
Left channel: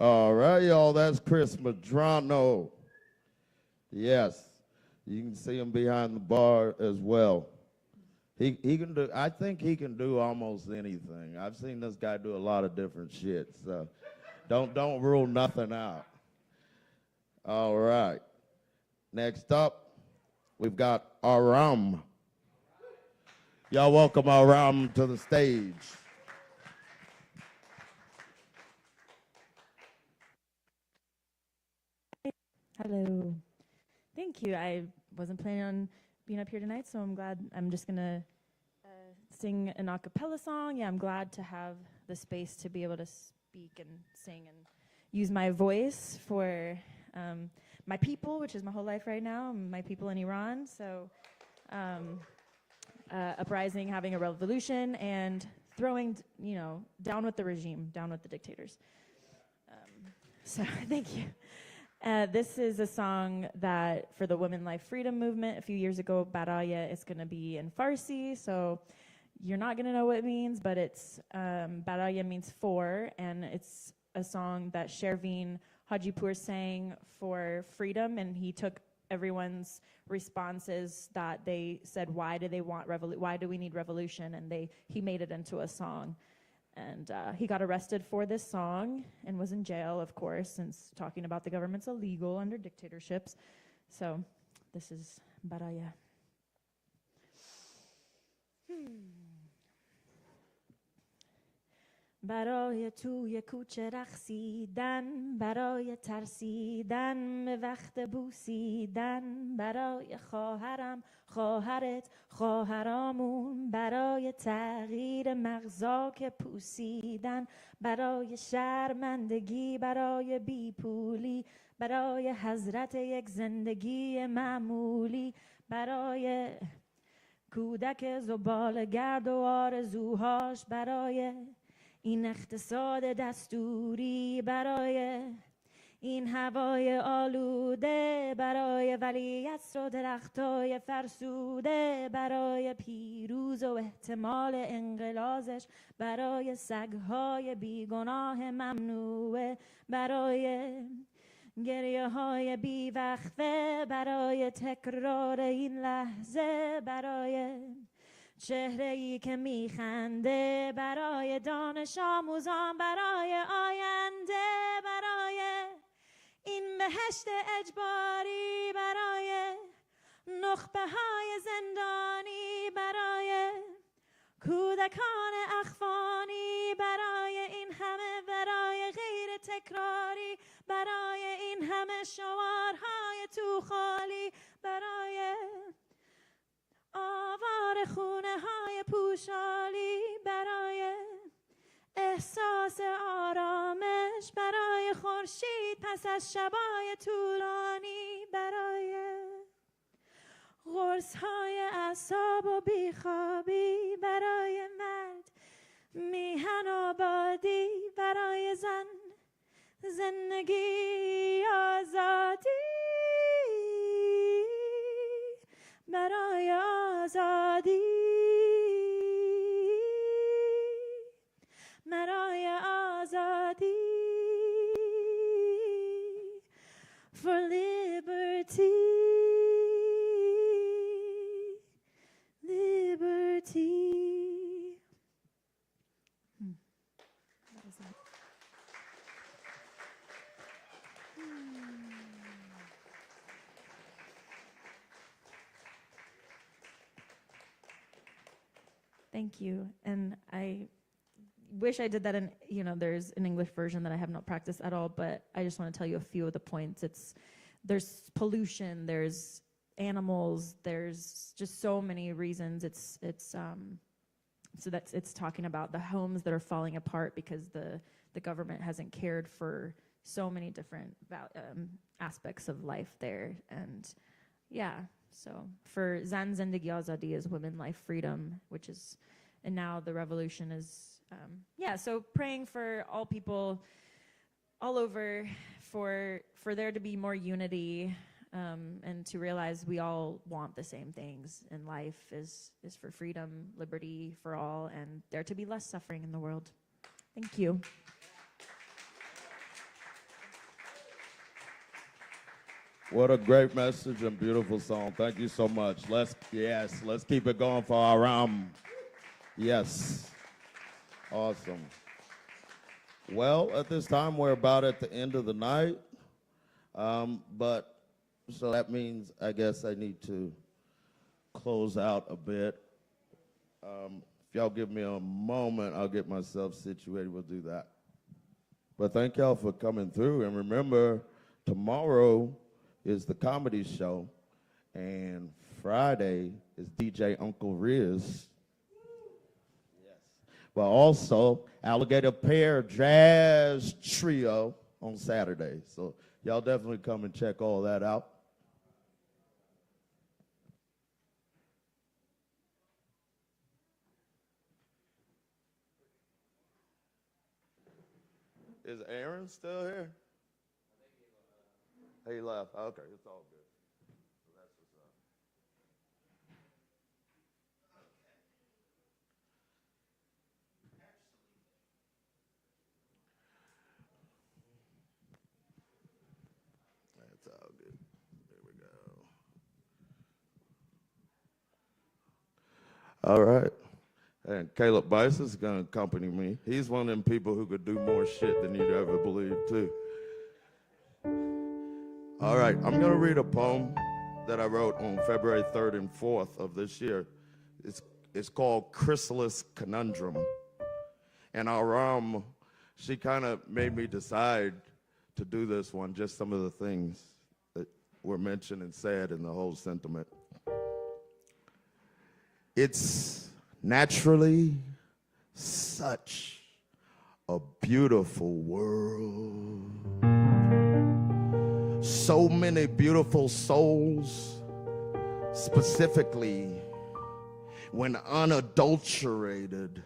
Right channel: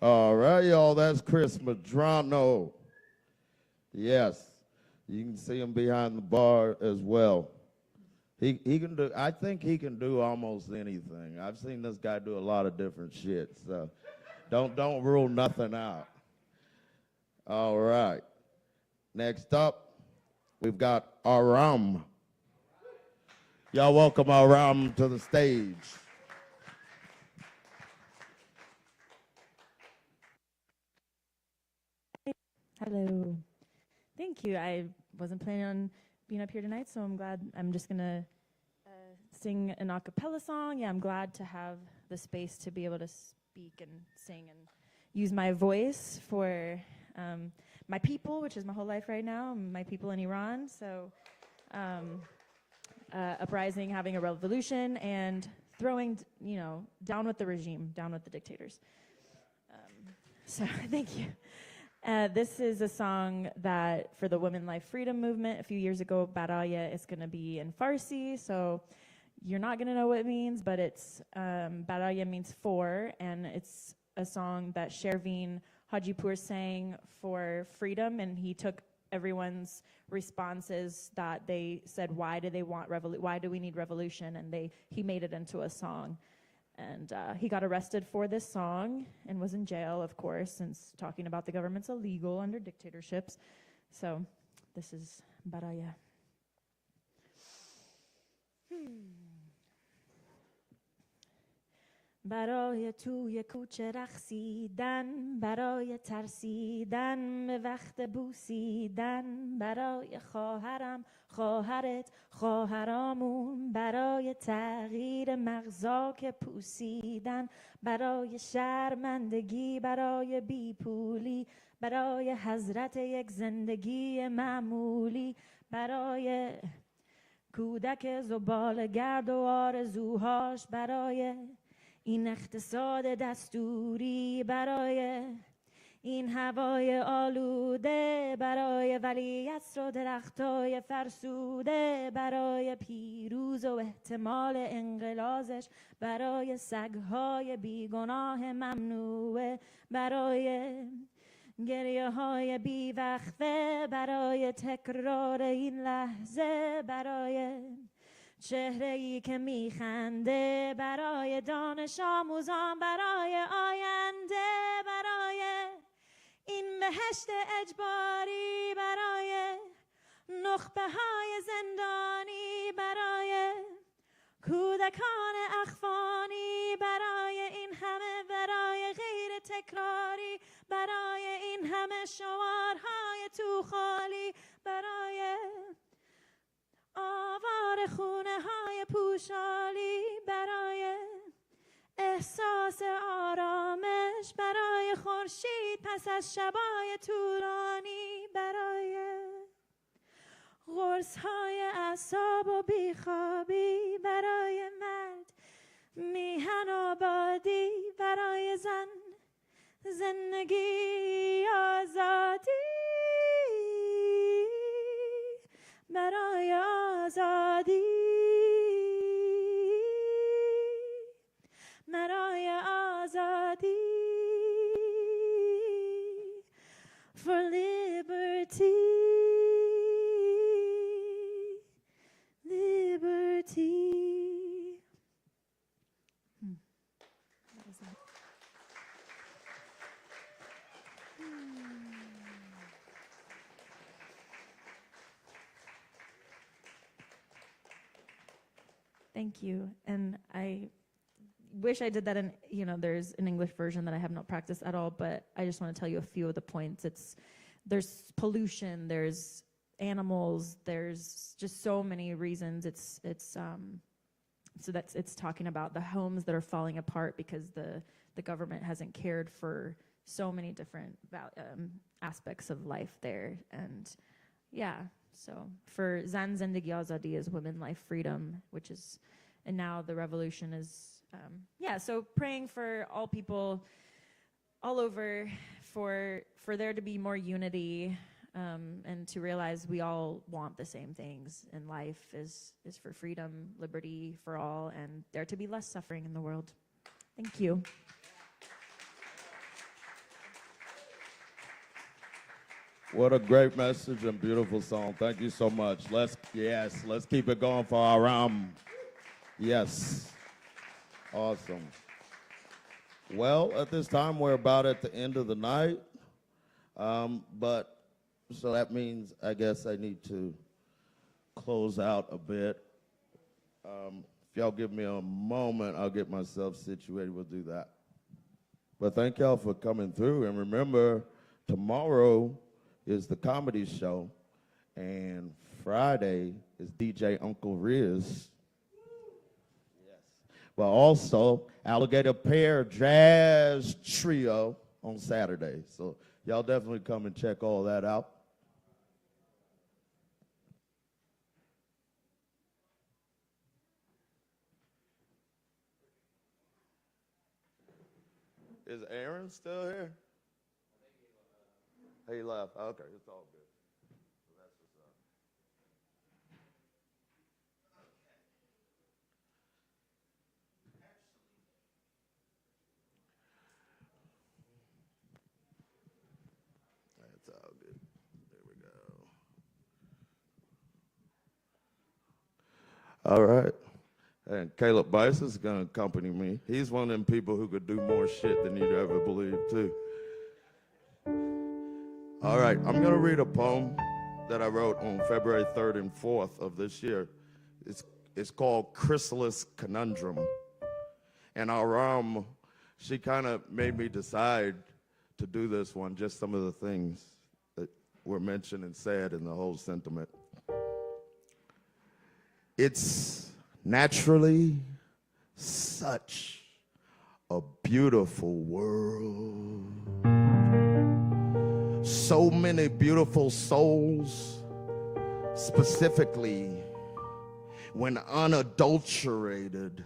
All right, y'all, that's Chris Madrano. Yes, you can see him behind the bar as well. He can do, I think he can do almost anything. I've seen this guy do a lot of different shit, so don't rule nothing out. All right. Next up, we've got Aram. Y'all welcome Aram to the stage. Hello. Thank you. I wasn't planning on being up here tonight, so I'm glad. I'm just going to sing an a cappella song. Yeah, I'm glad to have the space to be able to speak and sing and use my voice for my people, which is my whole life right now, my people in Iran. So uprising, having a revolution, and throwing, down with the regime, down with the dictators. So thank you. This is a song that for the Women Life Freedom Movement a few years ago, Baraya is going to be in Farsi, so you're not going to know what it means, but it's Baraya means for, and it's a song that Shervin Hajipur sang for freedom, and he took everyone's responses that they said, why do we need revolution, and he made it into a song. And he got arrested for this song and was in jail, of course, since talking about the government's illegal under dictatorships. So this is Baraya. برای توی کوچه رقصیدن، برای ترسیدن به وقت بوسیدن، برای خواهرم، خواهرت، خواهرامون، برای تغییر مغزا که پوسیدن، برای شرمندگی، برای بیپولی، برای حضرت یک زندگی معمولی، برای کودک زباله‌گرد و آرزوهاش، برای این اقتصاد دستوری، برای این هوای آلوده، برای ولیعصر و درختای فرسوده، برای پیروز و احتمال انقلازش، برای سگهای بیگناه ممنوعه، برای گریه های بیوقفه، برای تکرار این لحظه، برای چهره‌ای که میخنده برای دانش آموزان، برای آینده، برای این بهشت اجباری، برای نخبه های زندانی، برای کودکان اخوانی، برای این همه برای غیر تکراری، برای این همه شعارهای تو خالی، برای آوار خونه های پوشالی، برای احساس آرامش، برای خورشید پس از شبای طولانی، برای قرص های اعصاب و بیخوابی، برای مرد میهن آبادی، برای زن زندگی آزادی، برای آزادی، برای آزادی. For liberty, liberty. What was that? Thank you. And I wish I did that in, there's an English version that I have not practiced at all, but I just want to tell you a few of the points. There's pollution, there's animals, there's just so many reasons. It's talking about the homes that are falling apart because the government hasn't cared for so many different aspects of life there. And yeah, so for Zan Zindagi Azadi is women, life, freedom, and now the revolution is, so praying for all people all over, for there to be more unity, and to realize we all want the same things in life is for freedom, liberty for all, and there to be less suffering in the world. Thank you. What a great message and beautiful song. Thank you so much. Let's keep it going for Aram. Yes. Awesome. Well, at this time, we're about at the end of the night. So that means, I guess I need to close out a bit. If y'all give me a moment, I'll get myself situated. We'll do that. But thank y'all for coming through. And remember, tomorrow is the comedy show, and Friday is DJ Uncle Riz. But also Alligator Pear Jazz Trio on Saturday. So y'all definitely come and check all that out. Is Aaron still here? He left. Okay, it's all good. So that's what's up. That's all good. There we go. All right. And Caleb Beissert is going to accompany me. He's one of them people who could do more shit than you'd ever believe, too. All right, I'm going to read a poem that I wrote on February 3rd and 4th of this year. It's called Chrysalis Conundrum. And Aram, she kind of made me decide to do this one, just some of the things that were mentioned and said in the whole sentiment. It's naturally such a beautiful world. So many beautiful souls, specifically when unadulterated,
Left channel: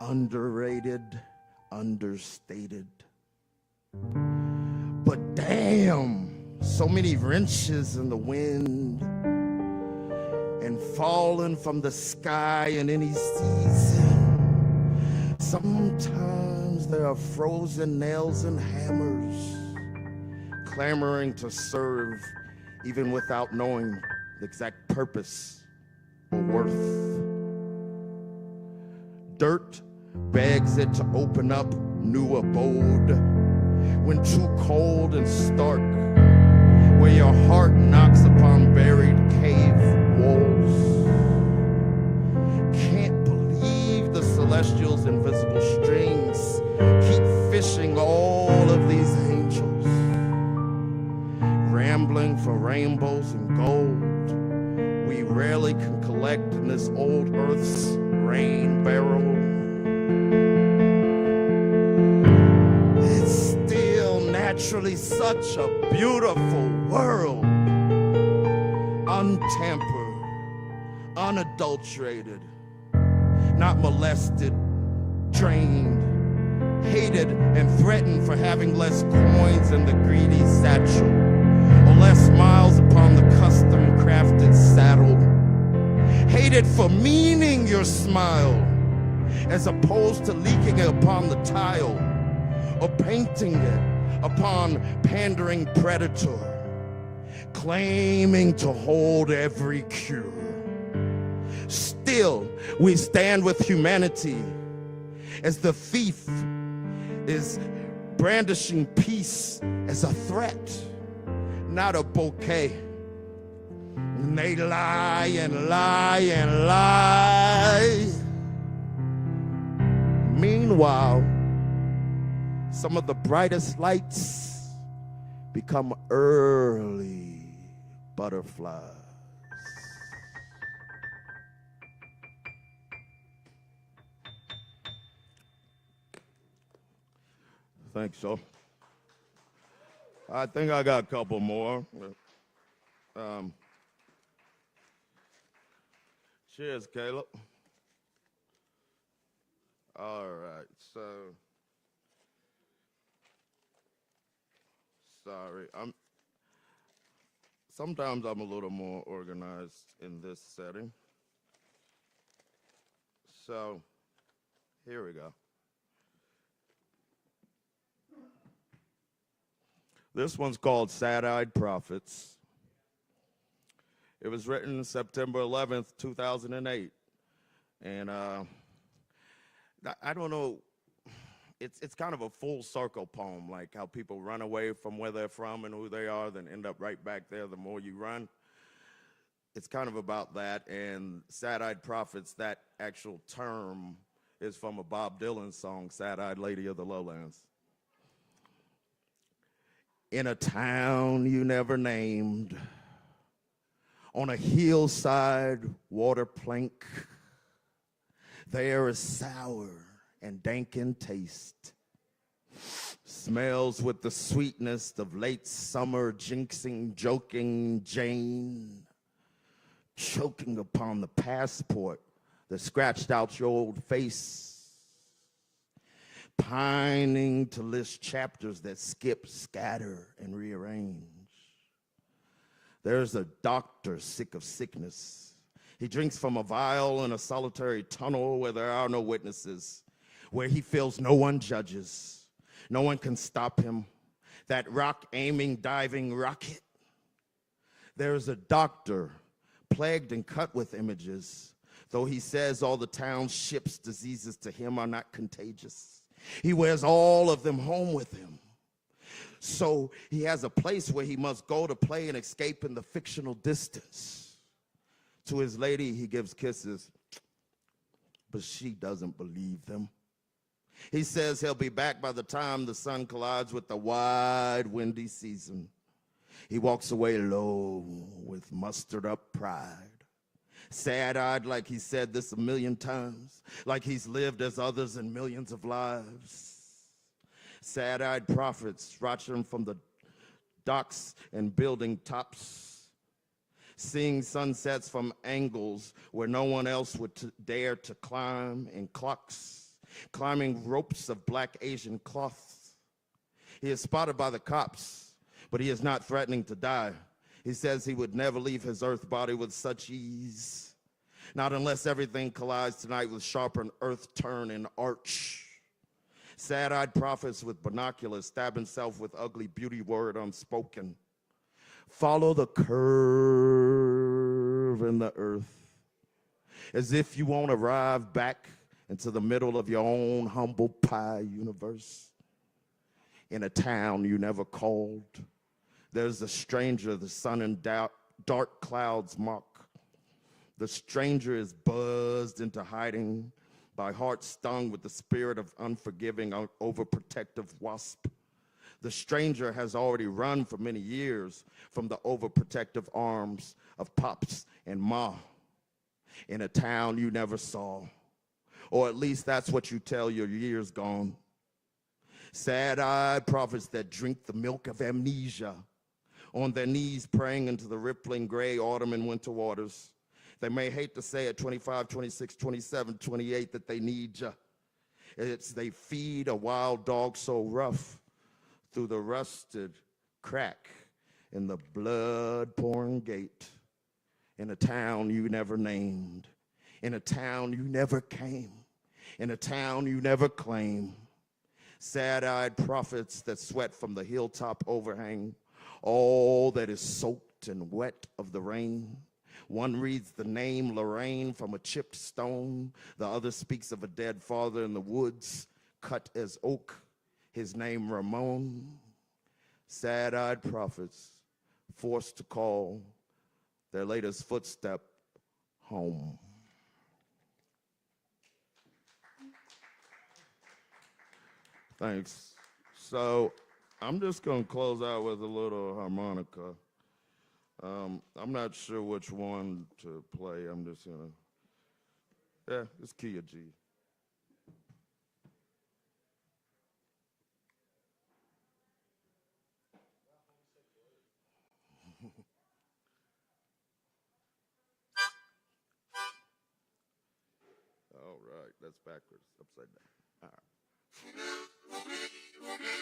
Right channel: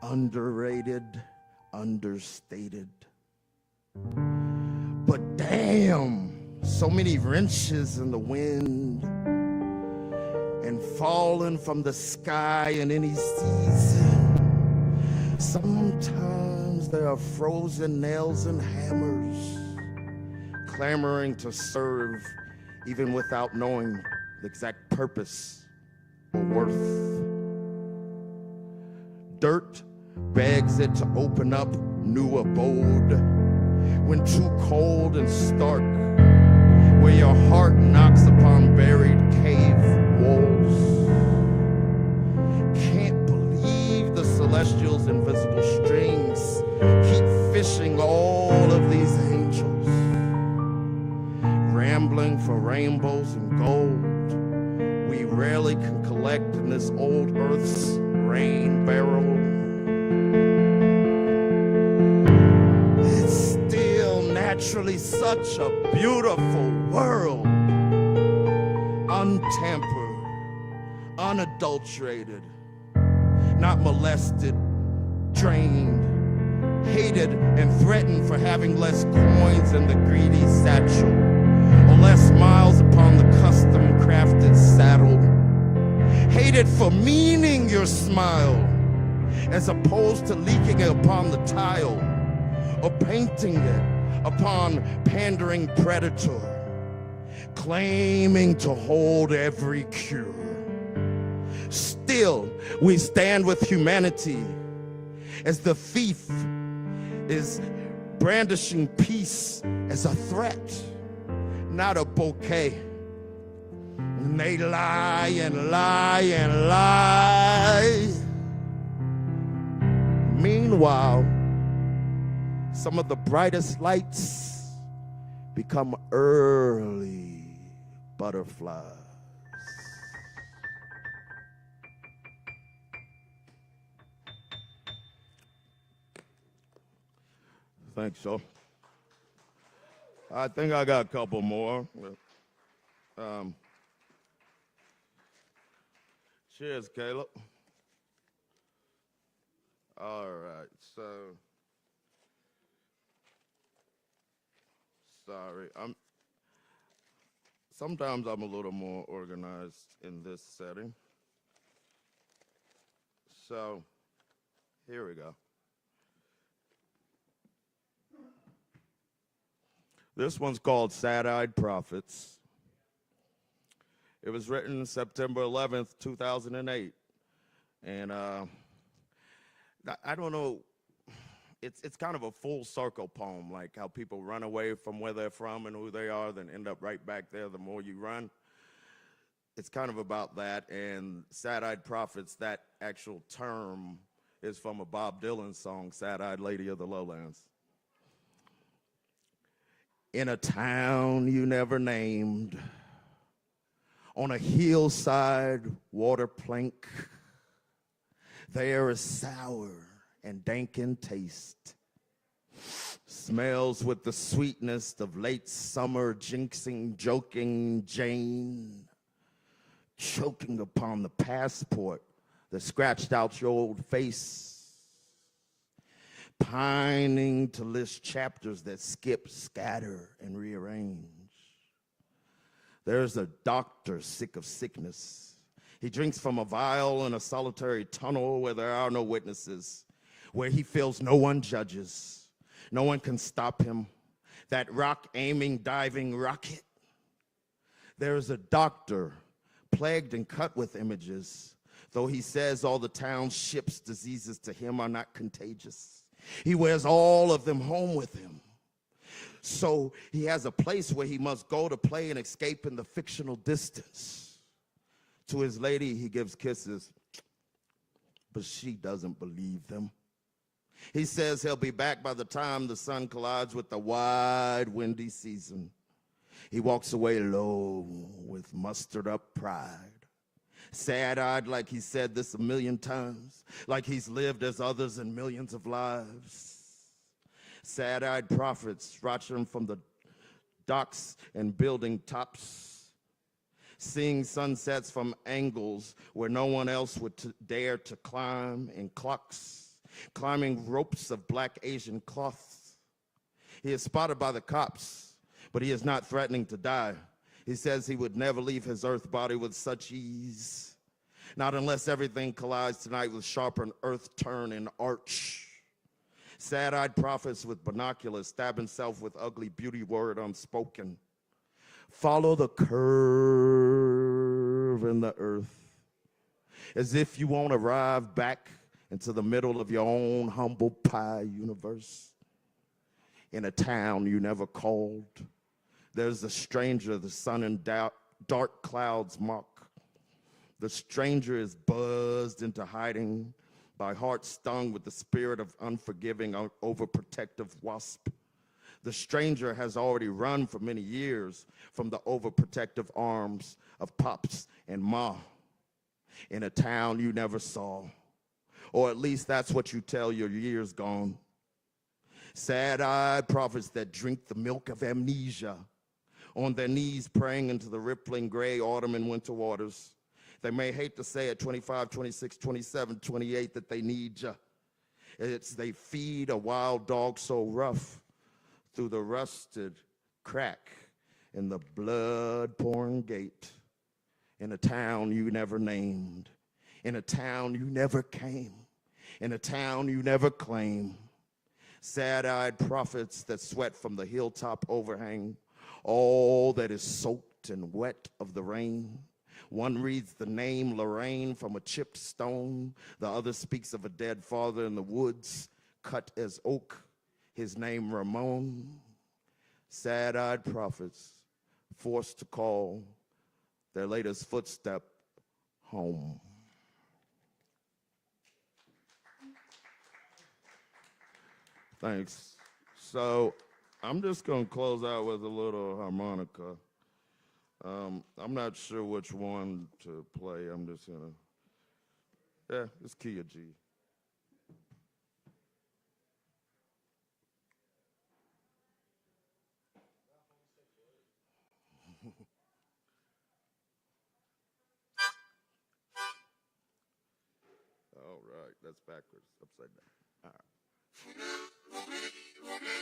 underrated, understated. But damn, so many wrenches in the wind and falling from the sky in any season. Sometimes there are frozen nails and hammers, clamoring to serve even without knowing the exact purpose or worth. Dirt begs it to open up new abode when too cold and stark, where your heart knocks upon buried cave walls. Can't believe the celestials' invisible strings keep fishing all of these angels, rambling for rainbows and gold we rarely can collect in this old earth's rain barrel. It's still naturally such a beautiful world, untampered, unadulterated, not molested, trained, hated and threatened for having less coins in the greedy satchel, or less miles upon the custom-crafted saddle. Hated for meaning your smile, as opposed to leaking it upon the tile, or painting it upon pandering predator, claiming to hold every cure. Still, we stand with humanity as the thief is brandishing peace as a threat, not a bouquet. And they lie and lie and lie. Meanwhile, some of the brightest lights become early butterflies. Thanks, so. I think I got a couple more. Cheers, Caleb. All right, so sorry. Sometimes I'm a little more organized in this setting. So here we go. This one's called Sad-Eyed Prophets. It was written September 11th, 2008. And I don't know, it's kind of a full circle poem, like how people run away from where they're from and who they are, then end up right back there the more you run. It's kind of about that. And Sad-Eyed Prophets, that actual term is from a Bob Dylan song, Sad-Eyed Lady of the Lowlands. In a town you never named, on a hillside water plank, the air is sour and dank in taste, smells with the sweetness of late summer jinxing, joking Jane, choking upon the passport that scratched out your old face, pining to list chapters that skip, scatter, and rearrange. There's a doctor sick of sickness. He drinks from a vial in a solitary tunnel where there are no witnesses, where he feels no one judges. No one can stop him. That rock-aiming, diving rocket. There's a doctor plagued and cut with images, though he says all the town's ship's diseases to him are not contagious. He wears all of them home with him. So he has a place where he must go to play and escape in the fictional distance. To his lady, he gives kisses, but she doesn't believe them. He says he'll be back by the time the sun collides with the wide, windy season. He walks away low with mustered up pride. Sad-eyed like he said this 1,000,000 times, like he's lived as others in millions of lives. Sad-eyed prophets watching from the docks and building tops, seeing sunsets from angles where no one else would dare to climb in clocks, climbing ropes of black Asian cloth. He is spotted by the cops, but he is not threatening to die. He says he would never leave his earth body with such ease, not unless everything collides tonight with sharper earth turn and arch. Sad-eyed prophets with binoculars stab himself with ugly beauty word unspoken. Follow the curve in the earth. as if you won't arrive back into the middle of your own humble pie universe. In a town you never called, there's a stranger the sun and dark clouds mock. The stranger is buzzed into hiding by heart stung with the spirit of unforgiving, overprotective wasp. The stranger has already run for many years from the overprotective arms of Pops and Ma in a town you never saw. Or at least that's what you tell your years gone. Sad-eyed prophets that drink the milk of amnesia, on their knees praying into the rippling gray autumn and winter waters. They may hate to say at 25, 26, 27, 28 that they need you. They feed a wild dog so rough through the rusted crack in the blood-pouring gate, in a town you never named, in a town you never came, in a town you never claim. Sad-eyed prophets that sweat from the hilltop overhang, all that is soaked and wet of the rain. One reads the name Lorraine from a chipped stone. The other speaks of a dead father in the woods, cut as oak, his name Ramon. Sad-eyed prophets forced to call their latest footstep home. Thanks. So I'm just going to close out with a little harmonica. I'm not sure which one to play. I'm just going to, it's key of G. All right, that's backwards, upside down. All right. All right.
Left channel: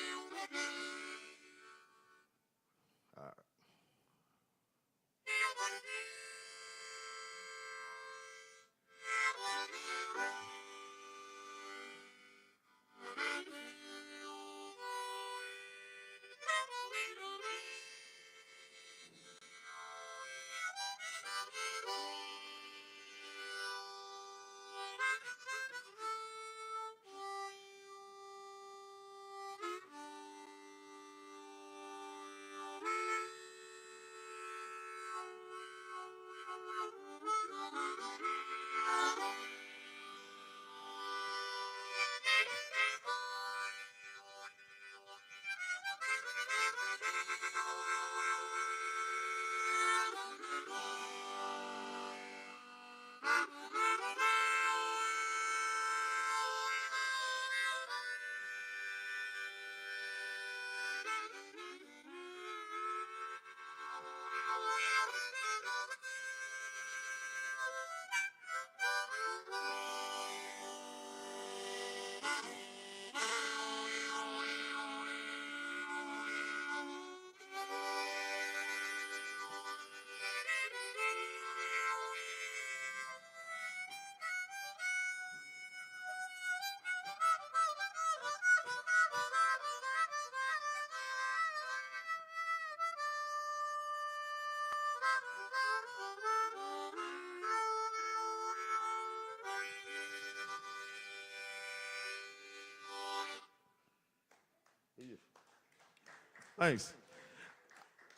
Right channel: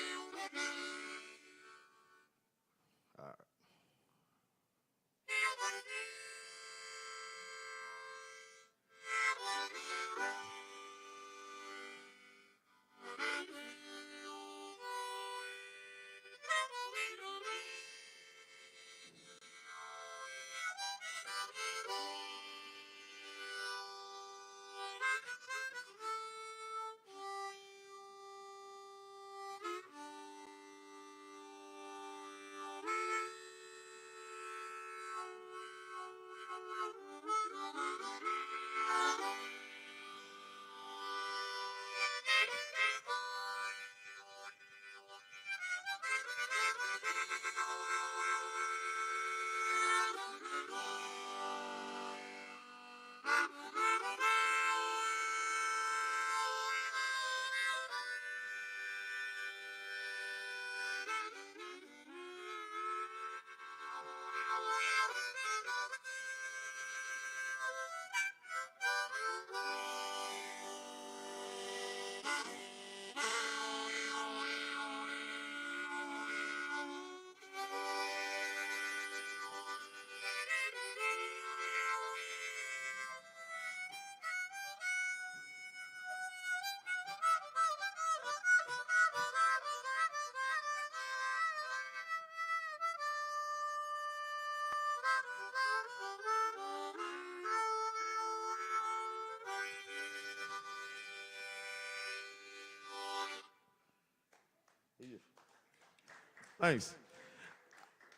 Thanks.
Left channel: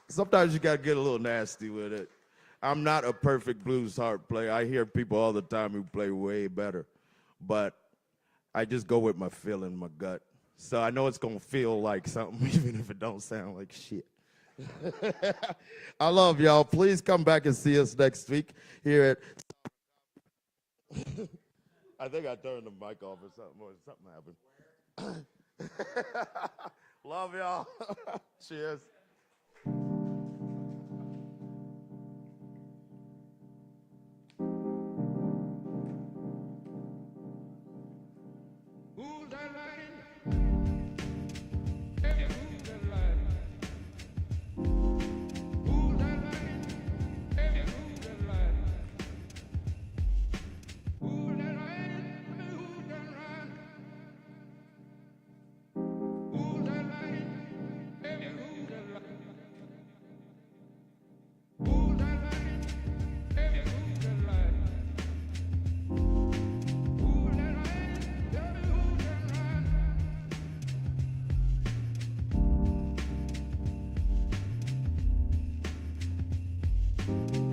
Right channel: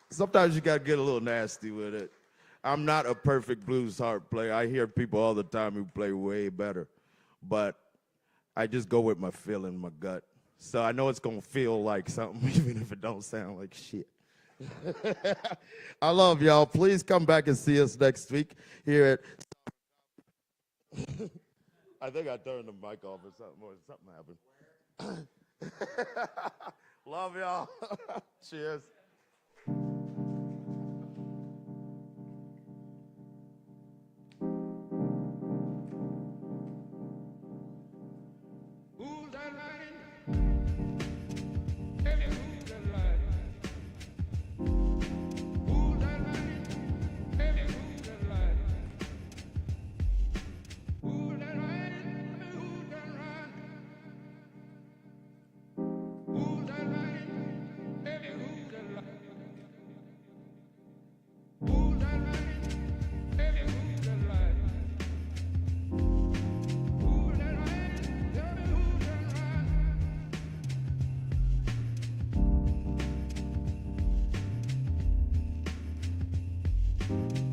Sometimes you gotta get a little nasty with it. I'm not a perfect blues harp player. I hear people all the time who play way better, but I just go with my feeling, my gut. So I know it's gonna feel like something, even if it don't sound like shit. I love y'all. Please come back and see us next week here at. I think I turned the mic off or something, happened. Love y'all. Cheers. Thank you.